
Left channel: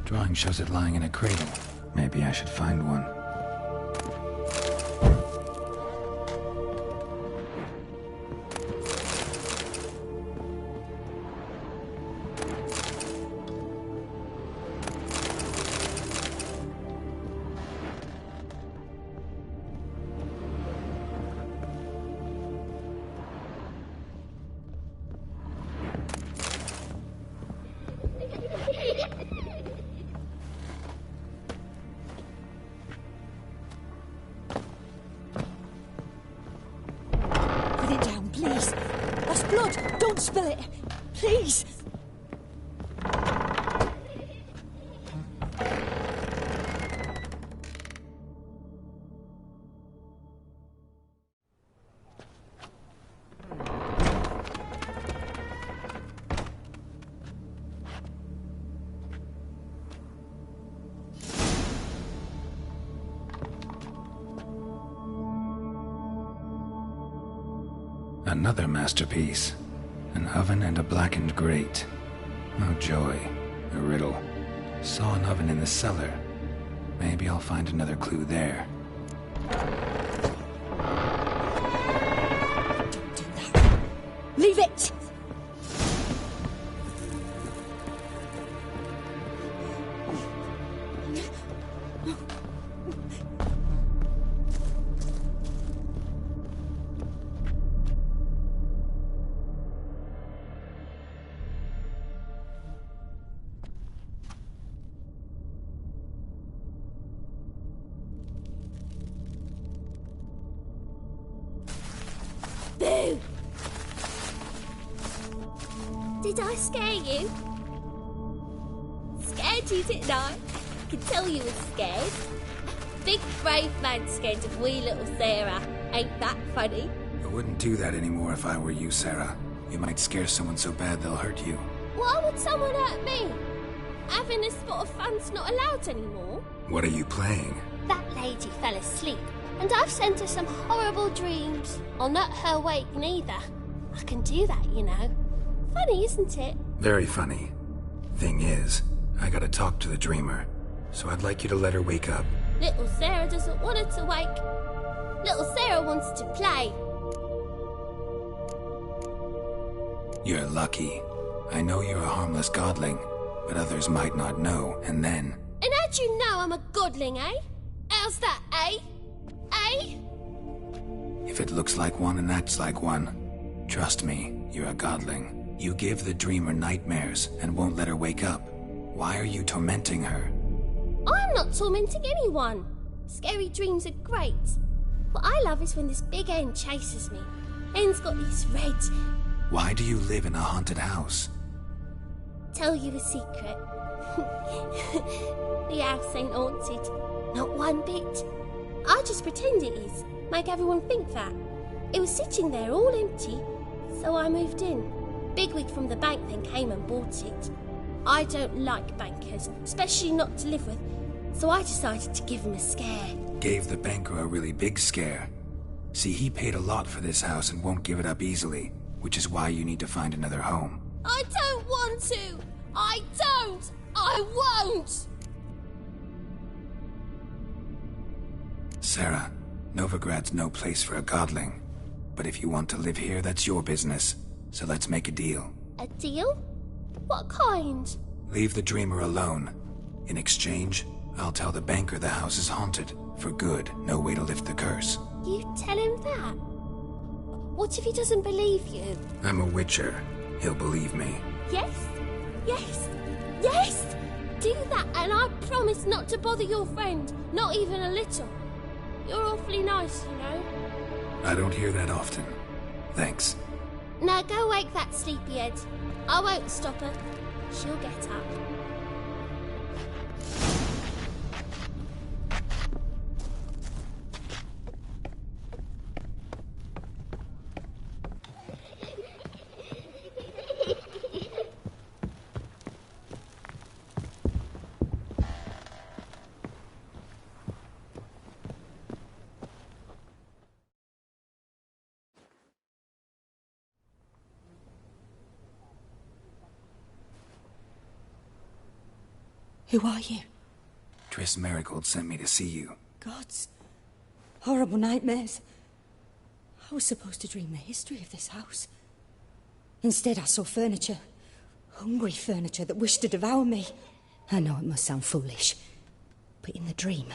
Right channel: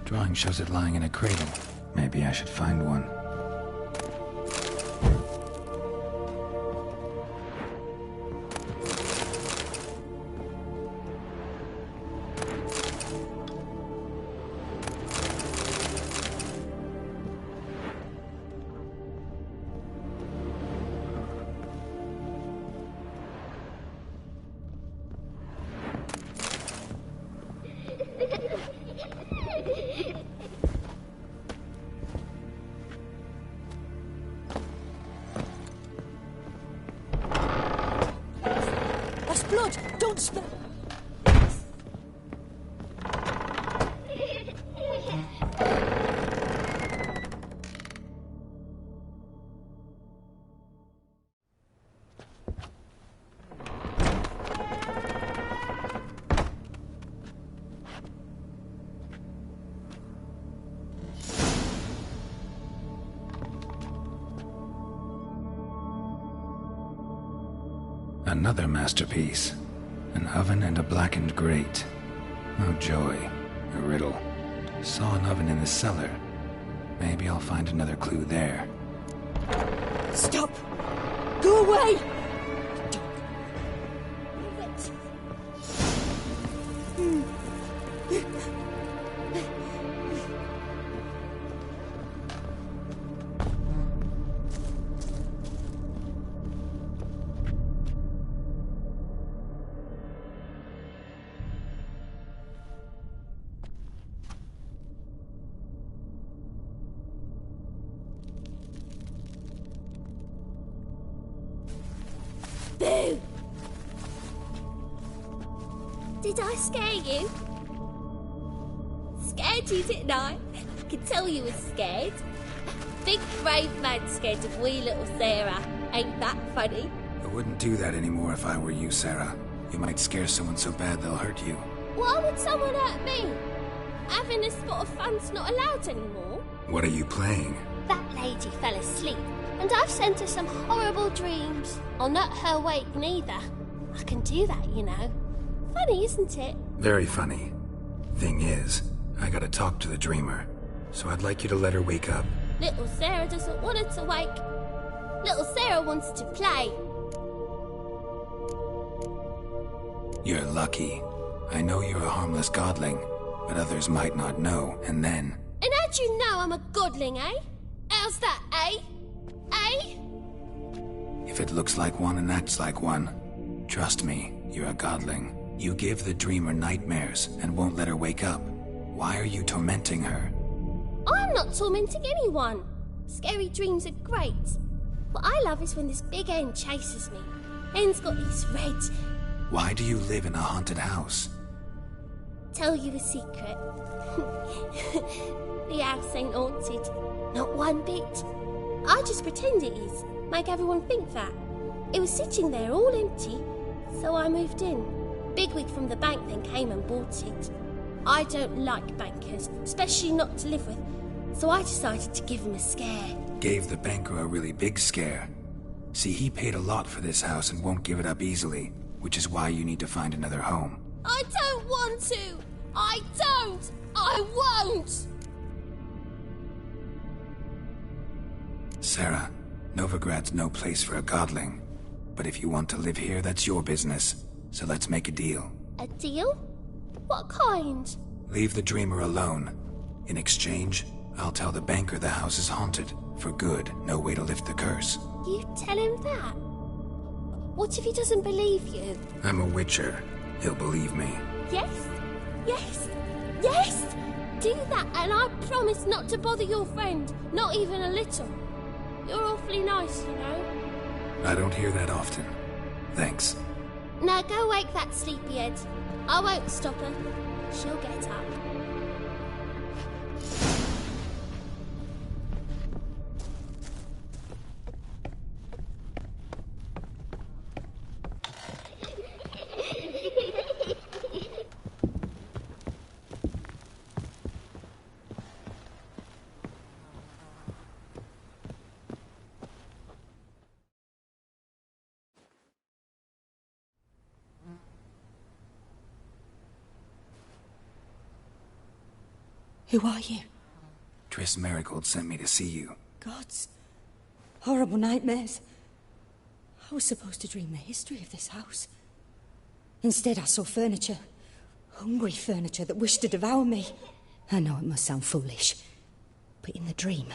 Drawing shows it lying in a cradle. Maybe I should find one. Blood! Don't spill it! Please! Another masterpiece. An oven and a blackened grate. Oh joy. A riddle. Saw an oven in the cellar. Maybe I'll find another clue there. Stop! Go away! Don't do that. Leave it! Boo! Did I scare you? Scared you, didn't I? I can tell you was scared. Big brave man scared of wee little Sarah. Ain't that funny? I wouldn't do that anymore if I were you, Sarah. You might scare someone so bad they'll hurt you. Why would someone hurt me? Having a spot of fun's not allowed anymore. What are you playing? That lady fell asleep, and I've sent her some horrible dreams. I'll not her wake neither. I can do that, you know. Funny, isn't it? Very funny. Thing is, I gotta talk to the dreamer, so I'd like you to let her wake up. Little Sarah doesn't want her to wake. Little Sarah wants to play. You're lucky. I know you're a harmless godling, but others might not know, and then... And how'd you know I'm a godling, eh? How's that, eh? Eh? If it looks like one and acts like one, trust me, you're a godling. You give the dreamer nightmares and won't let her wake up. Why are you tormenting her? I'm not tormenting anyone. Scary dreams are great. What I love is when this big hen chases me. Hen's got these red... Why do you live in a haunted house? Tell you a secret. The house ain't haunted. Not one bit. I just pretend it is. Make everyone think that. It was sitting there all empty, so I moved in. Bigwig from the bank then came and bought it. I don't like bankers, especially not to live with, so I decided to give him a scare. Gave the banker a really big scare. See, he paid a lot for this house and won't give it up easily, which is why you need to find another home. I don't want to! I don't! I won't! Sarah, Novigrad's no place for a godling. But if you want to live here, that's your business. So let's make a deal. A deal? What kind? Leave the dreamer alone. In exchange, I'll tell the banker the house is haunted. For good, no way to lift the curse. You tell him that? What if he doesn't believe you? I'm a witcher. He'll believe me. Yes? Yes? Yes! Do that and I promise not to bother your friend. Not even a little. You're awfully nice, you know. I don't hear that often. Thanks. Now go wake that sleepyhead. I won't stop her. She'll get up. Who are you? Triss Marigold sent me to see you. Gods. Horrible nightmares. I was supposed to dream the history of this house. Instead, I saw furniture. Hungry furniture that wished to devour me. I know it must sound foolish, but in the dream,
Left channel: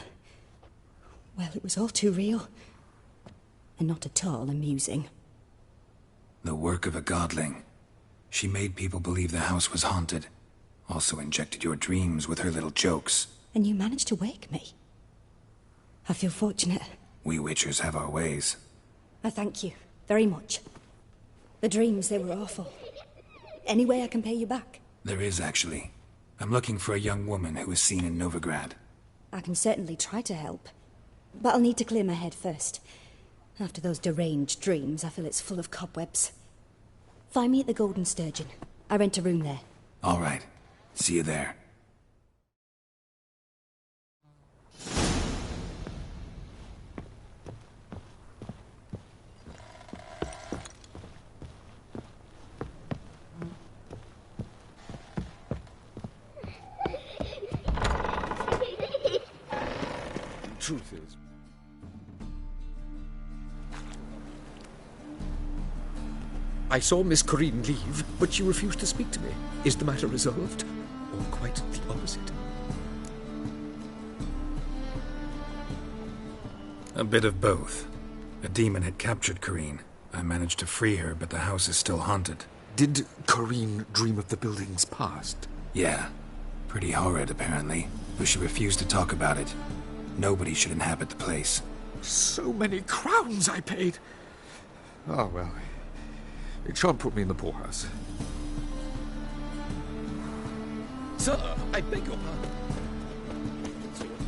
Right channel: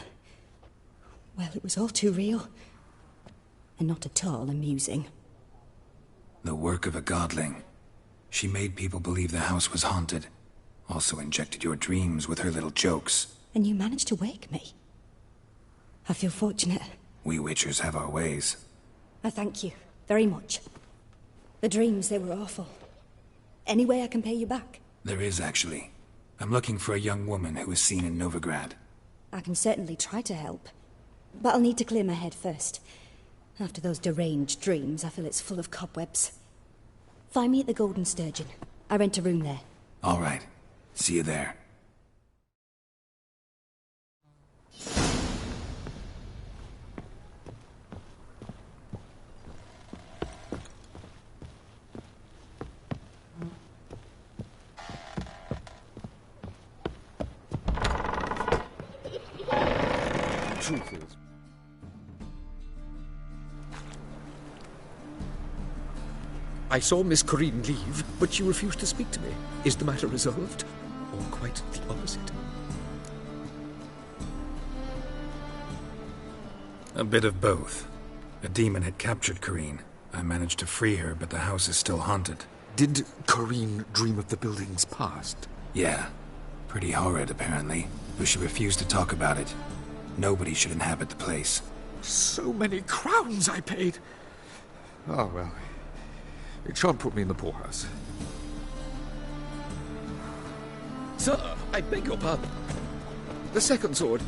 well, it was all too real. And not at all amusing. The work of a godling. She made people believe the house was haunted. Also injected your dreams with her little jokes. And you managed to wake me. I feel fortunate. We Witchers have our ways. I thank you very much. The dreams, they were awful. Any way I can pay you back? There is, actually. I'm looking for a young woman who was seen in Novigrad. I can certainly try to help. But I'll need to clear my head first. After those deranged dreams, I feel it's full of cobwebs. Find me at the Golden Sturgeon. I rent a room there. All right. See you there. Truth is, I saw Miss Corinne leave, but she refused to speak to me. Is the matter resolved? Or quite the opposite? A bit of both. A demon had captured Corinne. I managed to free her, but the house is still haunted. Did Corinne dream of the building's past? Yeah. Pretty horrid, apparently. Though she refused to talk about it. Nobody should inhabit the place. So many crowns I paid! Oh, well. It shan't put me in the poorhouse. Sir, I beg your pardon. The second sword.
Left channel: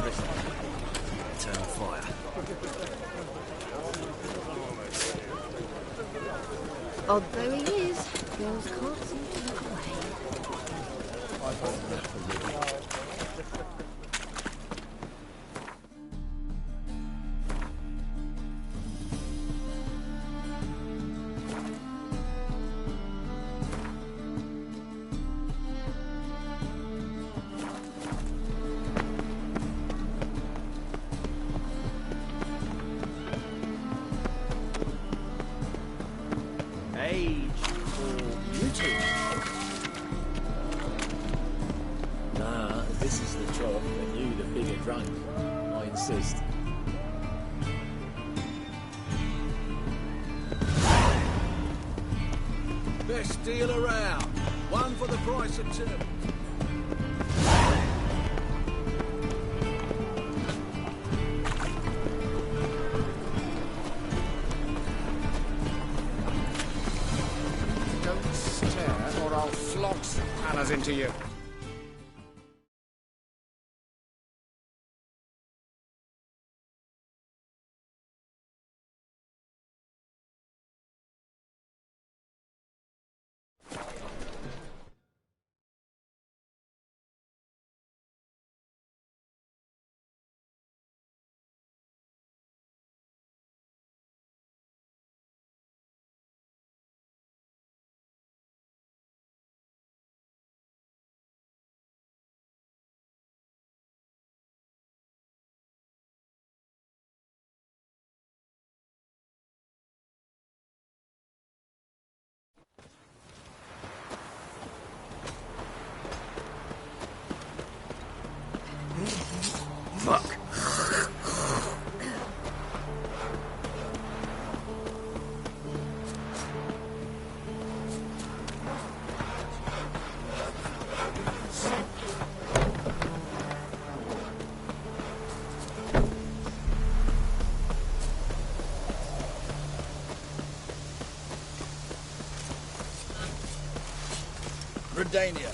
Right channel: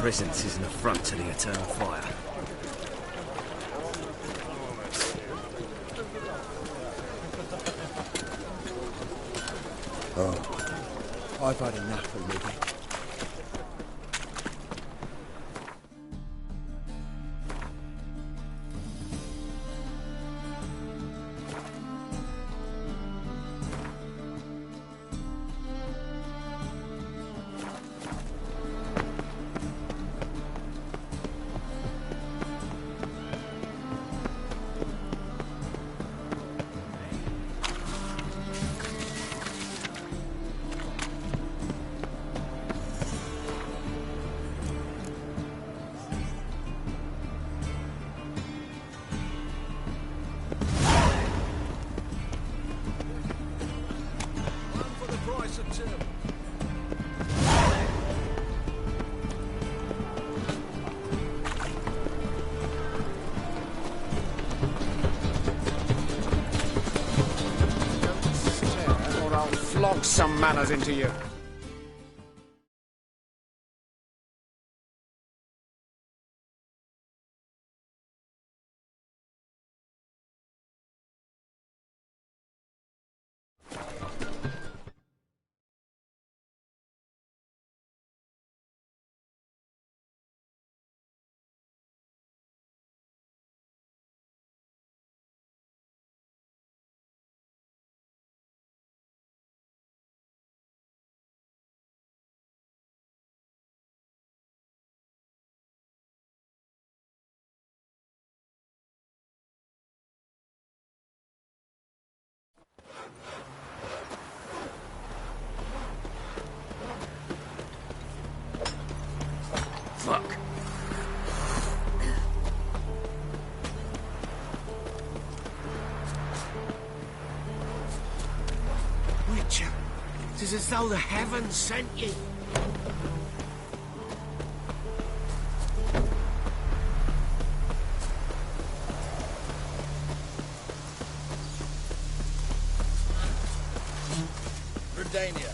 Presence is in the front to the eternal fire. Oh, there he is. Oh, I've had enough already. Best deal around. One for the price of two. Don't stare, or I'll flog some manners into you. as though the heavens sent you. Redania.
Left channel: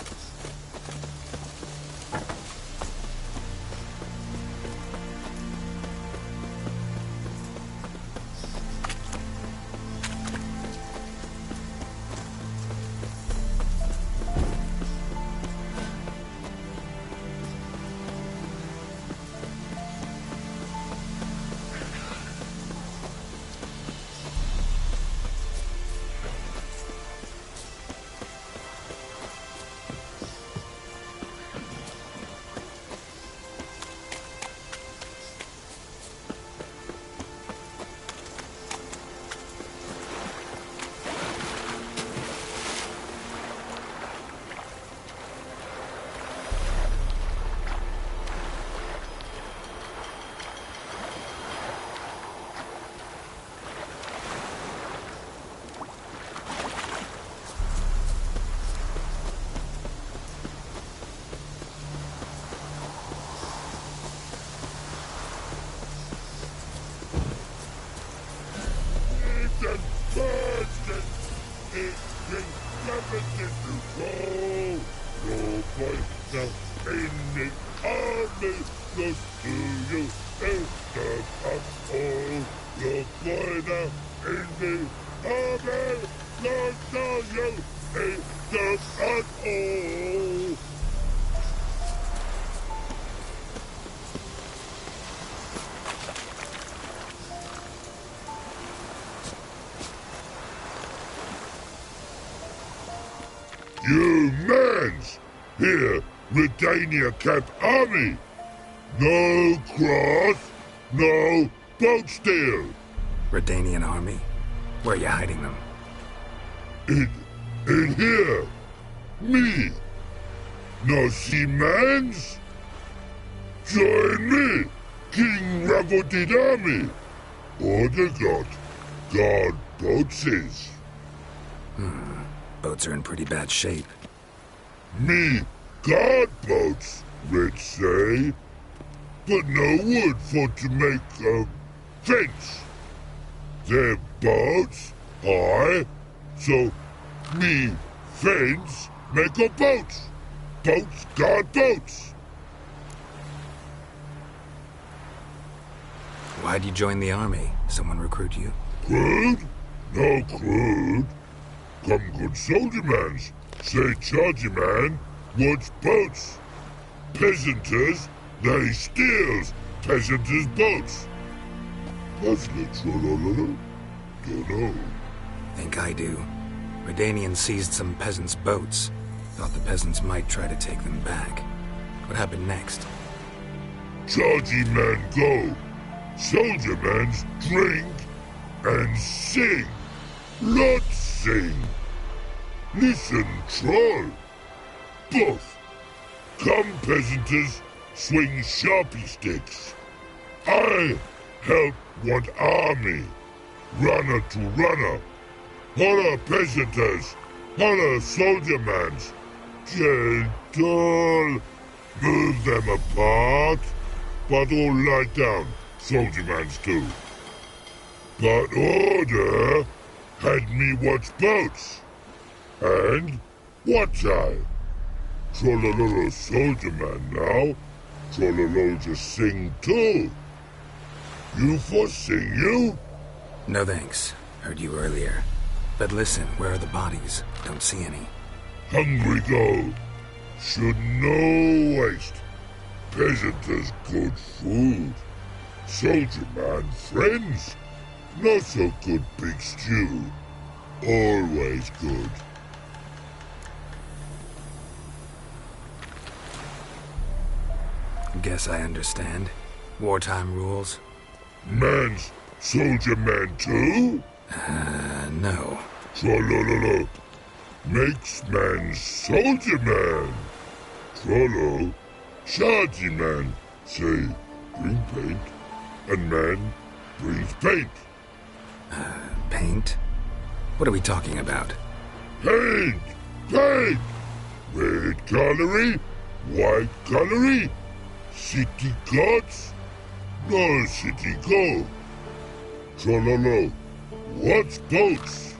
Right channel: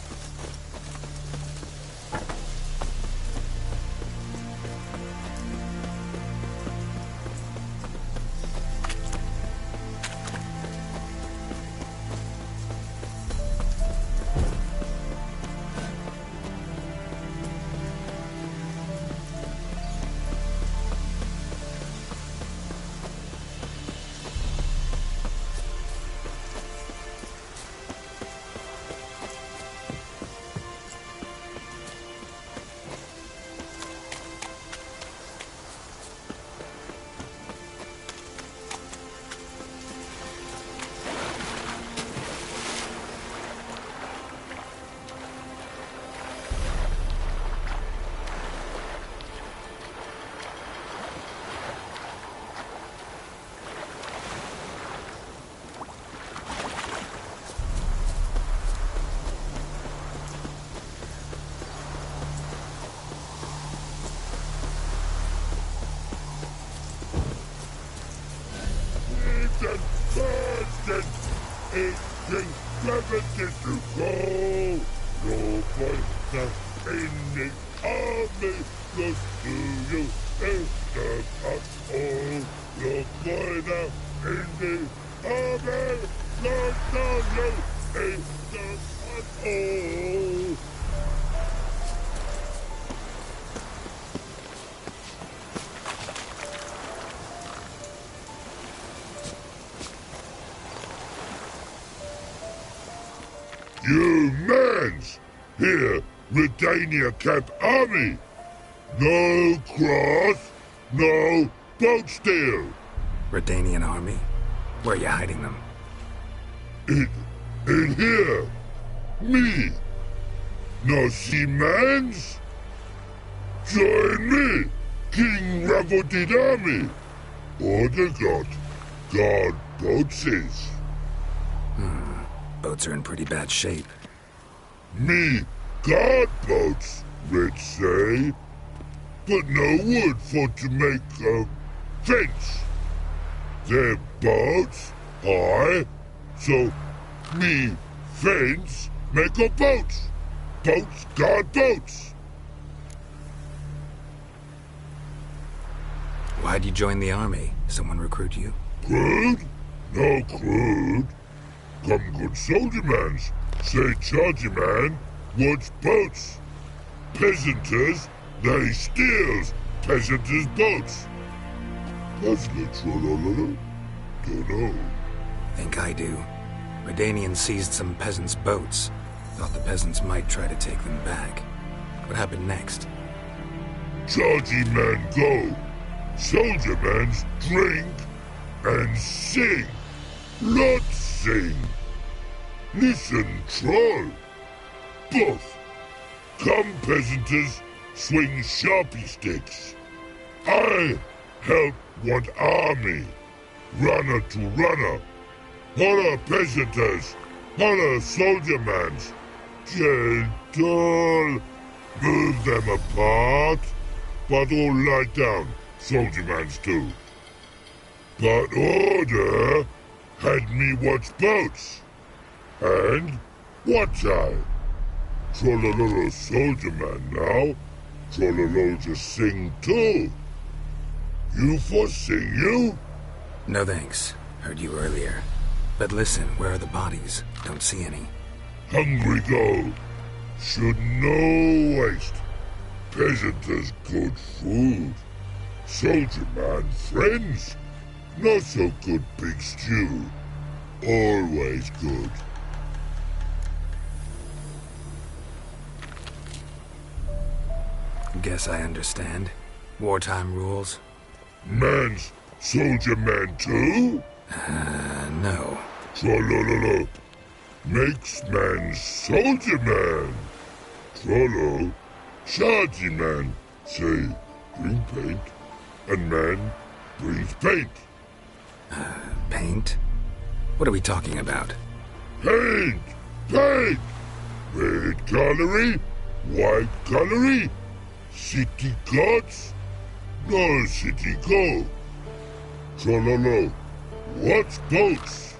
You mans! Here, Redania Camp Army! No cross, no boat steal! Redanian army? Where are you hiding them? In here! Me! No see mans? Join me, King Ravodid Army! Order God boatses. Boats are in pretty bad shape. Me guard boats, Red say. But no wood for to make a fence. Their boats high, so me fence make a boat. Boats guard boats. Why'd you join the army? Someone recruit you? Crude? No crude. Come good soldier mans. Say chargy man wants boats. Peasanters, they steals peasanters' boats. Puzzler trollololo? Dunno. Think I do. Redanians seized some peasants' boats. Thought the peasants might try to take them back. What happened next? Chargy man go. Soldier mans drink and sing. Lots sing. Listen, troll. Both. Come, peasanters, swing sharpie sticks. I help one army. Runner to runner. Holla, peasanters. Holla, soldier mans. Gentle. Move them apart. But all lie down, soldier mans too. But order had me watch boats. And watch I. Trollololo soldier man now. Trollolo just sing too. You for sing you? No thanks. Heard you earlier. But listen, where are the bodies? Don't see any. Hungry go. Should no waste. Peasanters good food. Soldier man friends. Not so good big stew. Always good. Guess I understand. Wartime rules? Man's soldier man too? No. Trollololo. Makes man soldier man. Trollo. Chargy man. Say, bring paint. And man brings paint. Paint? What are we talking about? Paint! Paint! Red gallery, white gallery, city cards, no city go. Trololo, what's boats?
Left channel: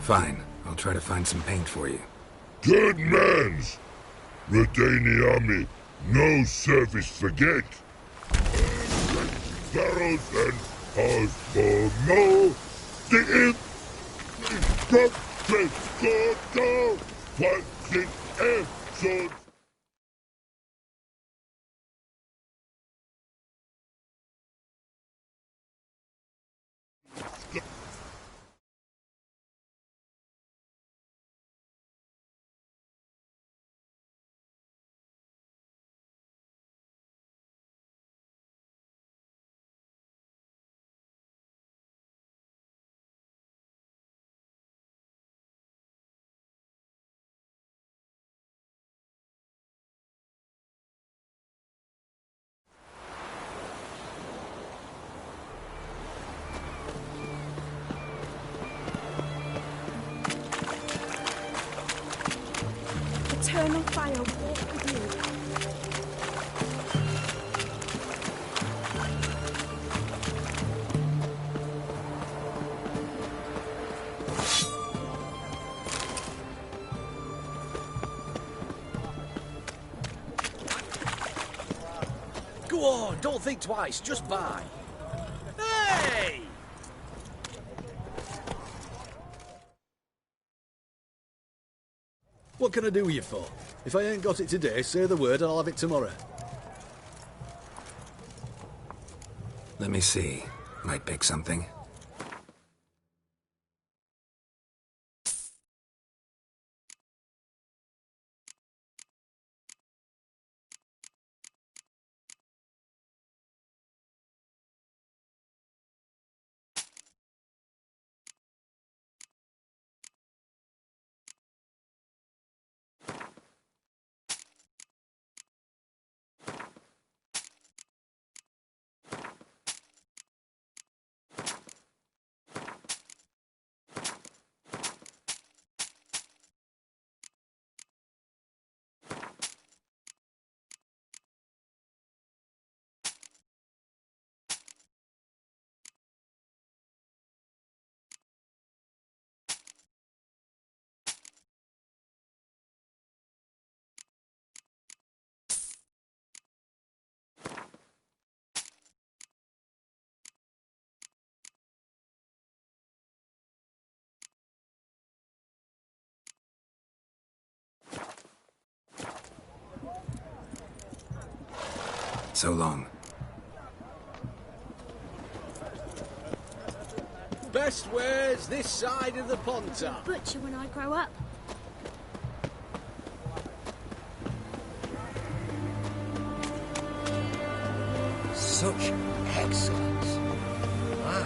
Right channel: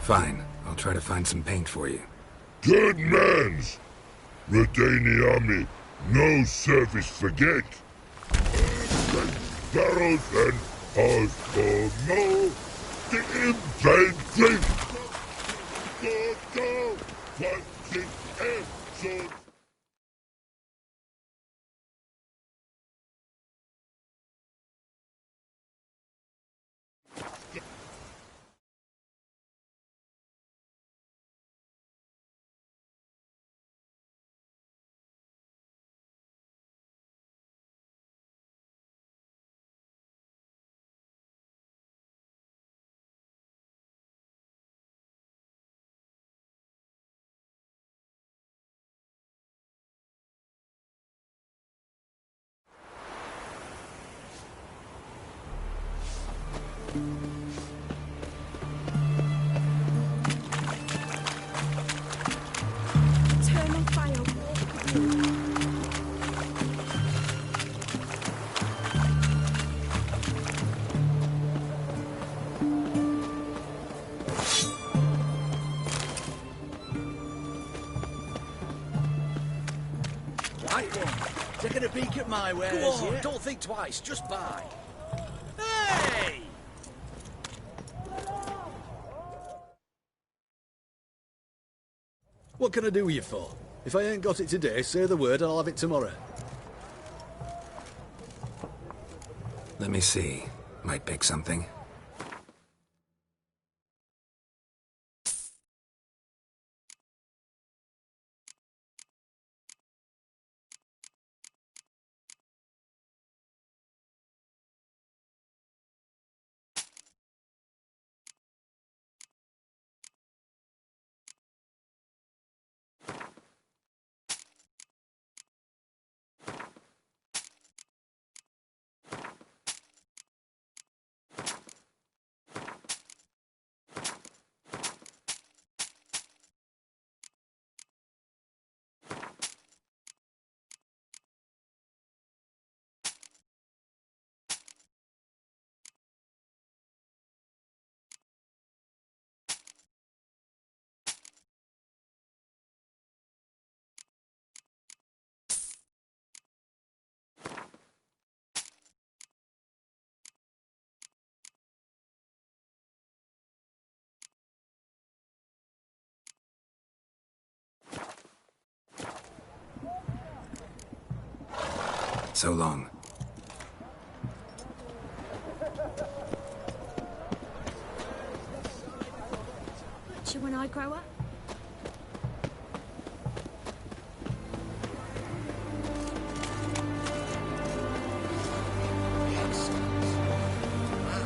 Fine, I'll try to find some paint for you. Good mans! Redani army, no service forget. Barrels and ours for no. The infantry from Prescott, fighting episodes. Eternal fire walk with you. Taking a peek at my wares. Go on, don't think twice, just buy. Hey! What can I do with you for? If I ain't got it today, say the word and I'll have it tomorrow. Let me see. Might pick something. So long. Best wares this side of the Ponta. Butcher when I grow up. Such excellence. Wow.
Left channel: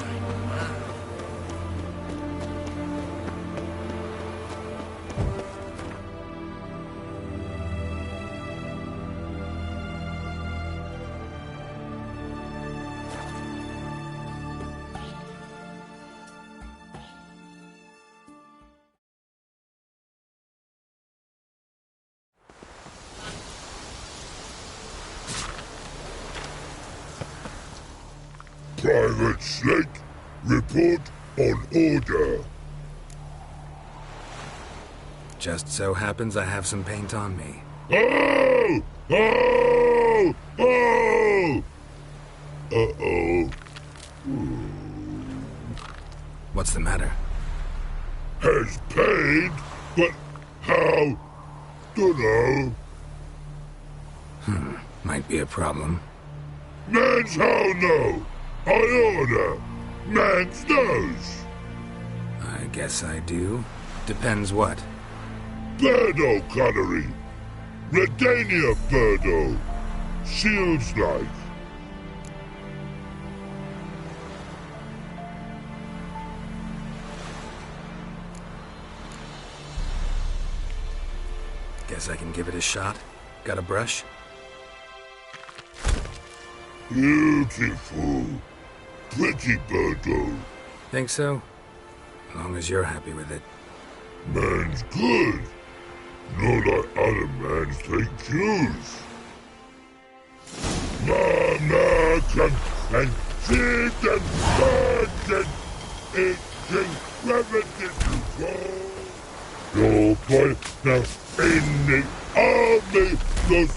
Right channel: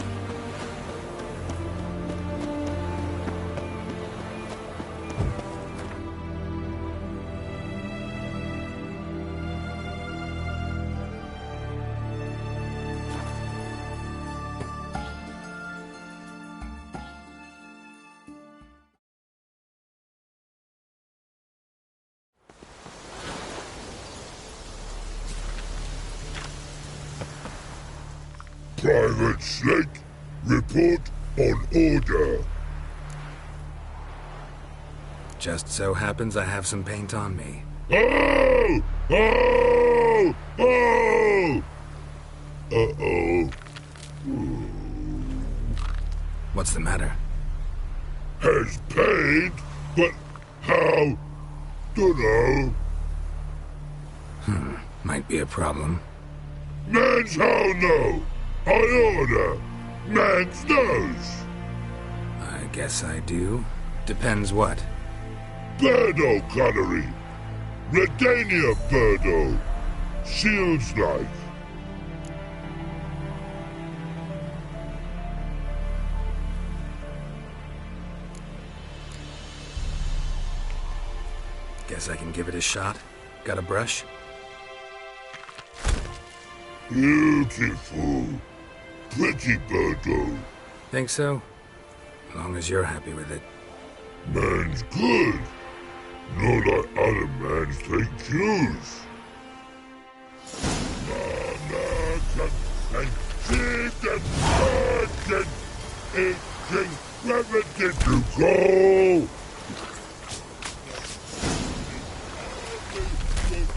Private Slate, report on order. Just so happens I have some paint on me. Oh! Oh! Oh! Uh-oh. What's the matter? Has paint, but how? Dunno. Might be a problem. Man's how no? I order. Man's nose. I guess I do. Depends what. Birdo colory. Redania Birdo. Shields like. Guess I can give it a shot. Got a brush? Beautiful. Pretty Birdo. Think so? As long as you're happy with it. Man's good. Not like other mans take cues. Mama come and sit and bargain. Itching gravity to go. No point now in the army goes.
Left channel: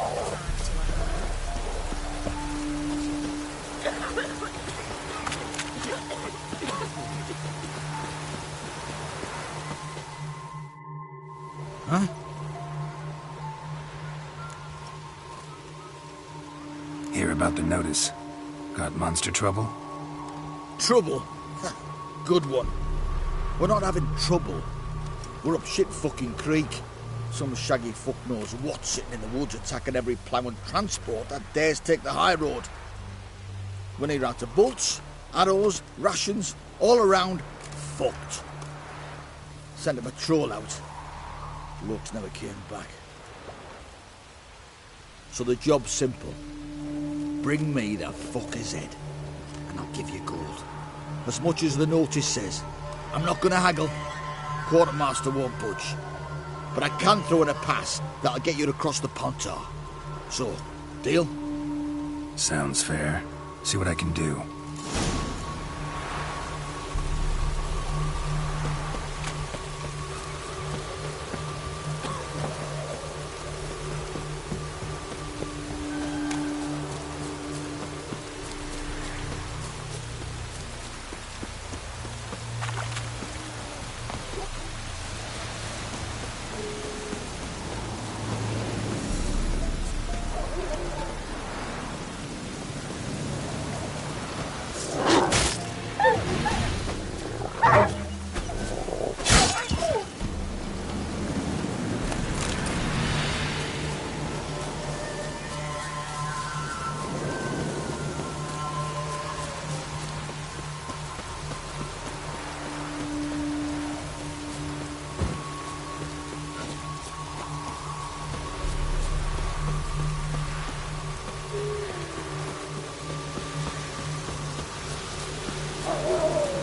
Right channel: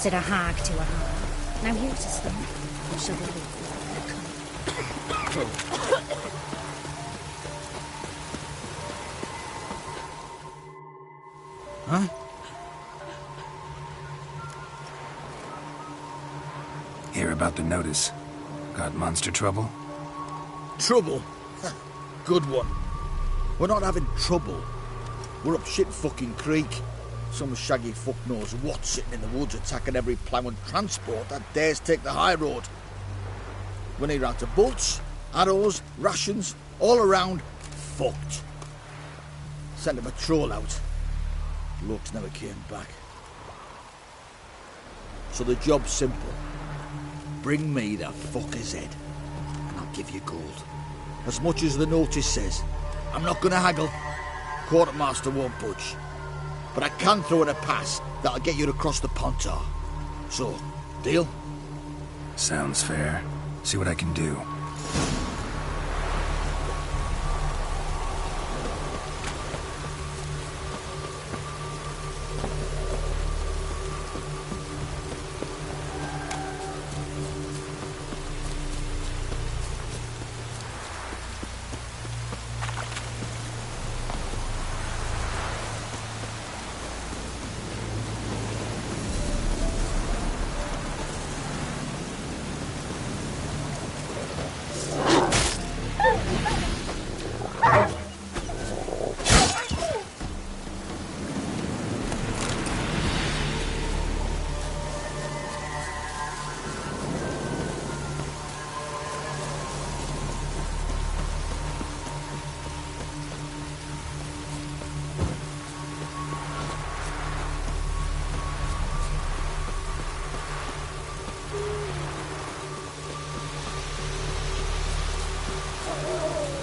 Said a hog to a hog. Now here's the thing. Huh? Hear about the notice. Got monster trouble? Trouble? Good one. We're not having trouble. We're up shit fucking creek. Some shaggy fuck knows what sitting in the woods attacking every plough and transport that dares take the high road. We're near out to bolts, arrows, rations, all around, fucked. Sent a patrol out. Blokes never came back. So the job's simple. Bring me the fucker's head, and I'll give you gold. As much as the notice says. I'm not gonna haggle. Quartermaster won't budge. But I can throw in a pass that'll get you across the Pontar. So, deal? Sounds fair. See what I can do.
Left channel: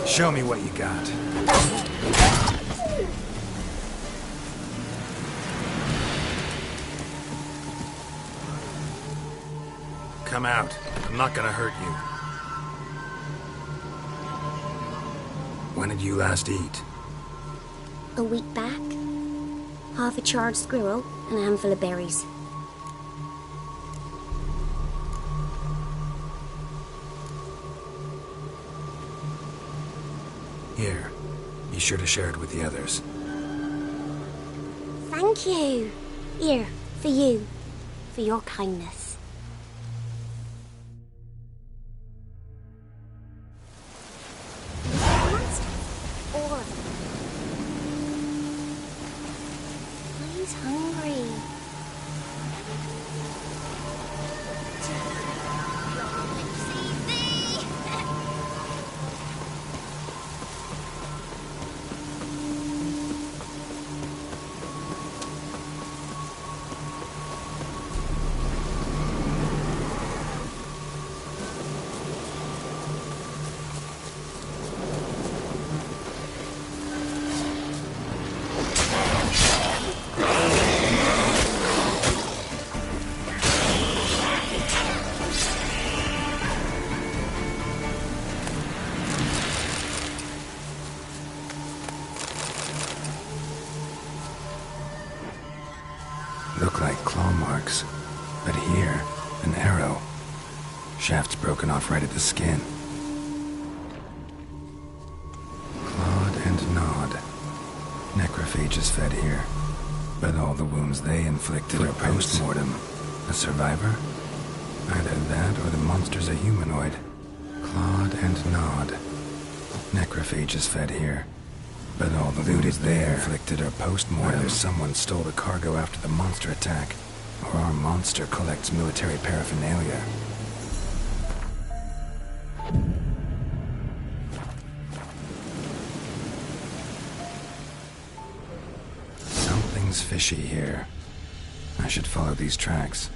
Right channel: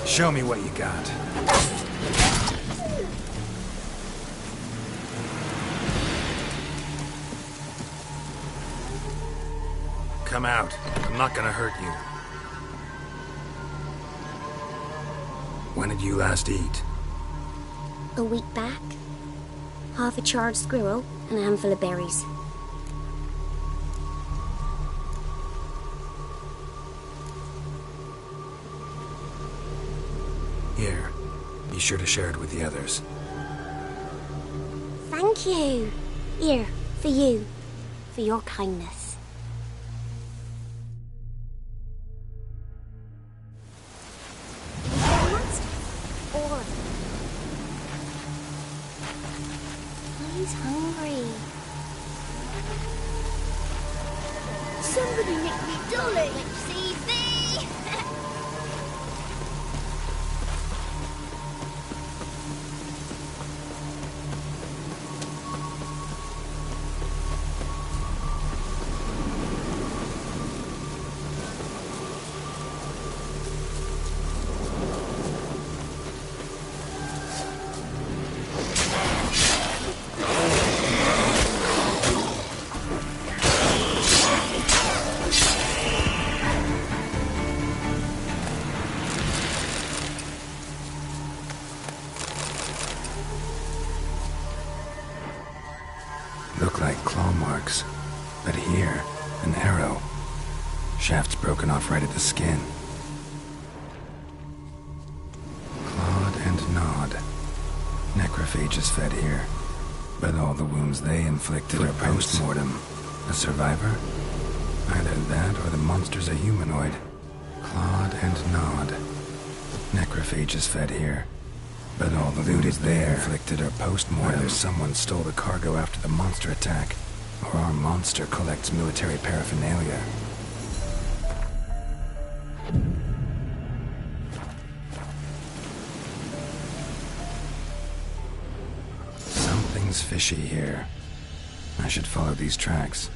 Show me what you got. Come out. I'm not gonna hurt you. When did you last eat? A week back. Half a charred squirrel and a handful of berries. Here. Be sure to share it with the others. Thank you. Here, for you. For your kindness. All of them. He's hungry. Somebody make me dolly. Let's see thee. Look like claw marks. But here, an arrow. Shaft's broken off right at the skin. Clawed and gnawed. Necrophages fed here. But all the wounds they inflicted are post-mortem. A survivor? Either that or the monster's a humanoid. Clawed and gnawed. Necrophages fed here. But all the loot is there inflicted are post-mortem. Either someone stole the cargo after the monster attack, or our monster collects military paraphernalia. Something's fishy here. I should follow these tracks.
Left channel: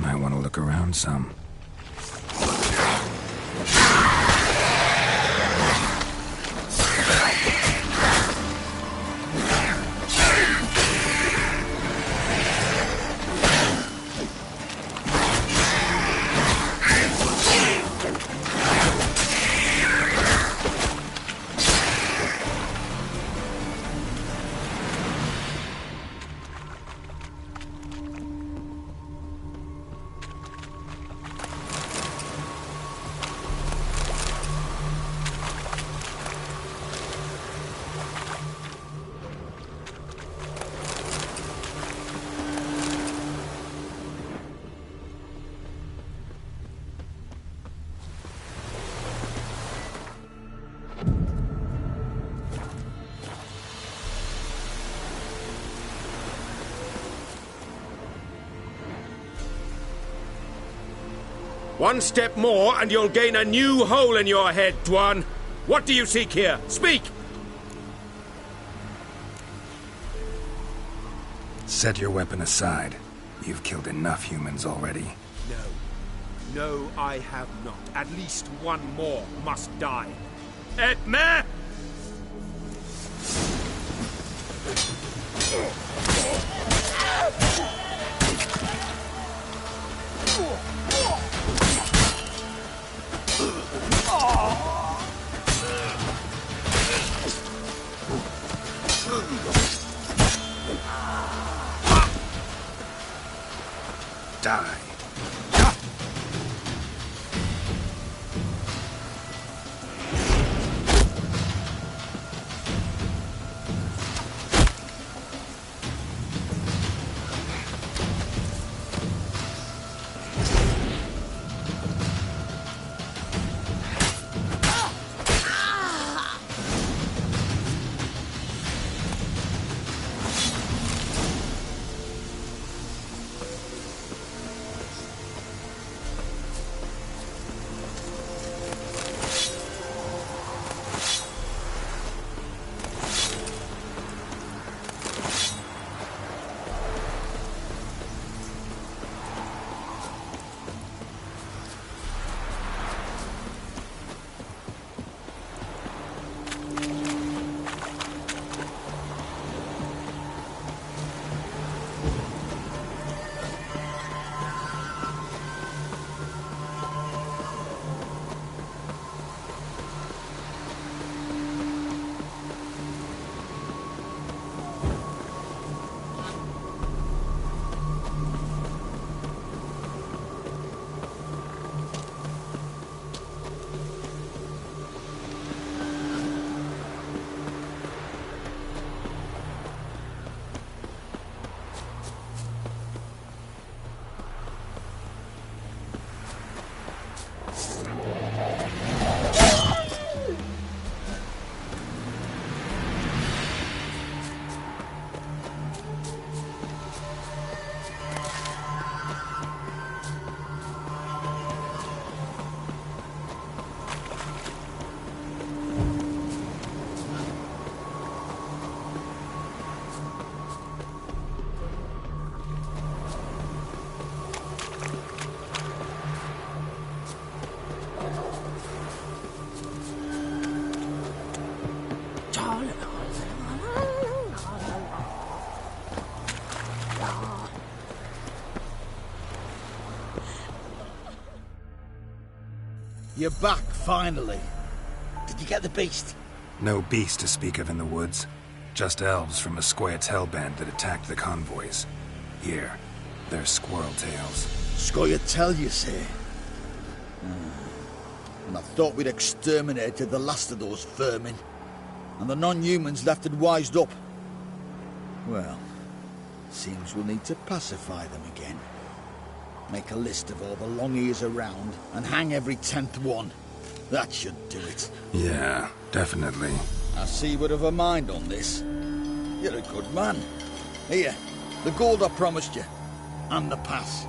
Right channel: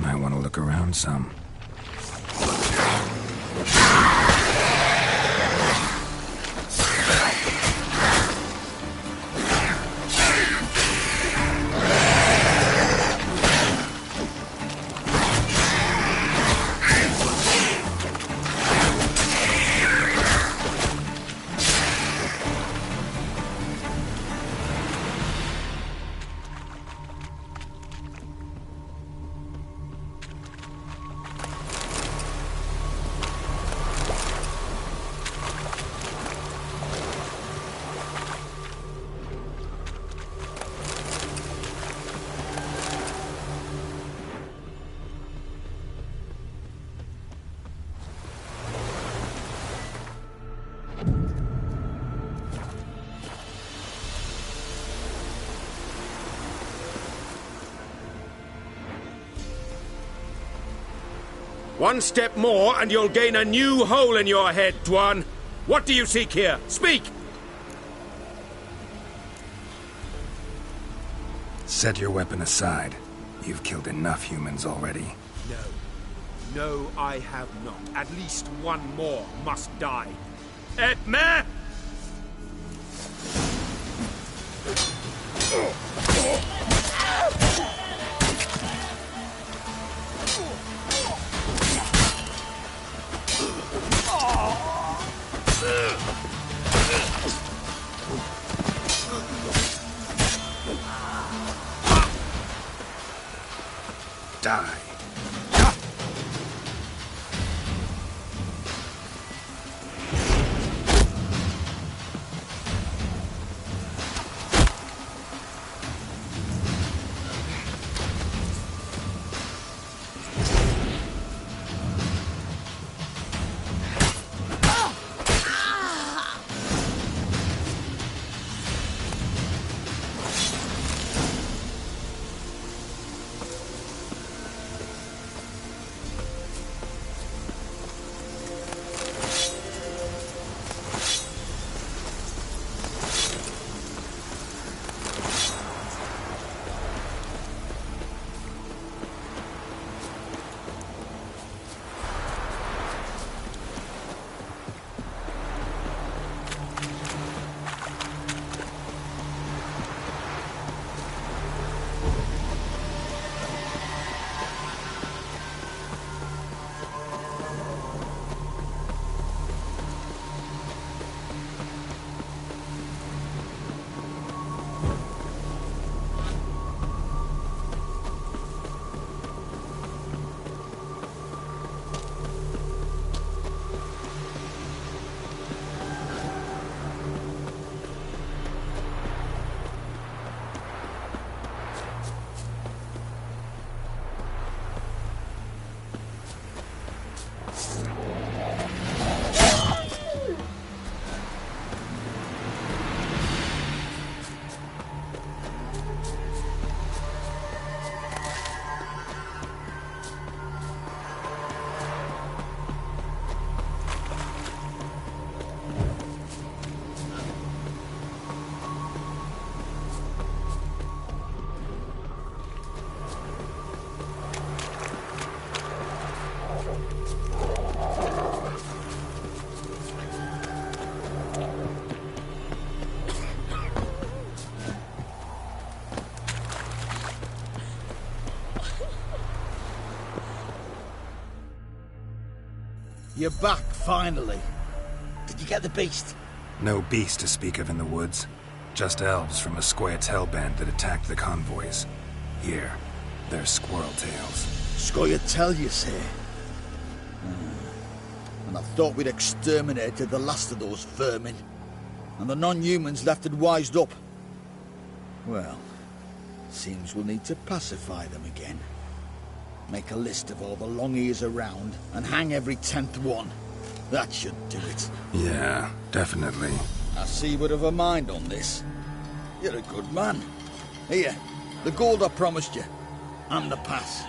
Might want to look around some. One step more and you'll gain a new hole in your head, Dwan. What do you seek here? Speak! Set your weapon aside. You've killed enough humans already. No. No, I have not. At least one more must die. Et me! Die. You're back, finally. Did you get the beast? No beast to speak of in the woods. Just elves from a Square Tail band that attacked the convoys. Here, they're squirrel tails. Square Tail, you say? And I thought we'd exterminated the last of those vermin. And the non-humans left had wised up. Well, seems we'll need to pacify them again. Make a list of all the long ears around and hang every 10th one. That should do it. Yeah, definitely. I see you would have a mind on this. You're a good man. Here, the gold I promised you. And the pass.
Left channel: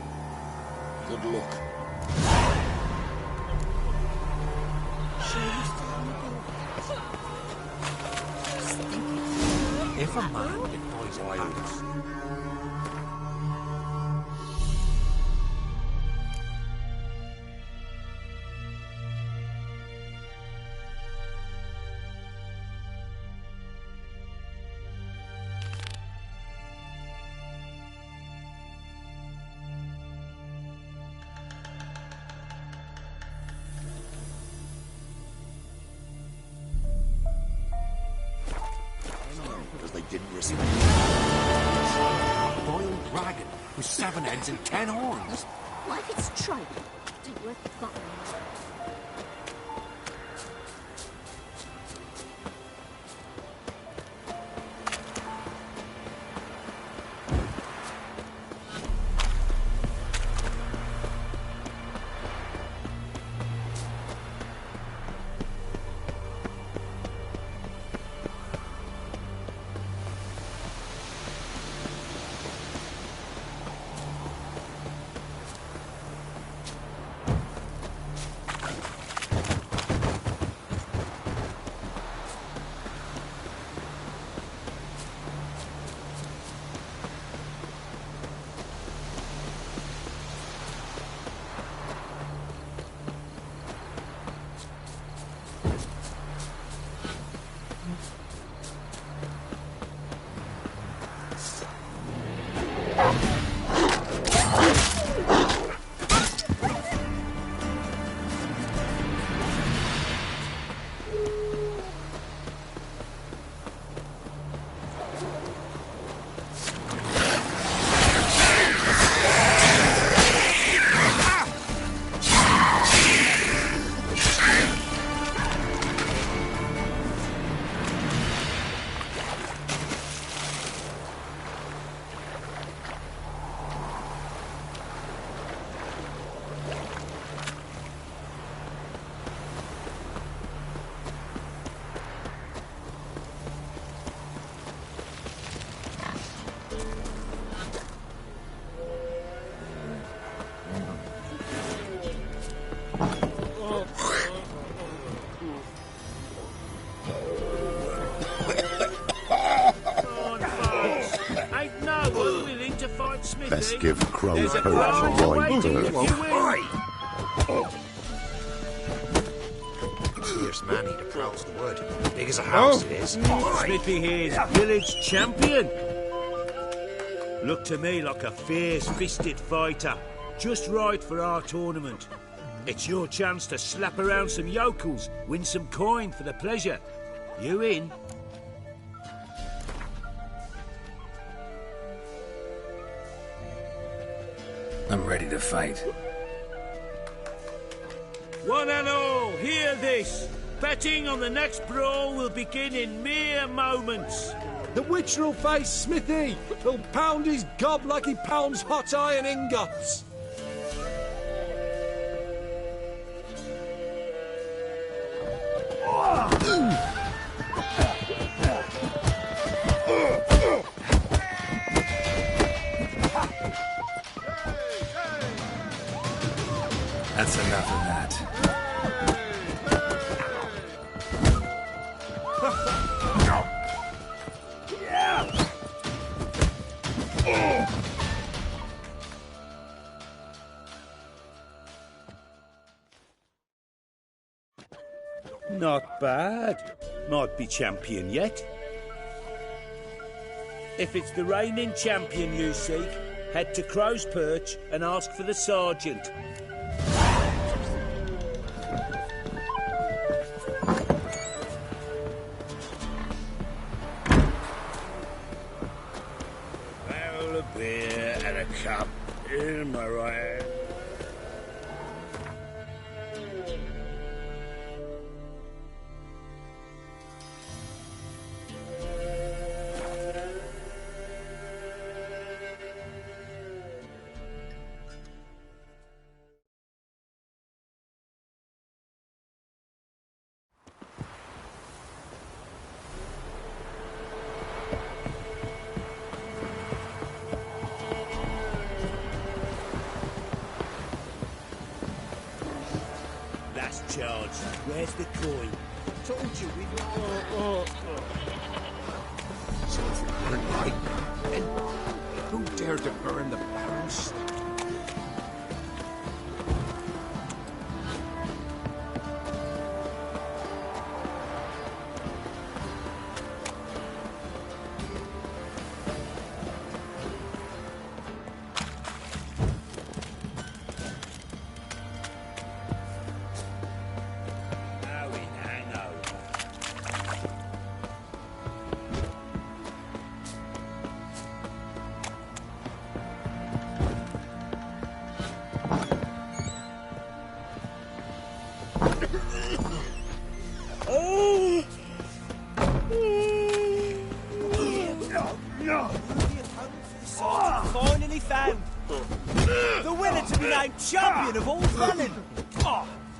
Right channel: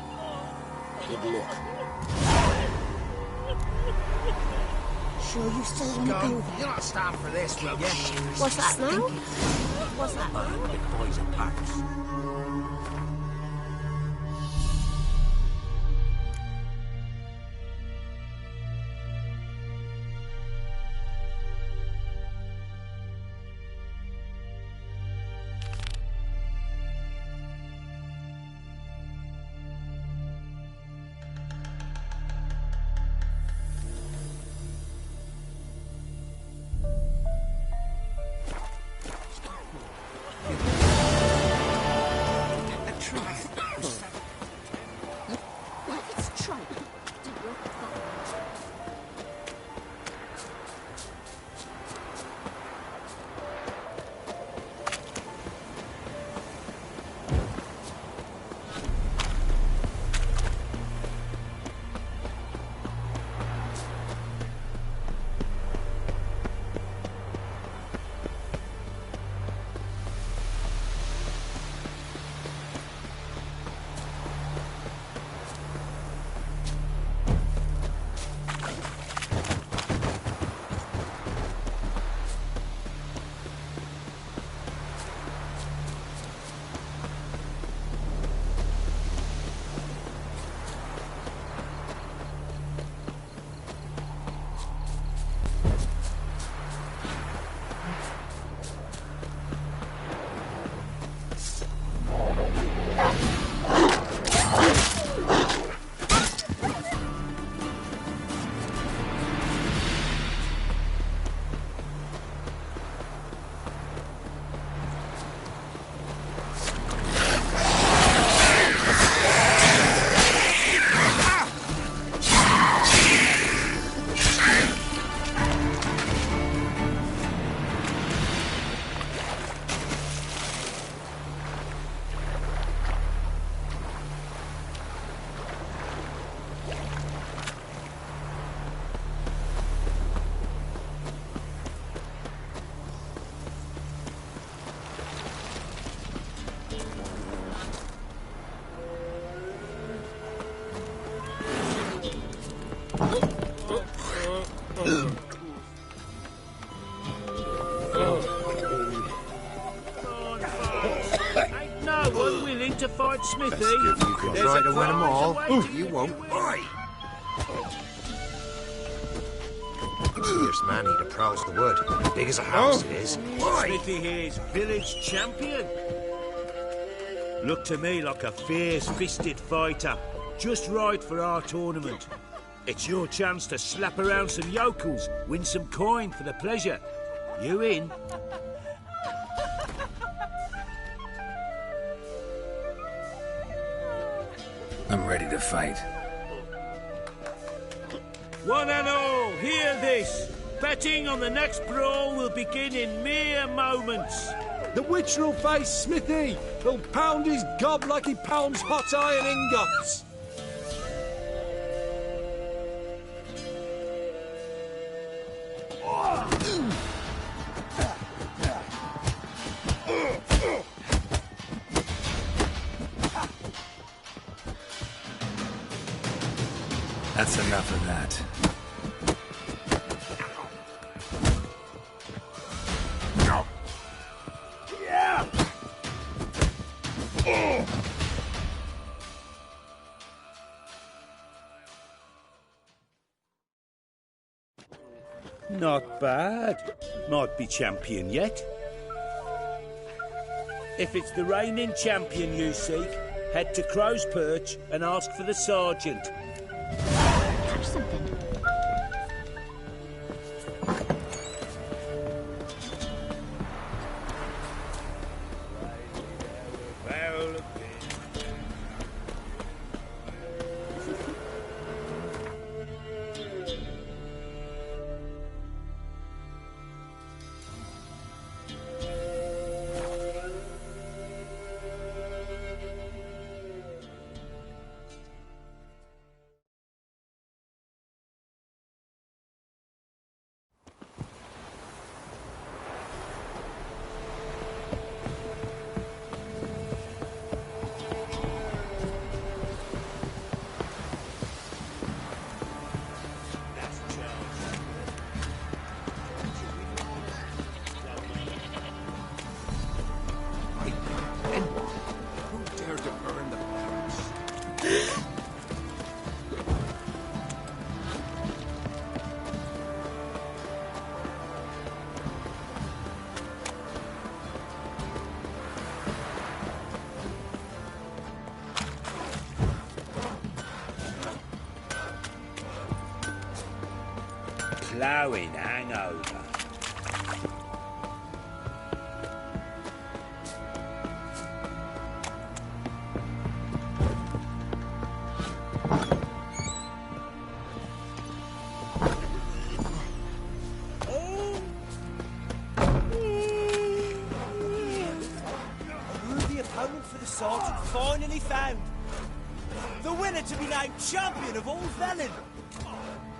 Good luck. Sure you still on the bill? You're not start for this, will you? What's that now? What's that now? Boys and packs. Dragon with 7 heads and 10 horns. What if it's Troll? Do you have fight Smithy? Let's give Crow There's a prize awaiting if you win. Fierce man, he prowls the wood. Big as a house it is. Smithy here's village champion. Look to me like a fierce-fisted fighter. Just right for our tournament. It's your chance to slap around some yokels, win some coin for the pleasure. You in? I'm ready to fight. One and all, hear this. Betting on the next brawl will begin in mere moments. The Witcher will face Smithy. He'll pound his gob like he pounds hot iron ingots. That's enough of that. Not bad. Might be champion yet. If it's the reigning champion you seek, head to Crow's Perch and ask for the sergeant. Catch something. A barrel of beer and a cup in my right hand. Where's the coin? Told you we'd... Right. And who dared to burn the barrels? Ploughing hangover. Oh! The opponent for the sergeant finally found. The winner to be named champion of all Felon.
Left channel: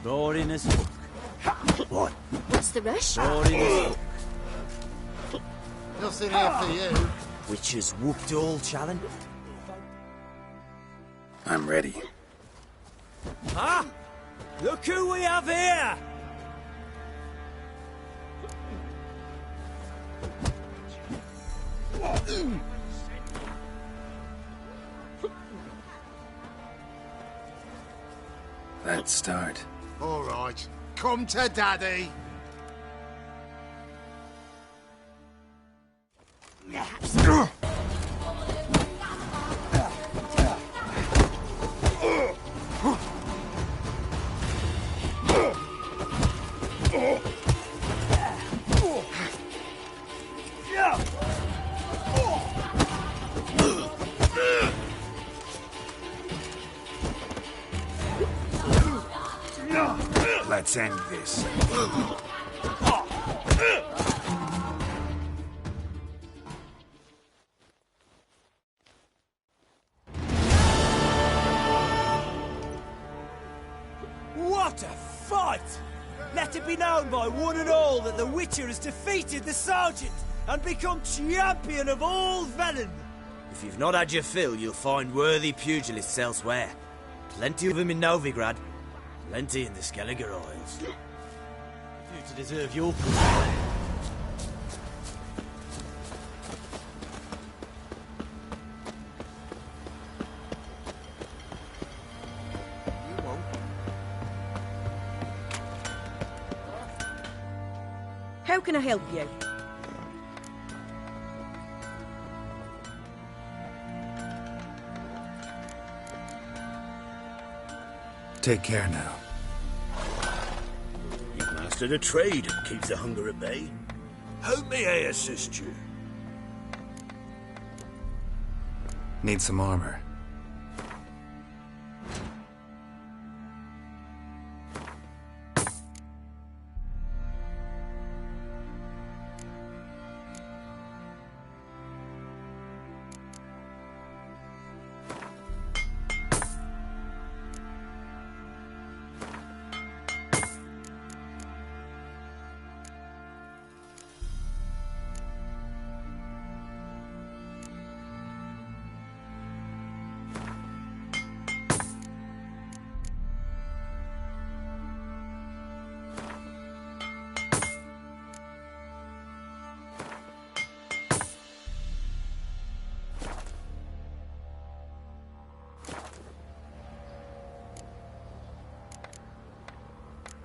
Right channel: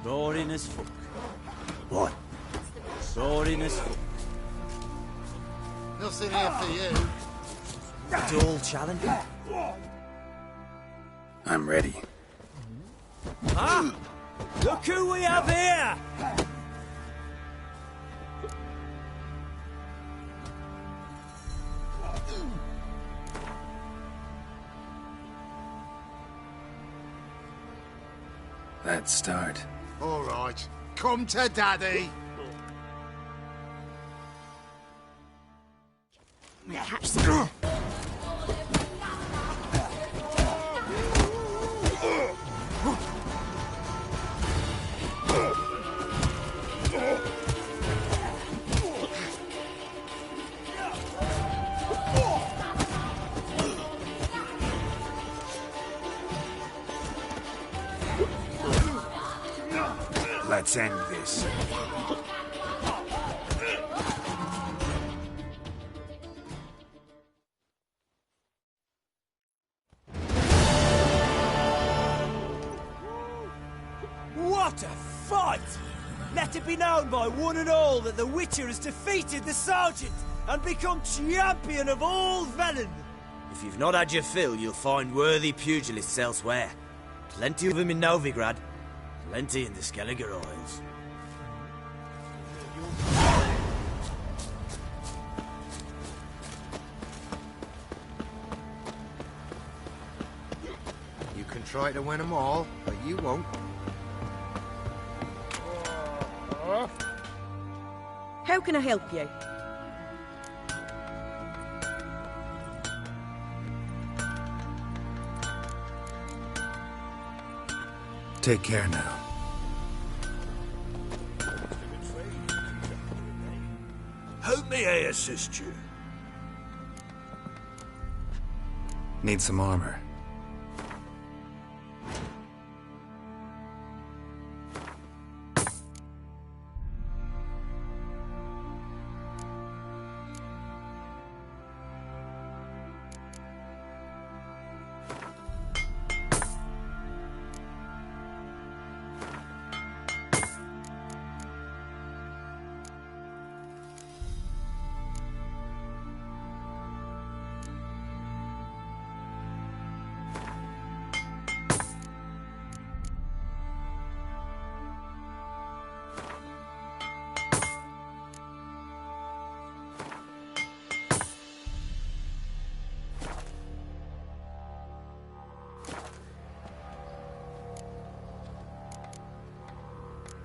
Boring as fuck. What? What's the rush? Boring as fuck. Nothing here for you. Which is whooped all challenge. I'm ready. Ah! Look who we have here! Let's start. All right. Come to Daddy. Perhaps. Let's end this. What a fight! Let it be known by one and all that the Witcher has defeated the Sergeant and become champion of all Velen. If you've not had your fill, you'll find worthy pugilists elsewhere. Plenty of them in Novigrad, plenty in the Skelliger Isles. You deserve your... try to win them all, but you won't. How can I help you? Take care now. Master the trade and keeps the hunger at bay. How may I assist you? Need some armor.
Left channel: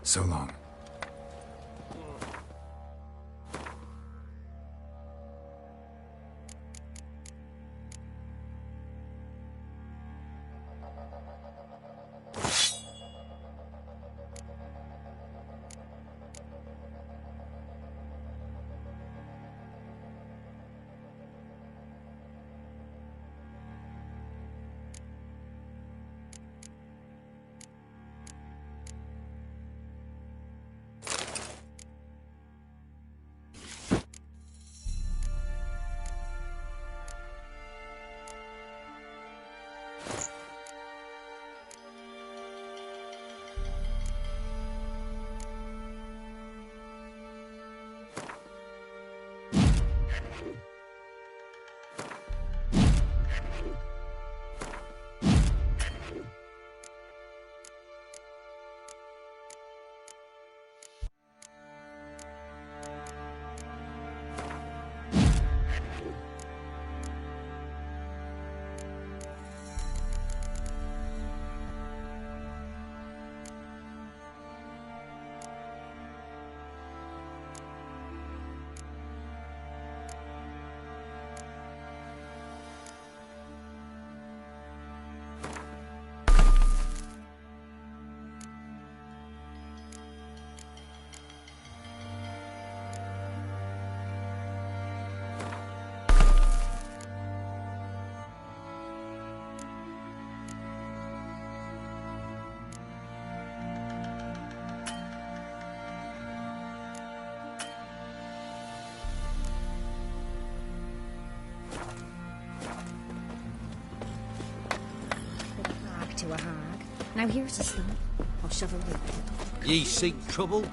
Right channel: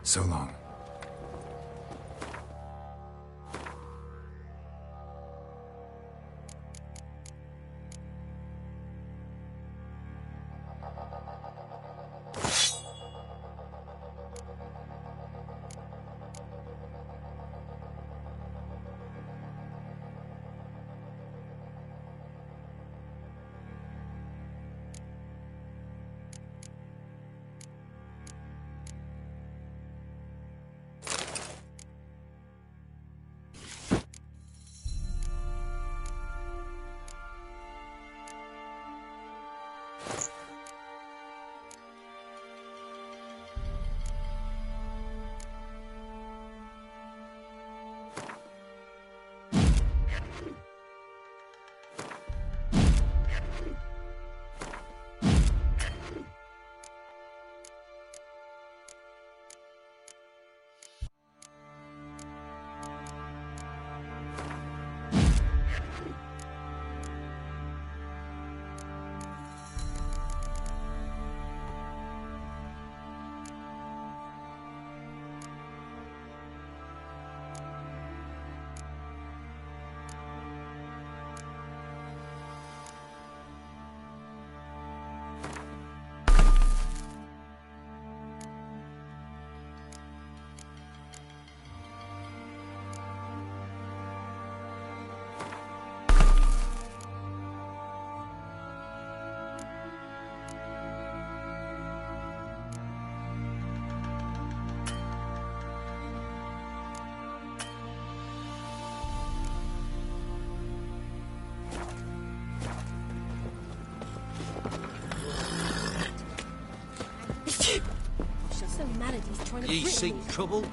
So long. Now here's I'll shovel you. Ye seek trouble?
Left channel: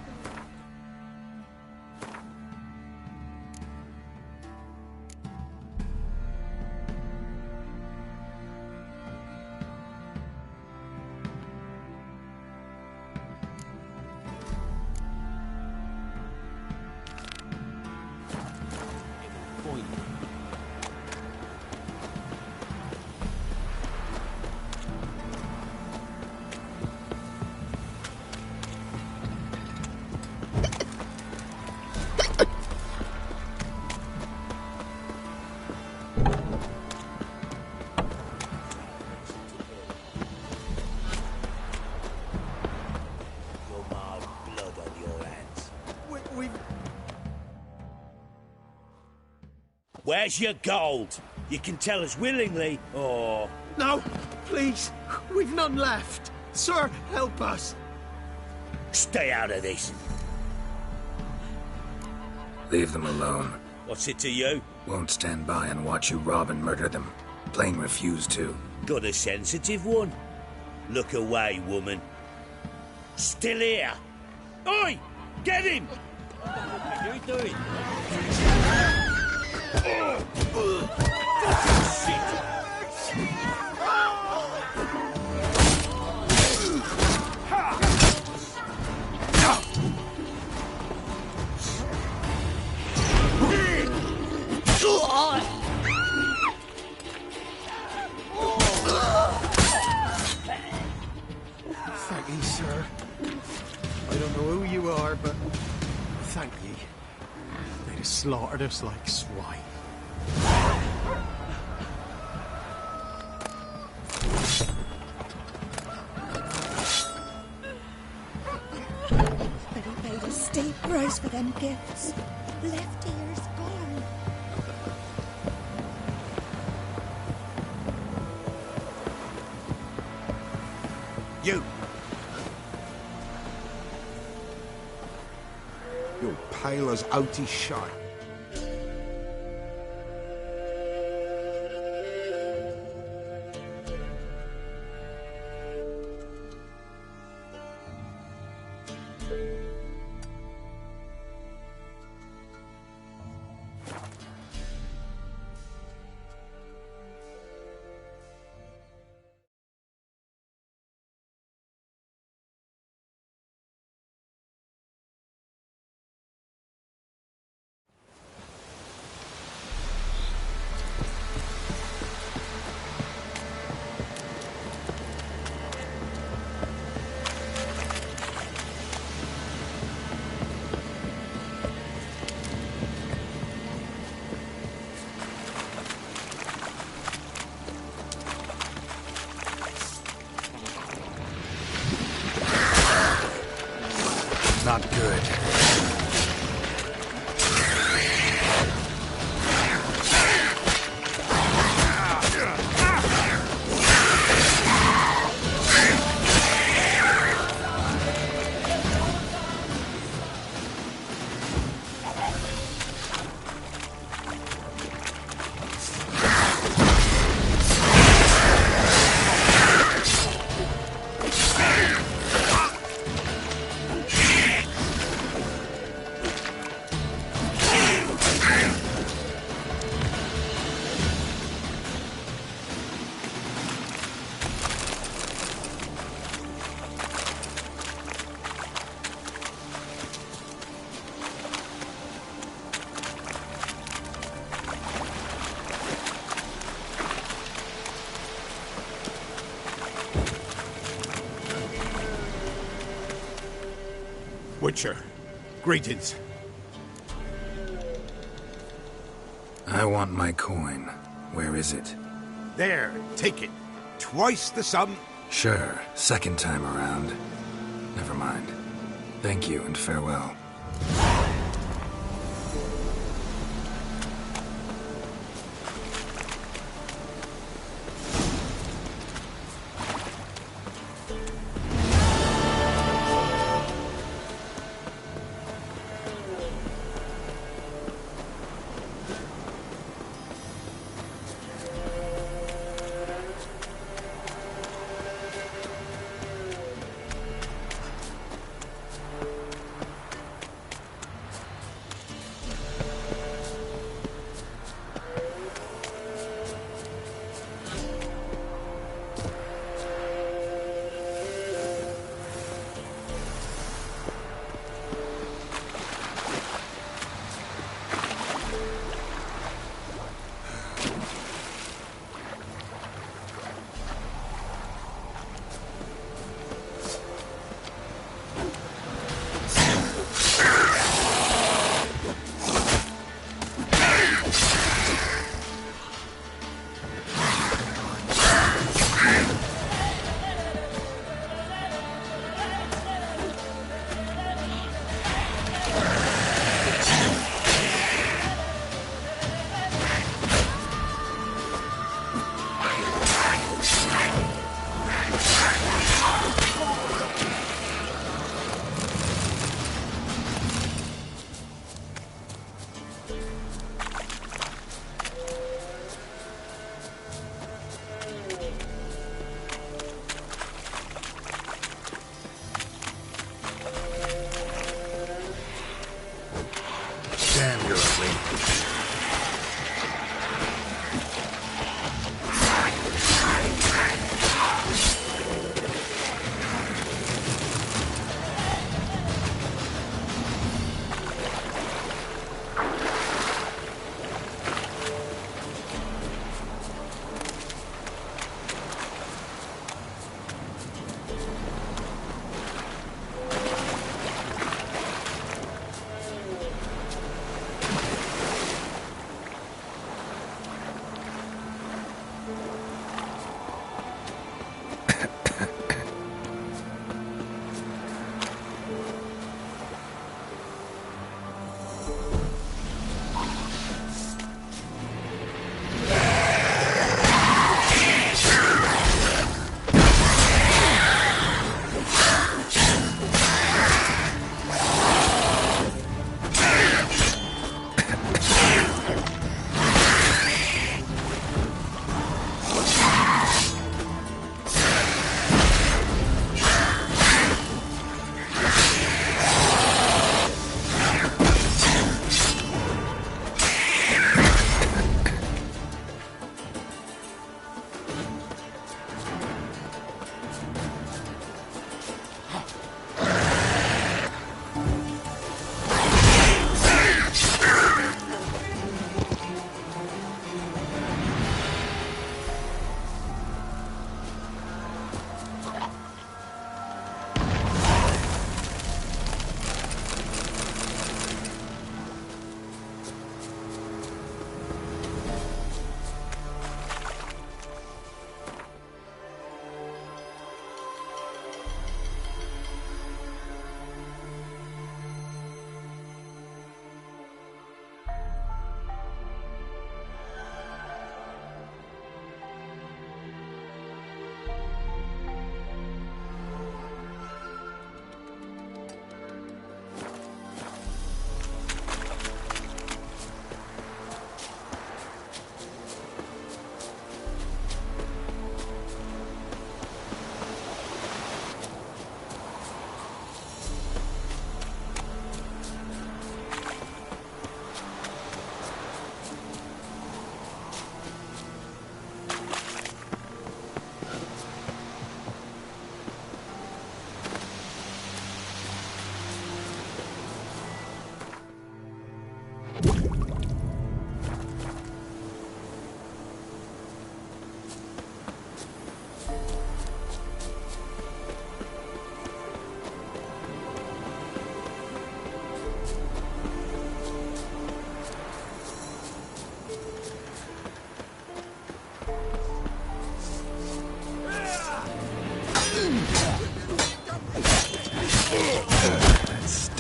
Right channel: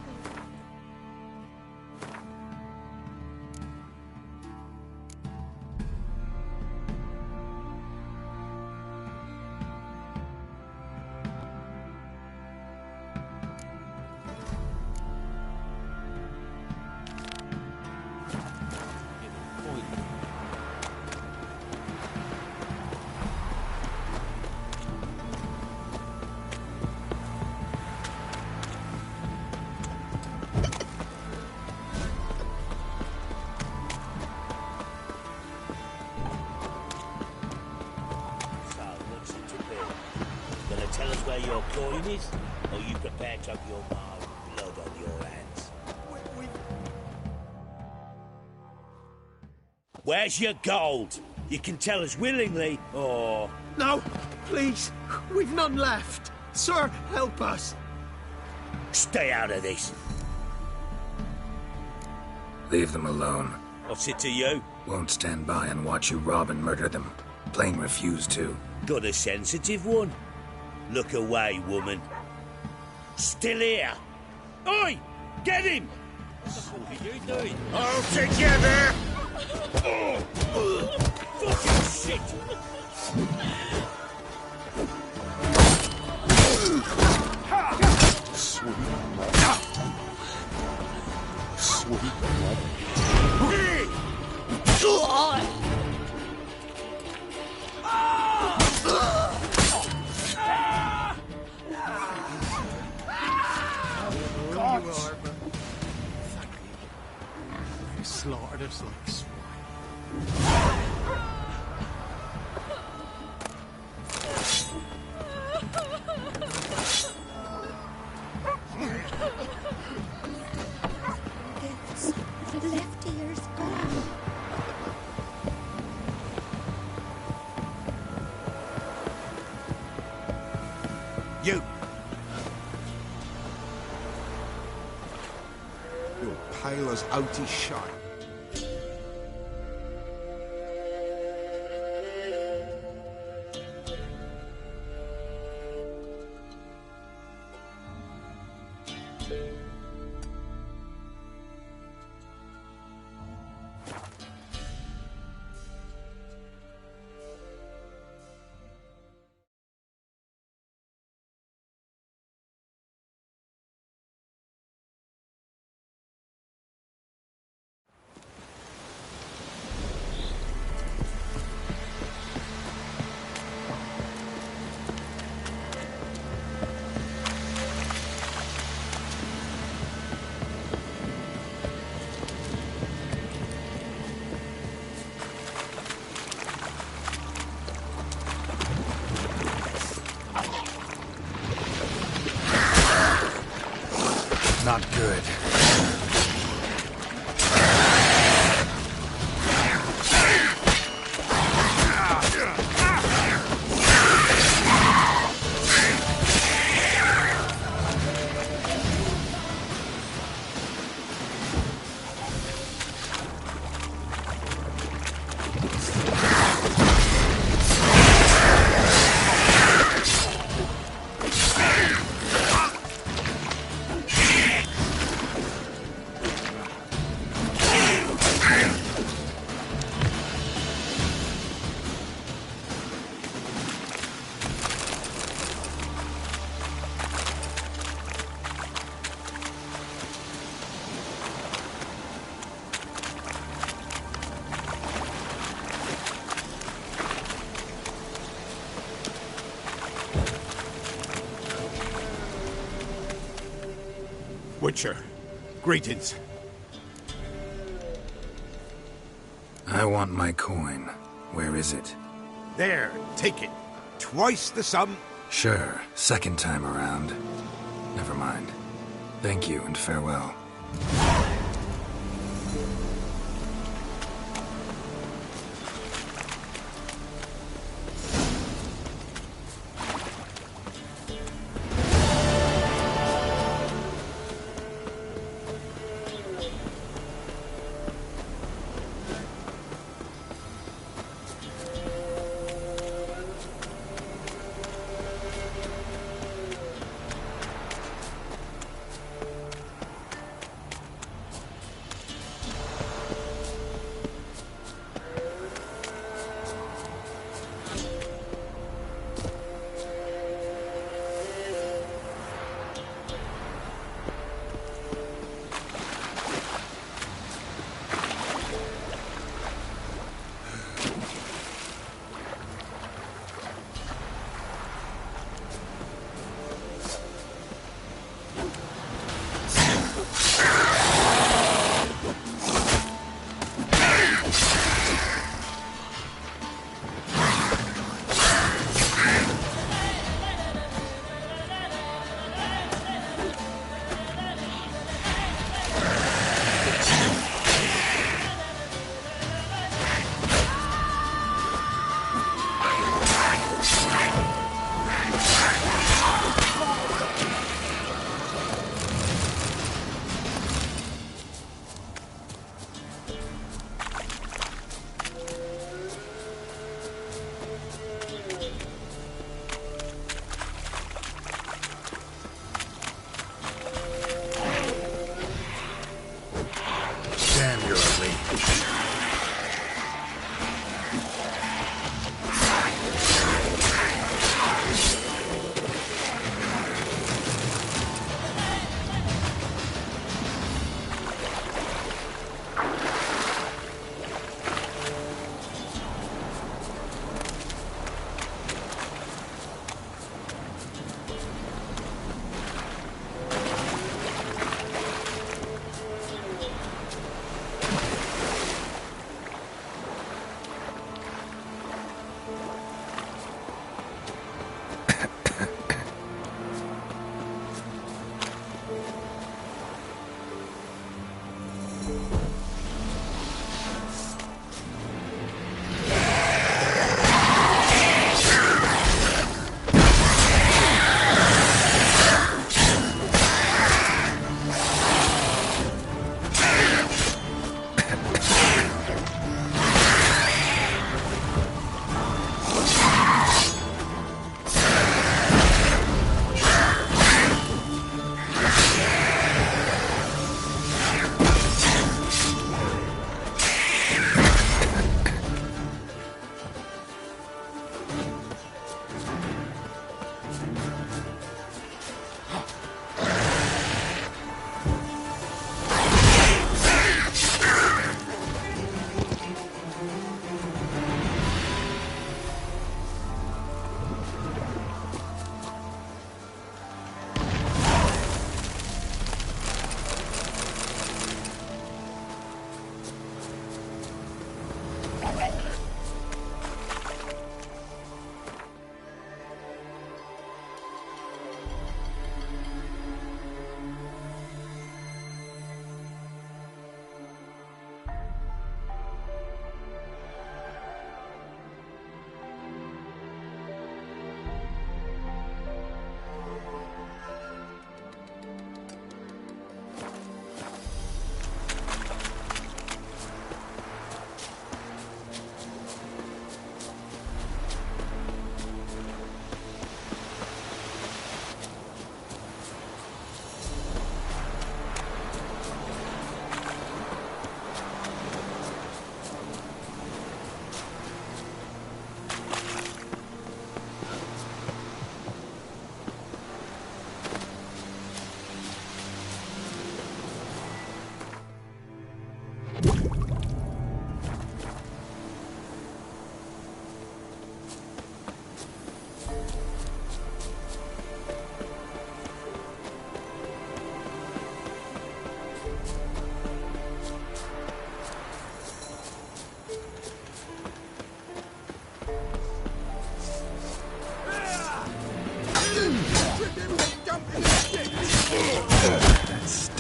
Where's your gold? You can tell us willingly, or... No, please. We've none left. Sir, help us. Stay out of this. Leave them alone. What's it to you? Won't stand by and watch you rob and murder them. Plain refuse to. Got a sensitive one? Look away, woman. Still here. Oi! Get him! What are you doing? I'll take you there! Fucking shit! slaughtered us like swine. Still prays for them gifts. Left ear's gone. You! You're pale as oaty shite. Not good. Witcher, greetings. I want my coin. Where is it? There, take it. Twice the sum. Sure, second time around. Never mind. Thank you and farewell.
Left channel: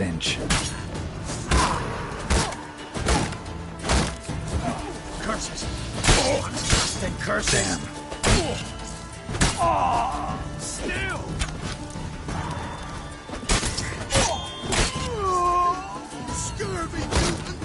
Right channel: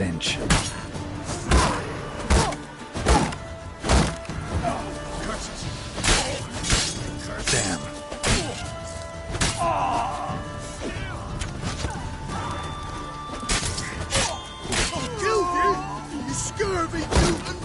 stench. Curses! Then curses! Damn. Still! You scurvy mutant!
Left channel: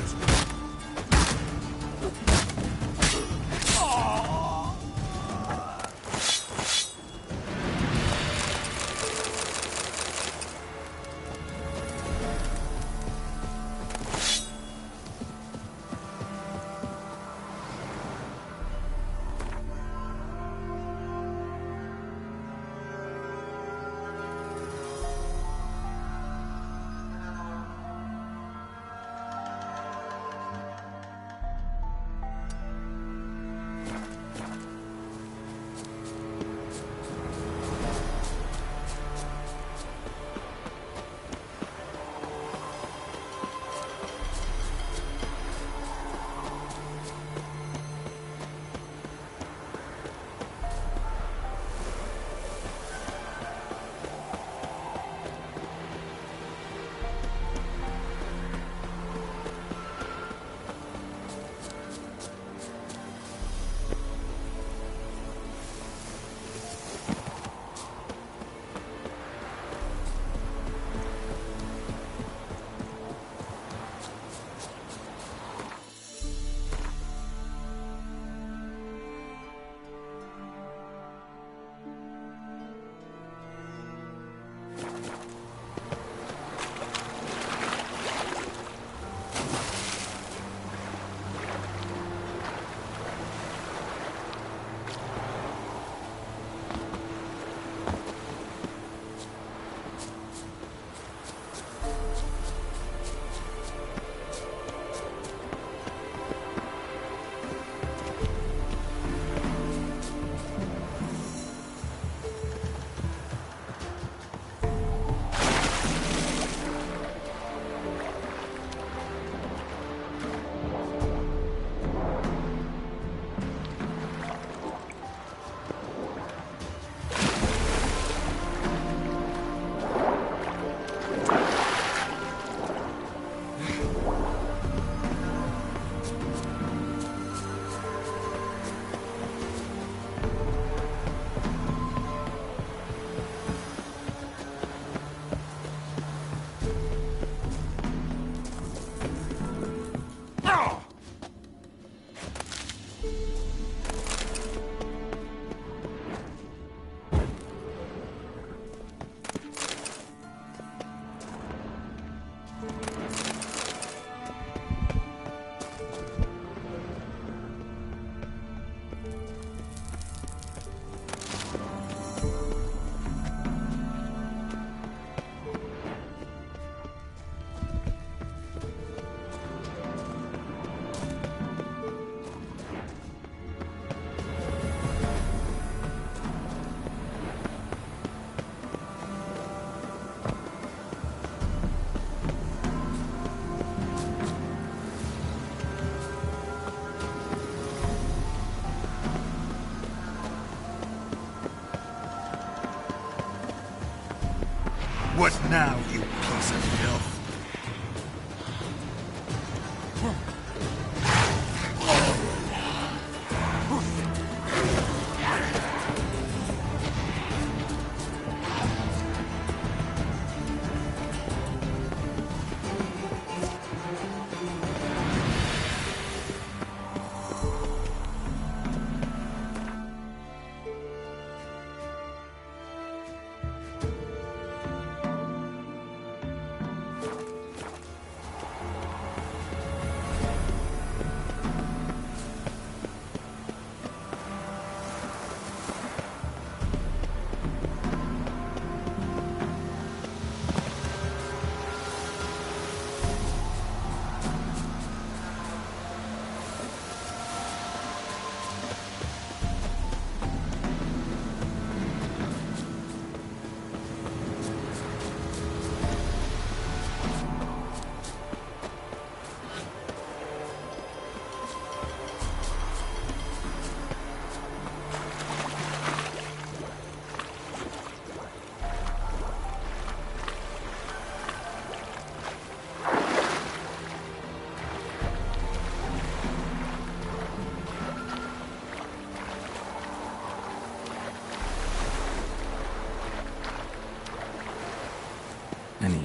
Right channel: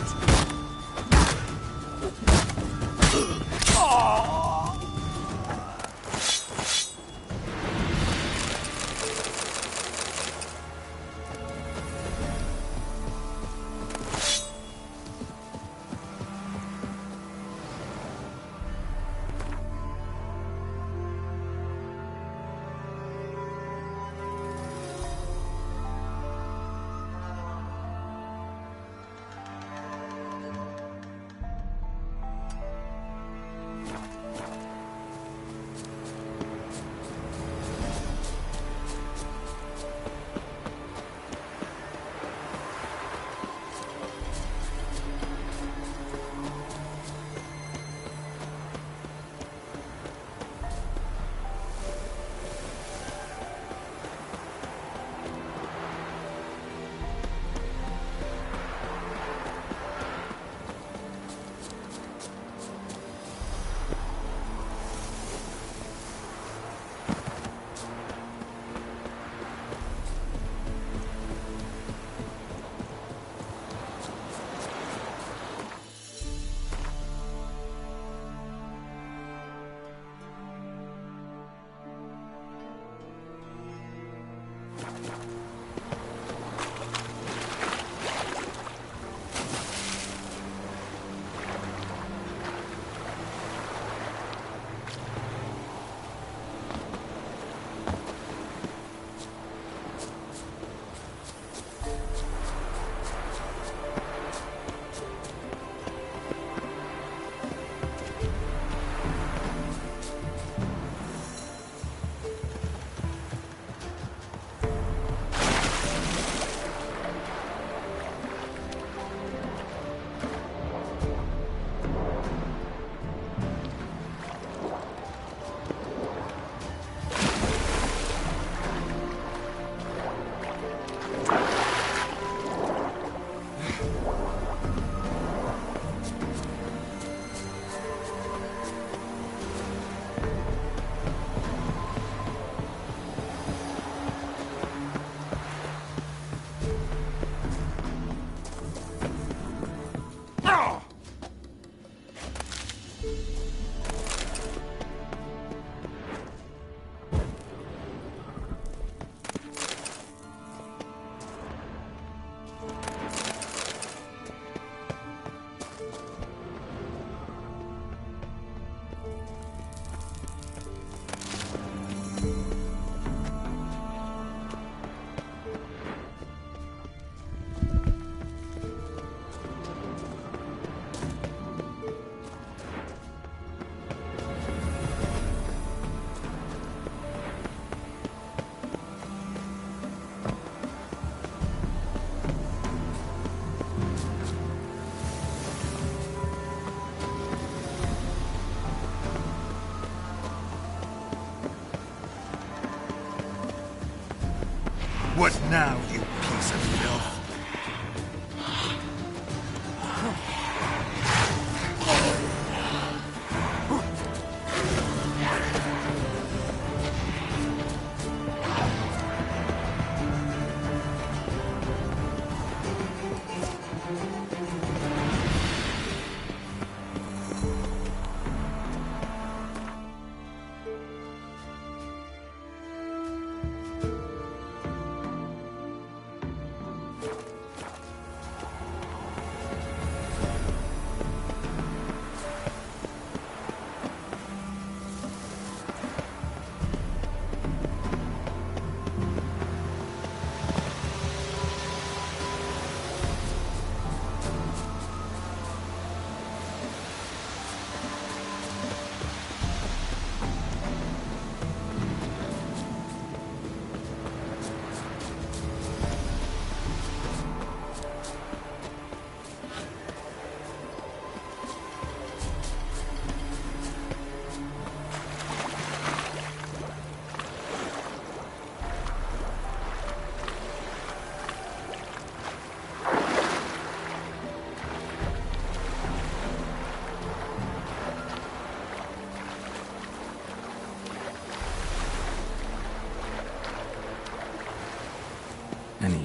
What now, you piece of filth?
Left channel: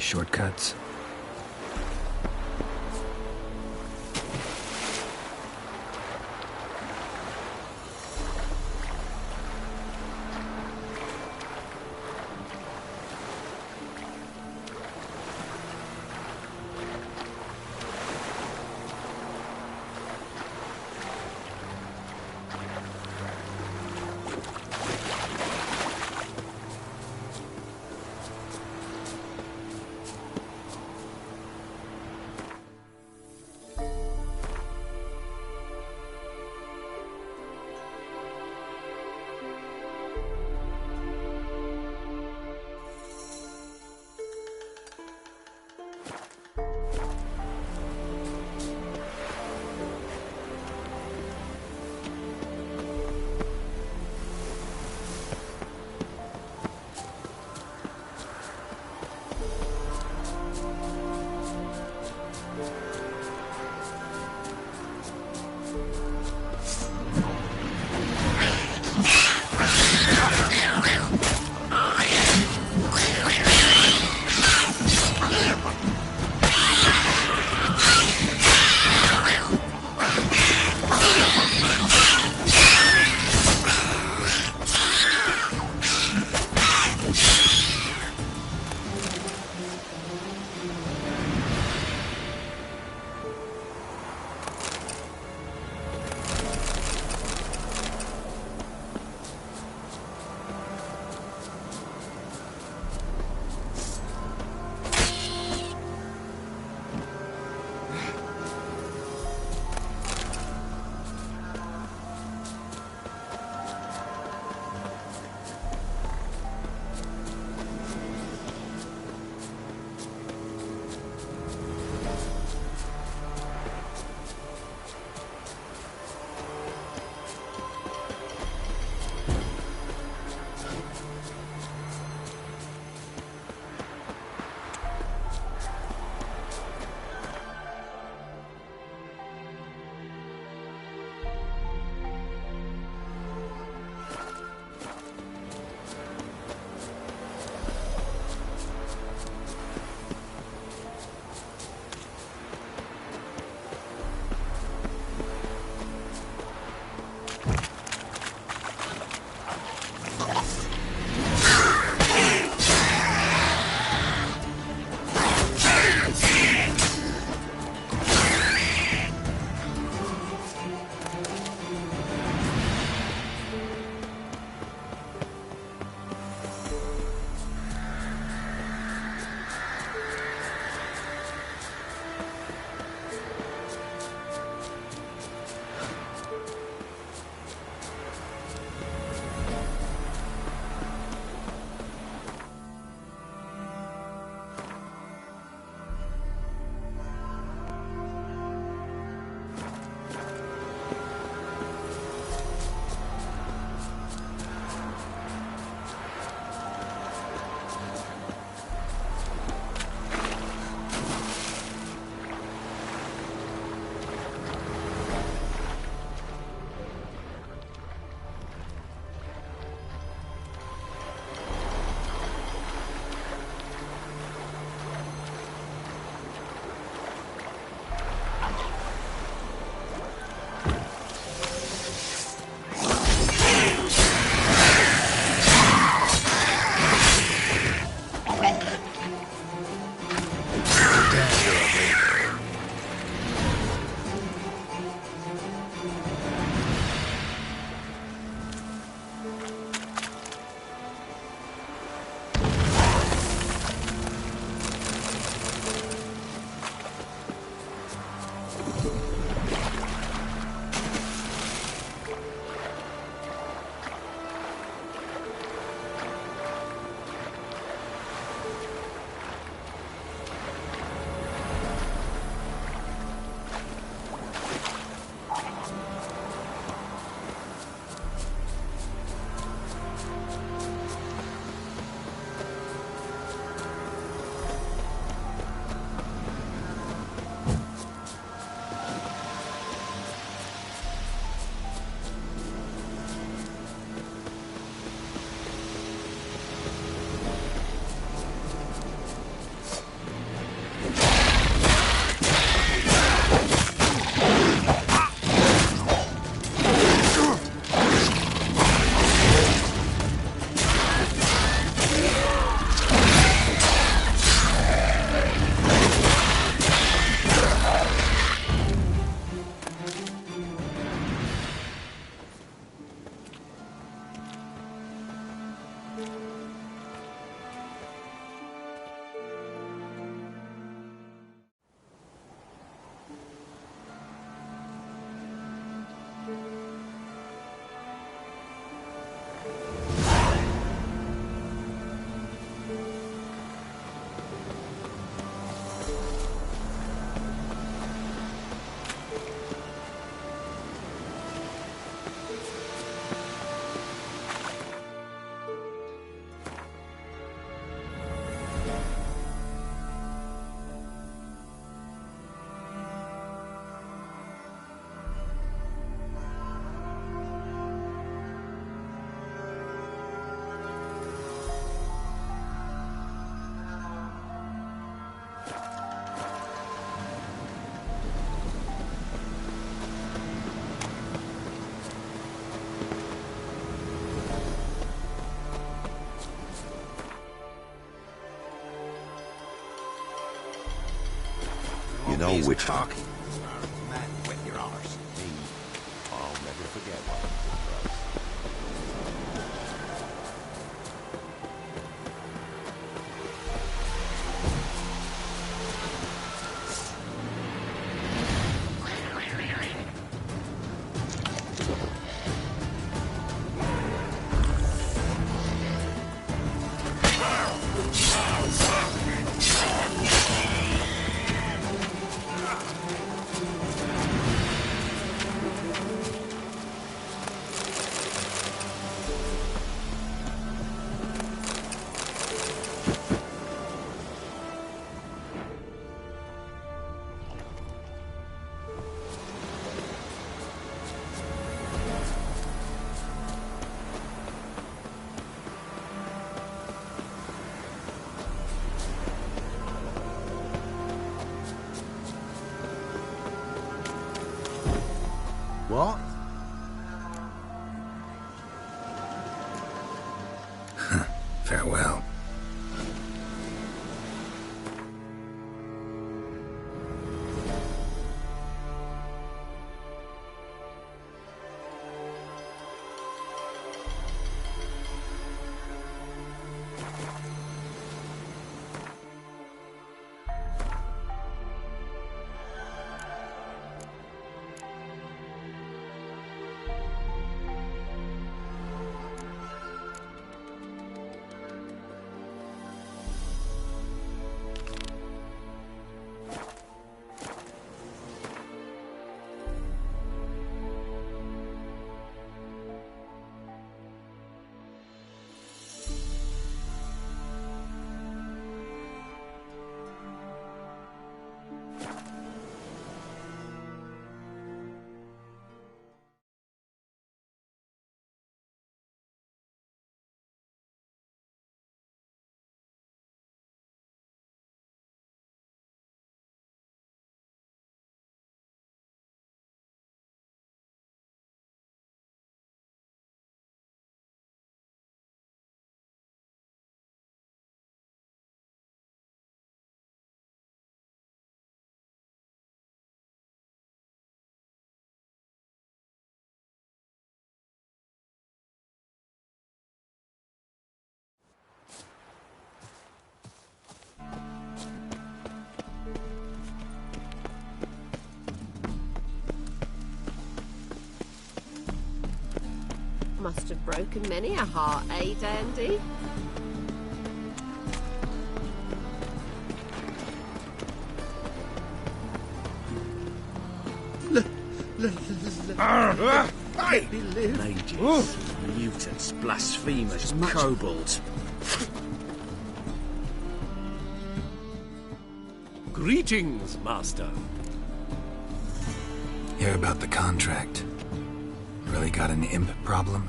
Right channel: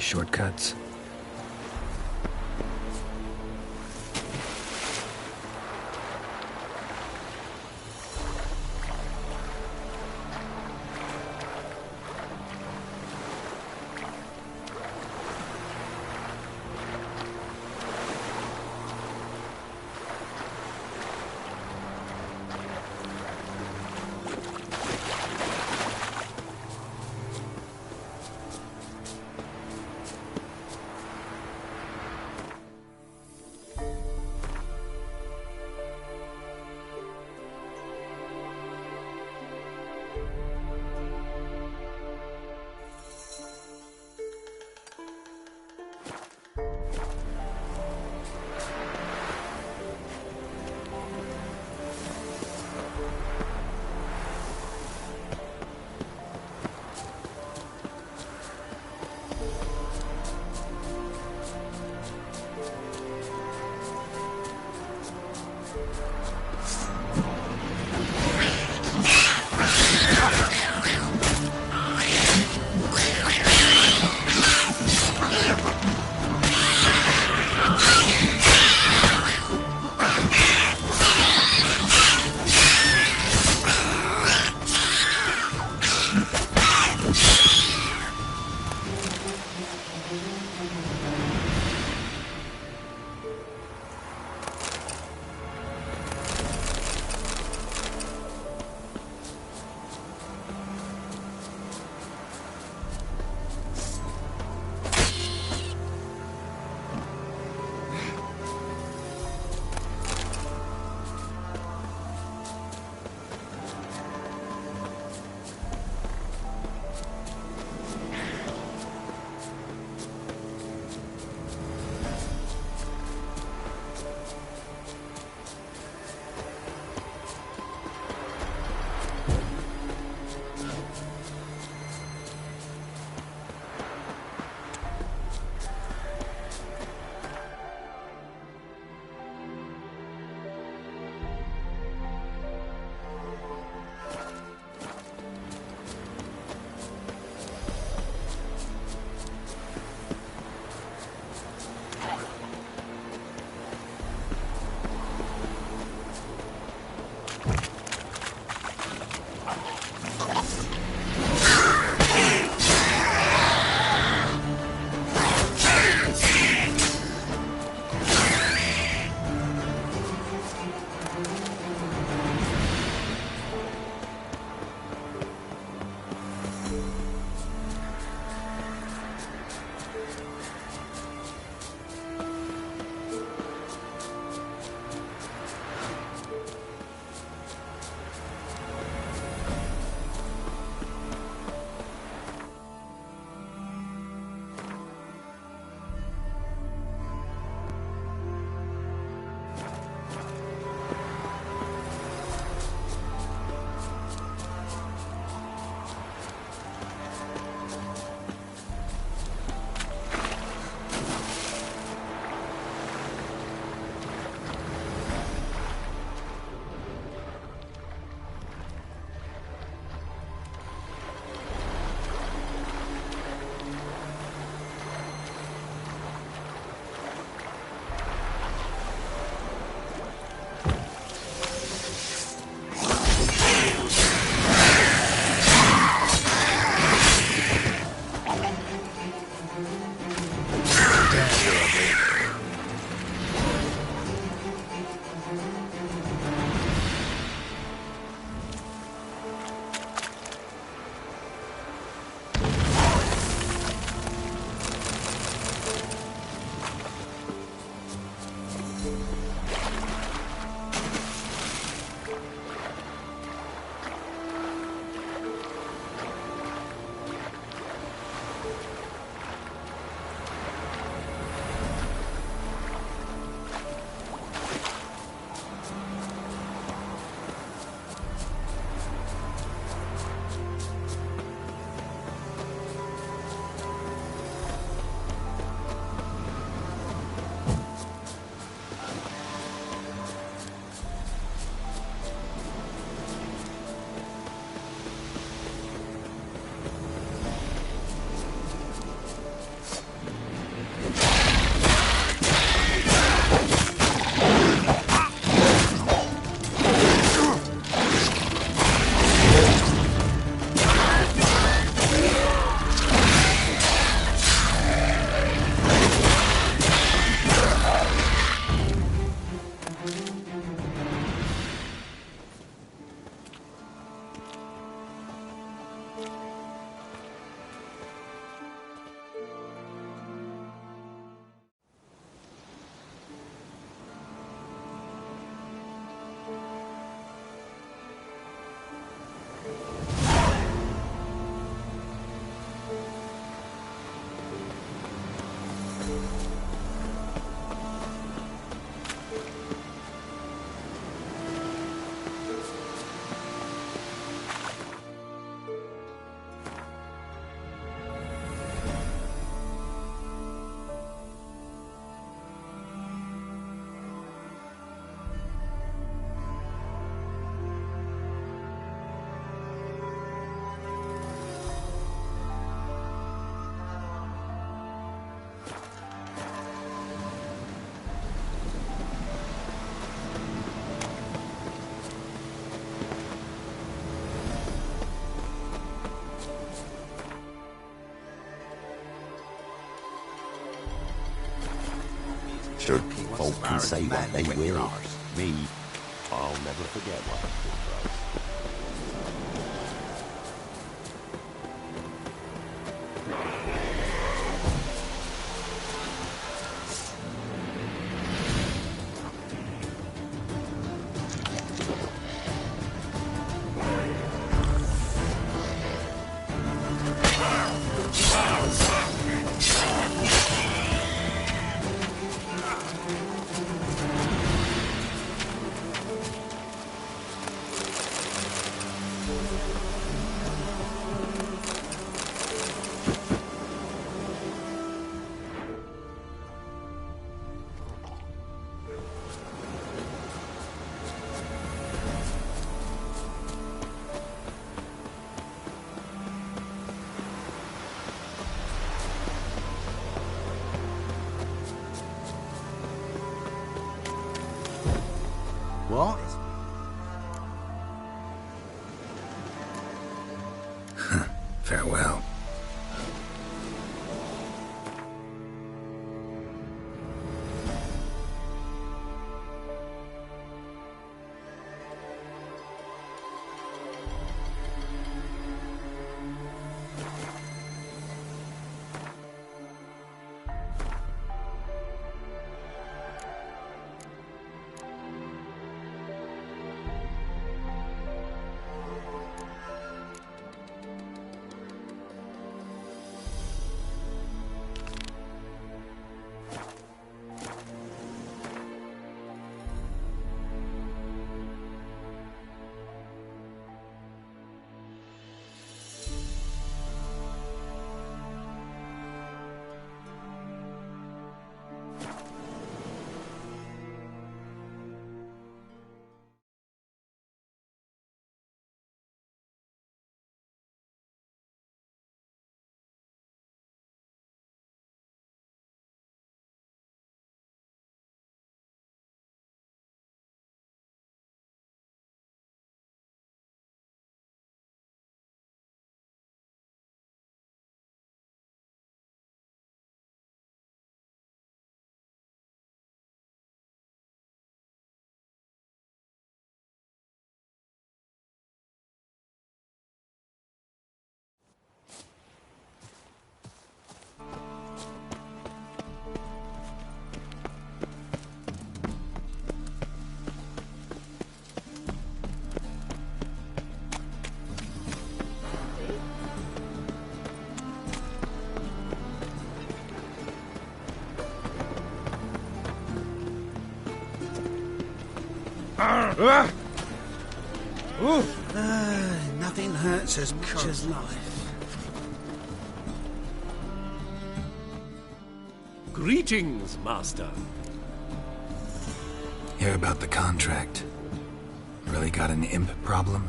shortcuts? Well, Witcher, folk can say what they will. Me, I'll never forget what I did, bro. What? Farewell. Must have broken many a heart, eh, Dandy? Blasphemous kobolds. Greetings, Master. Hear about the contract. Really got an imp problem?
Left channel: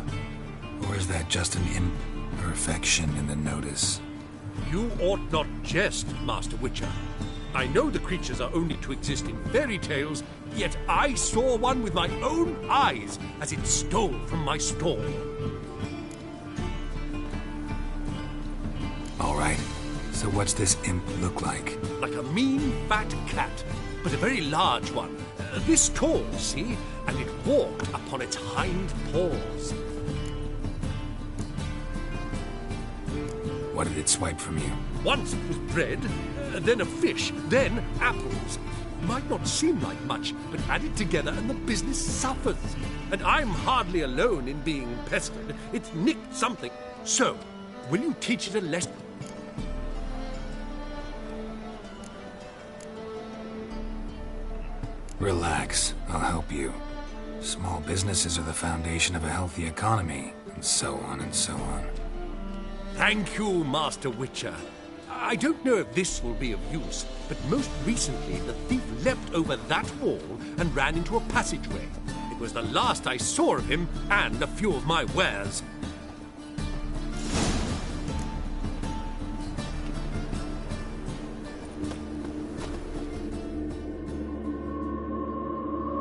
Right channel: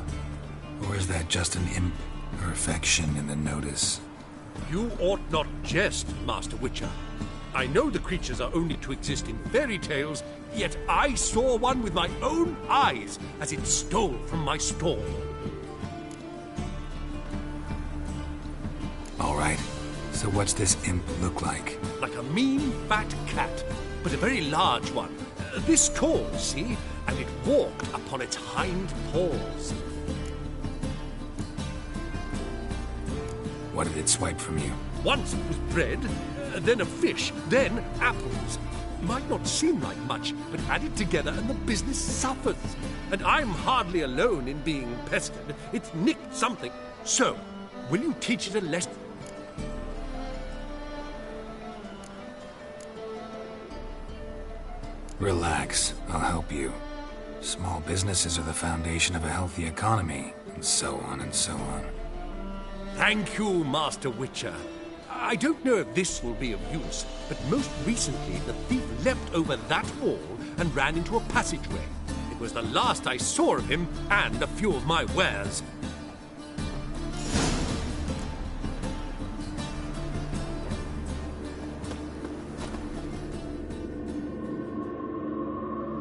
Or is that just an imp perfection in the notice? You ought not jest, Master Witcher. I know the creatures are only to exist in fairy tales, yet I saw one with my own eyes as it stole from my stall. All right. So what's this imp look like? Like a mean, fat cat, but a very large one. This tall, see? And it walked upon its hind paws. What did it swipe from you? Once it was bread, then a fish, then apples. Might not seem like much, but add it together and the business suffers. And I'm hardly alone in being pestered. It's nicked something. So, will you teach it a lesson? Relax, I'll help you. Small businesses are the foundation of a healthy economy, and so on and so on. Thank you, Master Witcher. I don't know if this will be of use, but most recently the thief leapt over that wall and ran into a passageway. It was the last I saw of him and a few of my wares.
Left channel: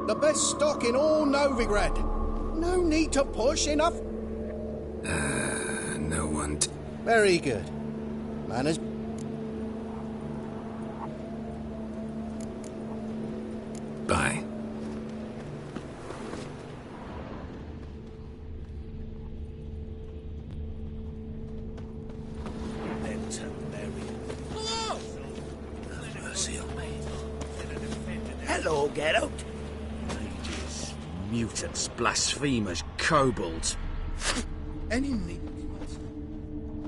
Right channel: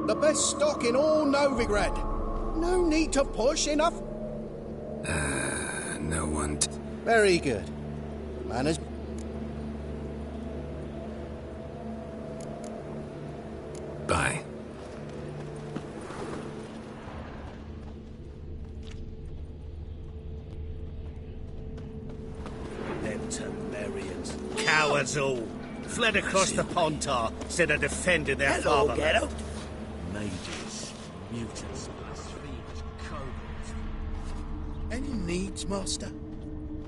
The best stock in all Novigrad. No need to push, enough? No one... Very good. Manners... barbarians. Cowards all. Fled across the Pontar, said of defended their Hello, fatherland. get out. Mages, mutants, blasphemers, kobolds. Any needs, Master?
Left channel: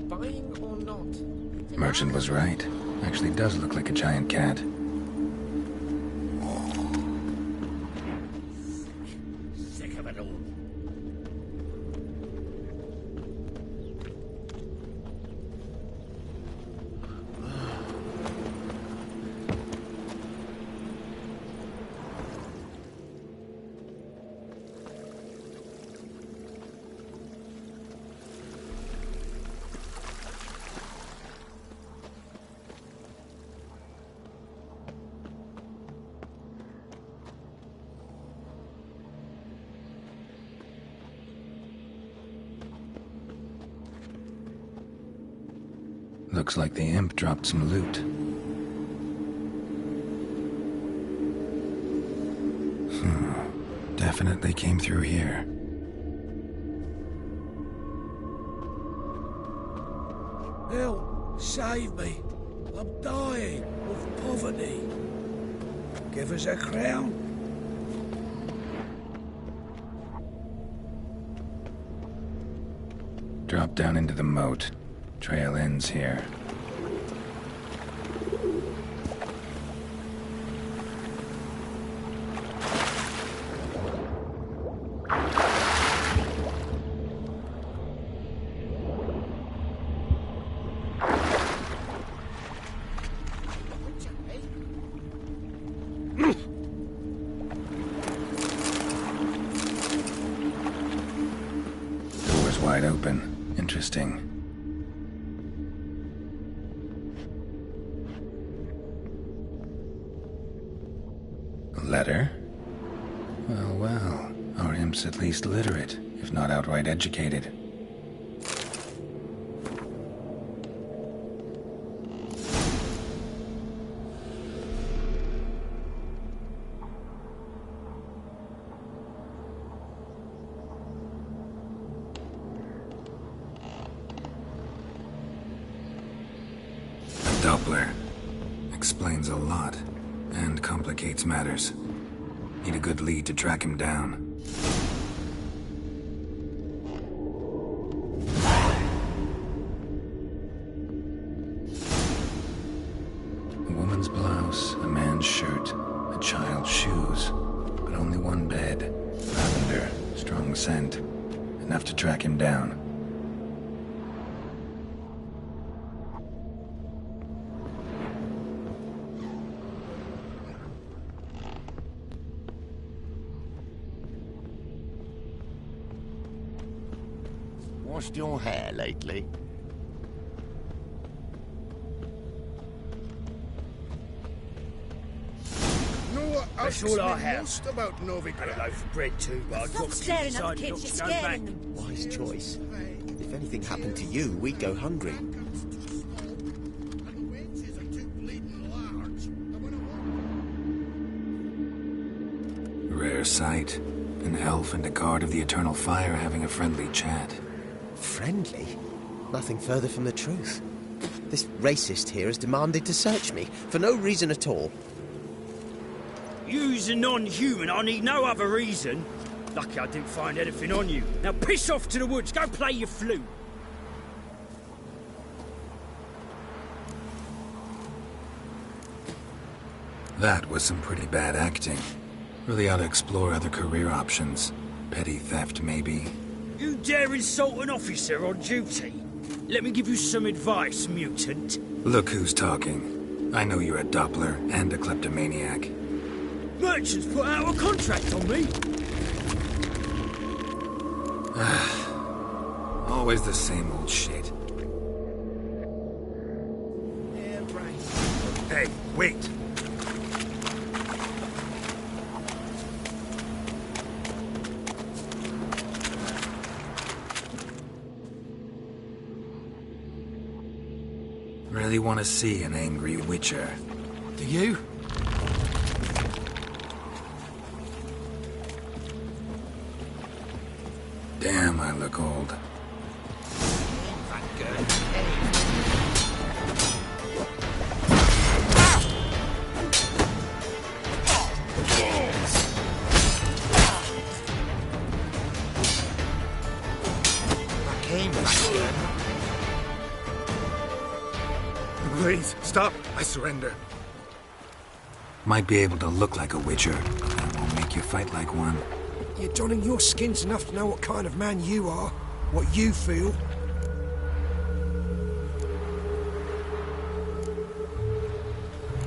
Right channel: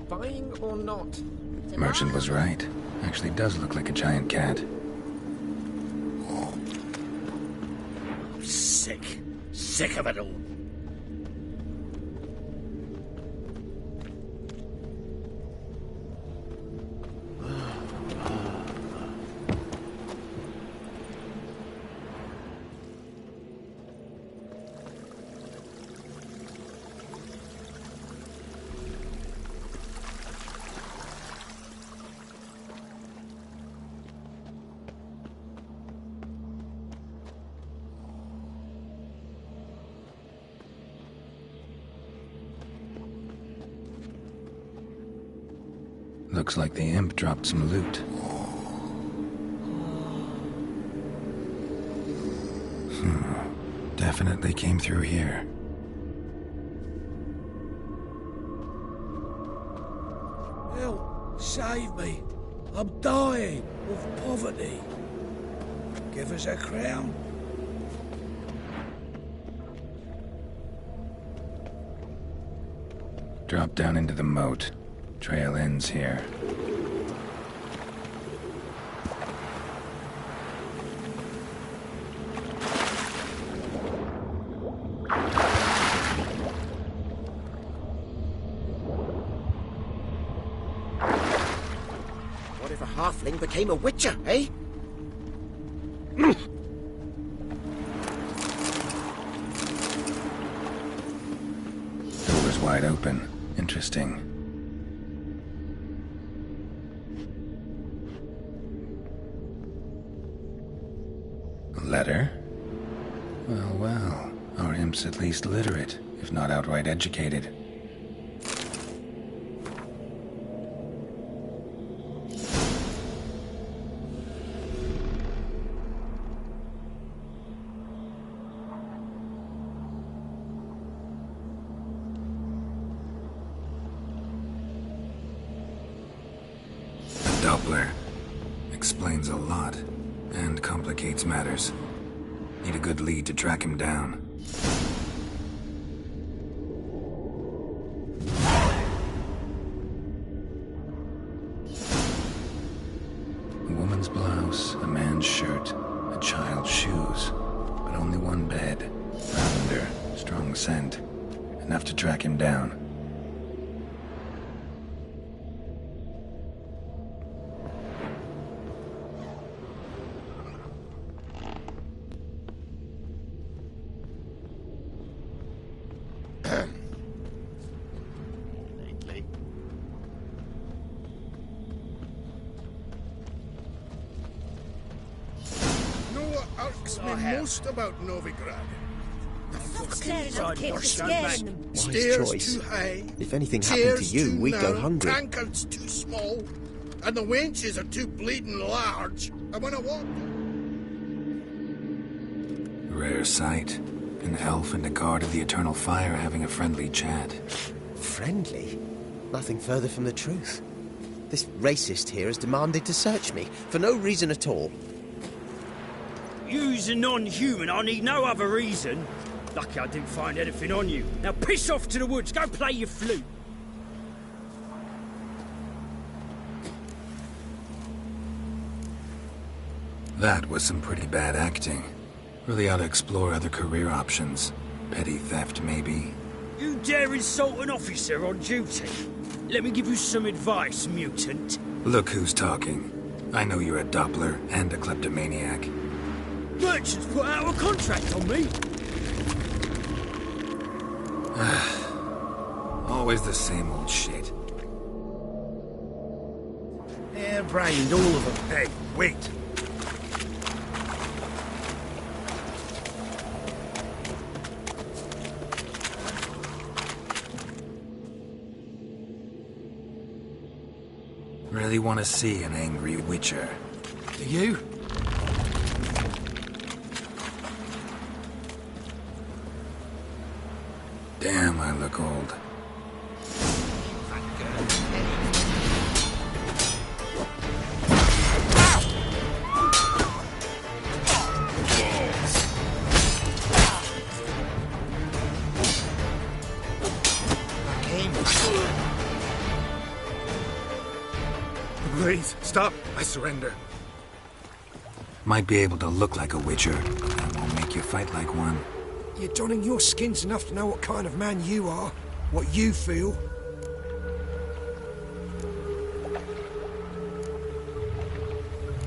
Buying or not? Merchant was right. Actually does look like a giant cat. Sick. Sick of it all. Looks like the imp dropped some loot. Definitely came through here. Help! Save me! I'm dying of poverty. Give us a crown. Drop down into the moat. Trail ends here. What if a halfling became a witcher, eh? Door's wide open. Interesting. Letter? Well, well. Our imp's at least literate, if not outright educated. A Doppler. Explains a lot, and complicates matters. Need a good lead to track him down. A woman's blouse, a man's shirt, a child's shoes, but only one bed. Lavender, strong scent. Enough to track him down. Washed your hair lately? Know what That's irks all I me have. most about Novigrad? Bread too, but I've got staring at the kids, you're scaring them. Wise Stairs choice. too high. If anything happened to chairs you, too we'd go narrow, hungry. Tankards too small, and the wenches are too bleeding large. And when I walk, Rare sight. An elf and a guard of the Eternal Fire having a friendly chat. Friendly? Nothing further from the truth. This racist here has demanded to search me, for no reason at all. You's a non-human, I need no other reason. Lucky I didn't find anything on you. Now piss off to the woods, go play your flute. That was some pretty bad acting. Really ought to explore other career options. Petty theft, maybe. You dare insult an officer on duty? Let me give you some advice, mutant. Look who's talking. I know you're a Doppler and a kleptomaniac. Merchants put out a contract on me. Always the same old shit. Hair-brained, all of them. Hey, wait! Really want to see an angry witcher. Do you? Damn, I look old. Please, stop. I surrender. Might be able to look like a witcher. That won't make you fight like one. You're donning your skins enough to know what kind of man you are, what you feel.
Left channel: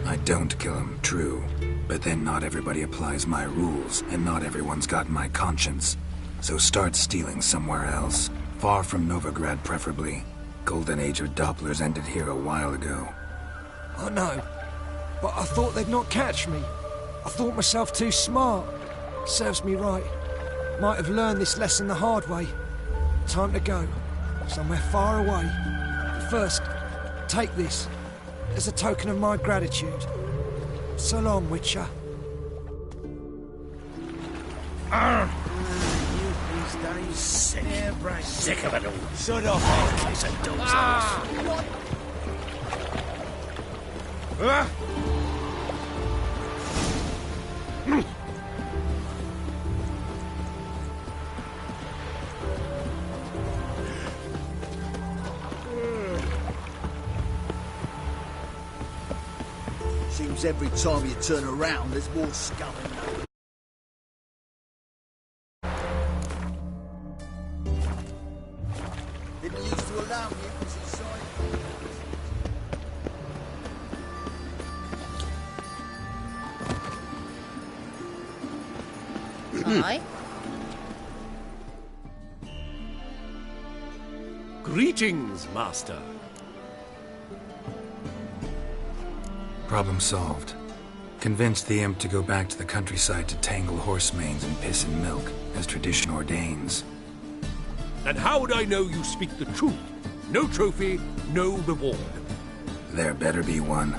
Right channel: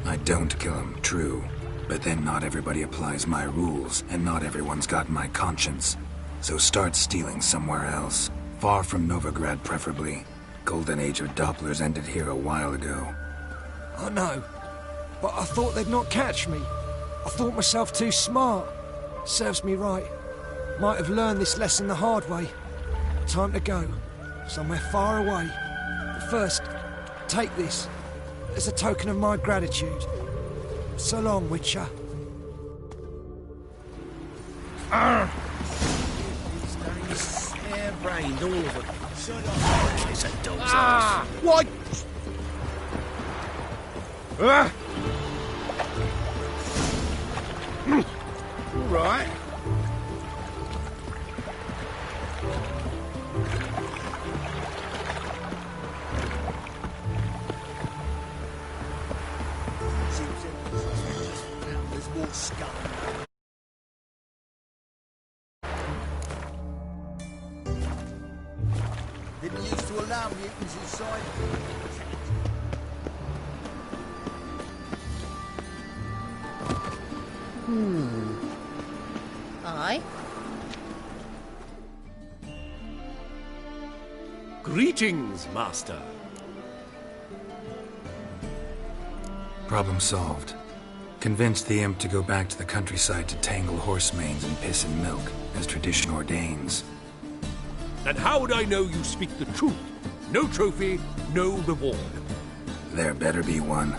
I don't kill him, true. But then not everybody applies my rules, and not everyone's got my conscience. So start stealing somewhere else. Far from Novigrad, preferably. Golden age of Dopplers ended here a while ago. I know, but I thought they'd not catch me. I thought myself too smart. Serves me right. Might have learned this lesson the hard way. Time to go. Somewhere far away. But first, take this. As a token of my gratitude. So long, Witcher. These days, hair-brained. Shut up. It's a dog's Ah! ass. What? Right. Seems every time you turn around, there's more scum and didn't used to allow mutants inside. Aye. Greetings, Master. Problem solved. Convinced the imp to go back to the countryside to tangle horse manes and piss and milk, as tradition ordains. And how would I know you speak the truth? No trophy, no reward. There better be one,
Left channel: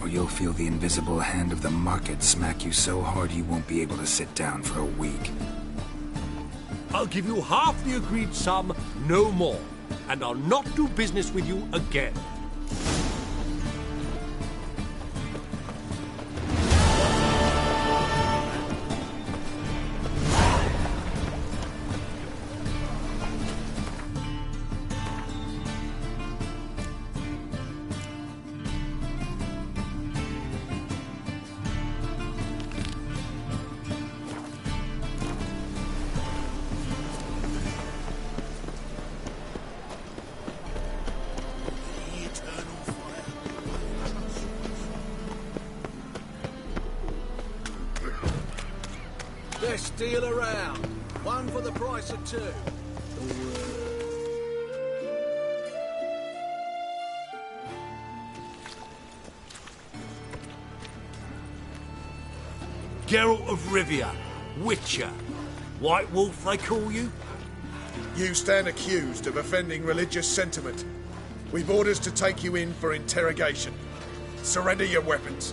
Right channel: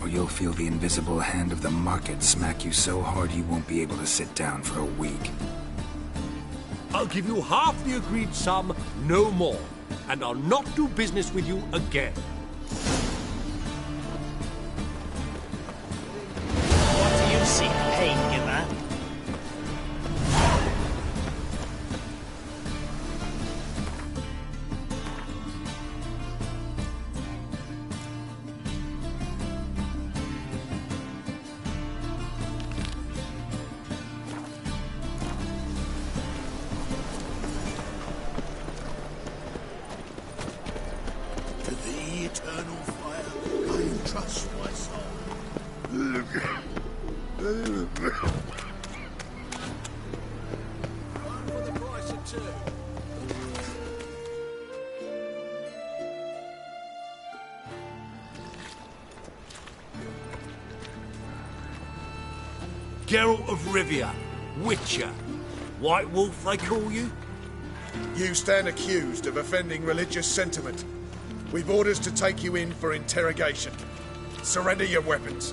or you'll feel the invisible hand of the market smack you so hard you won't be able to sit down for a week. I'll give you half the agreed sum, no more. And I'll not do business with you again. What do you seek, gatekeeper? To the eternal fire, I entrust my soul. Best deal around. One for the price of two. Geralt of Rivia, Witcher. White Wolf, they call you? You stand accused of offending religious sentiment. We've orders to take you in for interrogation. Surrender your weapons.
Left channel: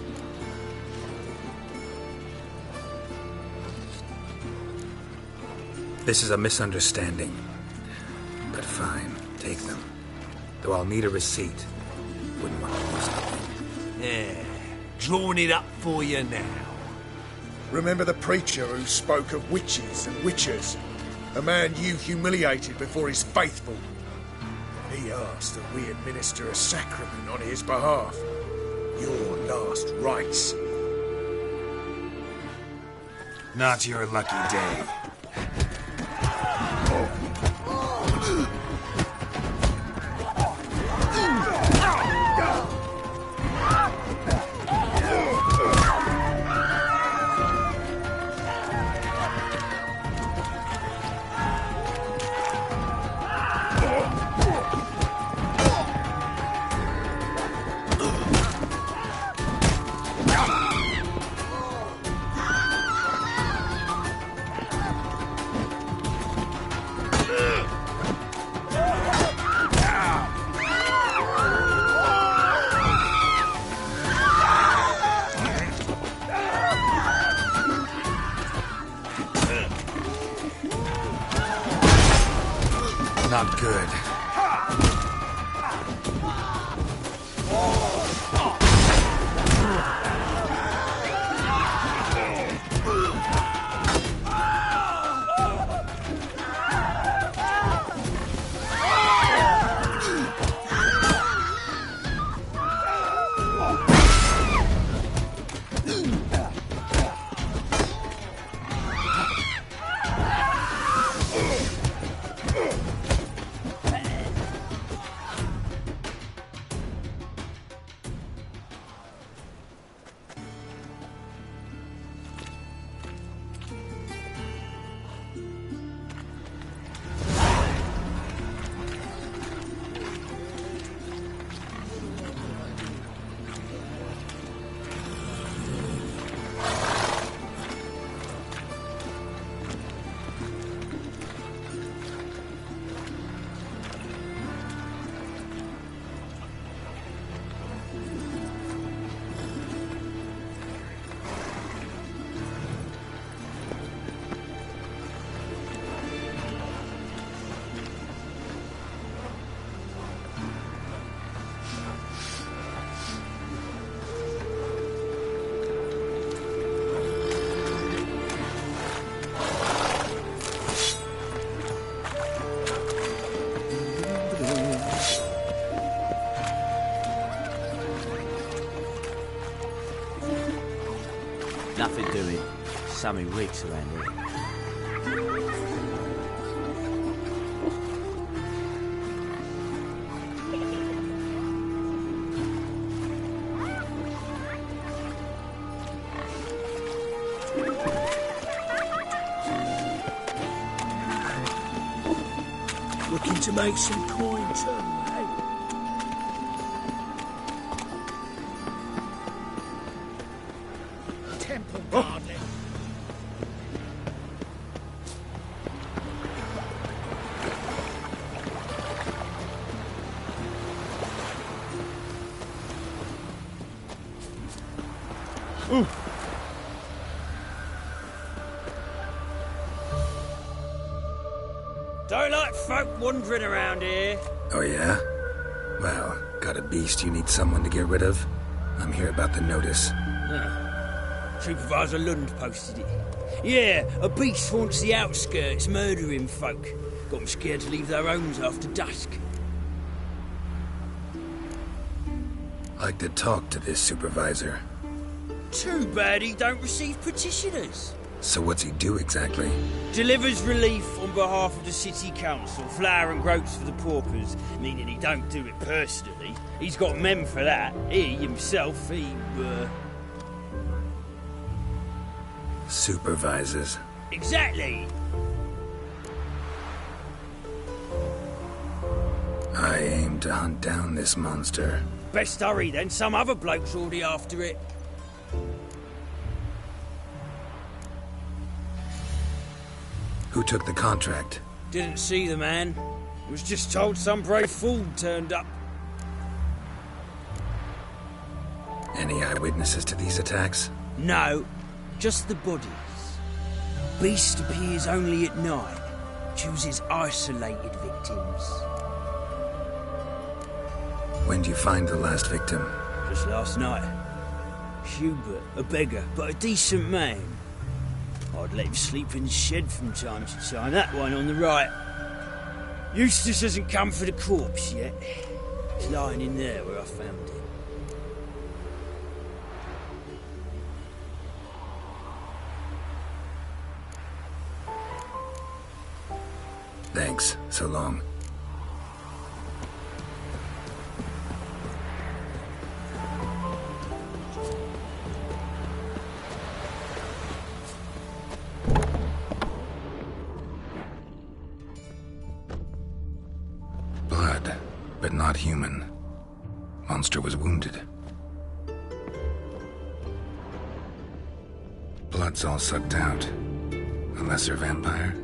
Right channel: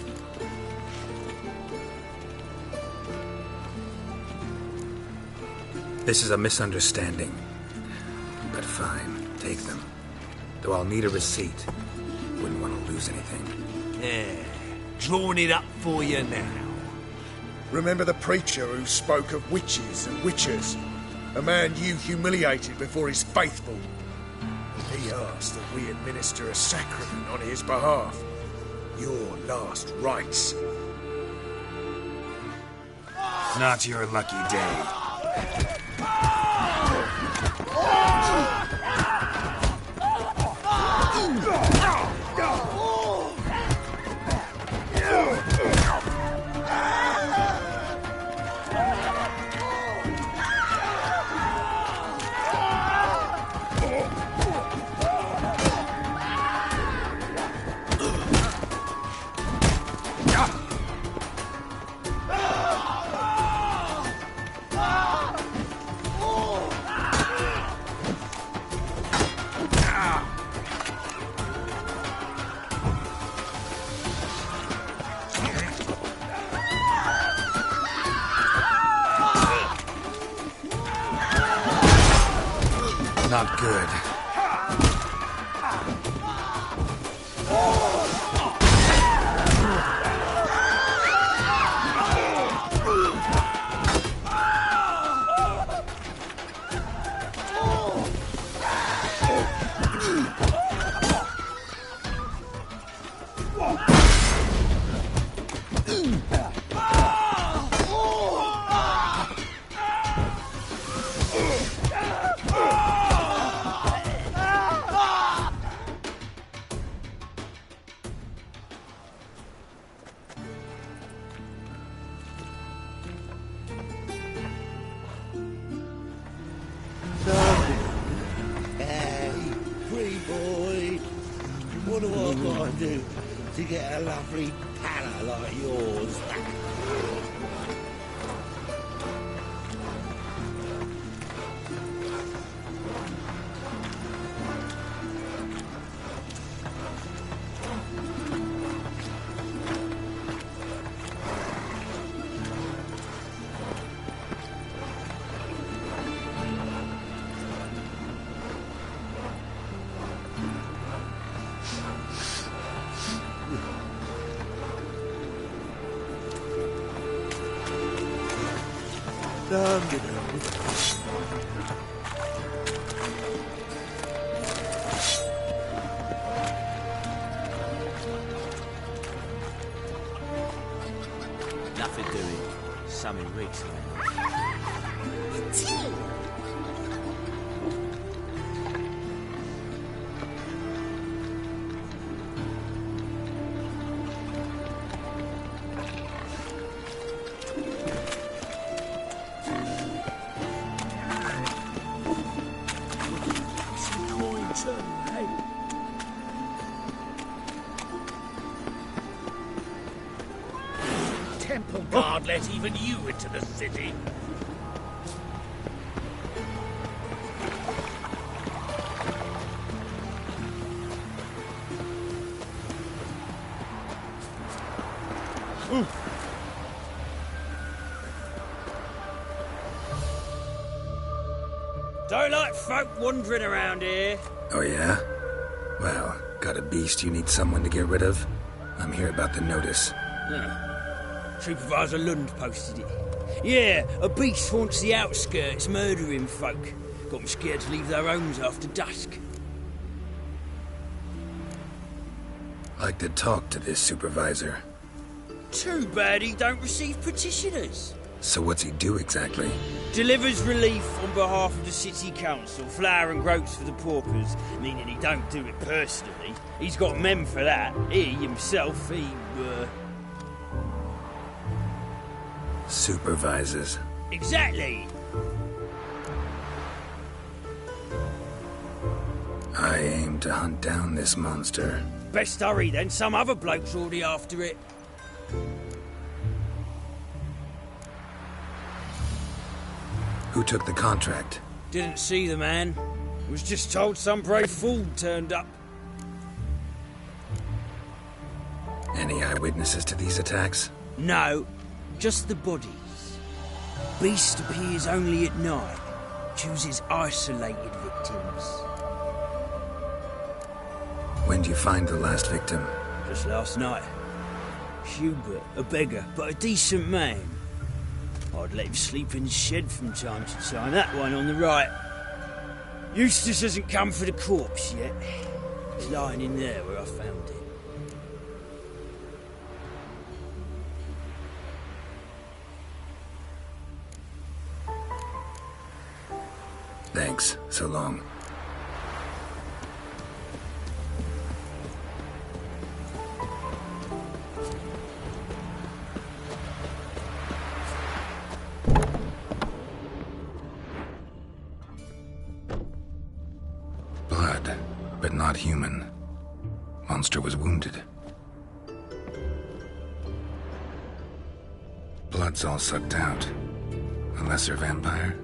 This is a misunderstanding. But fine, take them. Though I'll need a receipt. Wouldn't want to lose anything. Yeah, drawing it up for you now. Remember the preacher who spoke of witches and witchers? A man you humiliated before his faithful. He asked that we administer a sacrament on his behalf. Your last rites. Not your lucky day. Not good. do to get a lovely palace like yours? Nothing doing. Something reeks around here. Looking to make some coin too, hey? Temple Guard let even you into the city. Don't like folk wandering around here. Oh yeah? Well, got a beast you need someone to get rid of? I'm here about the notice. Supervisor Lund posted it. Yeah, a beast haunts the outskirts, murdering folk. Got them scared to leave their homes after dusk. Like to talk to this supervisor. Too bad he don't receive petitioners. So what's he do exactly? Delivers relief on behalf of the city council, flour and groats for the paupers, meaning he don't do it personally. He's got men for that. He, himself, Supervises. Exactly! I aim to hunt down this monster. Best hurry then, some other bloke's already after it. Who took the contract? Didn't see the man. Was just told some brave fool turned up. Any eyewitnesses to these attacks? No, just the bodies. Beast appears only at night. Chooses isolated victims. When do you find the last victim? Just last night. Hubert, a beggar, but a decent man. I'd let him sleep in the shed from time to time. That one on the right. Eustace hasn't come for the corpse yet. It's lying in there where I found it. Thanks. So long. Blood, but not human. Monster was wounded. Blood's all sucked out. A lesser vampire?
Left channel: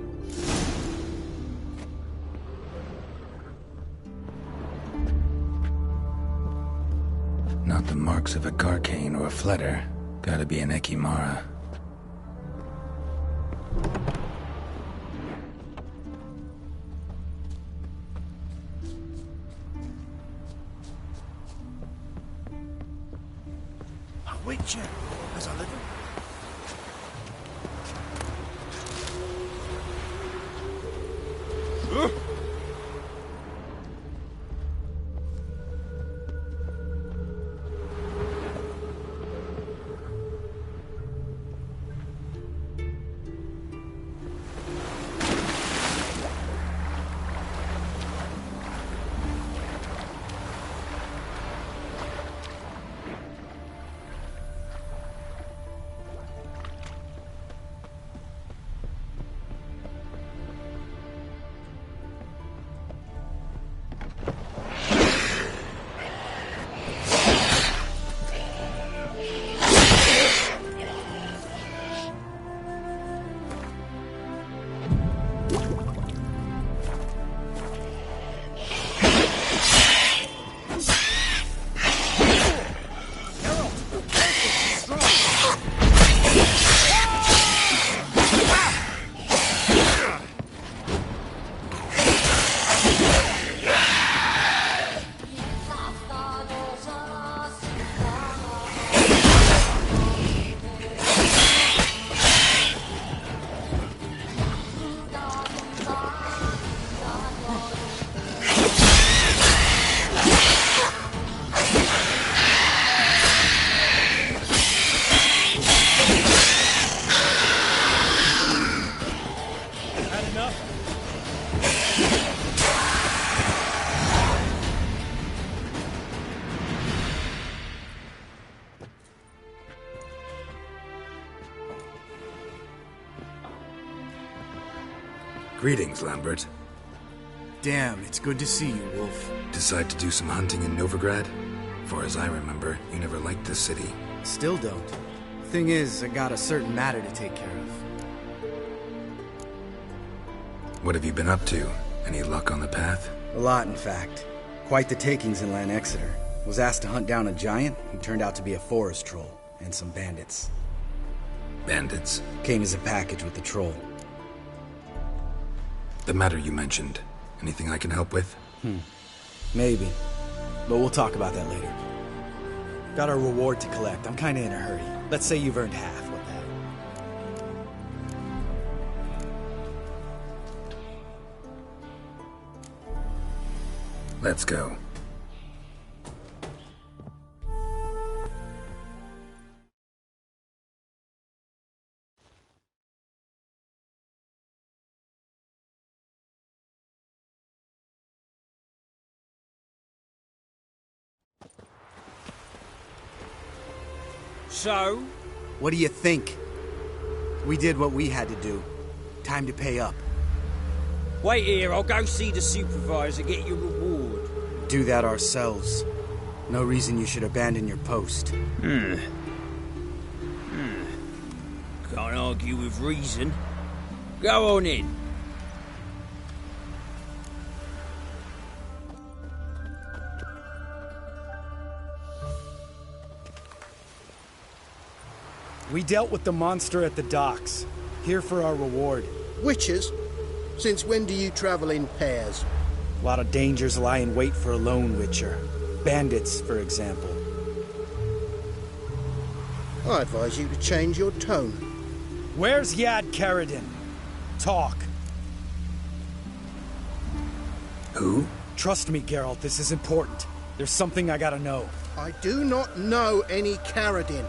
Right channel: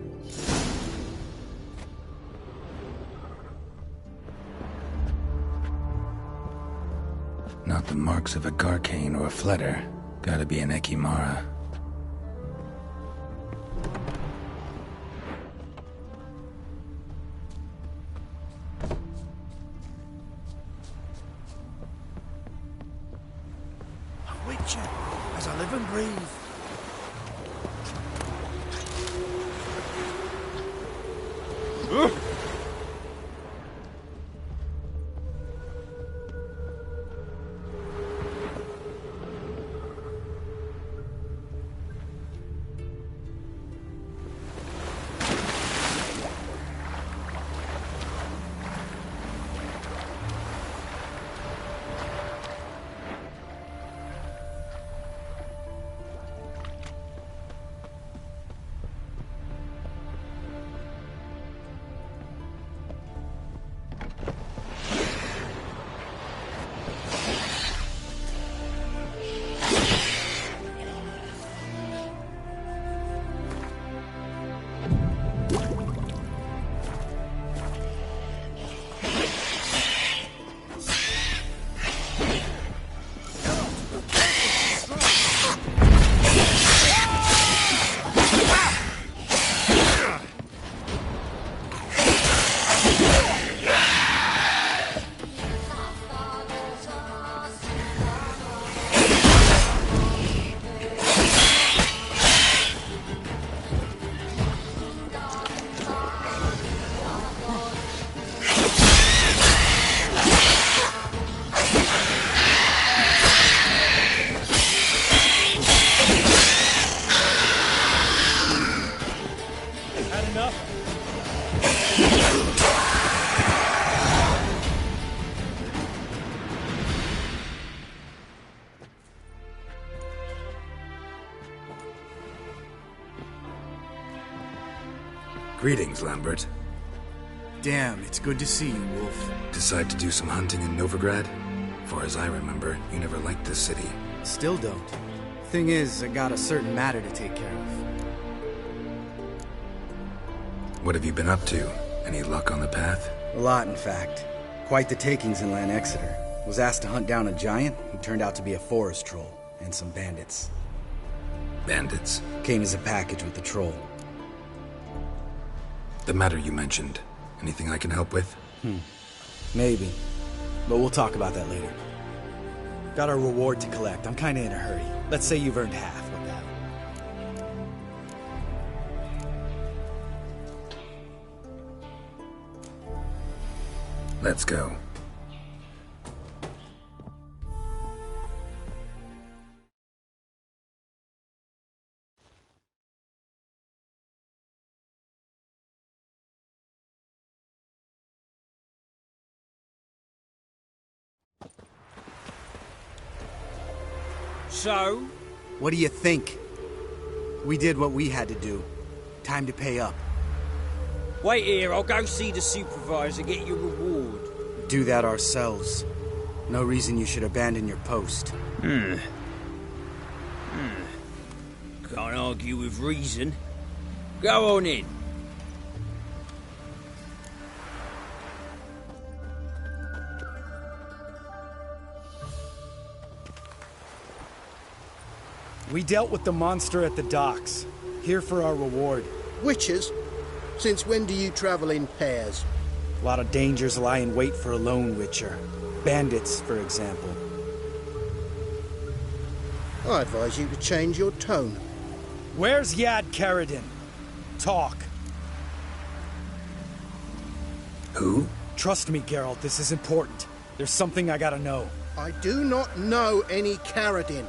Not the marks of a Garcane or a Fletter. Gotta be an Ekimara. A witcher, as I live and breathe. enough. Greetings, Lambert. Damn, it's good to see you, Wolf. Decide to do some hunting in Novigrad? Far as I remember, you never liked this city. Still don't. Thing is, I got a certain matter to take care of. What have you been up to? Any luck on the path? A lot, in fact. Quite the takings in Lan Exeter. Was asked to hunt down a giant who turned out to be a forest troll, and some bandits. Bandits? Came as a package with the troll. The matter you mentioned. Anything I can help with? Maybe. But we'll talk about that later. Got a reward to collect. I'm kinda in a hurry. Let's say you've earned half. What the hell? Let's go. So? What do you think? We did what we had to do. Time to pay up. Wait here, I'll go see the supervisor, get your reward. Do that ourselves. No reason you should abandon your post. Can't argue with reason. Go on in. We dealt with the monster at the docks. Here for our reward. Witches? Since when do you travel in pairs? A lot of dangers lie in wait for a lone witcher. Bandits, for example. I advise you to change your tone. Where's Yad Karadin? Talk. Who? Trust me, Geralt, this is important. There's something I gotta know. I do not know any Karadin.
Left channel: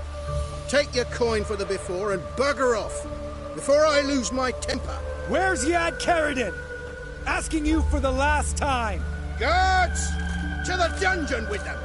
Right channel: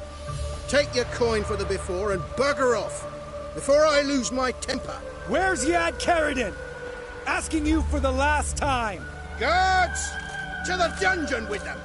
Take your coin for the before and bugger off, before I lose my temper. Where's Yad Karadin? Asking you for the last time. Guards! To the dungeon with them!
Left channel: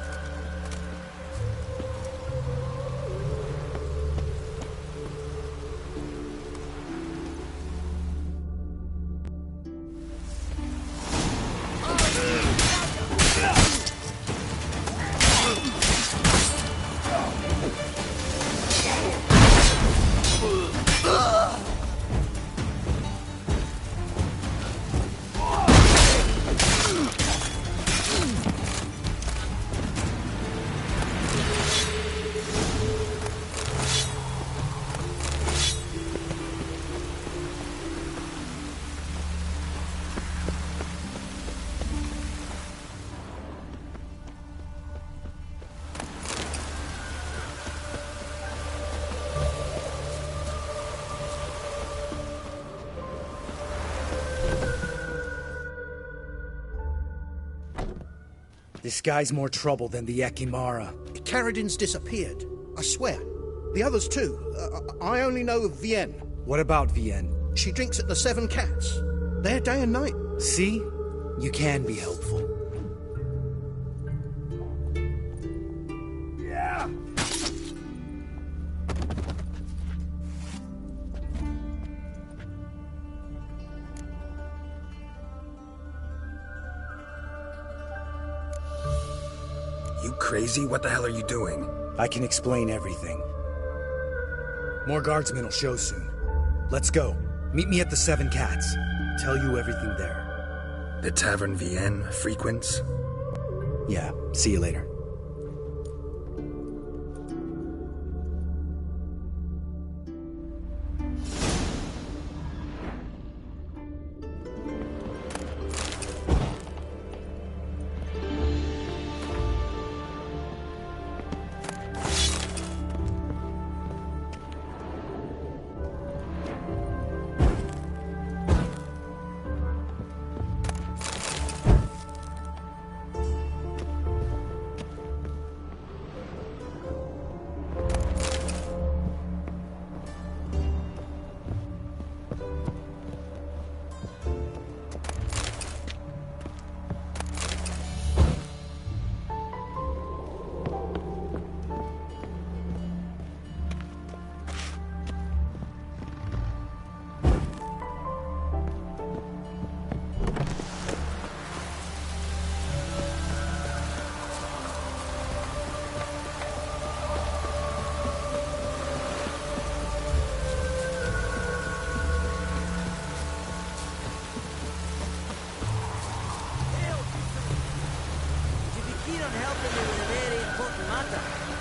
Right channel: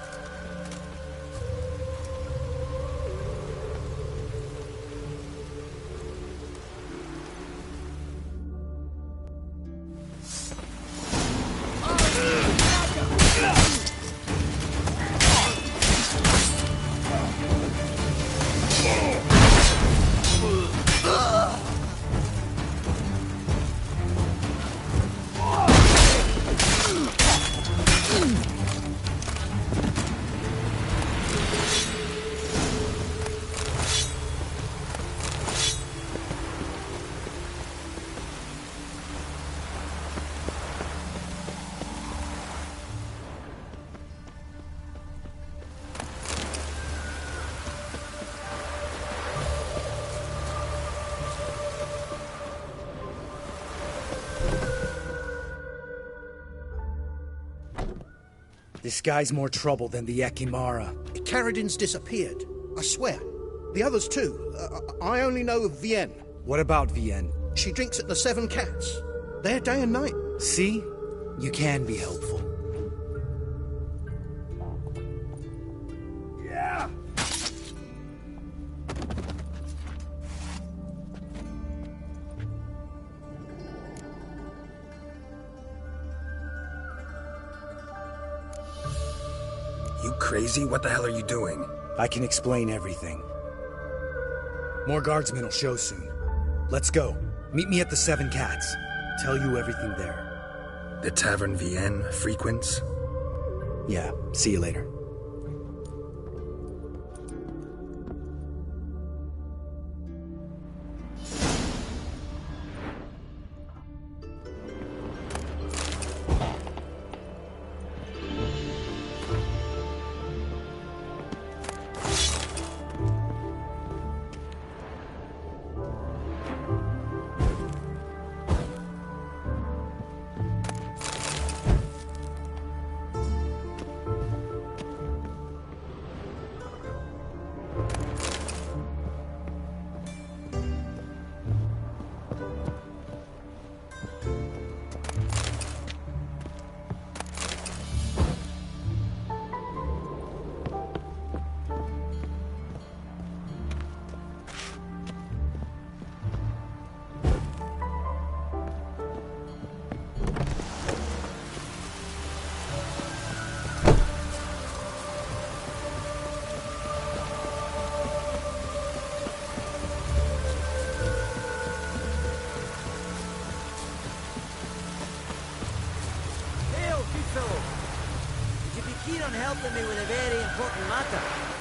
This guy's more trouble than the Ekimara. Karadin's disappeared, I swear. The others too. I only know of Vienne. What about Vienne? She drinks at the Seven Cats. There day and night. See? You can be helpful. Yeah! You crazy? What the hell are you doing? I can explain everything. More guardsmen will show soon. Let's go. Meet me at the Seven Cats. Tell you everything there. The Tavern Vienne frequents? Yeah, see you later. keen on helping me with a very important matter.